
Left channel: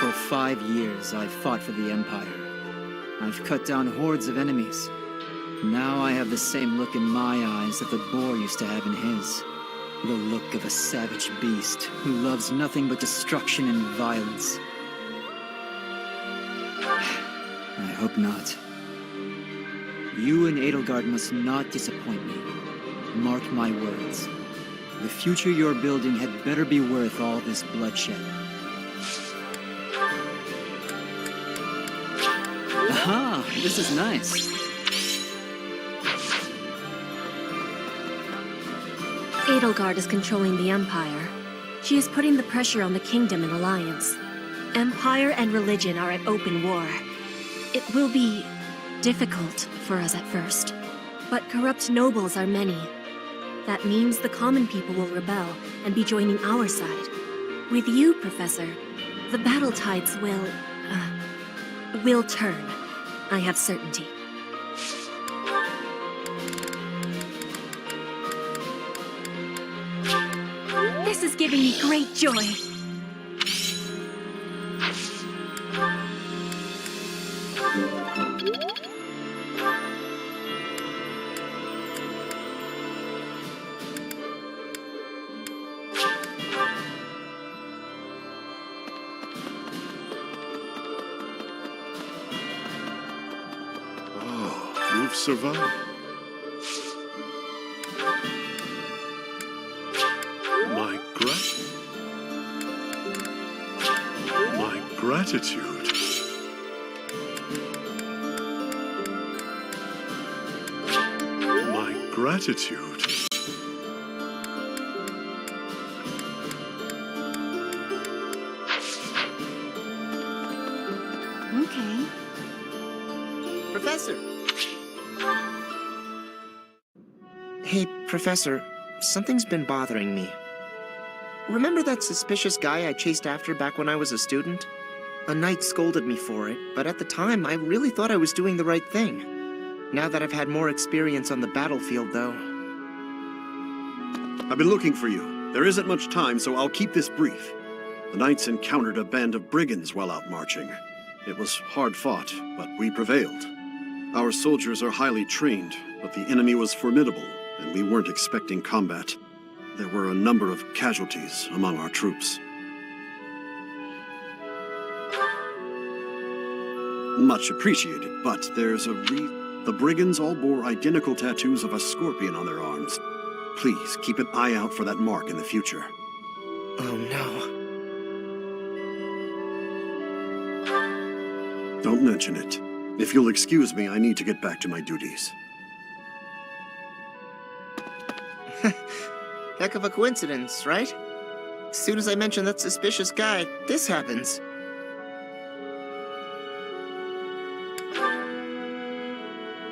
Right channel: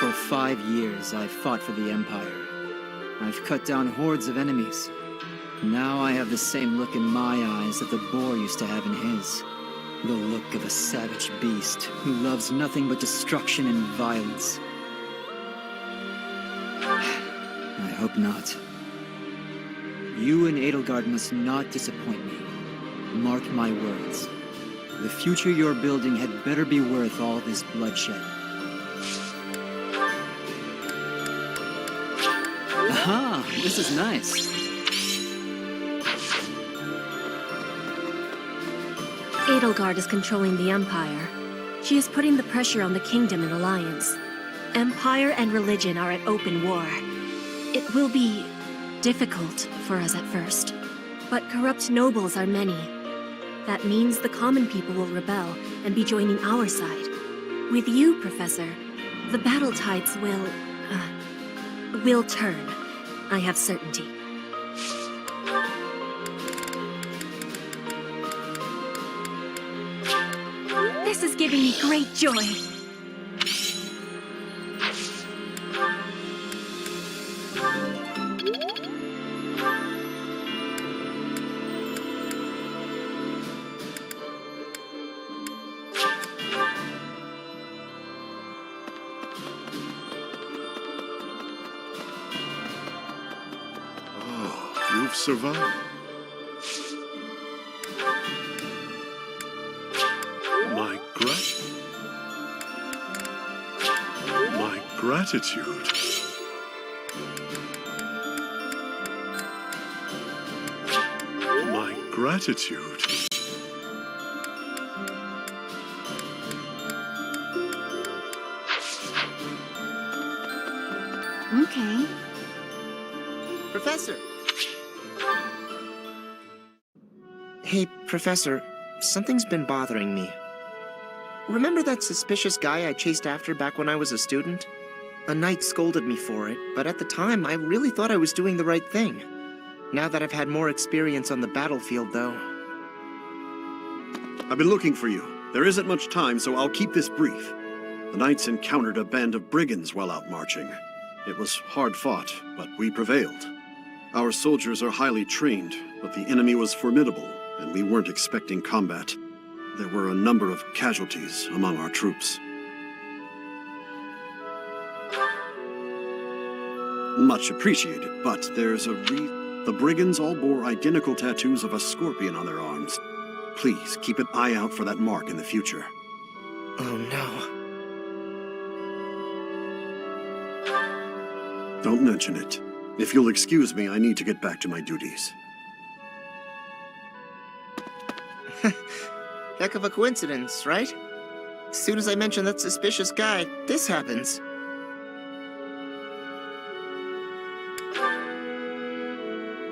For 5 years, I've fought for the Empire. I've cut down hordes of enemies. Now I have the same look in my eyes that the boar used to have in his. The look of a savage beast who loves nothing but destruction and violence. I hope not. You and Edelgard must not disappoint me. Mark my words. The future you're building had better be worth all this bloodshed. Aha! This is nice. Edelgard is controlling the Empire. She is putting the pressure on the Kingdom in alliance. Empire and religion are at open war. It will be difficult for us at first, but corrupt nobles are many. That means the common people will rebel and be joining our side. With you, Professor, the battle tides will turn. I have certainty. This is giving me great joy. You've survived. My gratitude. My gratitude. Okay. Professor! Hey, Professor, something's been bothering me. Remember that suspicious guy I chased after back when I was a student? A knight scolded me for it, but at the time I really thought I was doing the right thing. Now that I've had more experience on the battlefield, though... I've been looking for you. There isn't much time, so I'll keep this brief. The knights encountered a band of brigands while out marching. It was hard fought, but we prevailed. Our soldiers are highly trained, but the enemy was formidable, and we weren't expecting combat. There were a number of casualties among our troops. Much appreciated, but there's a The brigands all bore identical tattoos of a scorpion on their arms. Please keep an eye out for that mark in the future. Oh no. Don't mention it. If you'll excuse me, I need to get back to my duties. Heck of a coincidence, right? As soon as I mention that suspicious guy, this happens.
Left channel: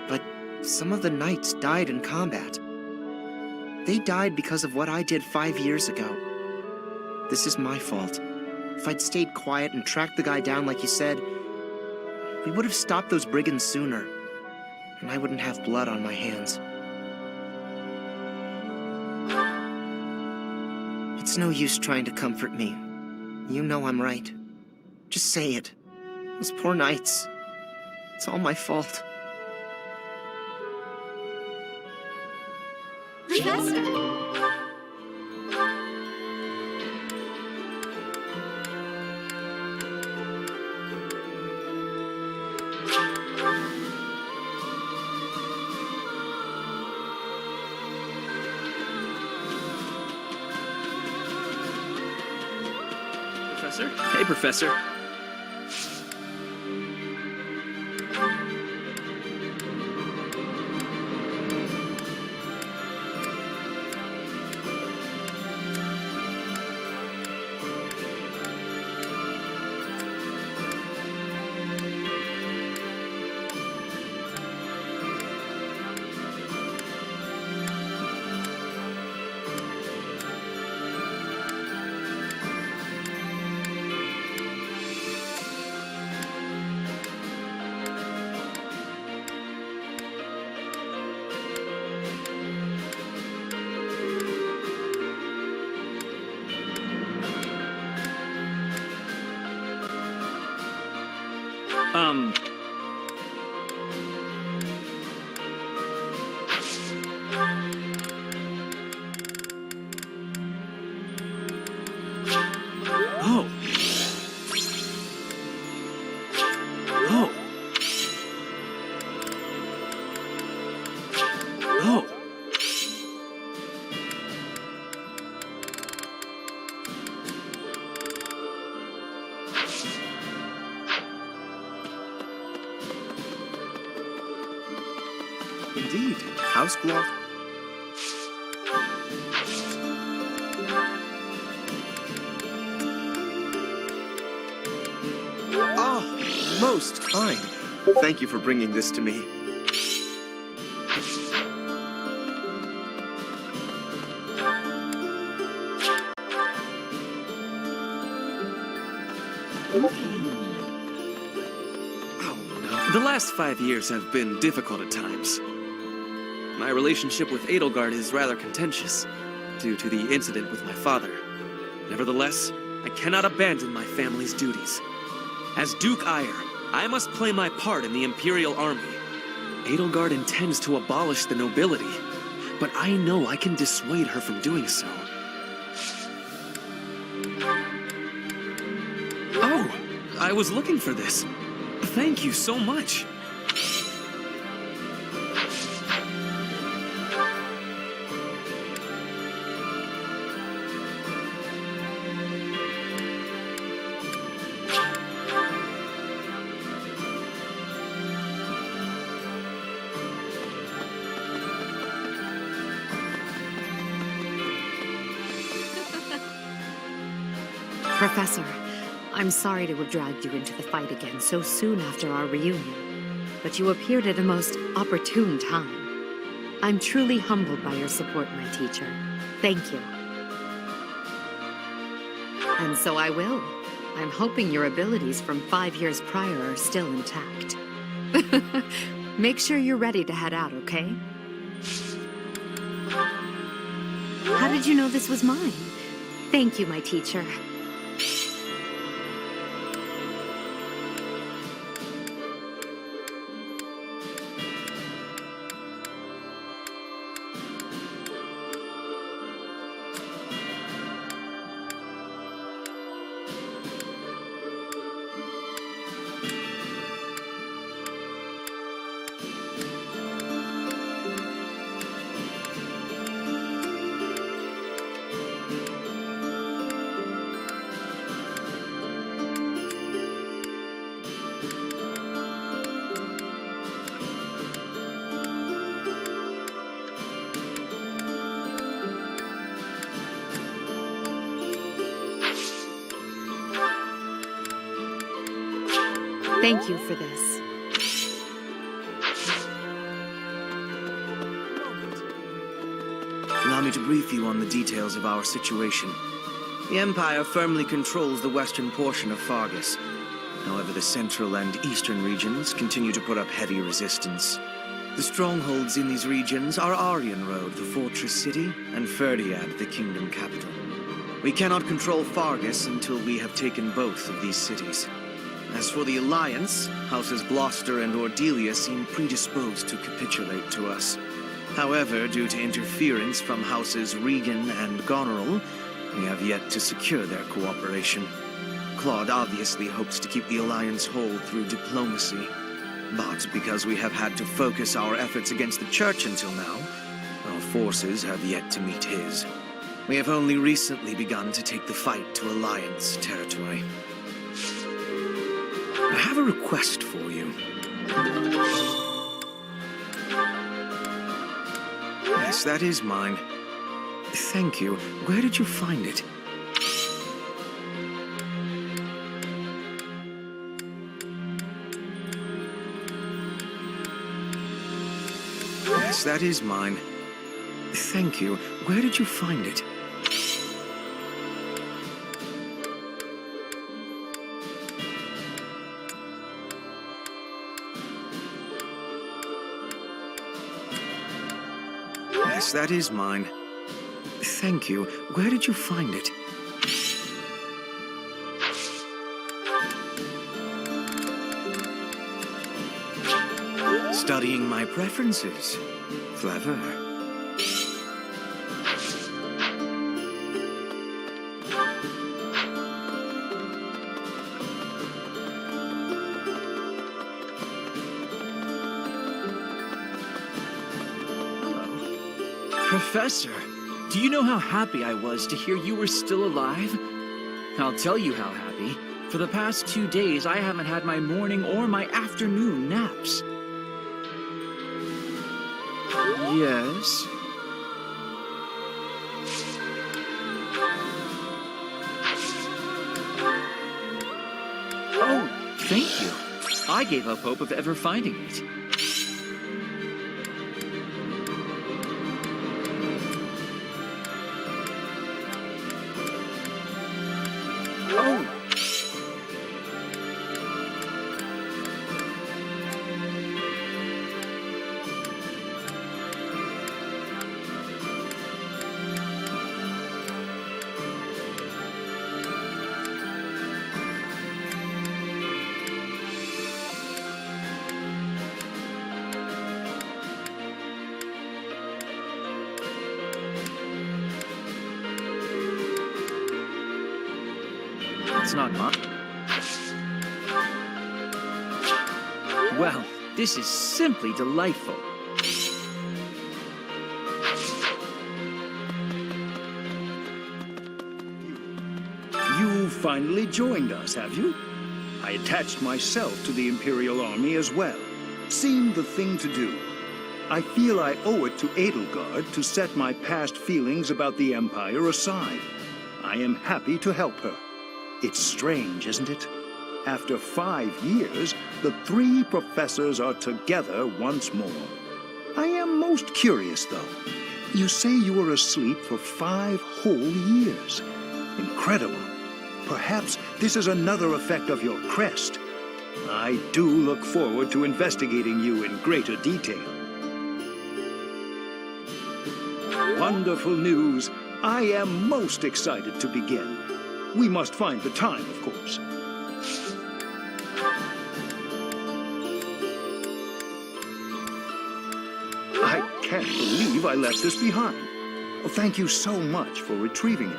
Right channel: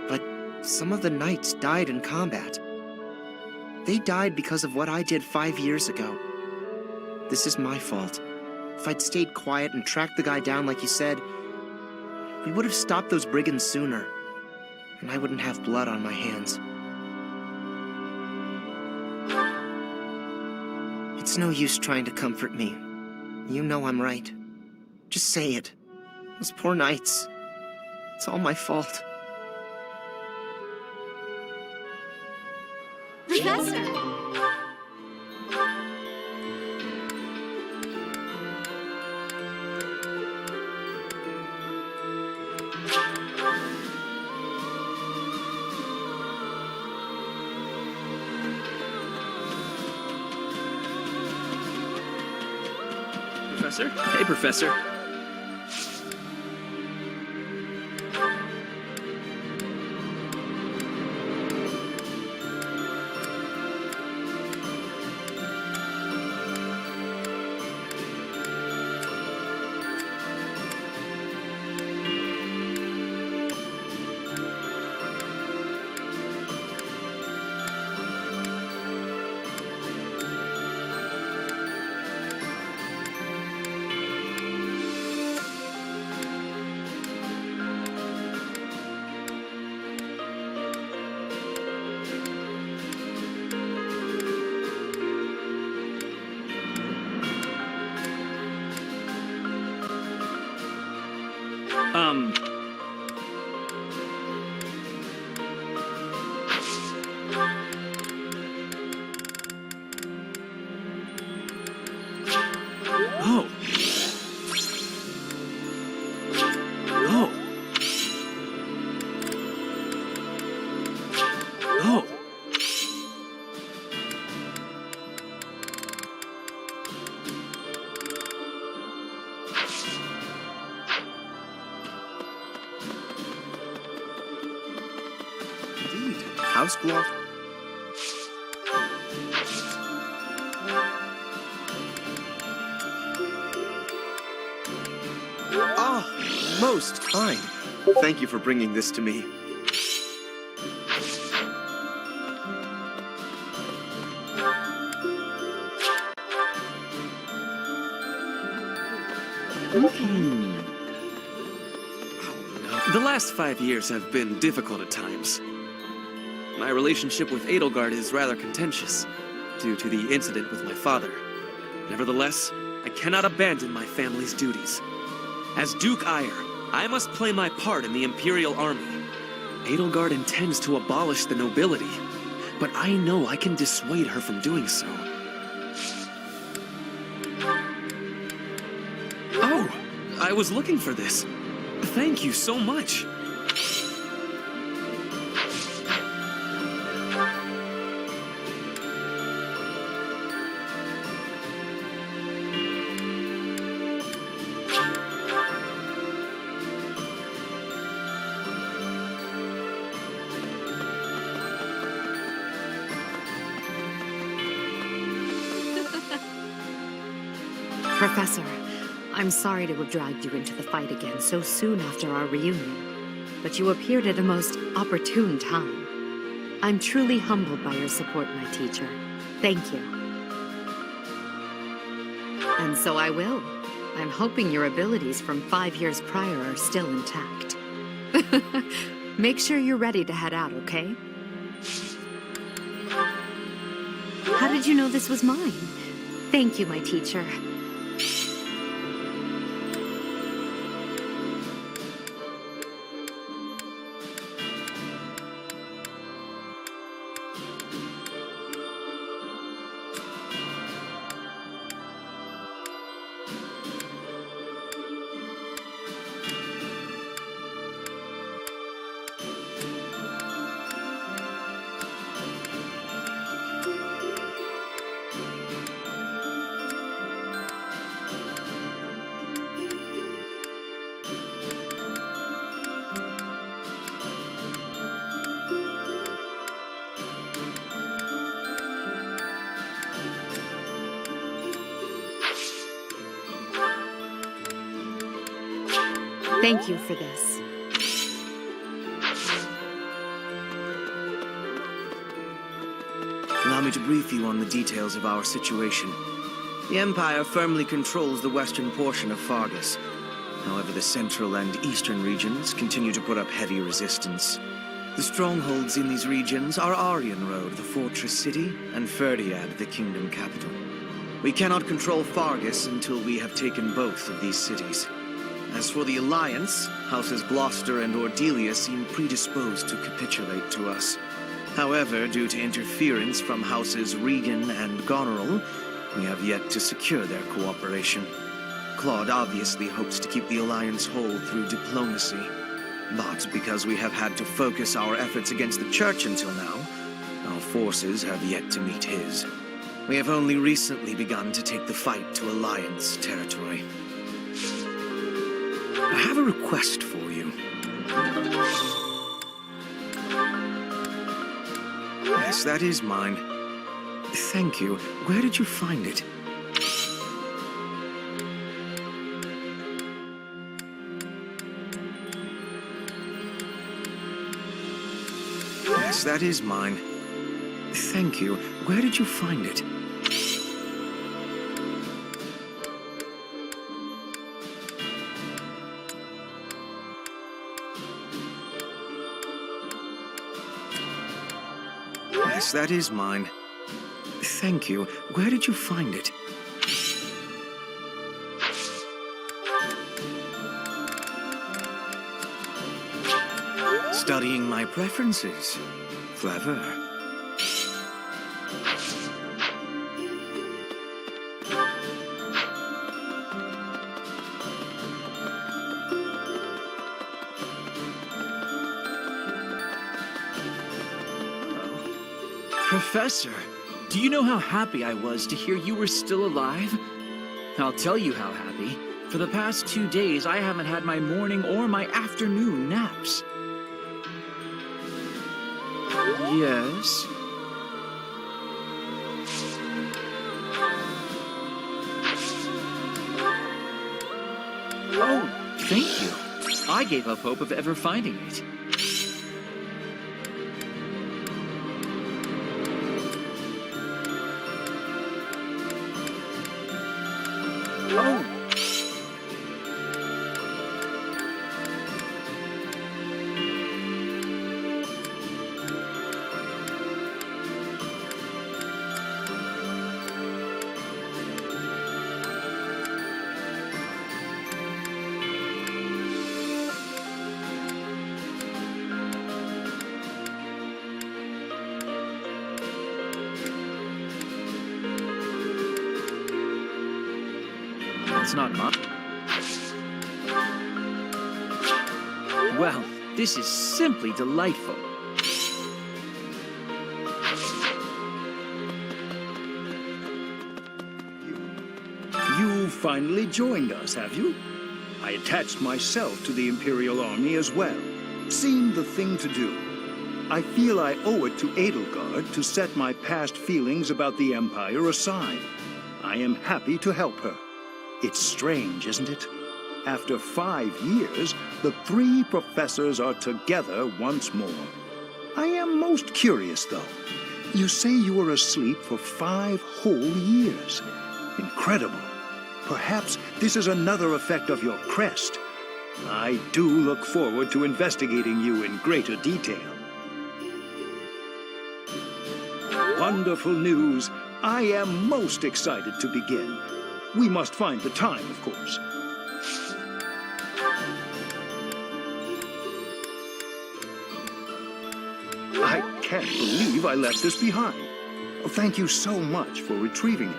But some of the knights died in combat. They died because of what I did 5 years ago. This is my fault. If I'd stayed quiet and tracked the guy down like you said, we would have stopped those brigands sooner, and I wouldn't have blood on my hands. It's no use trying to comfort me. You know I'm right. Just say it. Those poor knights. It's all my fault. Professor! Professor? Hey, Professor. Oh. Oh. Oh. indeed. House Glove. Oh, most kind. Thank you for bringing this to me. The last 5 years have been difficult at times. My relationship with Edelgard is rather contentious, due to the incident with my father. Nevertheless, I cannot abandon my family's duties. As Duke Aegir, I must play my part in the Imperial Army. Edelgard intends to abolish the nobility, but I know I can dissuade her from doing so. Oh, I was looking for this. Thank you so much. Professor, I'm sorry to have dragged you into the fight again so soon after our reunion, but you appeared at a most opportune time. I'm truly humbled by your support, my teacher. Thank you. And so I will. I'm hoping your abilities from 5 years prior are still intact. Make sure you're ready to head out, okay? How did you know this was mine? Thank you, my teacher. Thank you for this. Allow me to brief you on the details of our situation. The Empire firmly controls the western portion of Fargus. However, the central and eastern regions continue to put up heavy resistance. The strongholds in these regions are Arianrode, the fortress city, and Ferdiad, the kingdom capital. We cannot control Fargus until we have taken both of these cities. As for the Alliance, Houses Gloucester and Ordelia seem predisposed to capitulate to us. However, due to interference from Houses Regan and Goneril, we have yet to secure their cooperation. Claude obviously hopes to keep the Alliance whole through diplomacy. But because we have had to focus our efforts against the Church until now, our forces have yet to meet his. We have only recently begun to take the fight to Alliance territory. I have a request for you. Yes, that is mine. Thank you. Where did you find it? Yes, that is mine. Thank you. Where did you find it? Yes, that is mine. Thank you. Where did you find it? Studying my preferences. Clever. Professor, do you know how happy I was to hear you were still alive? I'll tell you how happy. For the past 2 days, I haven't had my morning or my afternoon naps. Yes? Oh, thank you. I gave up hope of ever finding it. Oh! It's not mine. Well, this is simply delightful. You finally joined us, have you? I attached myself to the Imperial Army as well. Seemed the thing to do. I feel I owe it to Edelgard to set my past feelings about the Empire aside. I am happy to help her. It's strange, isn't it? After 5 years, the 3 professors are together once more. I am most curious, though. You say you were asleep for 5 whole years. Incredible. Perhaps this is another effect of your crest. I do look forward to investigating you in greater detail. Wonderful news. I am most excited to begin. We must find the time, of course. I can't believe I left this behind. Thank you so much for retrieving it.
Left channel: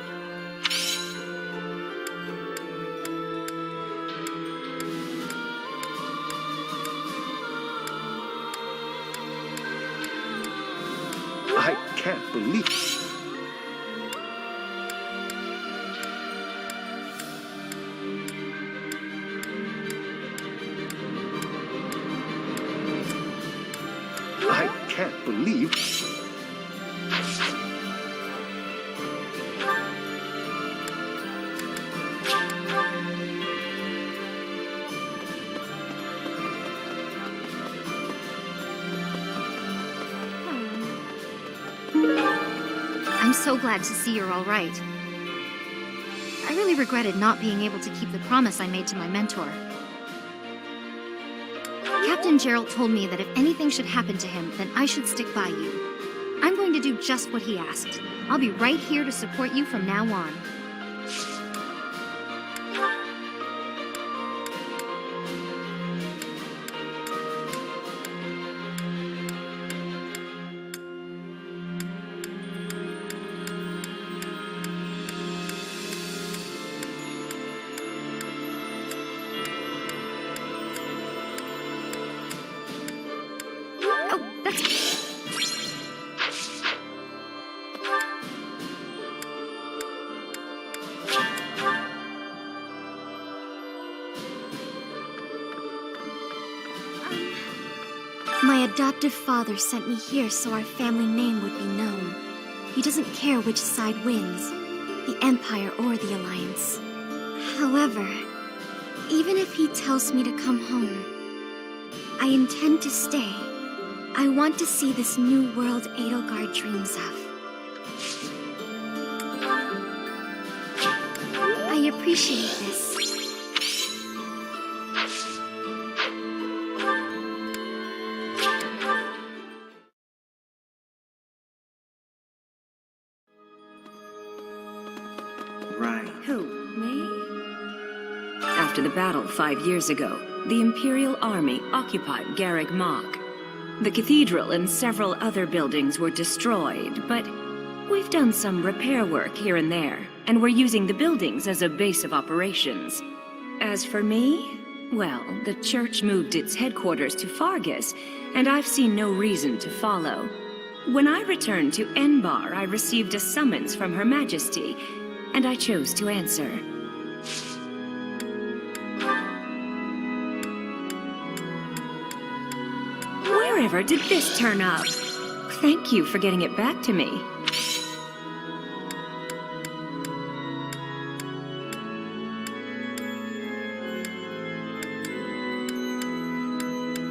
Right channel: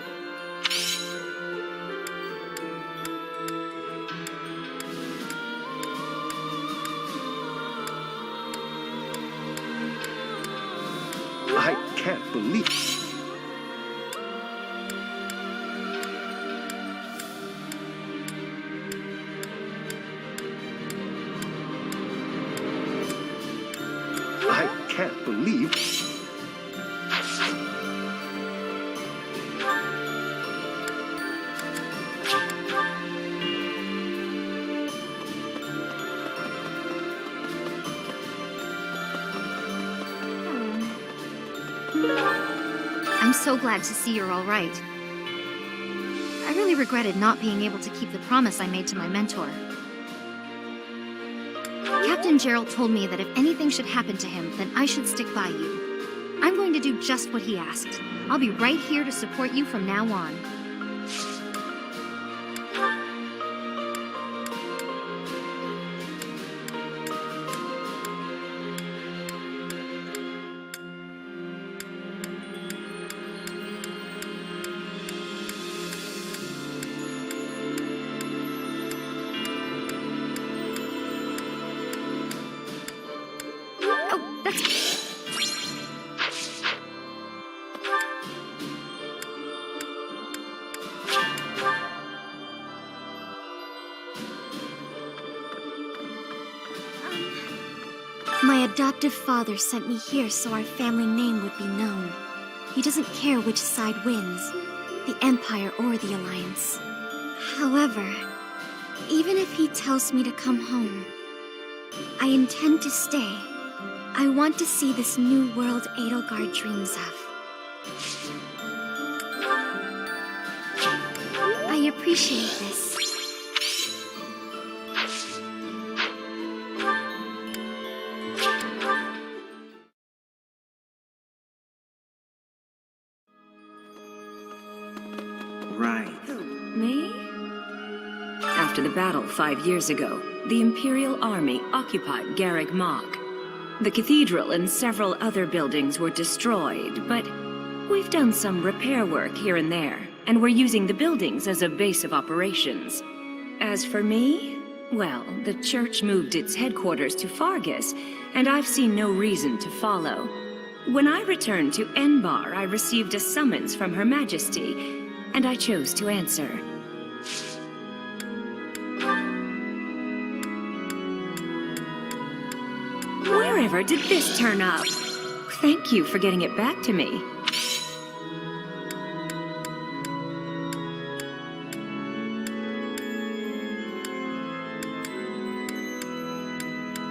I can't believe... I can't believe... I'm so glad to see you're all right. I really regretted not being able to keep the promise I made to my mentor. Captain Gerald told me that if anything should happen to him, then I should stick by you. I'm going to do just what he asked. I'll be right here to support you from now on. My adoptive father sent me here so our family name would be known. He doesn't care which side wins, the Empire or the Alliance. However, even if he tells me to come home, I intend to stay. I want to see this new world Edelgard dreams of. I appreciate this. Right. Who, me? After the battle 5 years ago, the Imperial Army occupied Garreg Mach. The cathedral and several other buildings were destroyed, but we've done some repair work here and there, and we're using the buildings as a base of operations. As for me, well, the church moved its headquarters to Fargus, and I've seen no reason to follow. When I returned to Enbar, I received a summons from Her Majesty, and I chose to answer. Wherever did this turn up? Thank you for getting it back to me.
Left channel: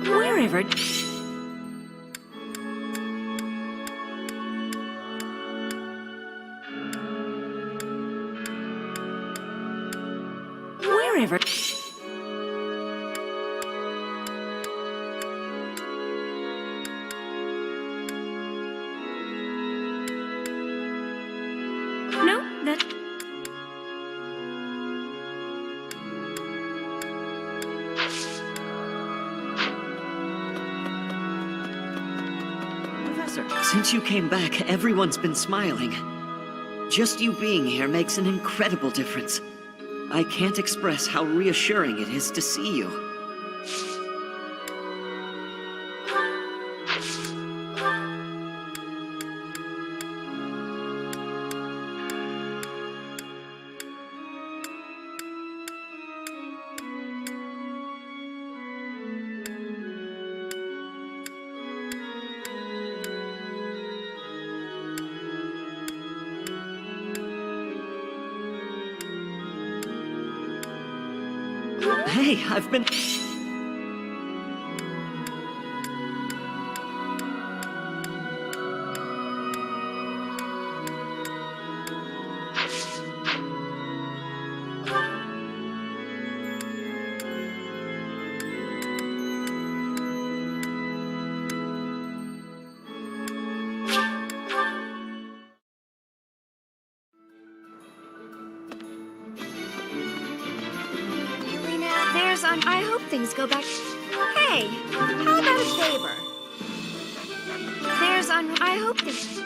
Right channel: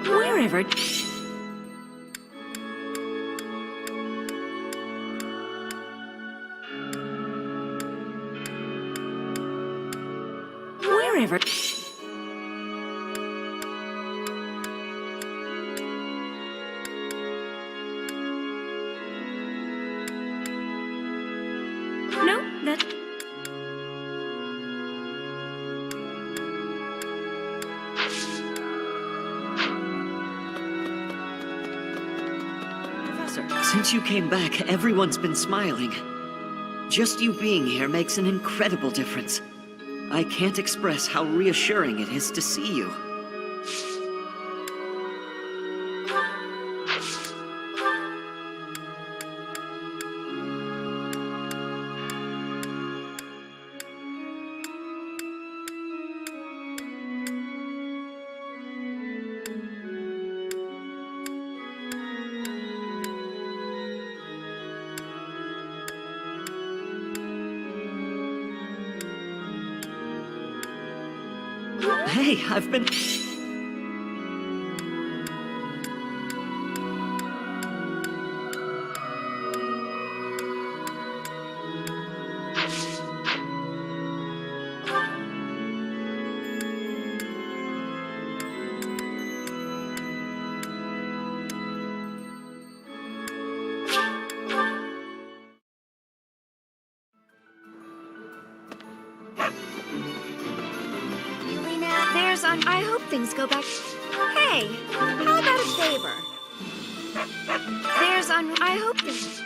Wherever... Wherever... No, that... Professor, since you came back, everyone's been smiling. Just you being here makes an incredible difference. I can't express how reassuring it is to see you. Hey, I've been... I hope things go back. Hey, how about a favor? I hope things...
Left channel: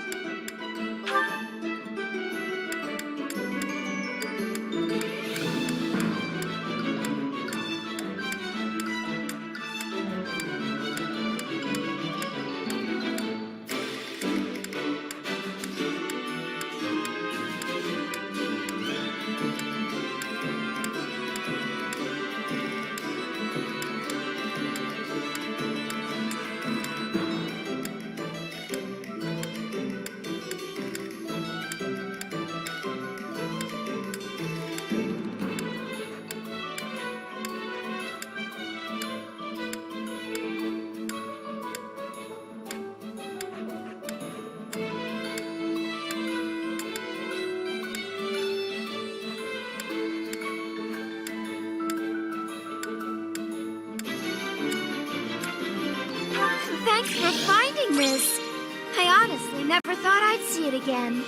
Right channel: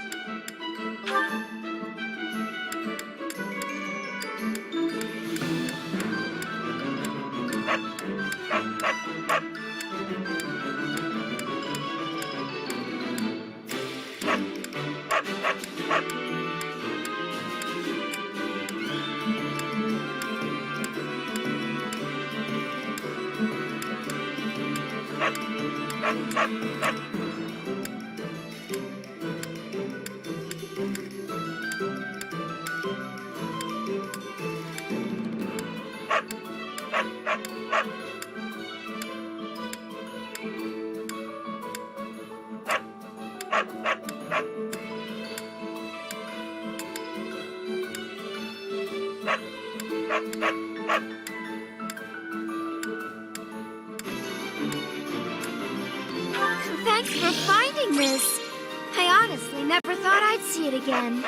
Thanks for finding this. I honestly never thought I'd see it again.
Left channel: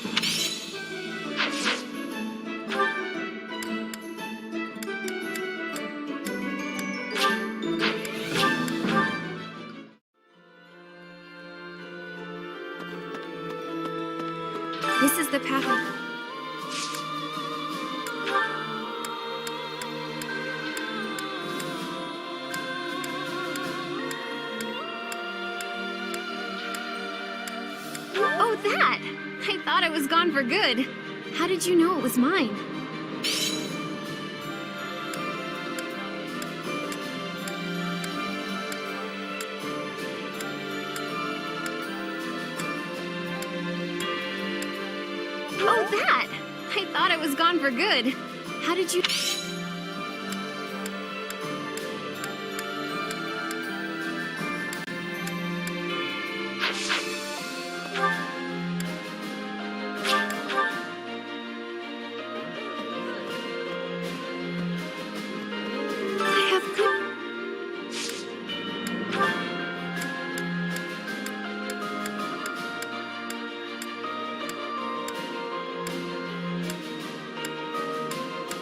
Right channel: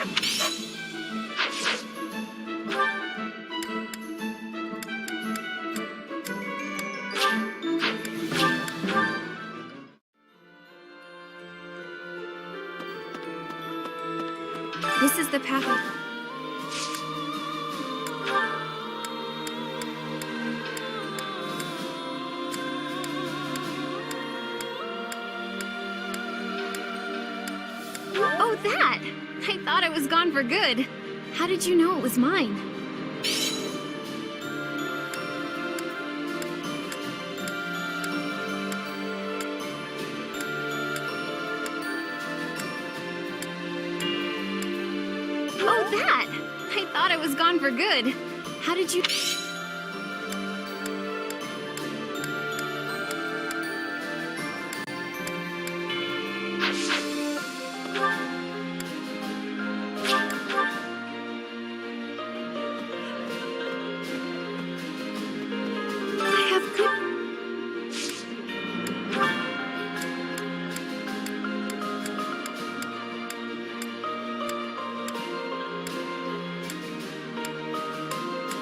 This is the path. Oh, that! I thought it was gone for good. How did you know it was mine? Oh, that! I thought it was gone for good. How did you...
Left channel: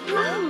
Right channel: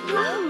Oh,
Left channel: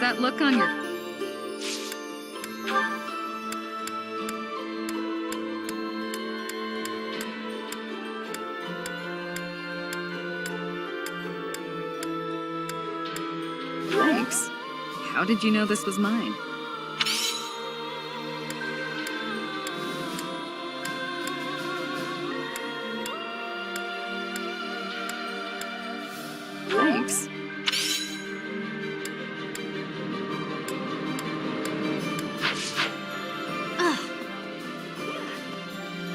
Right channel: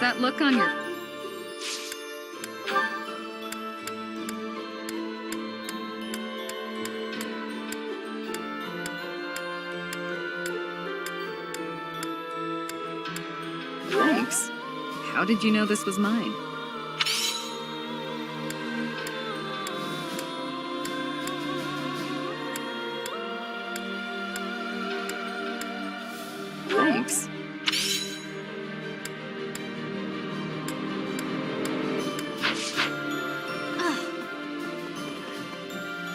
What's that look on your... Thanks. How did you know this was mine? Thanks.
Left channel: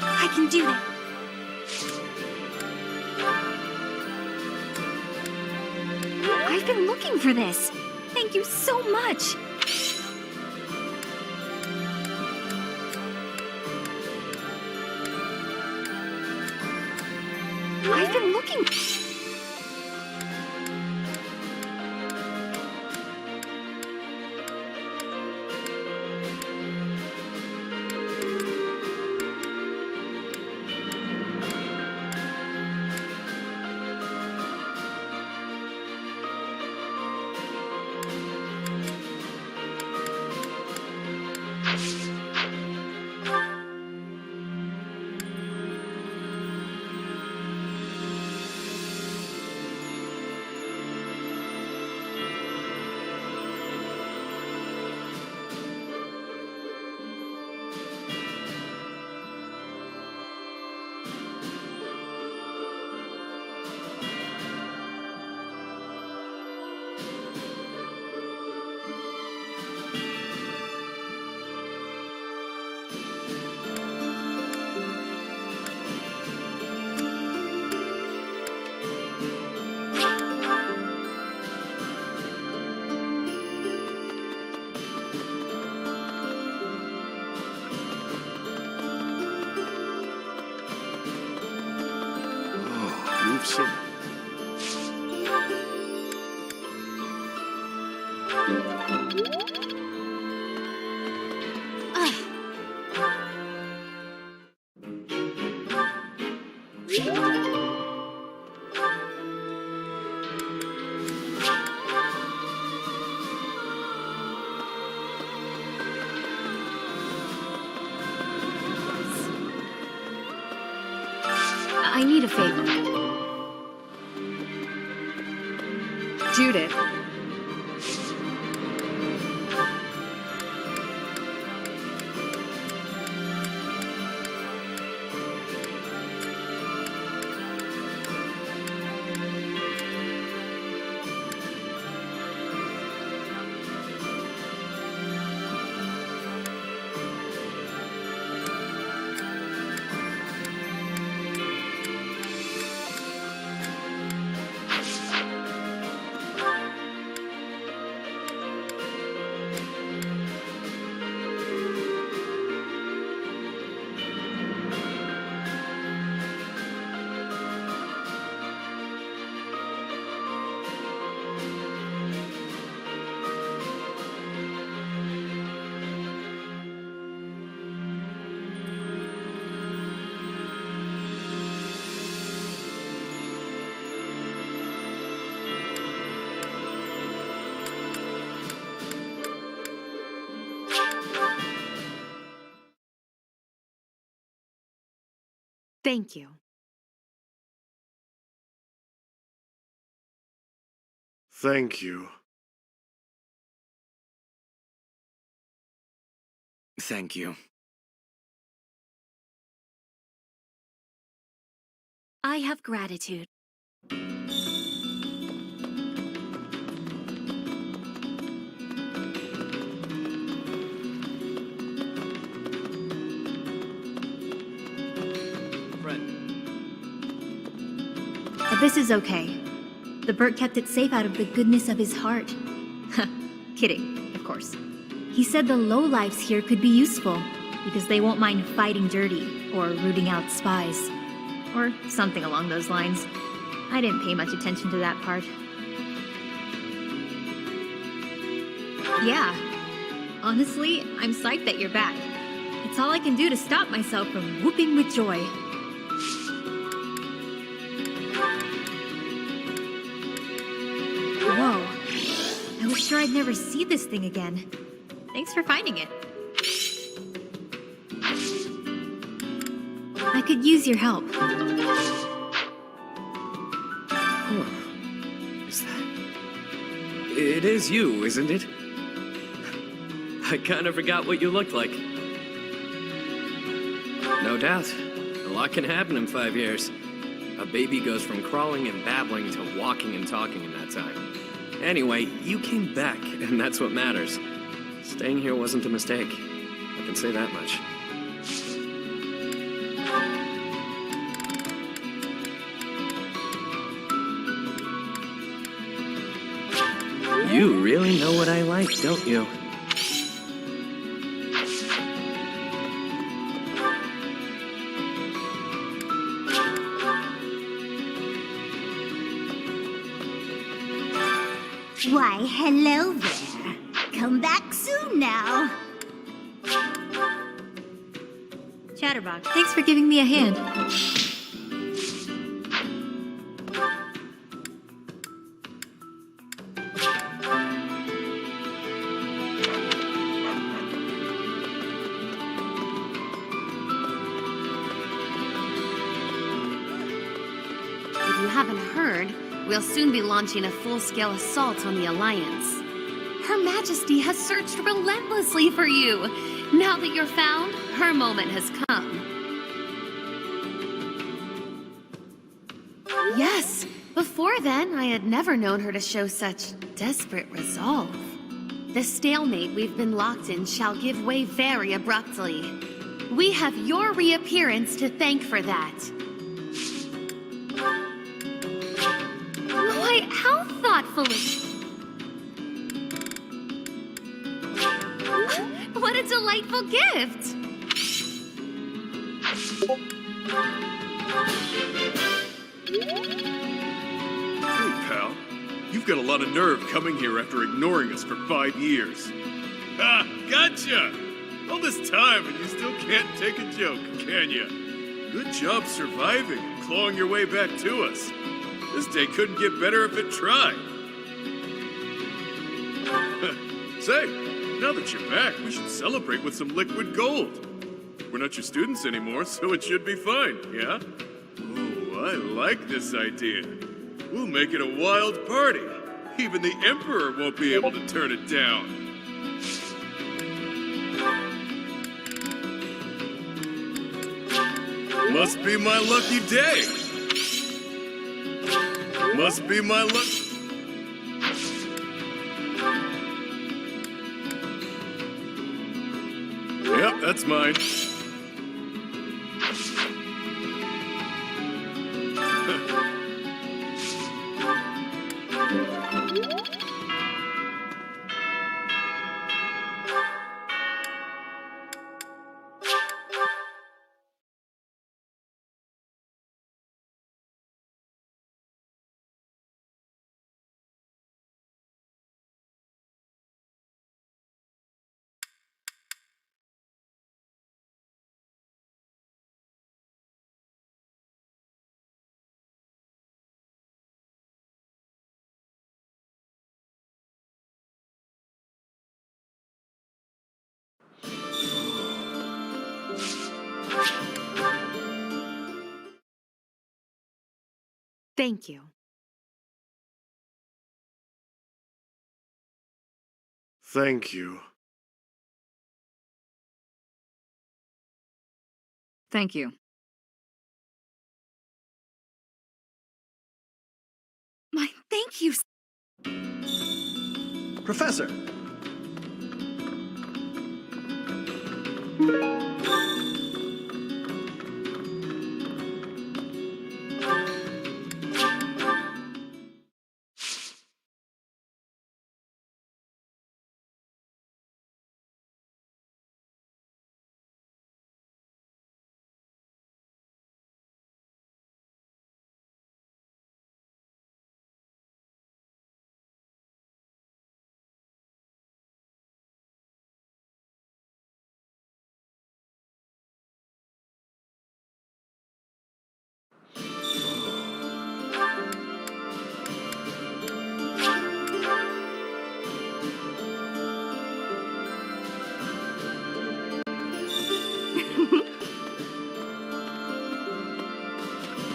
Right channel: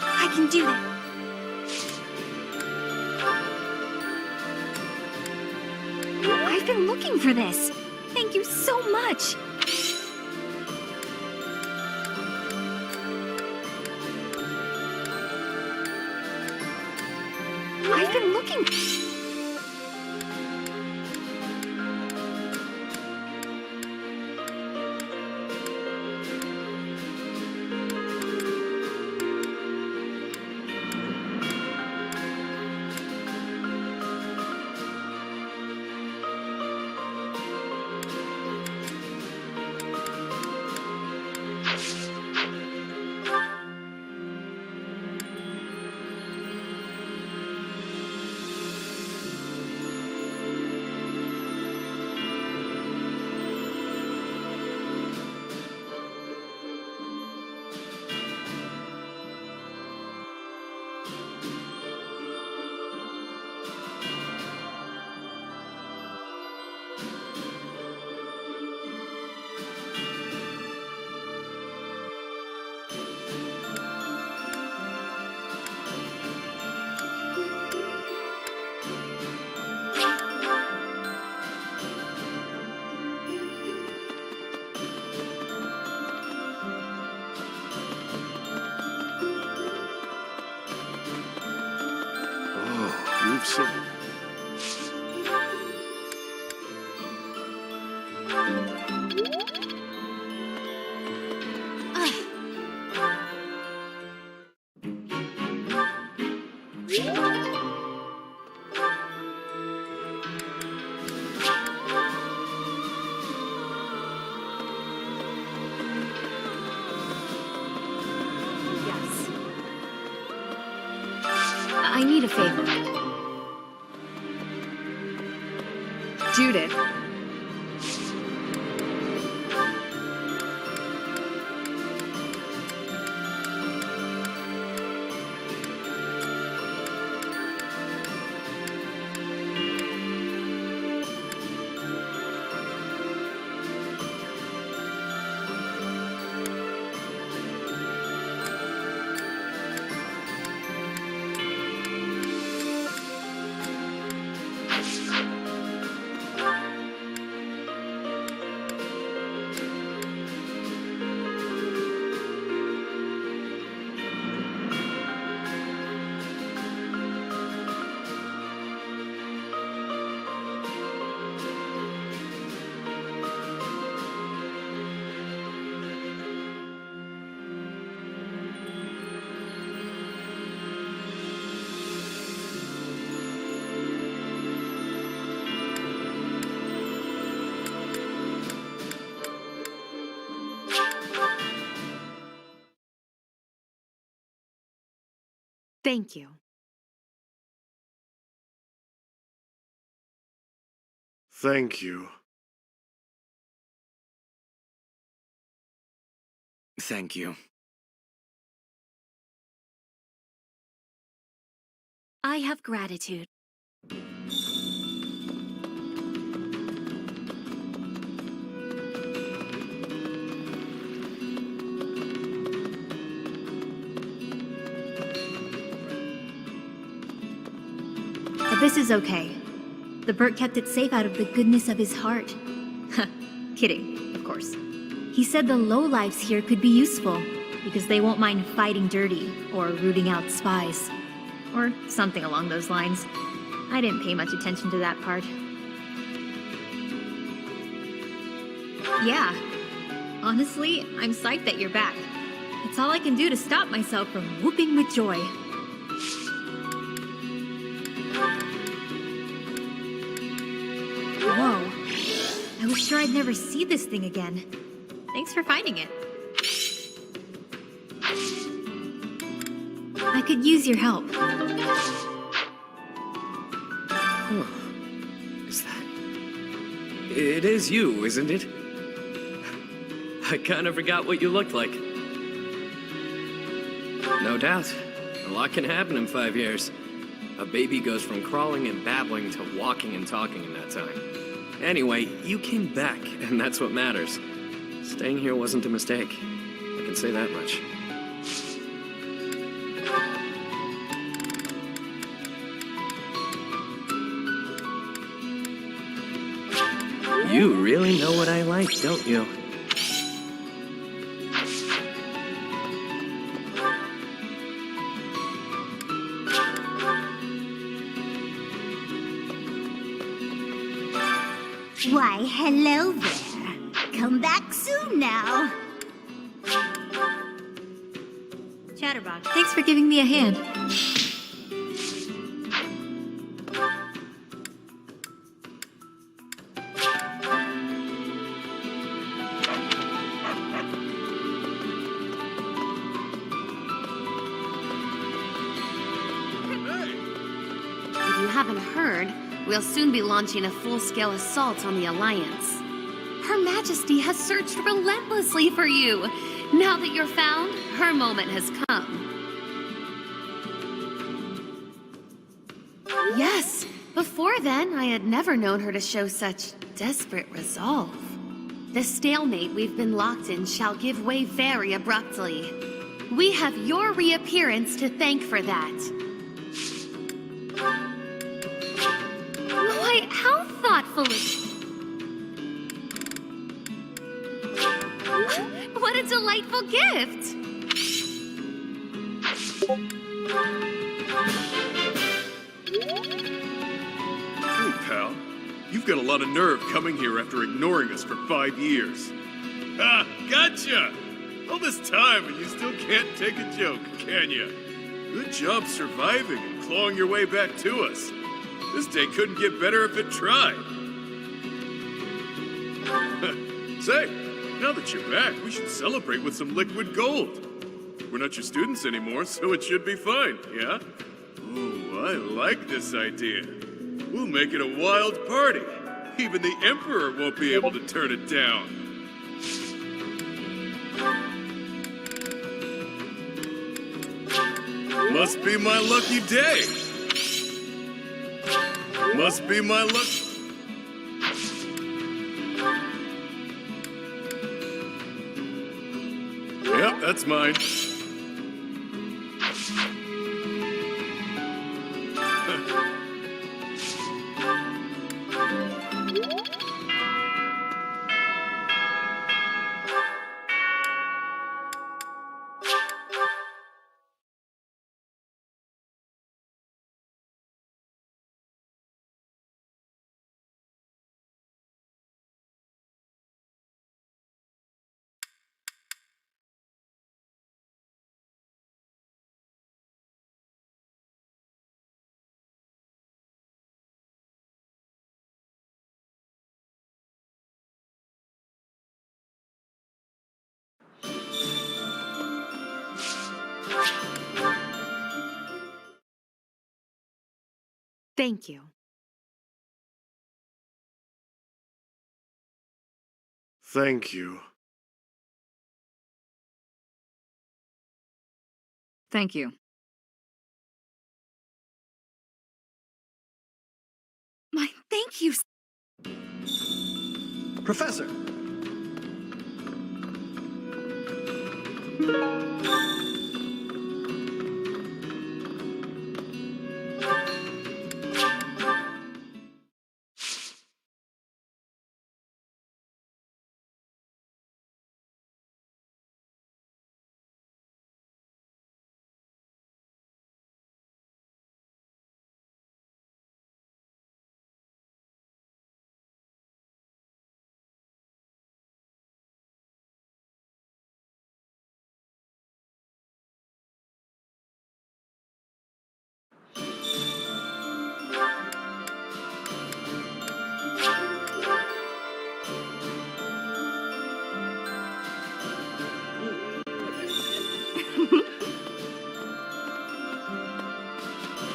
I can do it. I've been looking for this. Thank you so much. I've been looking. You've some... I need a favor. Judith. Thank you. Thank you. Thank you. I have gratitude. This is okay. The Burt kept it safe out of the goodness of his heart. Kidding, of course. He said the lowlifes here could be useful, because they won't mind fighting dirty, or rooting out spies. Or something along those lines. I didn't pay much attention to that part. Yeah. Honestly, I'm psyched that you're back. It's all I can do to stop myself from whooping with joy. Whoa. I was sure I I'd never see this thing again. Thanks for finding it. I could use your help. Huh. Is that... It is you, isn't it? I kind of forgot what you looked like. No doubt. A lot can happen in 5 years. A baby goes from crawling and babbling to walking and talking in that time. Anyway, you came back, and that's what matters. Staying here wasn't a mistake. I can say that much. You really know what I like, don't you? Why, hello there. Come back soon now. Chatterbox, thanks for giving me a hand. If you haven't heard, we'll soon be launching a full-scale assault on the Alliance. Her Majesty has searched relentlessly for you. Now that you're found, her moment has come. Yes, before then, I had never known her to show such desperate resolve. The stalemate we've been locked in shall give way very abruptly. We have your reappearance to thank for that. Why, how thoughtfully... What a delightful gift! Hey, pal. You've got a lot of nerve coming here after ignoring us for 5 years. Ha! Gotcha! All this time and you still can't take a joke, can you? Good job surviving and clawing your way back to us. This day couldn't get better if it tried. Say, now that you're back, we should celebrate with some liquid gold. We're not your students anymore, so it should be fine, yeah? Oh, I like this idea. We'll make it a wild party. Even the Emperor won't be able to turn it down. Must be my lucky day. Must be my luck. Yep, that's mine. Thank you. Thank you. Thank you. My thank you. Professor!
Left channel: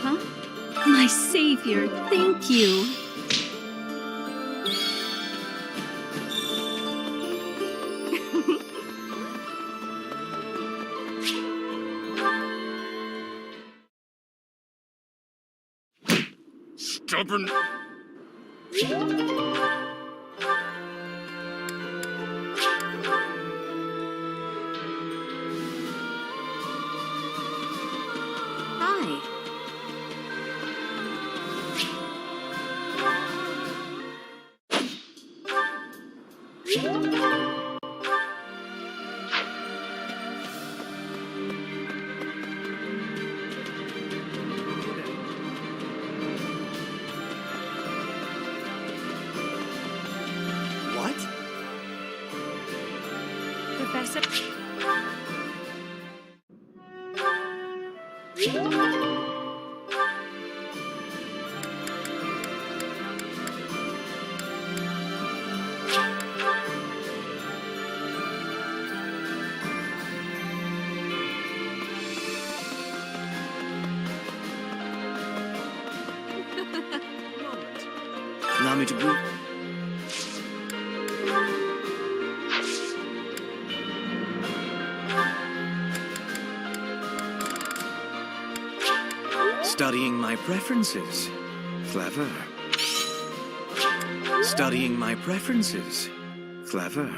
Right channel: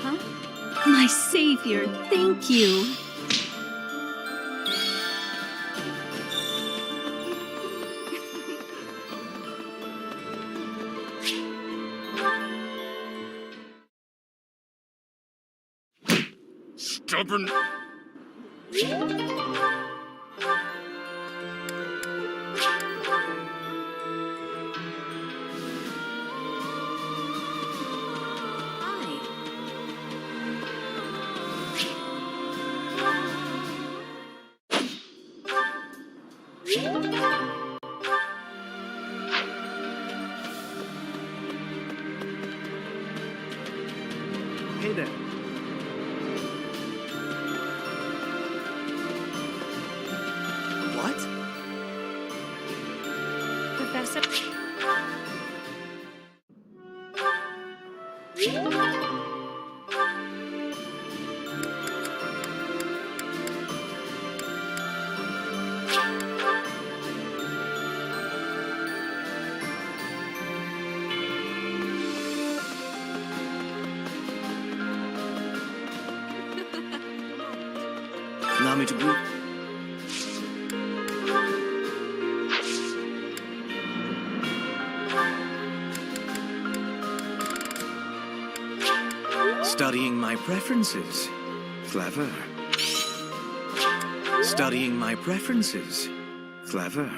Huh? My savior, thank you. Stubborn. Hi. Hey there. What? Professor. Allow me to breathe. Studying my preferences. Clever. Studying my preferences. Clever.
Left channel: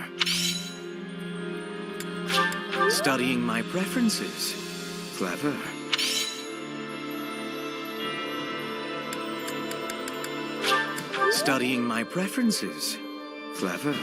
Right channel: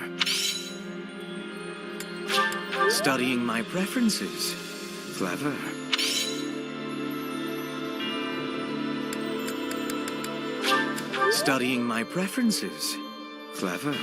Studying my preferences. Clever. Studying my preferences. Clever.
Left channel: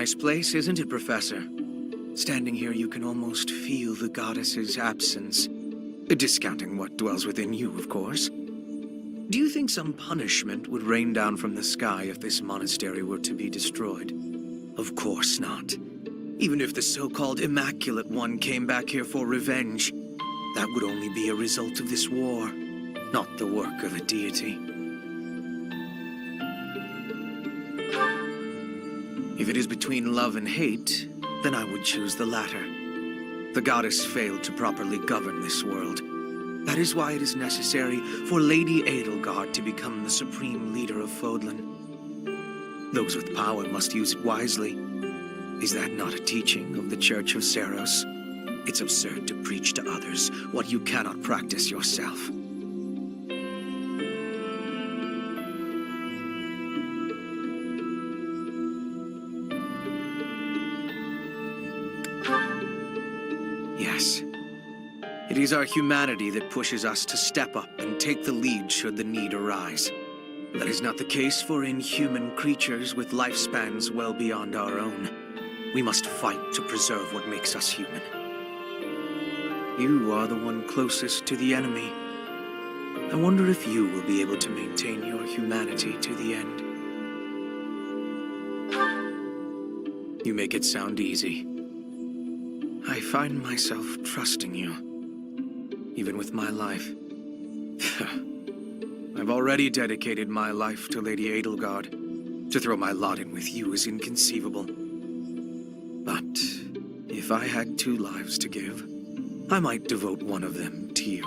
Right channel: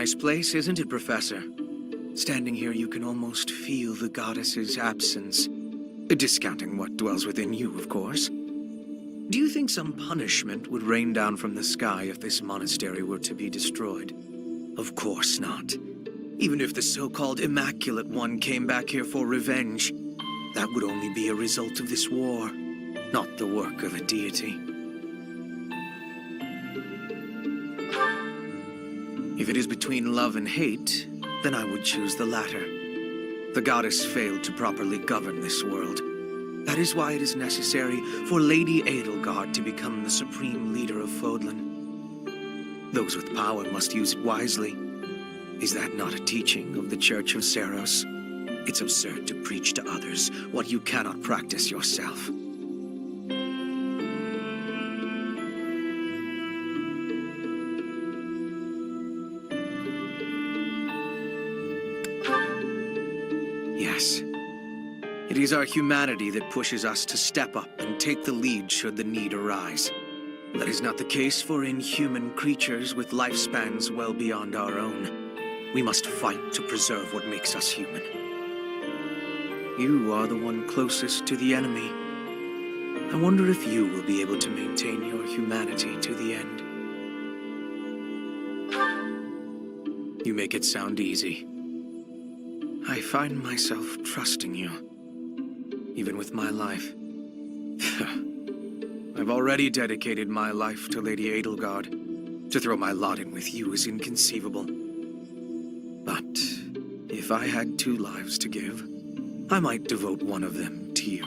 nice place, isn't it, Professor? Standing here, you can almost feel the goddess's absence. Discounting what dwells within you, of course. Do you think some punishment would rain down from the sky if this monastery were to be destroyed? Of course not. Even if the so-called Immaculate One came back here for revenge, that would only be a result of this war, not the work of a deity. If it is between love and hate, then I would choose the latter. The goddess failed to properly govern this world. That is why it is necessary for Lady Edelgard to become the supreme leader of Fodlan. Those with power must use it wisely. Is that not a teaching of the Church of Seros? It's absurd to preach to others what you cannot practice yourself. Yes. It is our humanity that pushes us to step up and take the lead should the need arise. That is not the case for inhuman creatures with lifespans well beyond our own. We must fight to preserve what makes us human. You are the one closest to the enemy. I wonder if you will be able to maintain your humanity to the end. You make it sound easy. I find myself trusting you, even with my life. I've already dedicated my life to Lady Edelgard. To throw my lot in with you is inconceivable. But if I had 2 lives to give, I might devote one of them to you.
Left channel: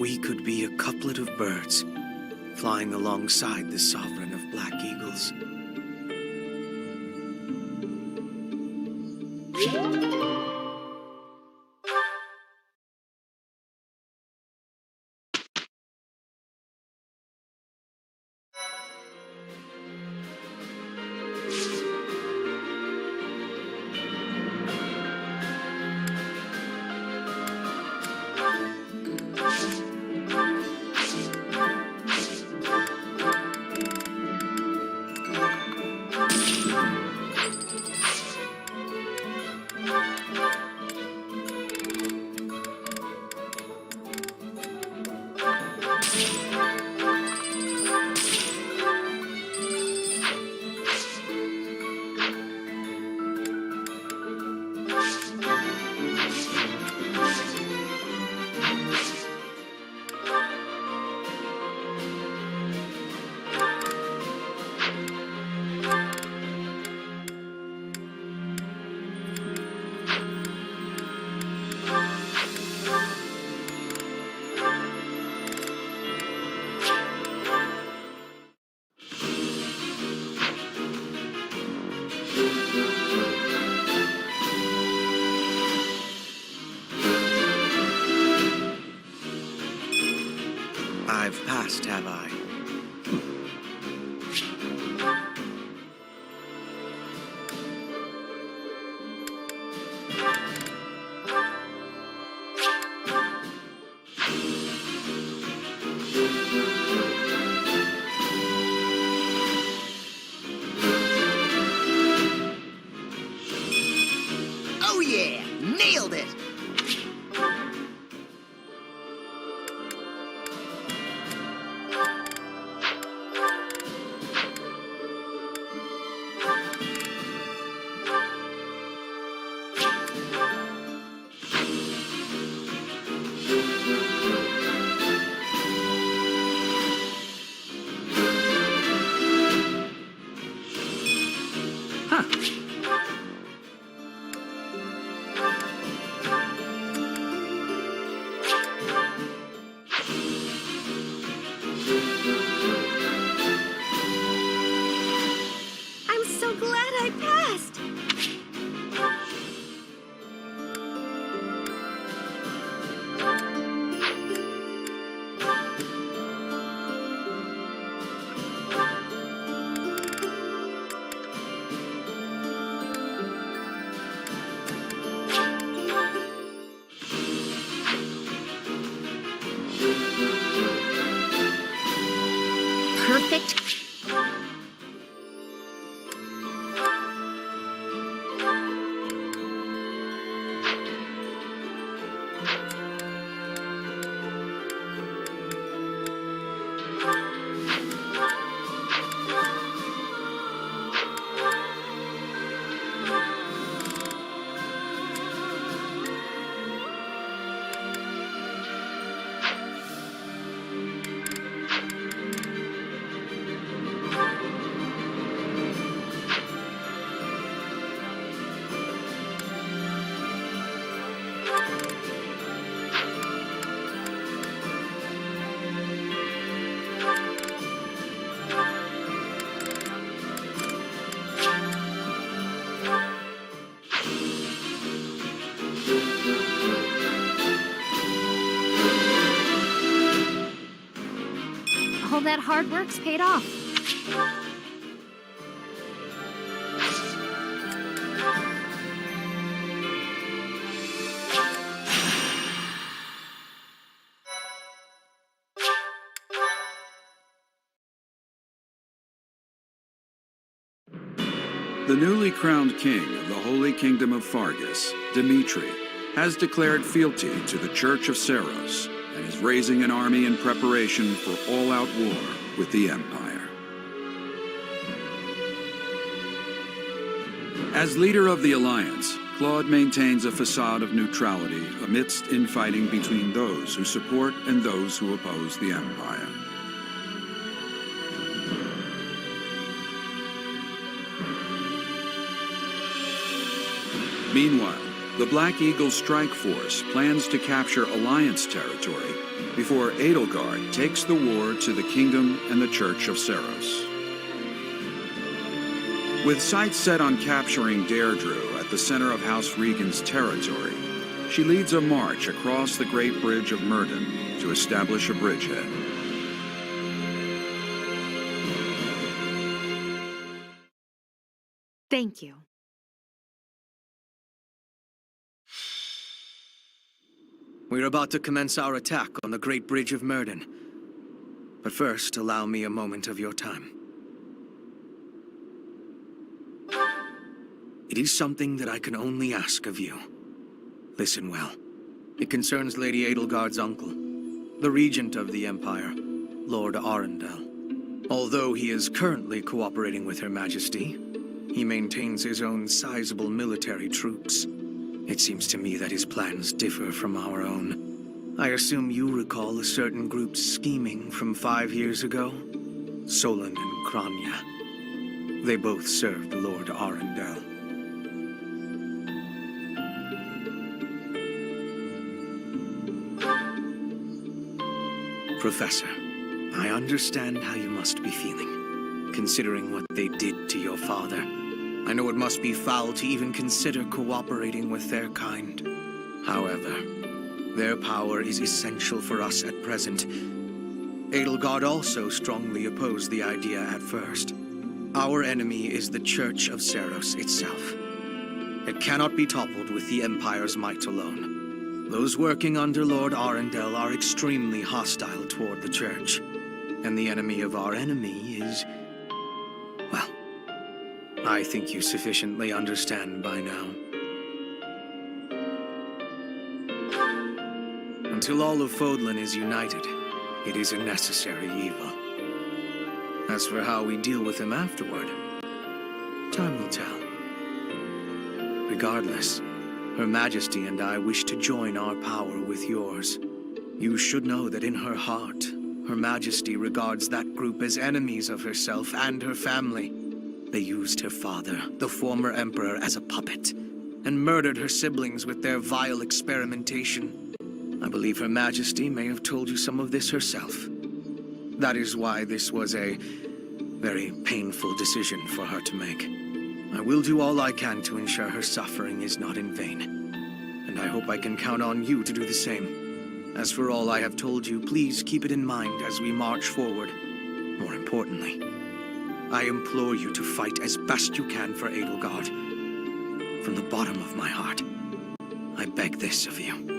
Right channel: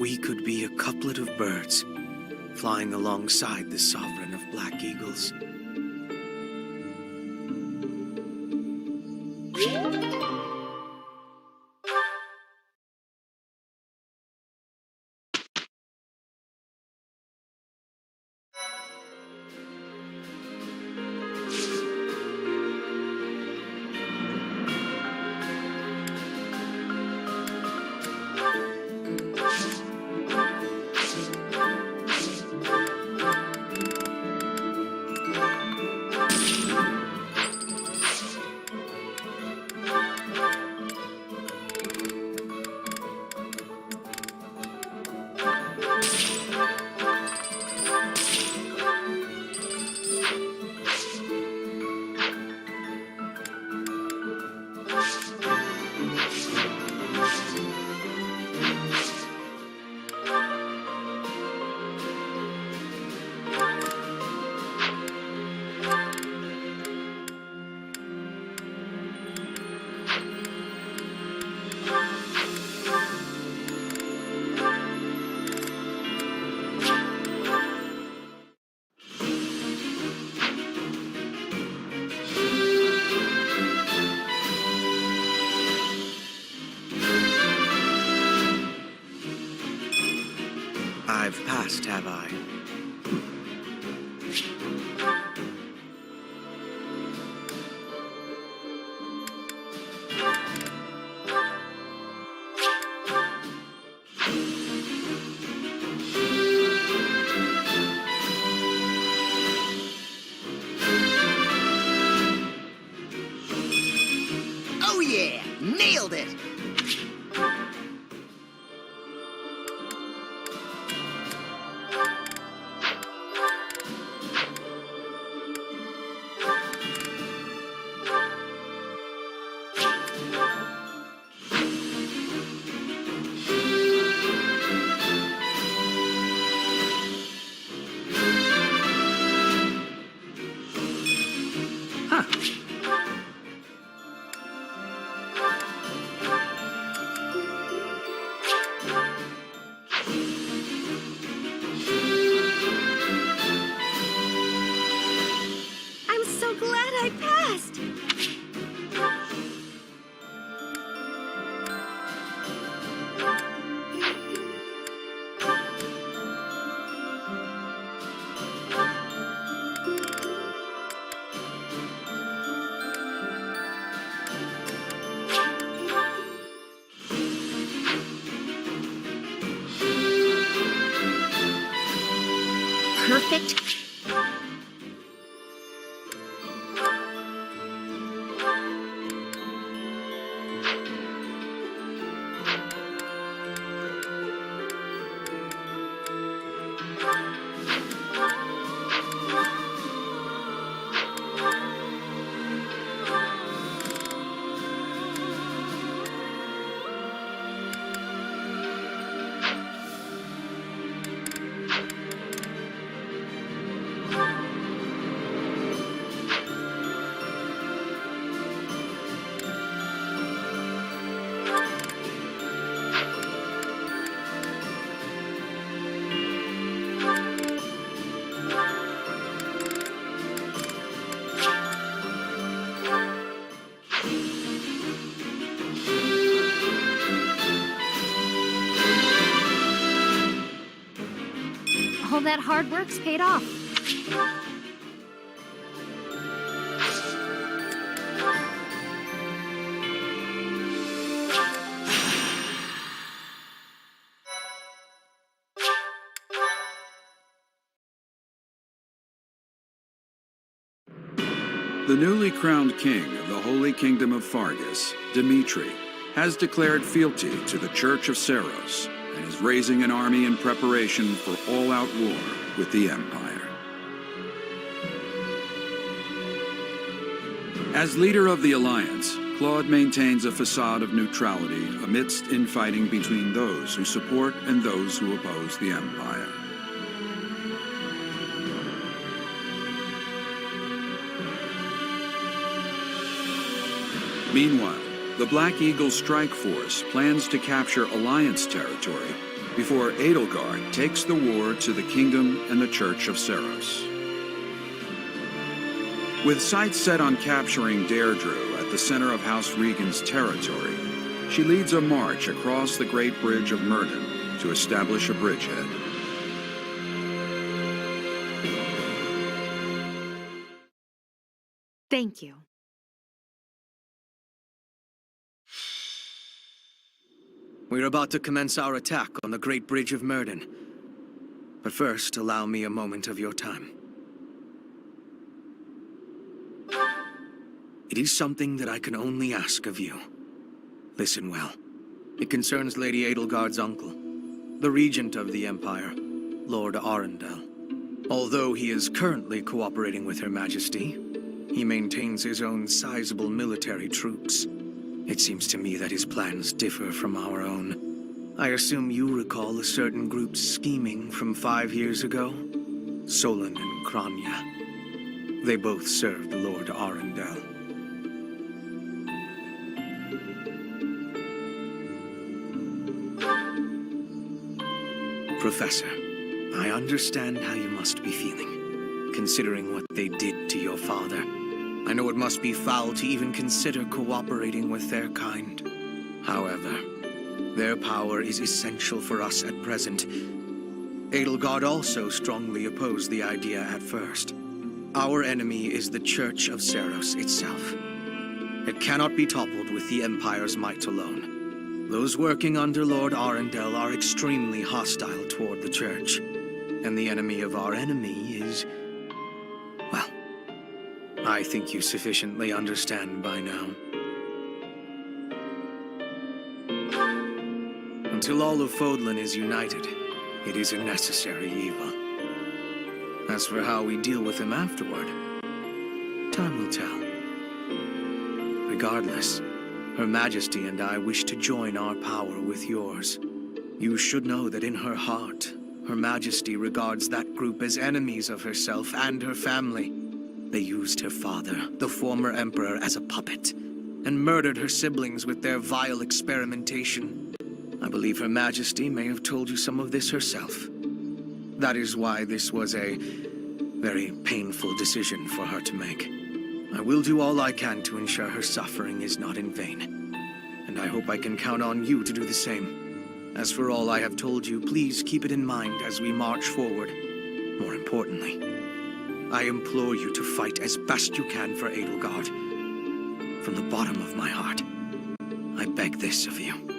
We could be a couplet of birds, flying alongside the sovereign of Black Eagles. I've passed, have I? Oh yeah! Nailed it! I'm so glad I passed! Perfect. All that hard work's paid off. The newly crowned king of the Holy Kingdom of Fargus, Dimitri, has declared fealty to the Church of Seiros and is raising an army in preparation for all-out war with the Empire. As leader of the Alliance, Claude maintains a facade of neutrality amidst infighting between those who support and those who oppose the Empire. Meanwhile, the Black Eagle Strike Force plans to capture Alliance territory before Edelgard takes the war to the Kingdom and the Church of Seiros. With sights set on capturing Deirdre at the center of House Regan's territory, she leads a march across the Great Bridge of Myrddin to establish a bridgehead. Thank you. We're about to commence our attack on the Great Bridge of Myrddin. But first, allow me a moment of your time. It is something that I can only ask of you. Listen well. It concerns Lady Edelgard's uncle, the regent of the Empire, Lord Arundel. Although he is currently cooperating with Her Majesty, he maintains his own sizable military troops. It seems to me that his plans differ from our own. I assume you recall a certain group's scheming from 5 years ago? Solon and Kranya. They both served Lord Arundel. Professor, I understand how you must be feeling, considering what they did to your father. I know it must be foul to even consider cooperating with their kind. However, their power is essential for us at present. Edelgard also strongly opposed the idea at first. Our enemy is the Church of Seiros itself. It cannot be toppled with the Empire's might alone. Those working under Lord Arundel are extremely hostile toward the Church. And the enemy of our enemy is... well, I think you sufficiently understand by now. Until all of Fodlan is united, it is a necessary evil. As for how we deal with him afterward, time will tell. Regardless, Her Majesty and I wish to join our power with yours. You should know that in her heart, Her Majesty regards that group as enemies of herself and her family. They used her father, the former emperor, as a puppet, and murdered her siblings with their vile experimentation. I believe Her Majesty may have told you some of this herself. That is why this was a very painful decision for her to make. I will do all I can to ensure her suffering is not in vain. And I hope I can count on you to do the same. As for all I have told you, please keep it in mind as we march forward. More importantly, I implore you to fight as best you can for Edelgard. From the bottom of my heart, I beg this of you.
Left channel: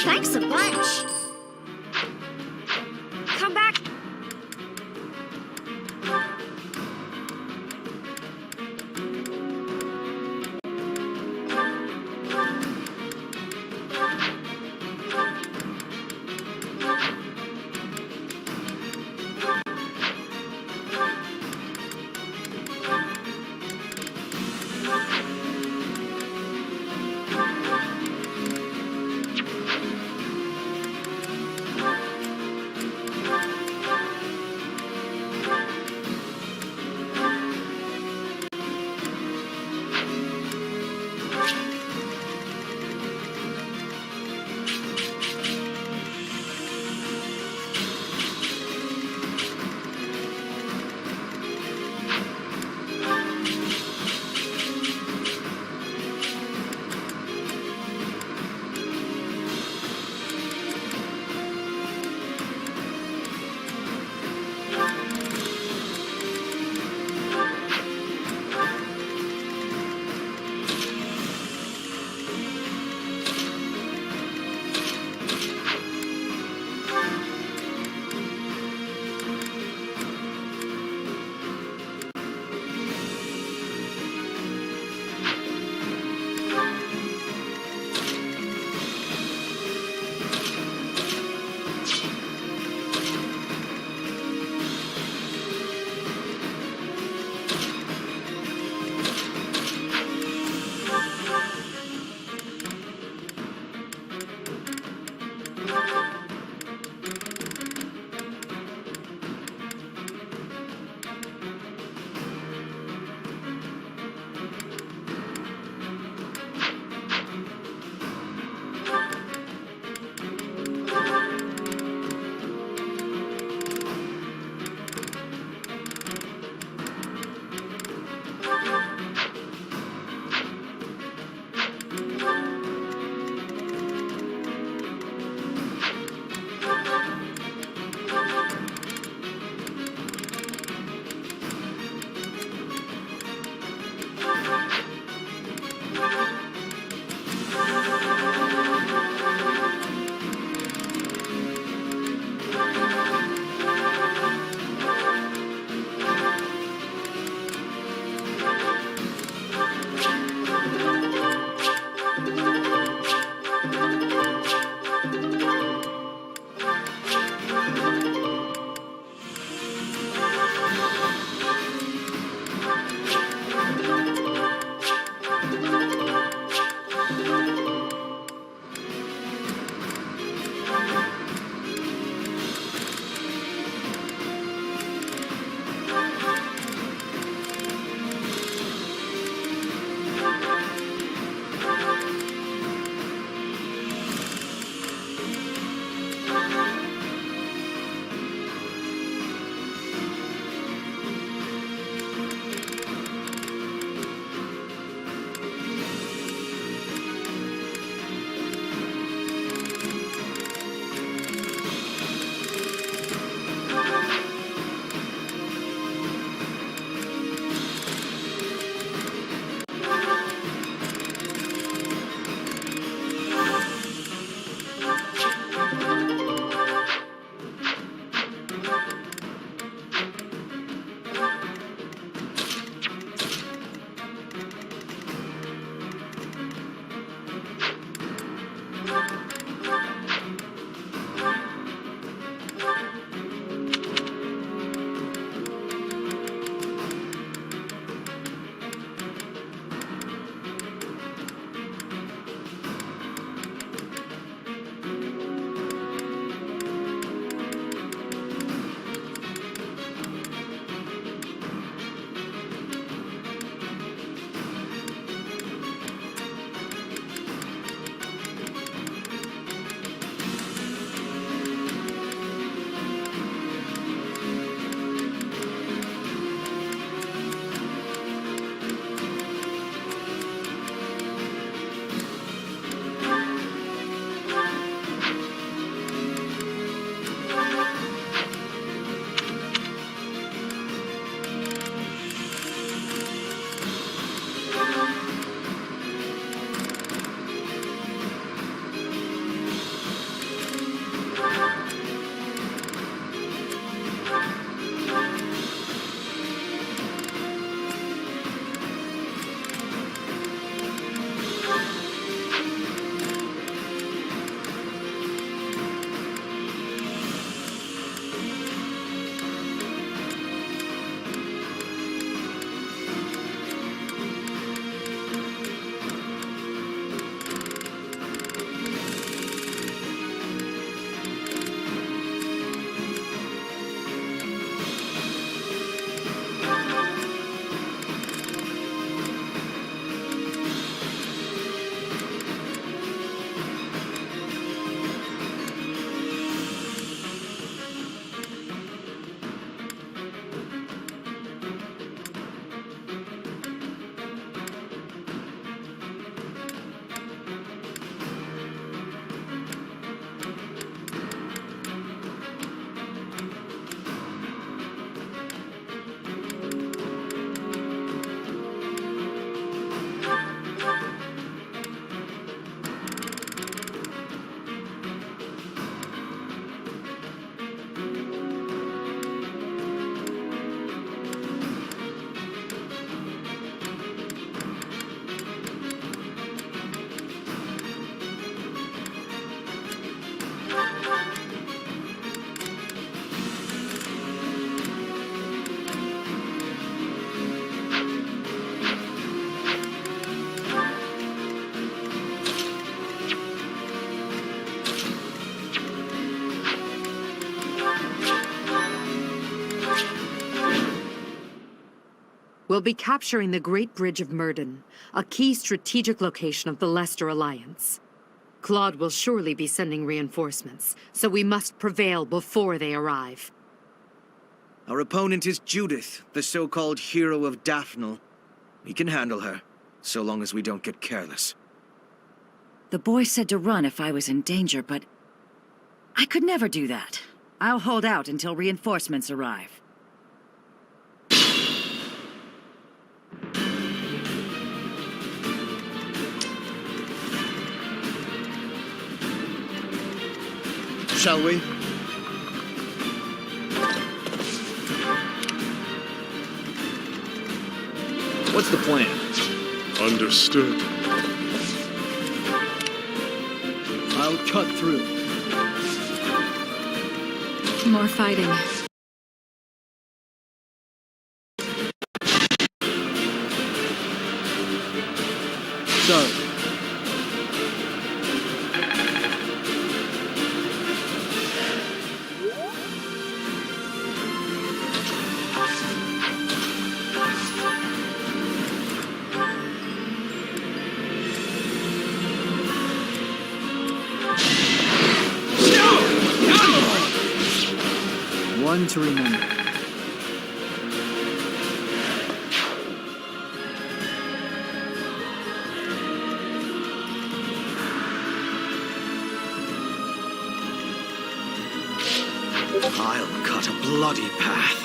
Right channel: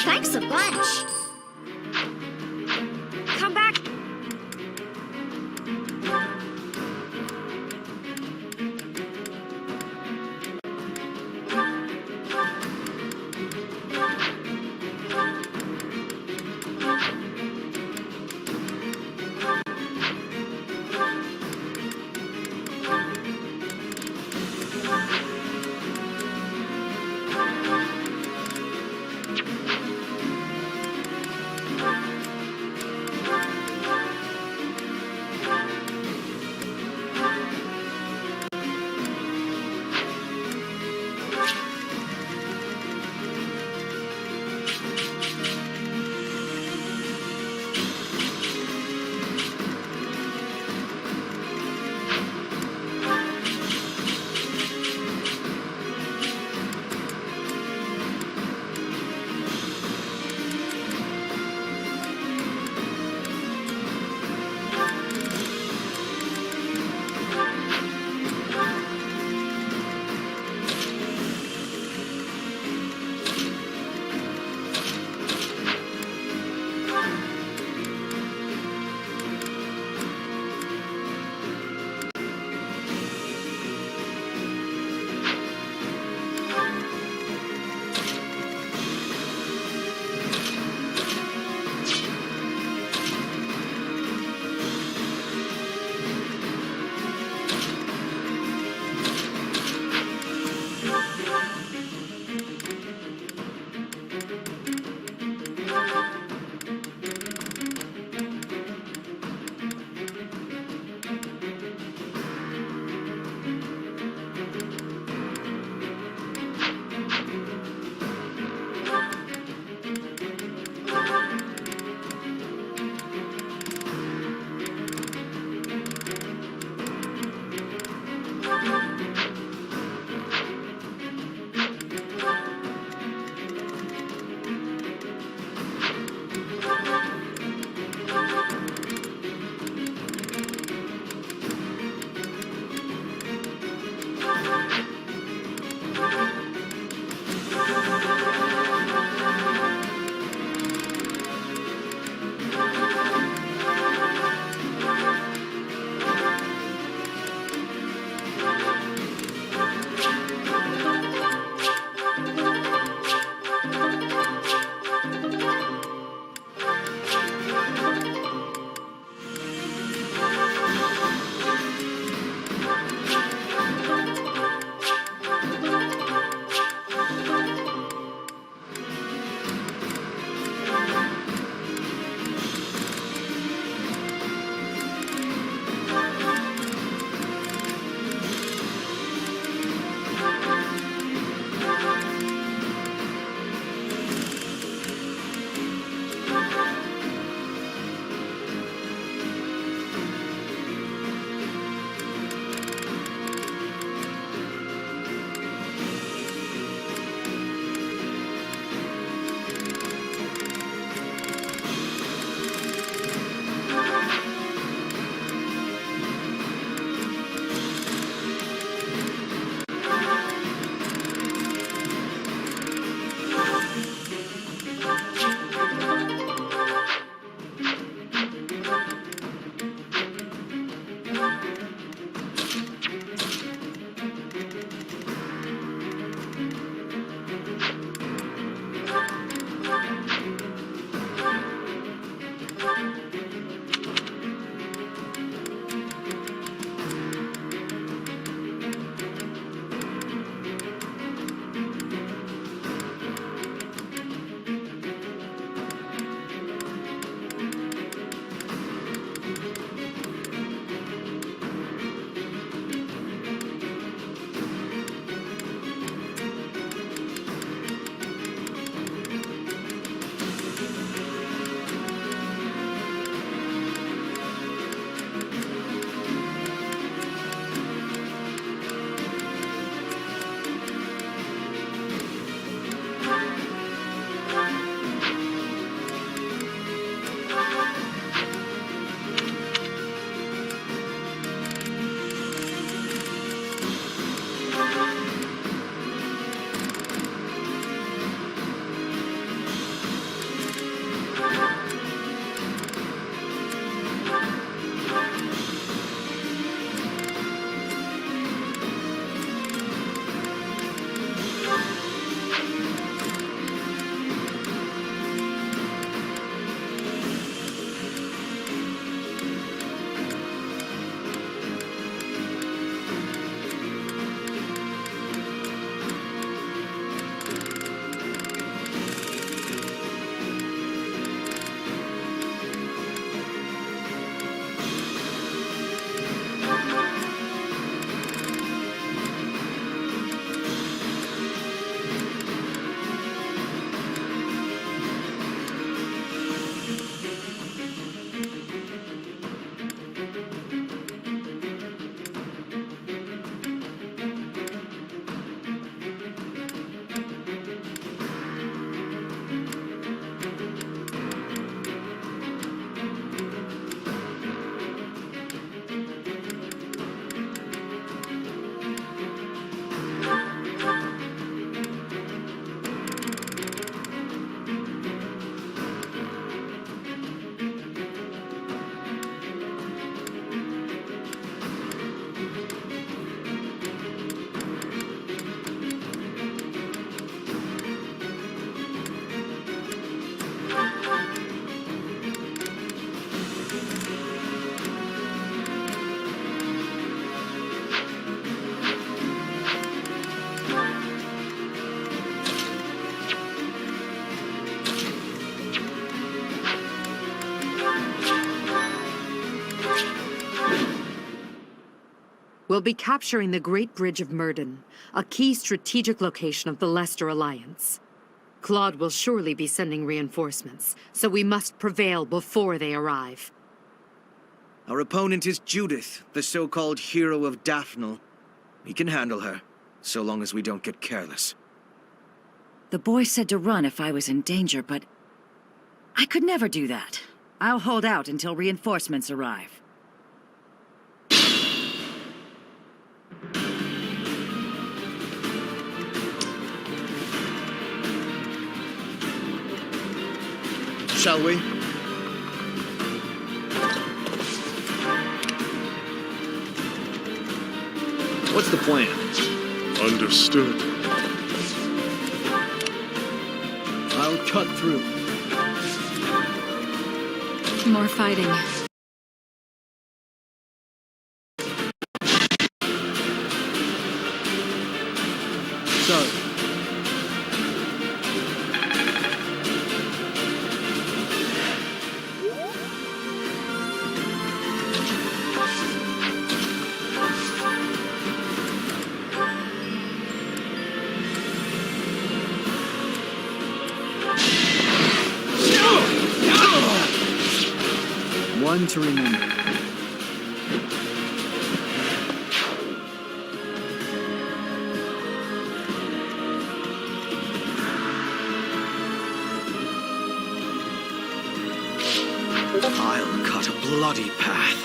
Thanks a bunch. Come back! We'll be capturing the Great Bridge of Myrden, a key strategic location of the Leicester Alliance. Claude will surely be sending reinforcements, so we must prevail before they arrive. Our opponent is Judith, the so-called hero of Daphnel. We can handle her, so long as we don't get careless. The boy said to run if I was in danger, but I could never do that. I'll hold out until reinforcements arrive. Shall we? What's the plan? Understood. I'll cut through. More fighting. Sorry. One to remember. I'll cut a bloody path.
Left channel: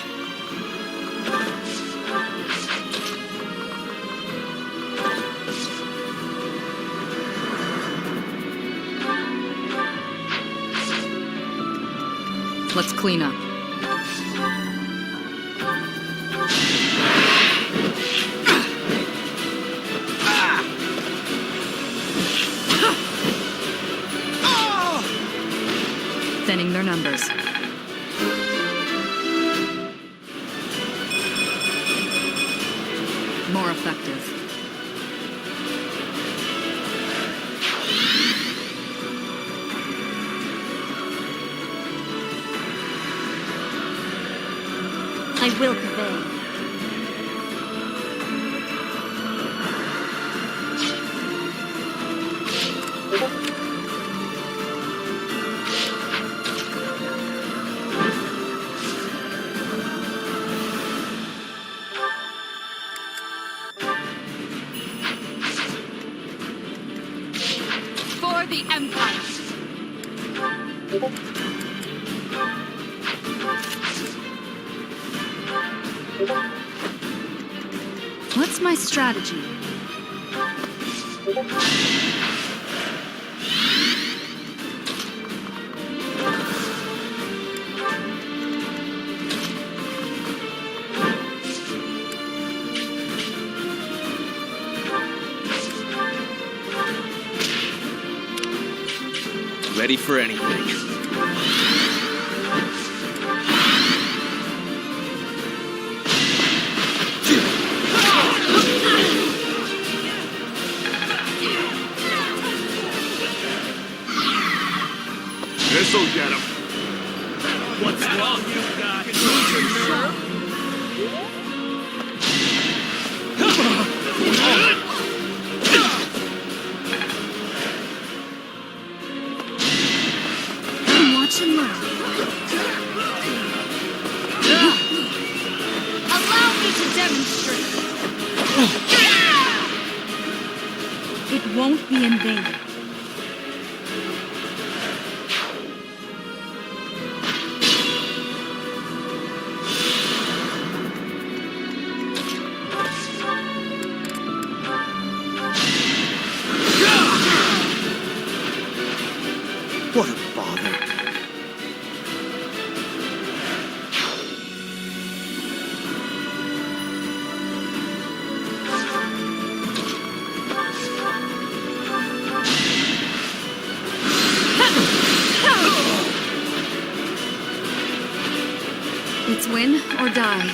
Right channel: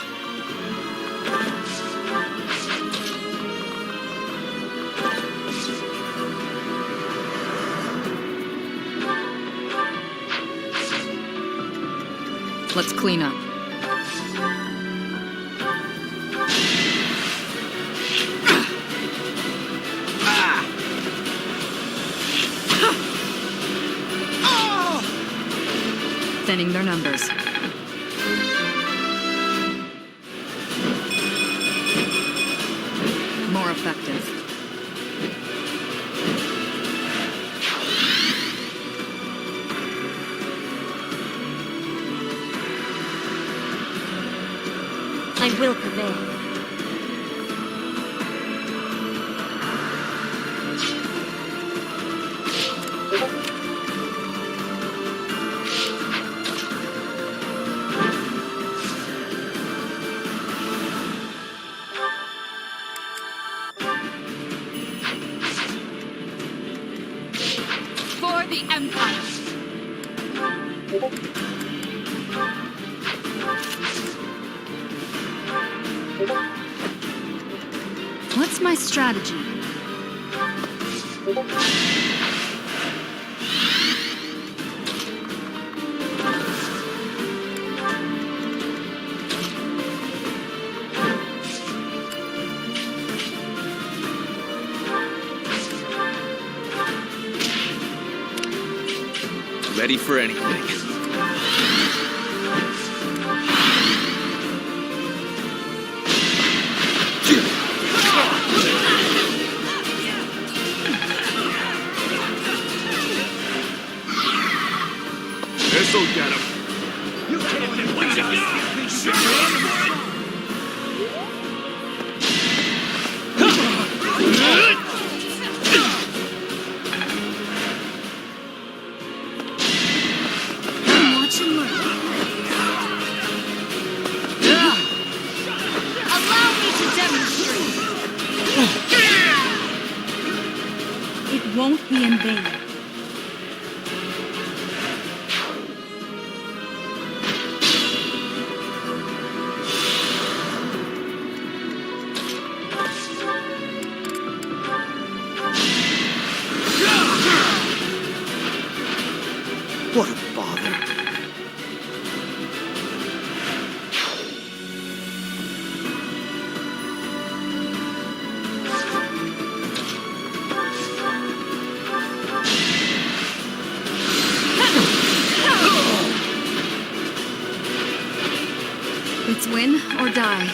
Let's clean up. Thinning their numbers. More effective. I will prevail. For the Empire! What's my strategy? Ready for anything. This'll get him. Watch and learn. Allow me to demonstrate. It won't be in vain. What a bother. It's win or die.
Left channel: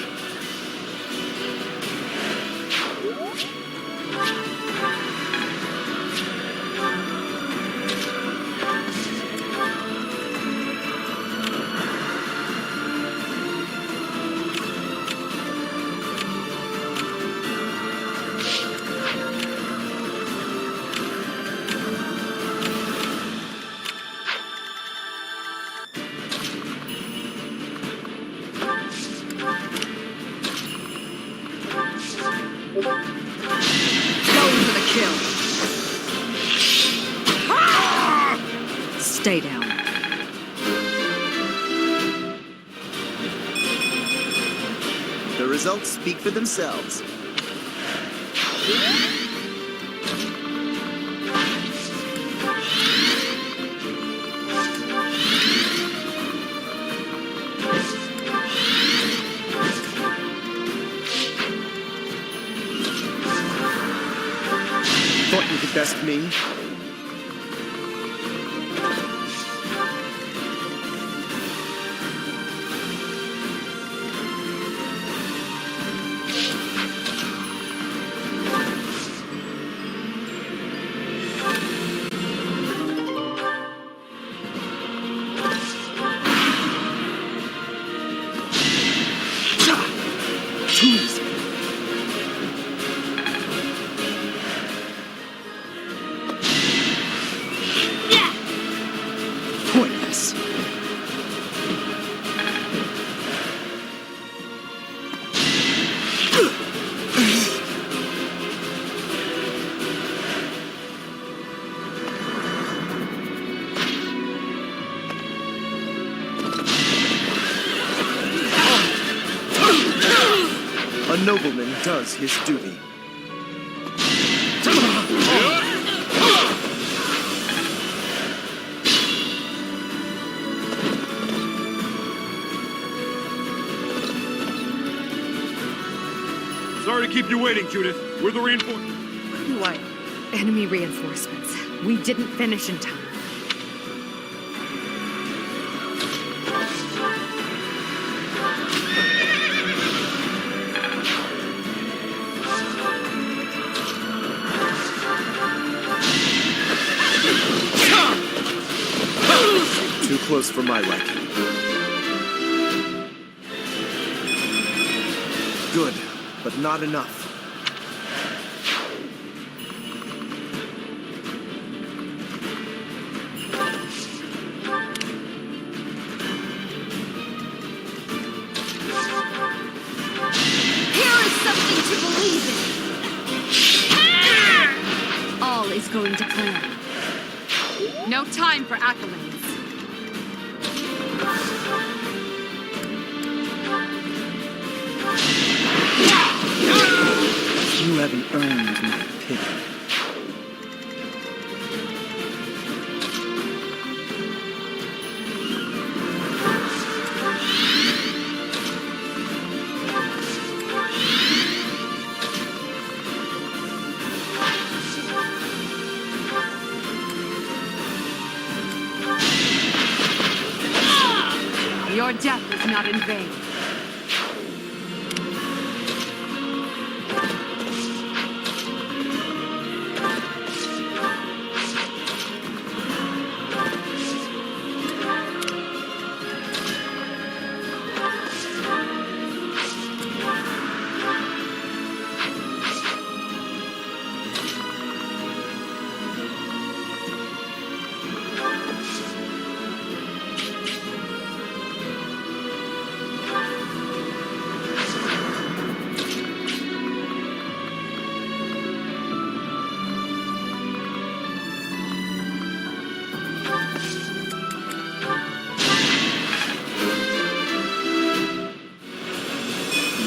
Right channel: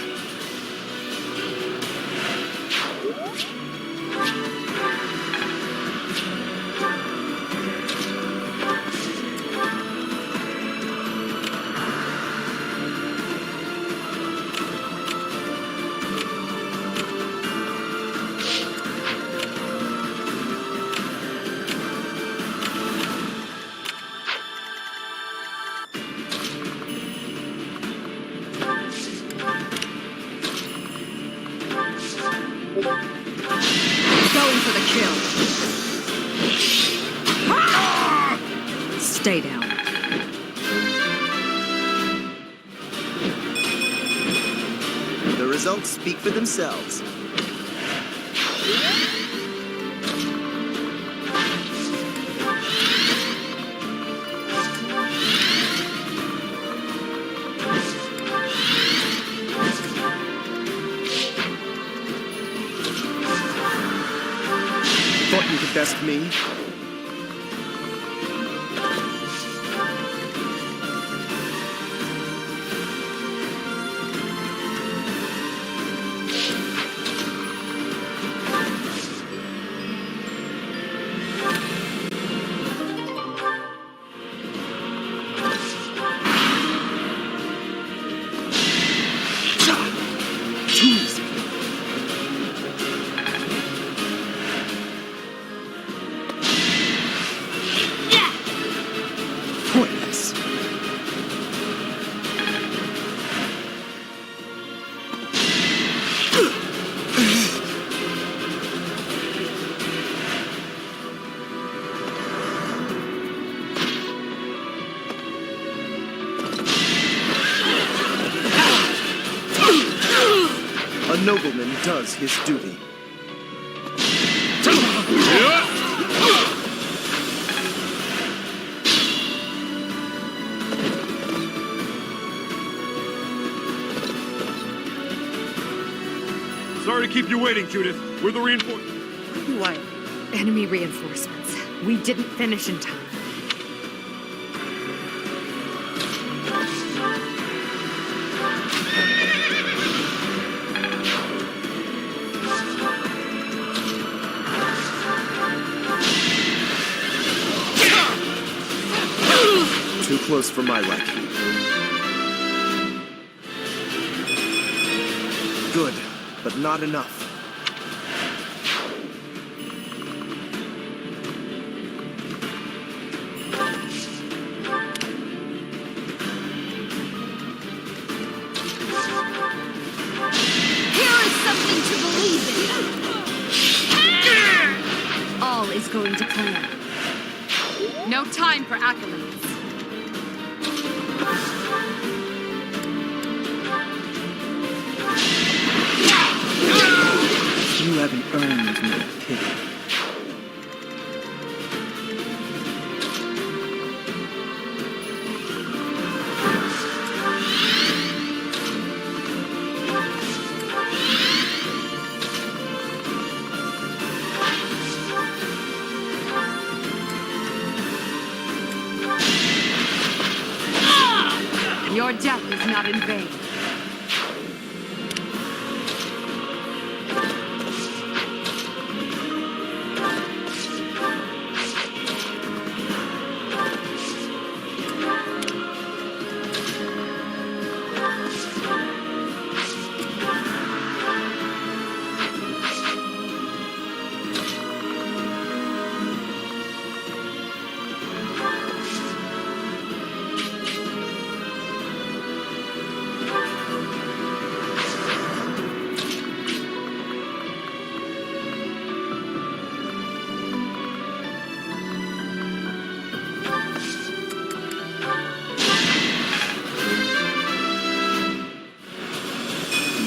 Going for the kill. Stay down. The results speak for themselves. Thought you could best me. Pointless. A nobleman does his duty. Sorry to keep you waiting, Judith. We're the reinforcements. What? Enemy reinforcements. We didn't finish in time. Too close for my liking. Good, but not enough. Here is something to believe in. All is going to plan. No time for accolades. You haven't earned my pity. Your death is not in vain.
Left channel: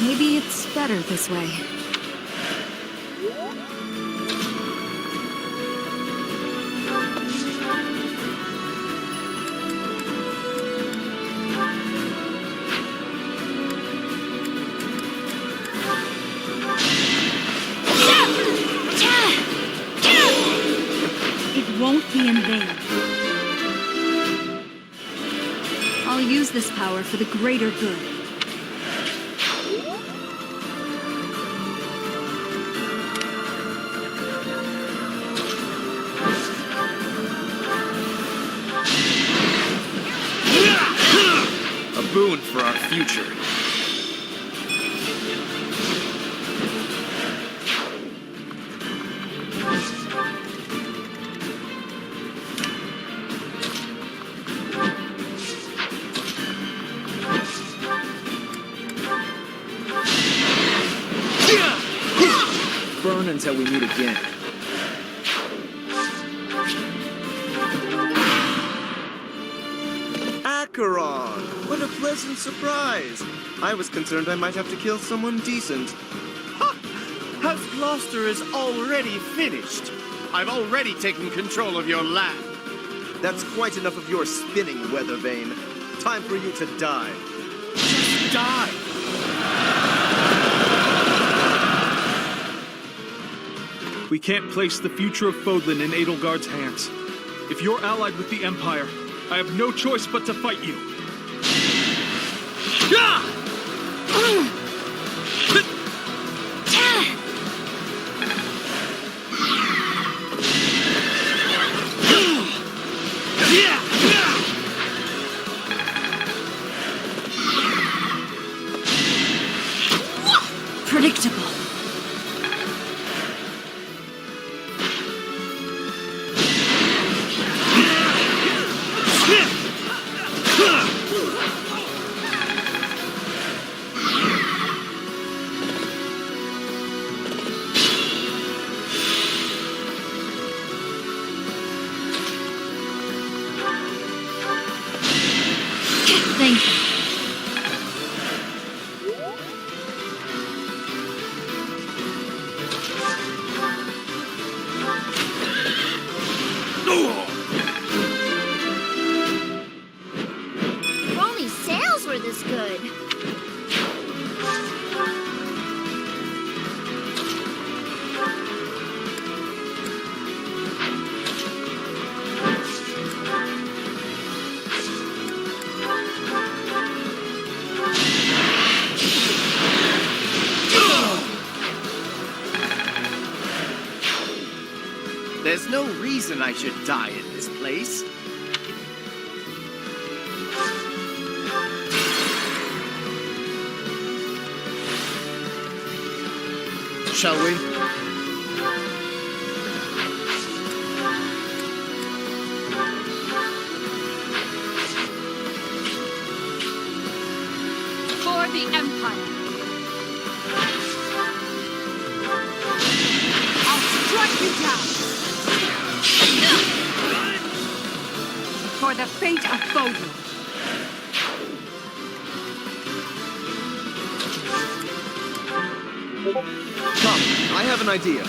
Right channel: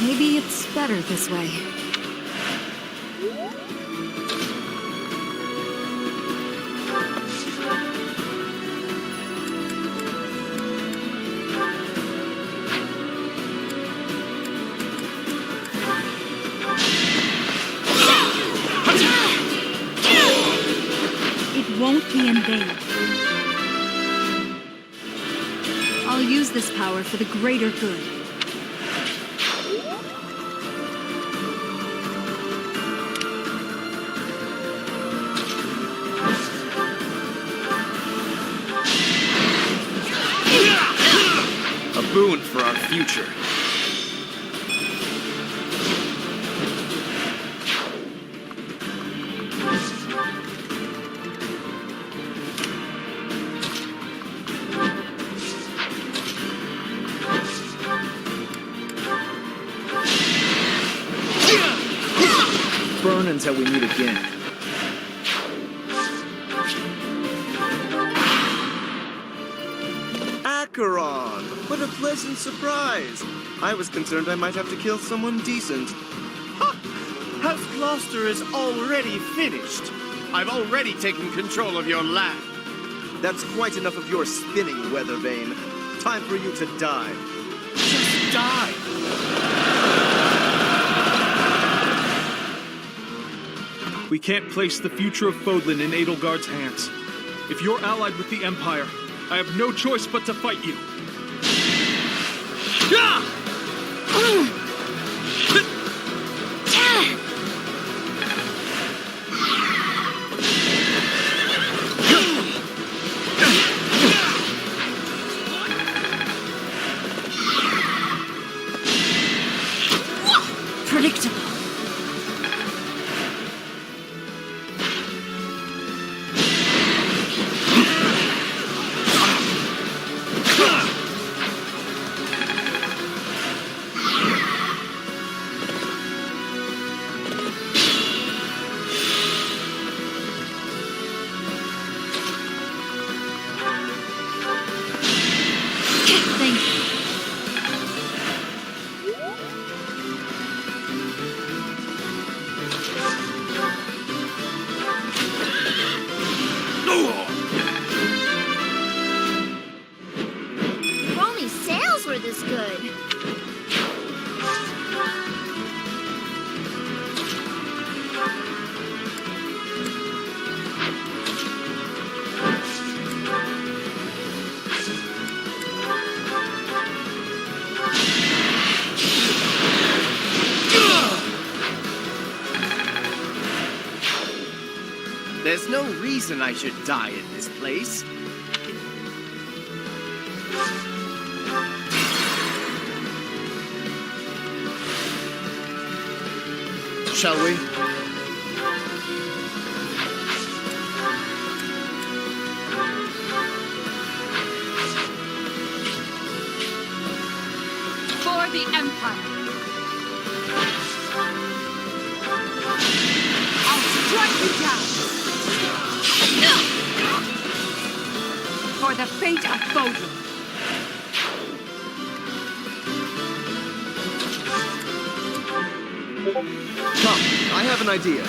Maybe it's better this way. It won't be in vain. I'll use this power for the greater good. A boon for our future. until we meet again. Acheron! What a pleasant surprise! I was concerned I might have to kill someone decent. House Gloucester is already finished. I've already taken control of your land. That's quite enough of your spinning, Weathervane. Time for you to die. Just die! We can't place the future of Fodlan in Edelgard's hands. If you're allied with the Empire, I have no choice but to fight you. Predictable. Thank you. If only sales were this good. There's no reason I should die in this place. Shall we? For the Empire. I'll strike you down. For the fate of Fodlan. Come, I have an idea.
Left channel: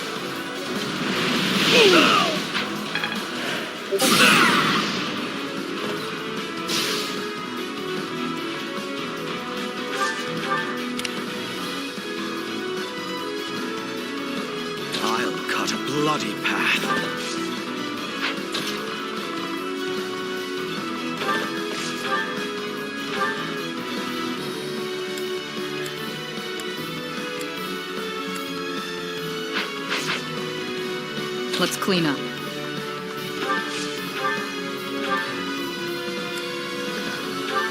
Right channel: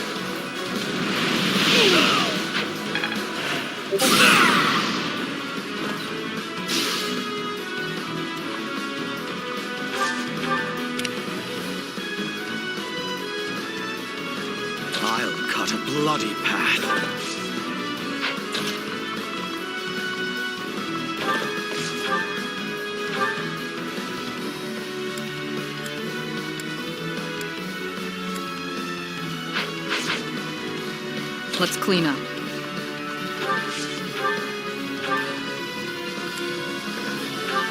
I'll cut a bloody path. Let's clean up.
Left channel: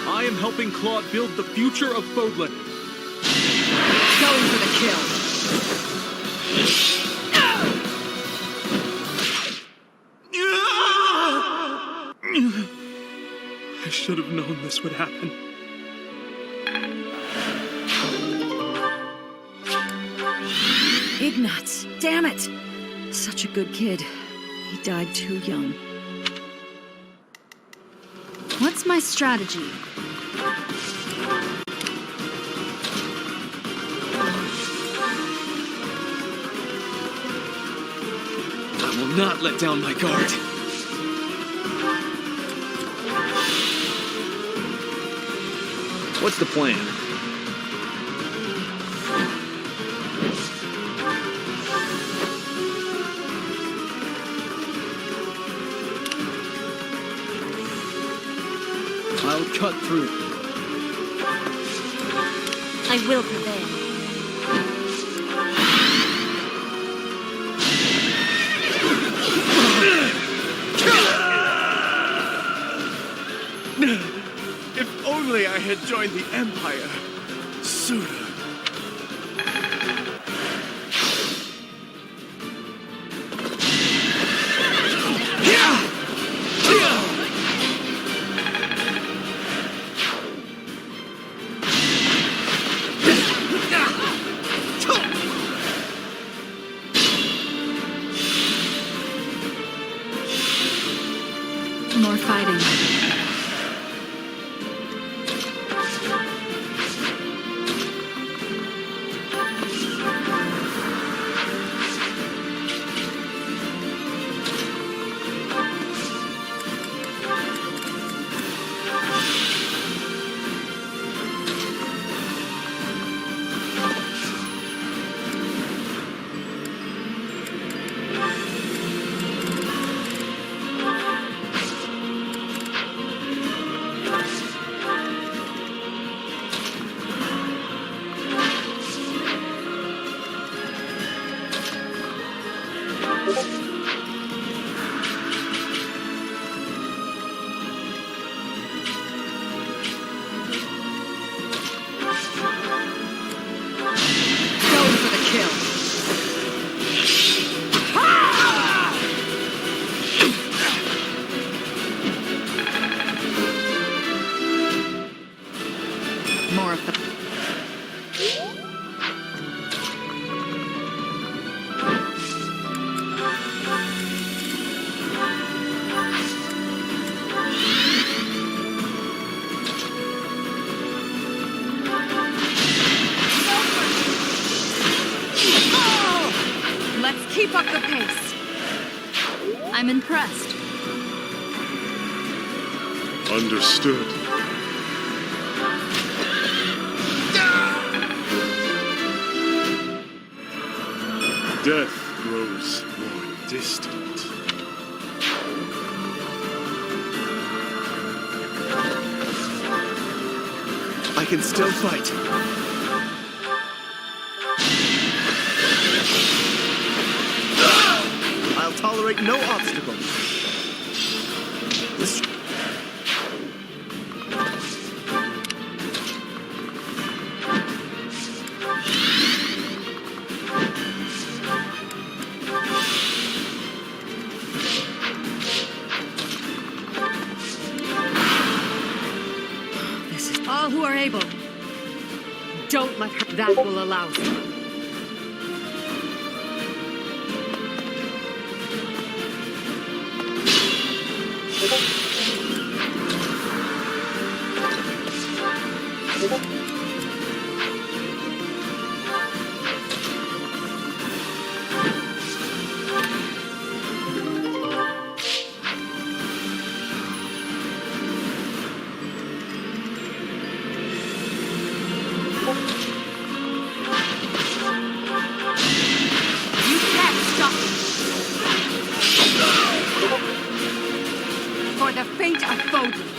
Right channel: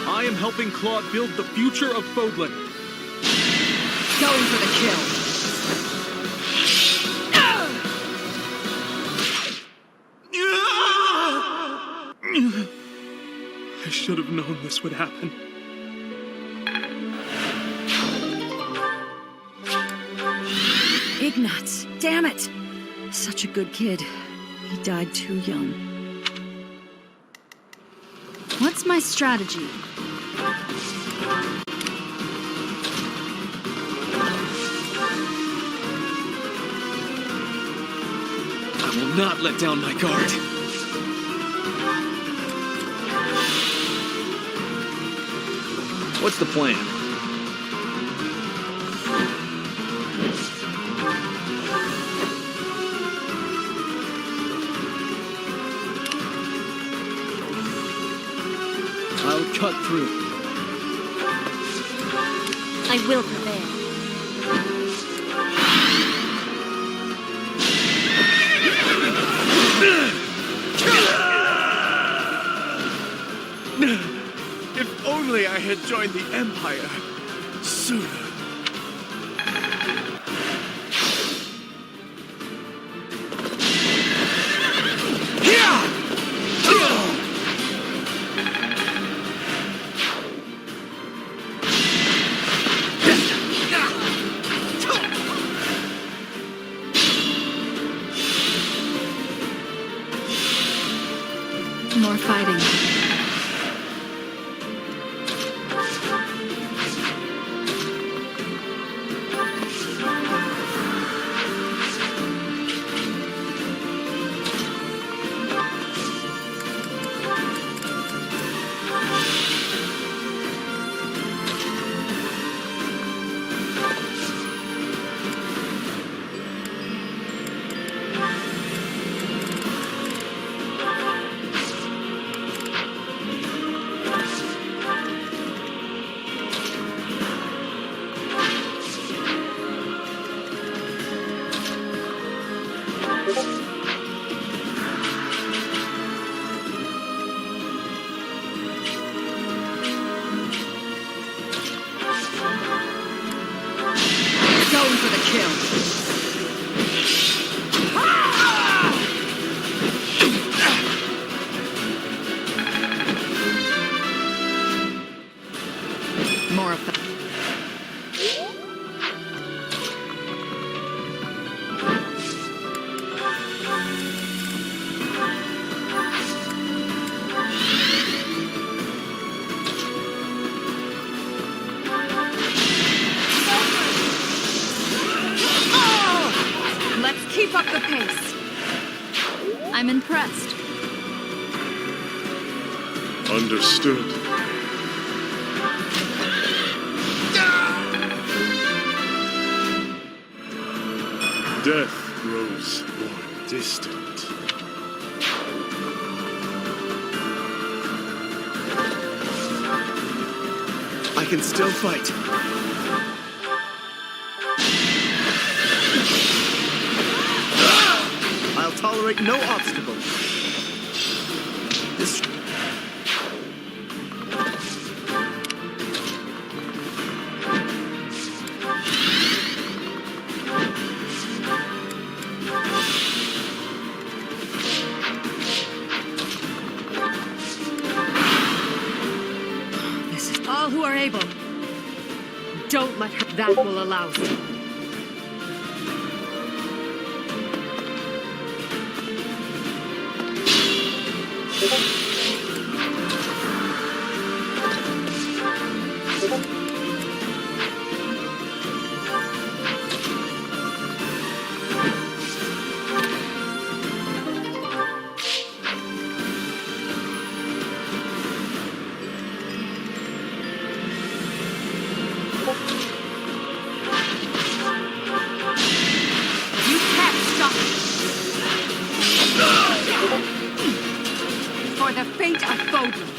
I am helping Claude build the future of Fodlan. Going for the kill. I should have known this would happen. Ignatz, damn it! Such a good kid. He died too young. What's my strategy? I will not let down my guard. What's the plan? I'll cut through. I will prevail. If only I had joined the Empire sooner. Going for the kill. More of the... Let's keep up the pace. I'm impressed. Understood. Death grows more distant. I can still fight. I'll tolerate no obstacle. This... All who are able, don't let her. That will allow you. You can't stop me. For the fate of Fodlan.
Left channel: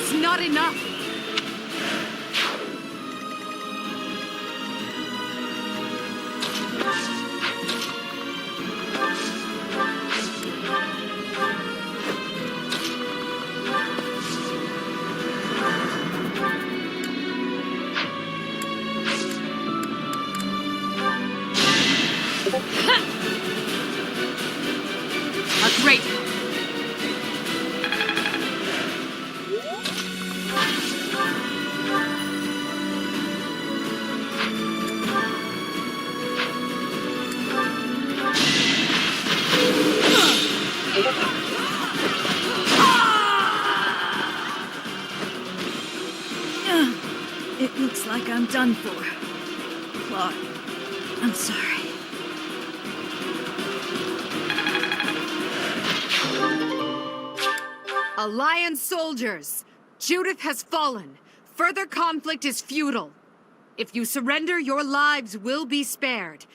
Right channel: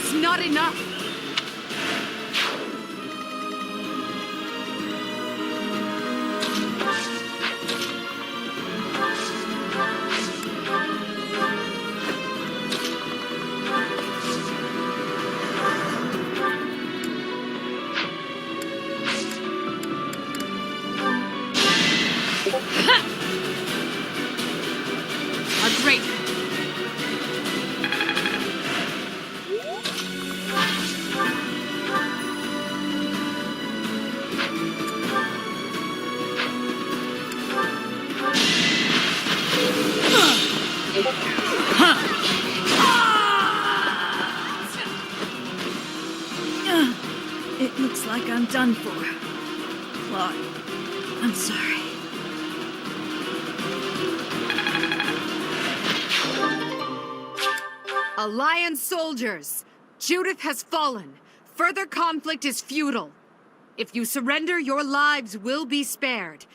It's not enough. A great one. It looks like I'm done for. Claude, I'm sorry. Alliance soldiers! Judith has fallen. Further conflict is futile. If you surrender, your lives will be spared.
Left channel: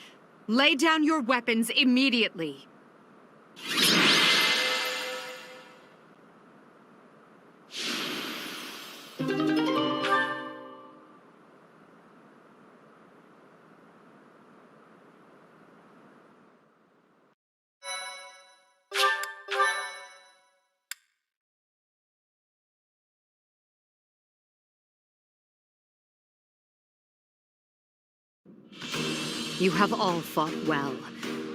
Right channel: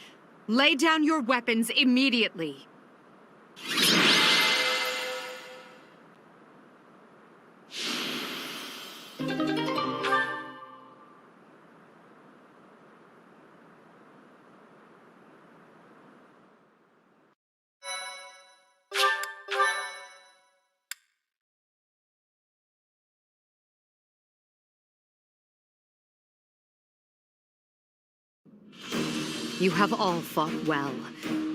Lay down your weapons immediately. You have all fought well.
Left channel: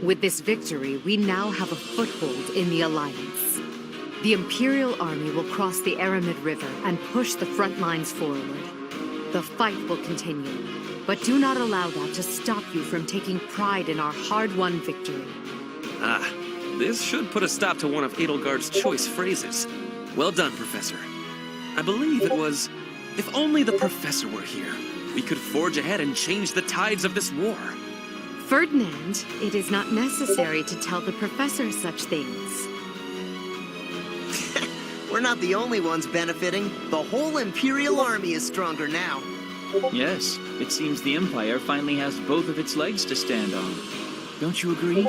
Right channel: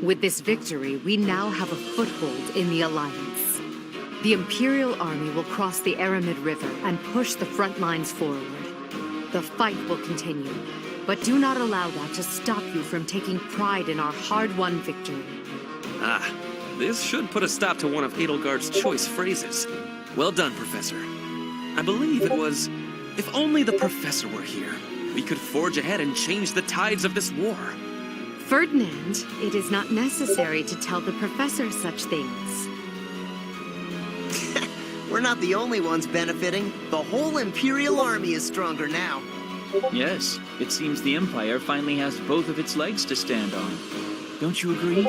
With this victory, we now have a foothold in the Alliance. The Imperial Army will cross the Aramid River and push the front lines forward. The fight will continue, but do not allow that to stop you from taking pride in our hard-won victory. Ah, this should put a stop to one of Edelgard's choice phrases. Well done, Professor. I believe it was, if only the Professor were here, we could forge ahead and change the tides of this war. Ferdinand, it is not necessary to tell the Professor such things. We're not the only ones benefiting. The whole Imperial Army is stronger now. Yes, it seems the Empire finally has both of its legs to stand on. Don't you agree?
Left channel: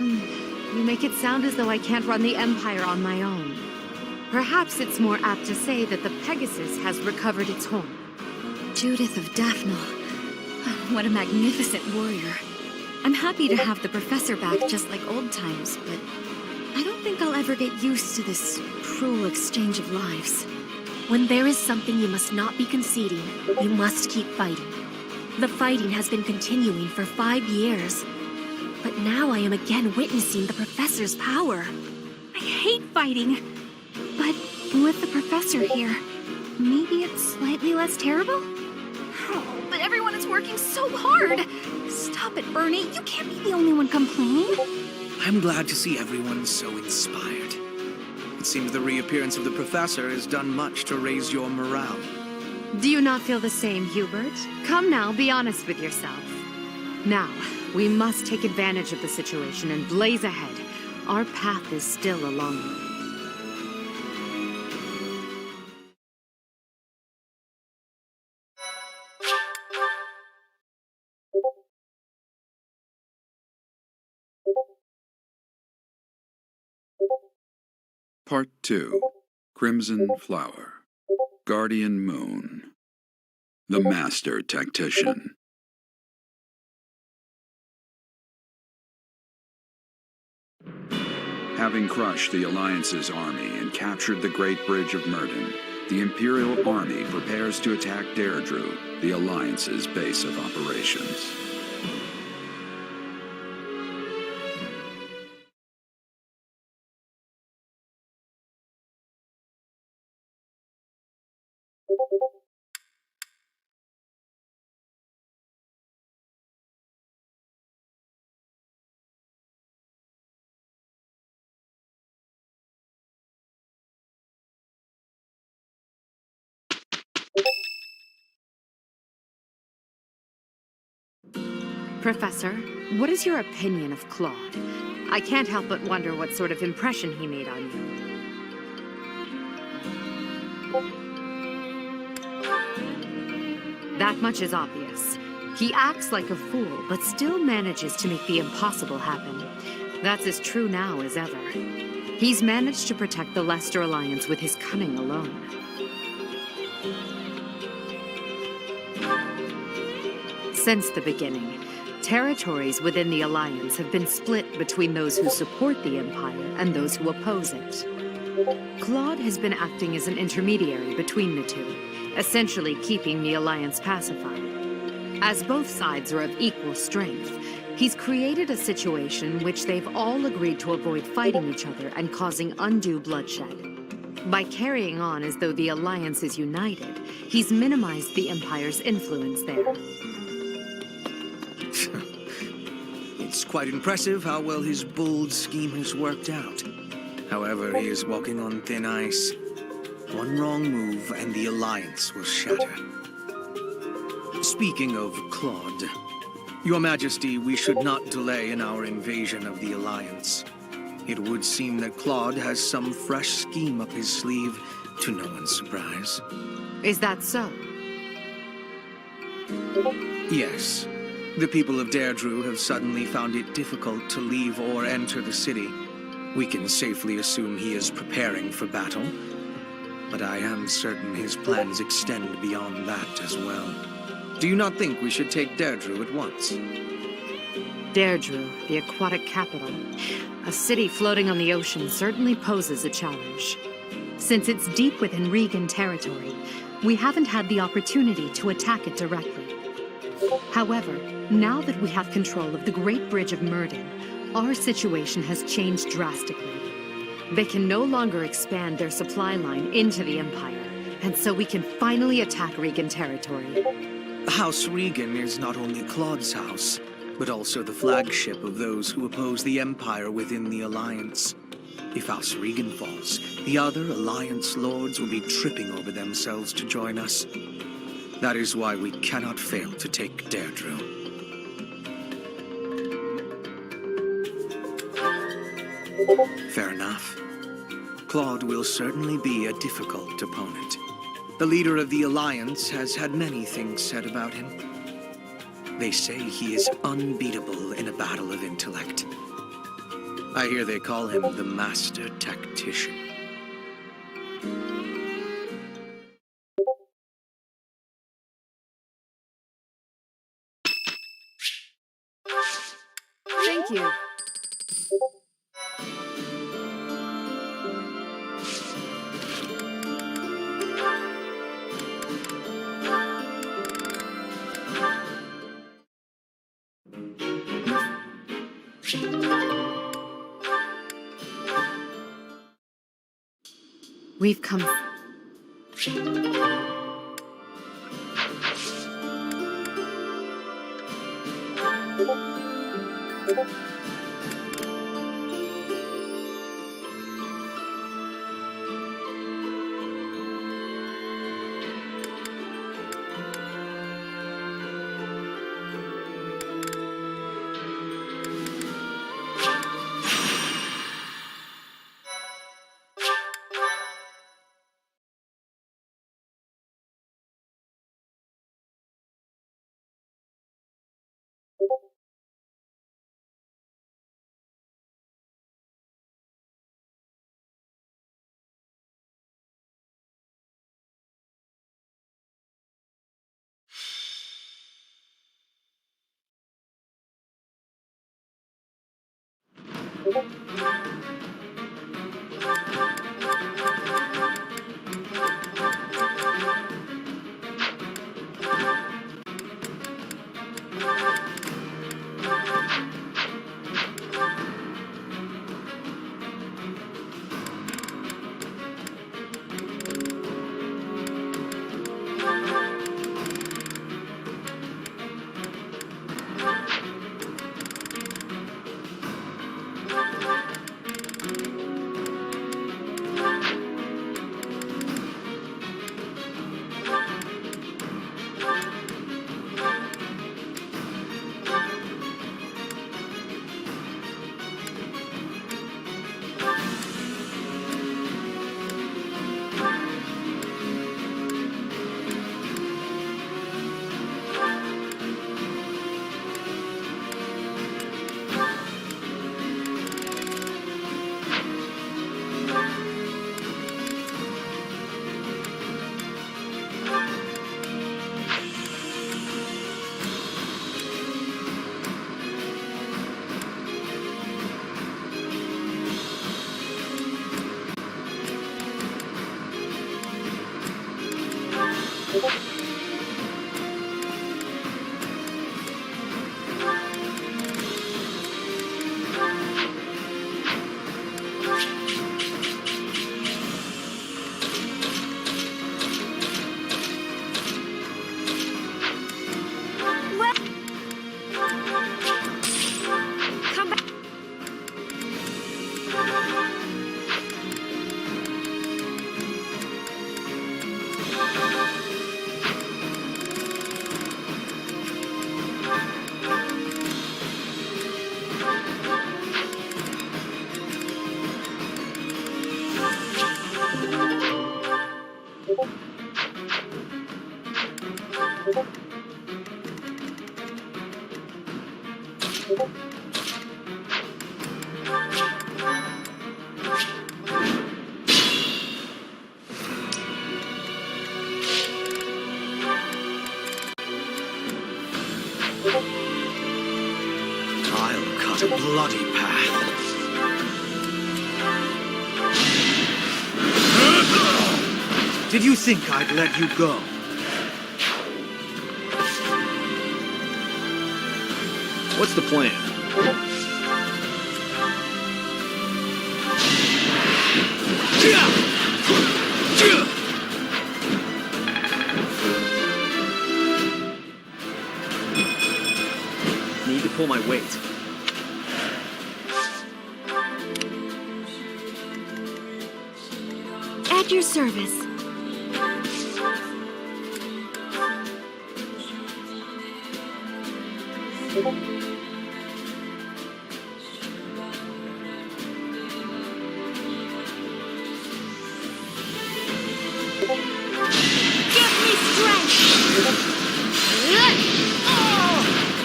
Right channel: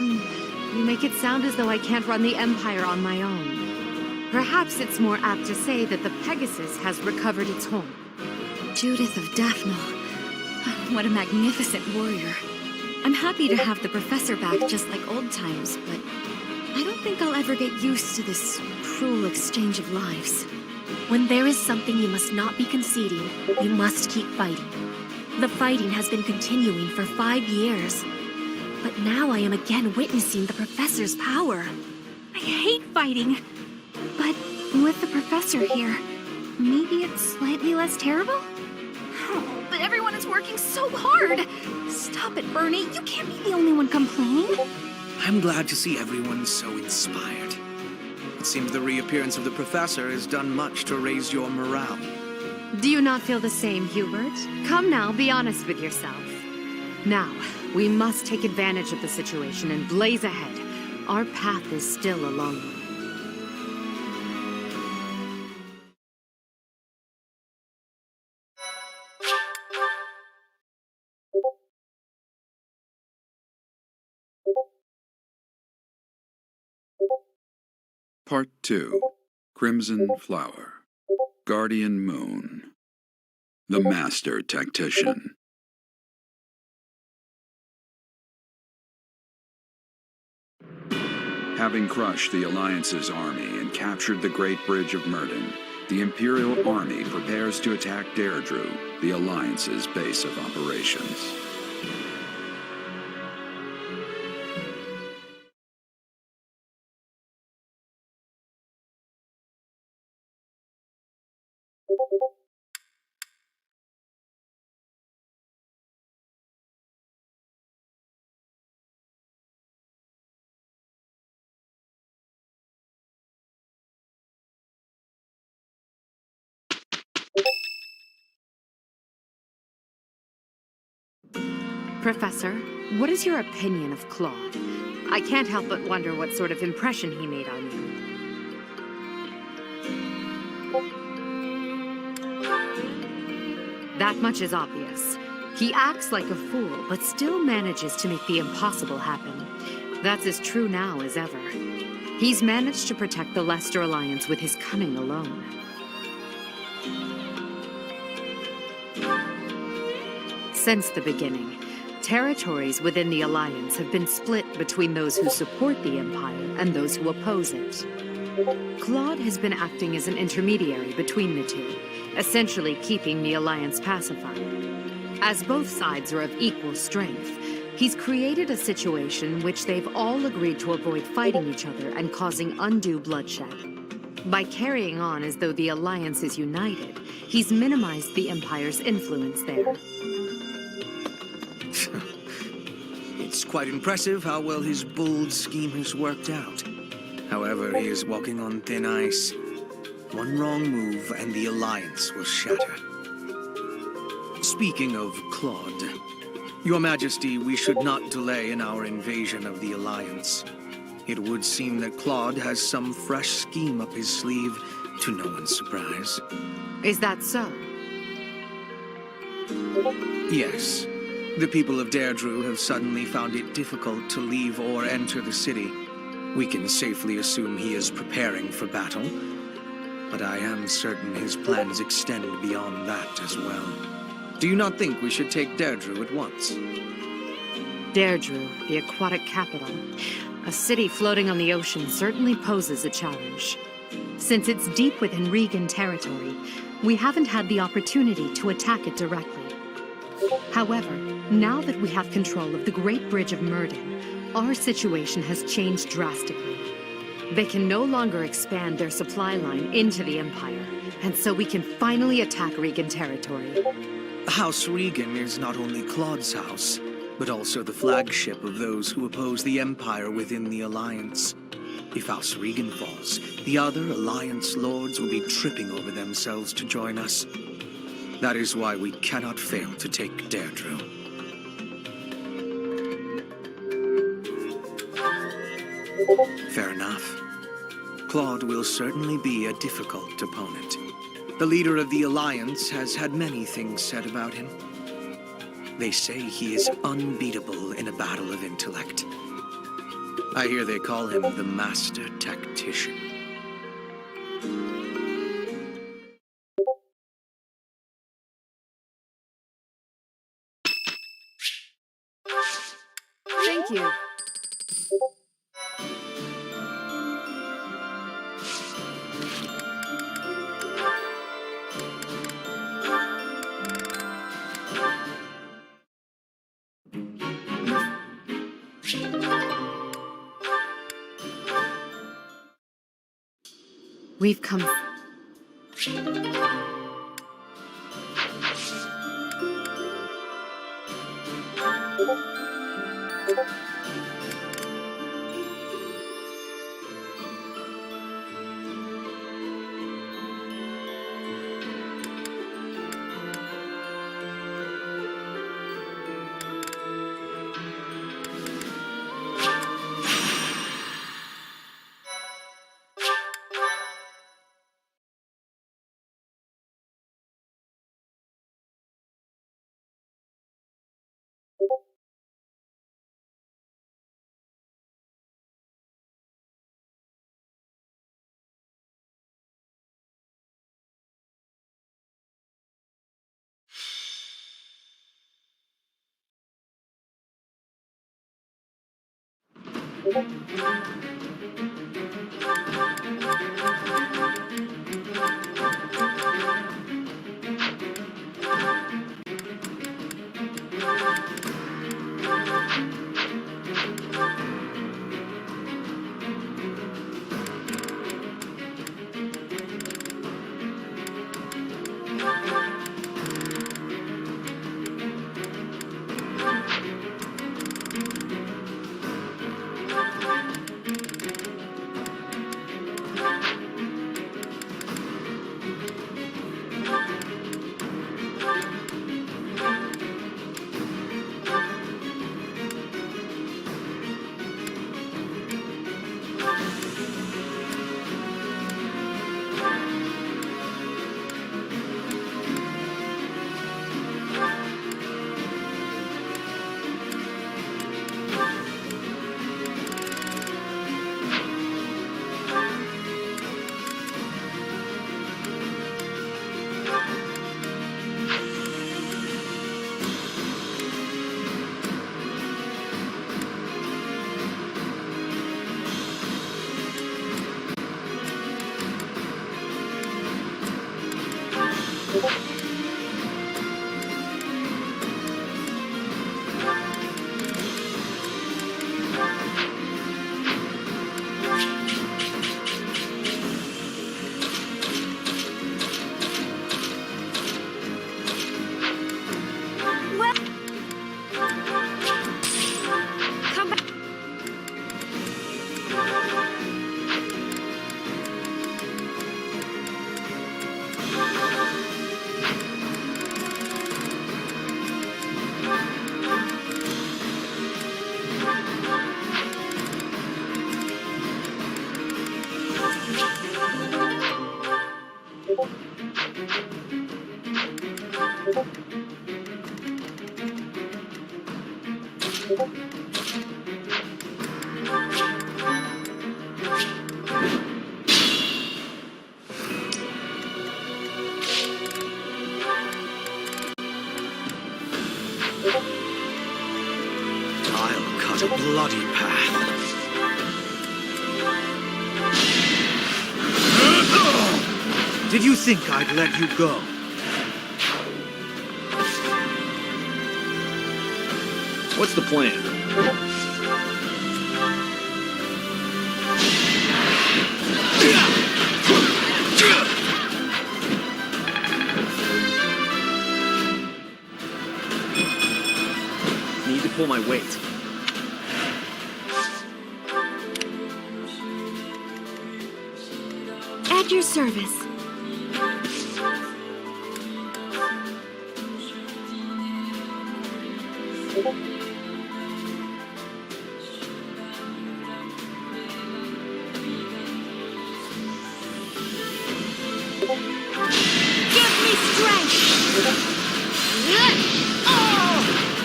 You make it sound as though I can't run the Empire on my own. Perhaps it's more apt to say that the Pegasus has recovered its horn. Judith of Daphne. What a magnificent warrior. I'm happy to have the professor back just like old times, but I don't think I'll ever get used to this cruel exchange of lives. When there is something you must not be conceding, you must keep fighting. The fighting has been continuing for 5 years. But now I am again witnessing the professor's power. I hate fighting. But with the professor here, maybe it's slightly less terrible? Oh, but everyone is working so hard. Stop it, Bernie. You can't be the only one complaining. I'm glad to see everyone so inspired. It seems the reappearance of the professor has done much to raise your morale. Do you not feel the same, Hubert? Come now, be honest with yourself. Now, we must take advantage of the situation and blaze ahead. Our path is still a long one. Part 2. Crimson Flower. Guardian Moon. The Master Tactician. Having crushed the Alliance's army and captured the Great Bridge of Myrddin, the Imperial Army prepares to attack Deirdre, the Alliance's base of operations. Professor, what is your opinion of Claude? I can't help but wonder what sort of impression he made on you. That much is obvious. He acts like a fool, but still manages to make the impossible happen. That's as true now as ever. He's managed to protect the Leicester Alliance with his cunning alone. Since the beginning, territories within the Alliance have been split between those who support the Empire and those who oppose it. Claude has been acting as an intermediary between the two, essentially keeping the Alliance pacified. As both sides are of equal strength, he's created a situation which they've all agreed to avoid fighting each other and causing undue bloodshed. By carrying on as though the Alliance is united, he's minimized the Empire's influence there. It's quite impressive how well his bold scheme has worked out. However, he is walking on thin ice. One wrong move and the Alliance will shatter. Speaking of Claude, Your Majesty, we should not delay in our invasion of the Alliance. It would seem that Claude has some fresh scheme up his sleeve, to no one's surprise. Is that so? Yes. The people of Deirdre have suddenly found it difficult to leave or enter the city. We can safely assume he is preparing for battle, but I am certain his plans extend beyond that as well. Do you not think we should take Deirdre at once? Deirdre, the aquatic capital. A city floating on the ocean certainly poses a challenge. Since it's deep within Regan territory, we haven't had the opportunity to attack it directly. However, now that we have control of the Great Bridge of Myrddin, our situation has changed drastically. They can no longer expand their supply line into the Empire, and so we can finally attack Regan territory. House Regan is not only Claude's house, but also the flagship of those who oppose the Empire within the Alliance. If House Regan falls, the other Alliance lords will be tripping over themselves to join us. That is why we cannot fail to take Deirdre. Fair enough. Claude will certainly be a difficult opponent. The leader of the Alliance has had many things said about him. They say he is unbeatable in a battle of intellect. I hear they call him the Master Tactician. Thank you. We've come. I'll cut a bloody path. Did you think I'd let you go? What's the plan? Need to pull my weight. At your service.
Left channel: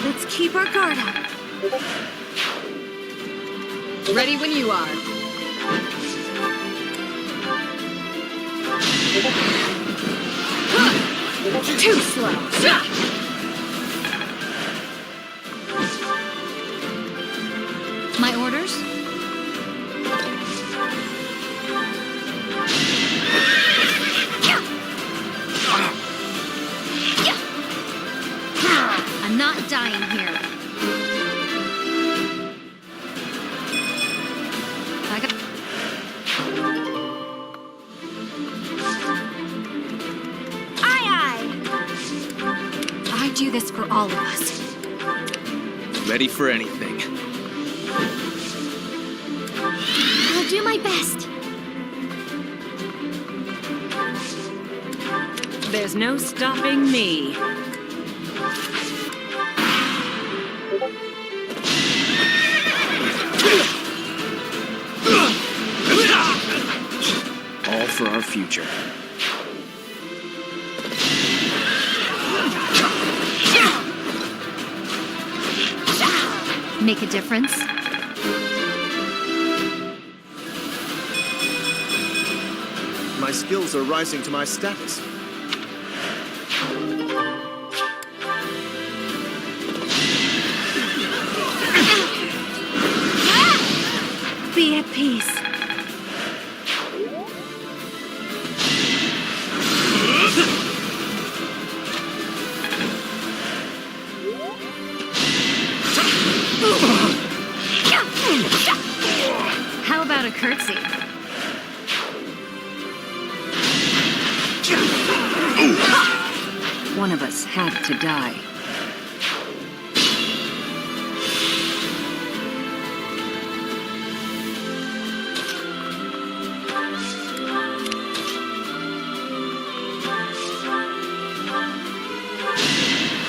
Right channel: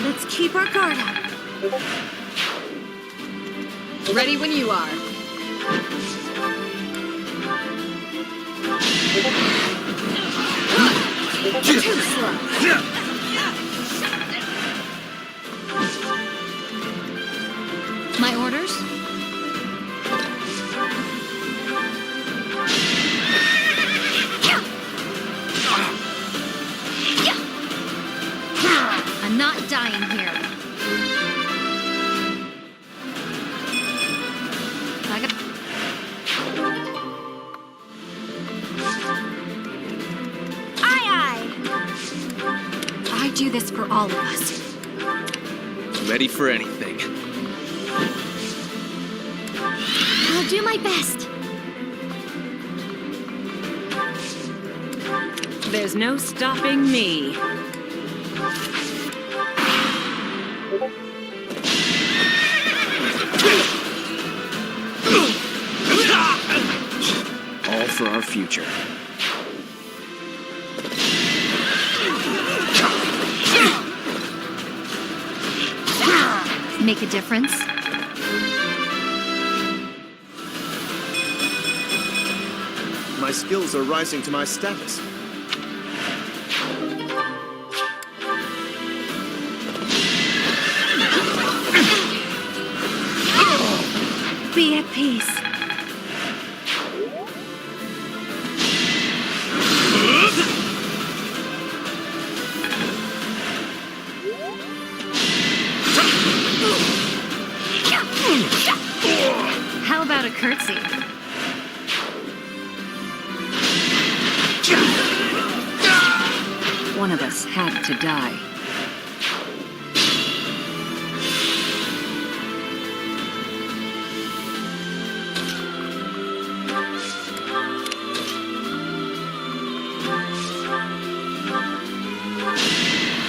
Let's keep our guard up. Ready when you are. Too slow. My orders? I'm not dying here. I got... Aye, aye! I do this for all of us. Ready for anything. I'll do my best. There's no stopping me. All for our future. Make a difference? My skills are rising to my status. Be at peace. How about a curtsy? One of us had to die.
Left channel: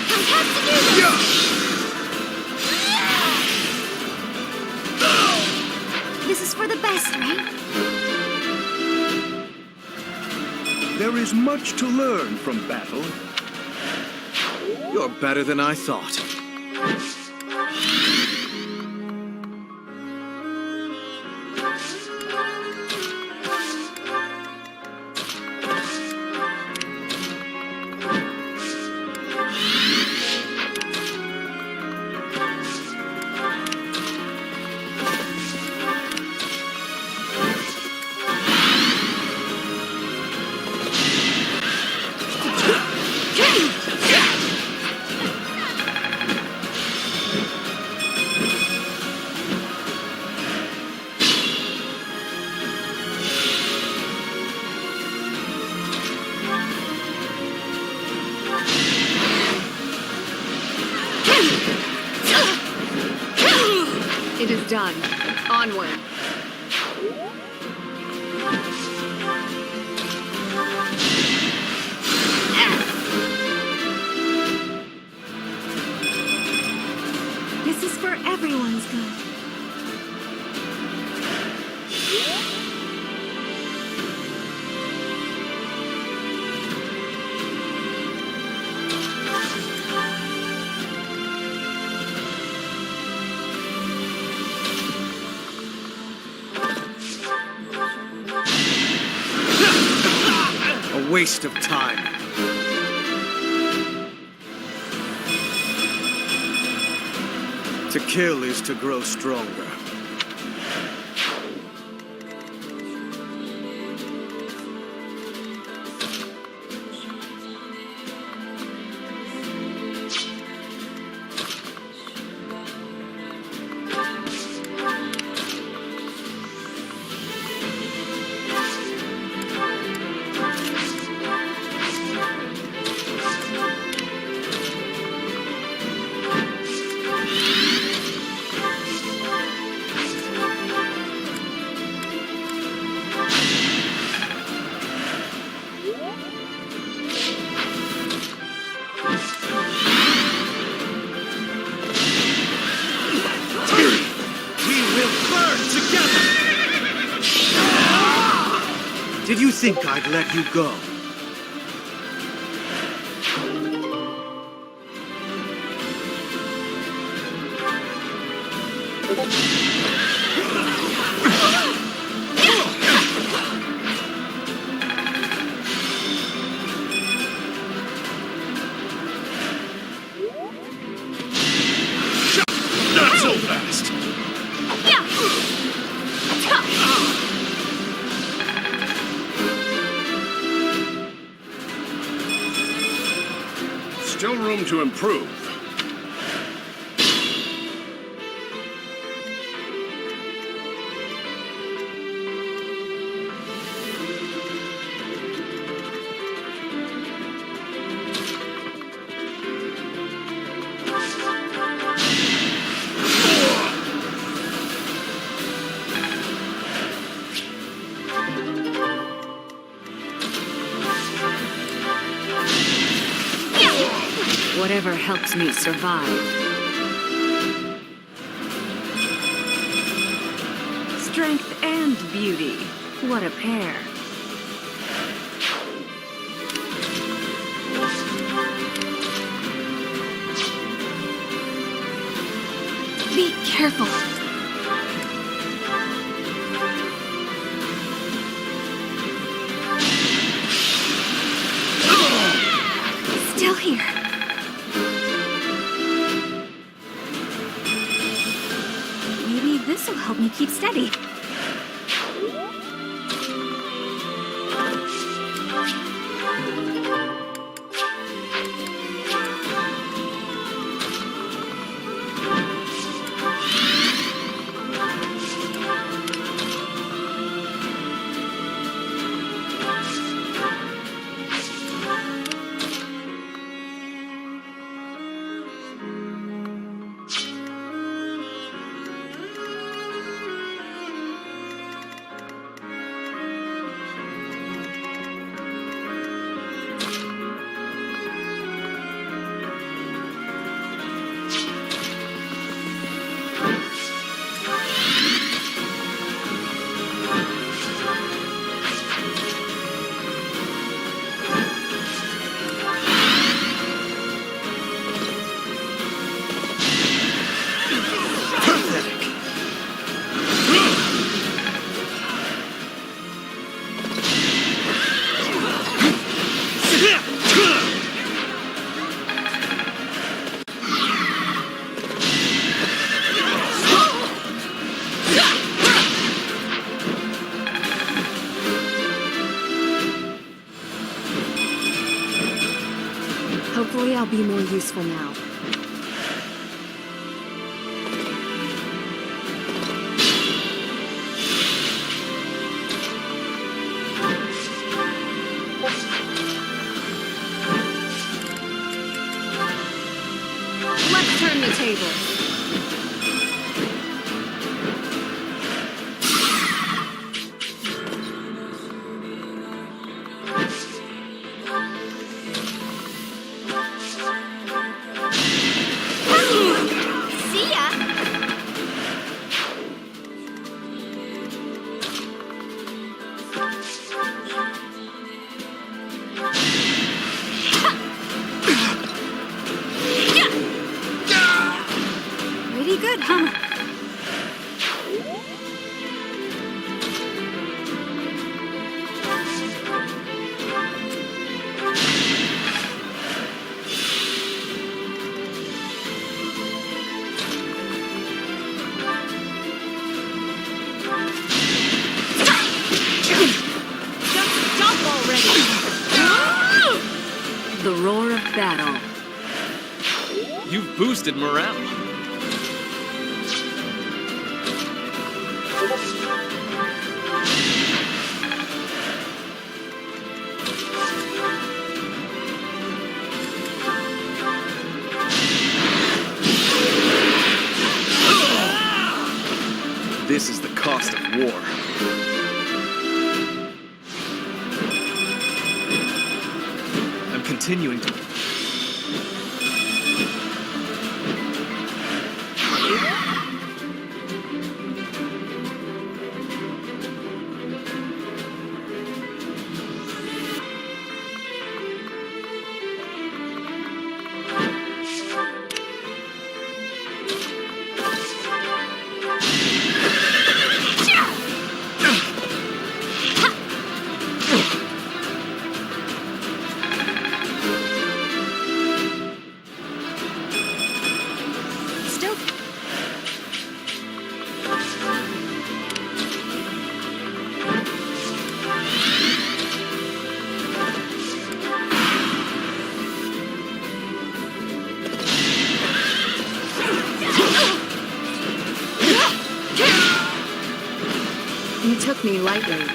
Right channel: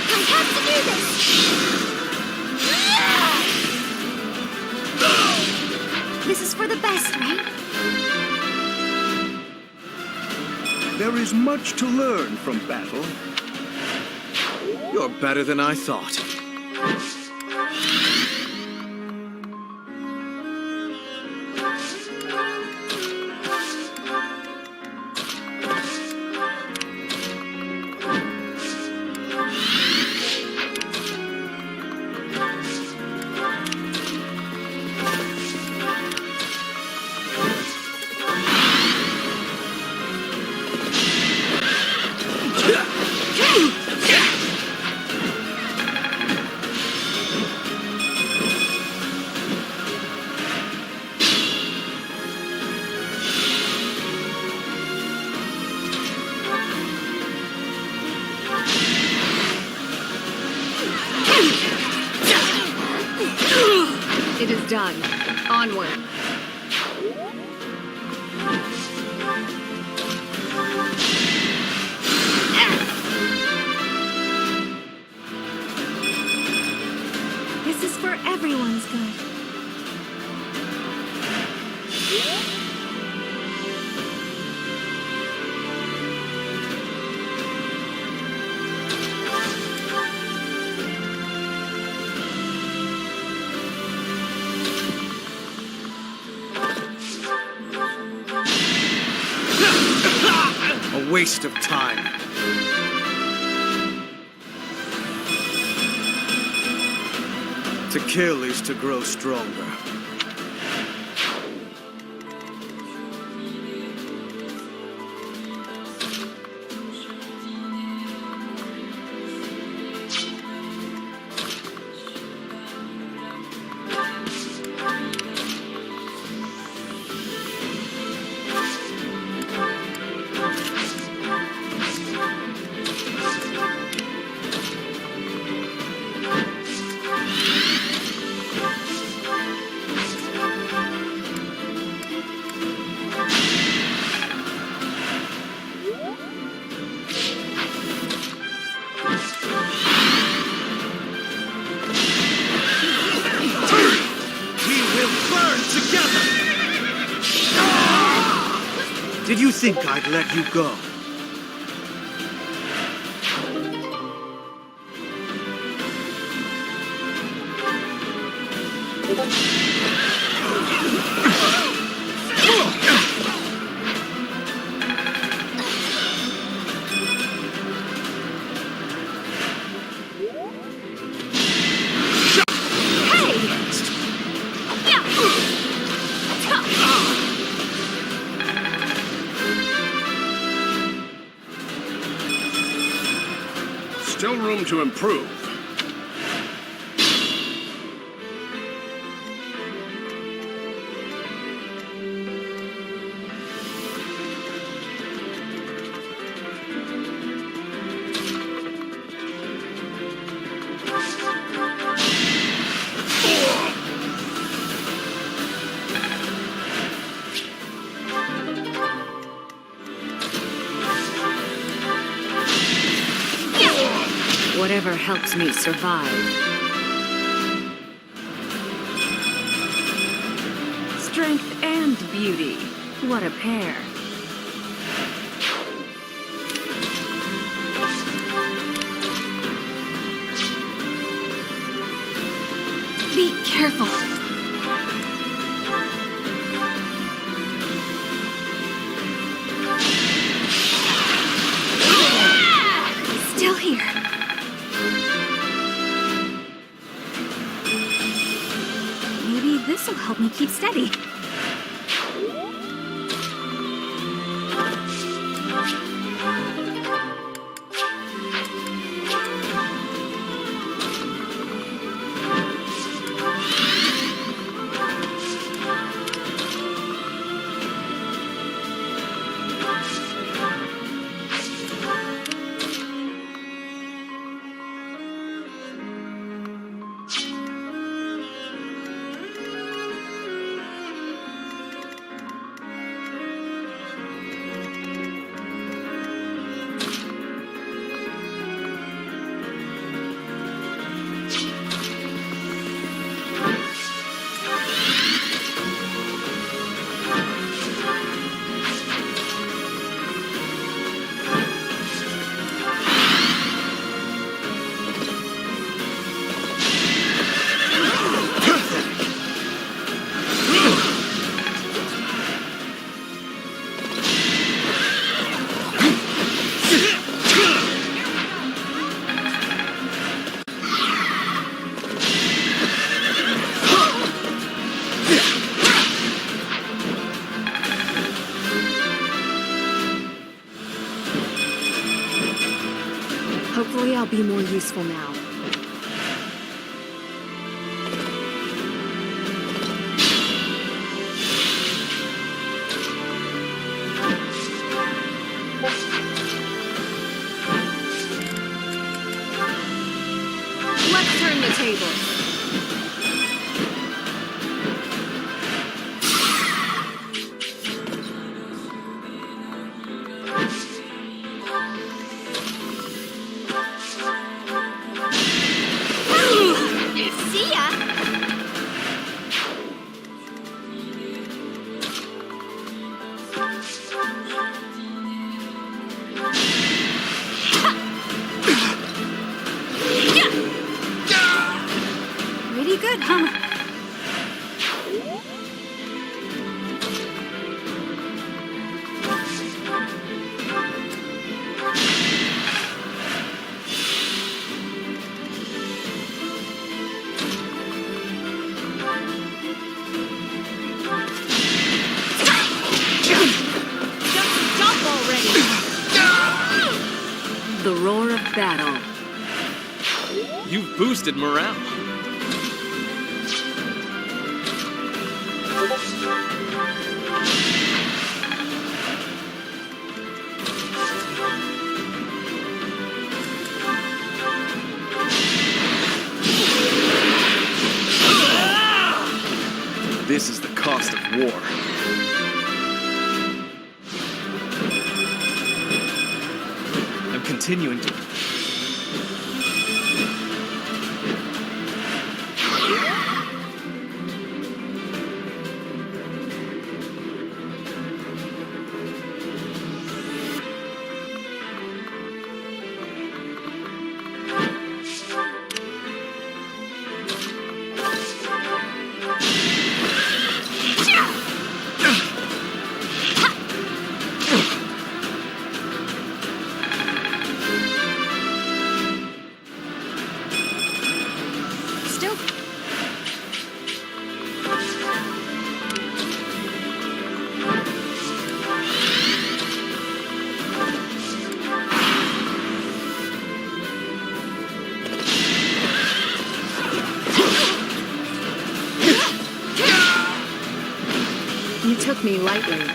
I have to do this! This is for the best, right? There is much to learn from battle. You're better than I thought. It is done. Onward. This is for everyone's good. A waste of time. To kill is to grow stronger. Did you think I'd let you go? still room to improve. Whatever helps me survive. Strength and beauty. What a pair. Be careful. Still here. Maybe this'll help me keep steady. Hopefully I'll be more useful now. Let's turn the tables. See ya! Pretty good, huh? Stop already! The roar of battle. You've boosted morale. This is the cost of war. I'm continuing to... took me lightly.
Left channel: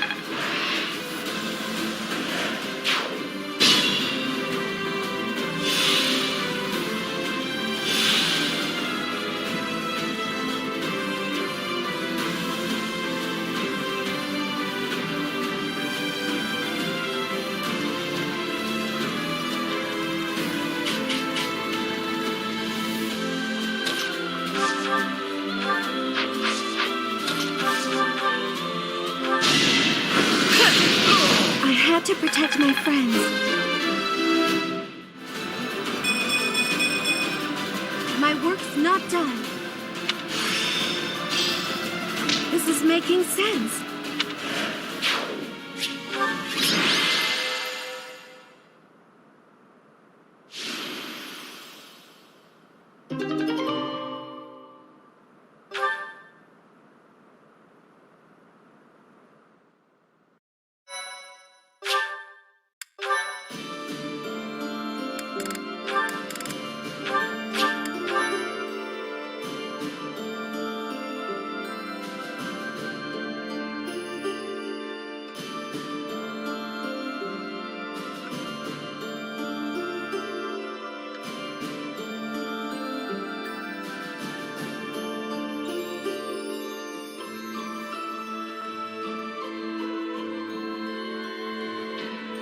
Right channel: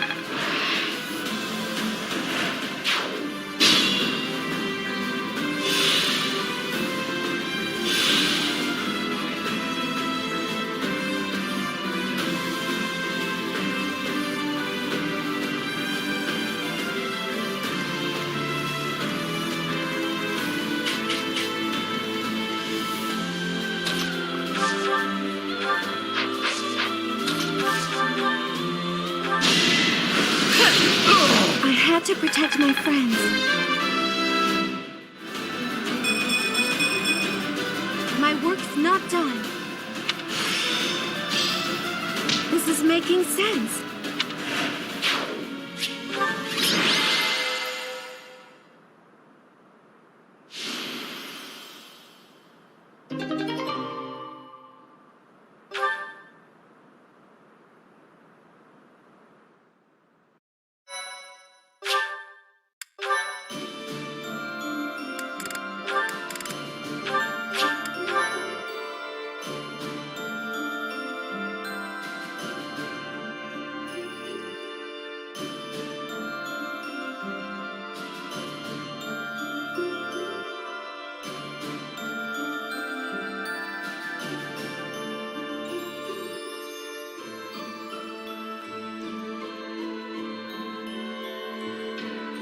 I had to protect my friends. My work's not done. This is making sense.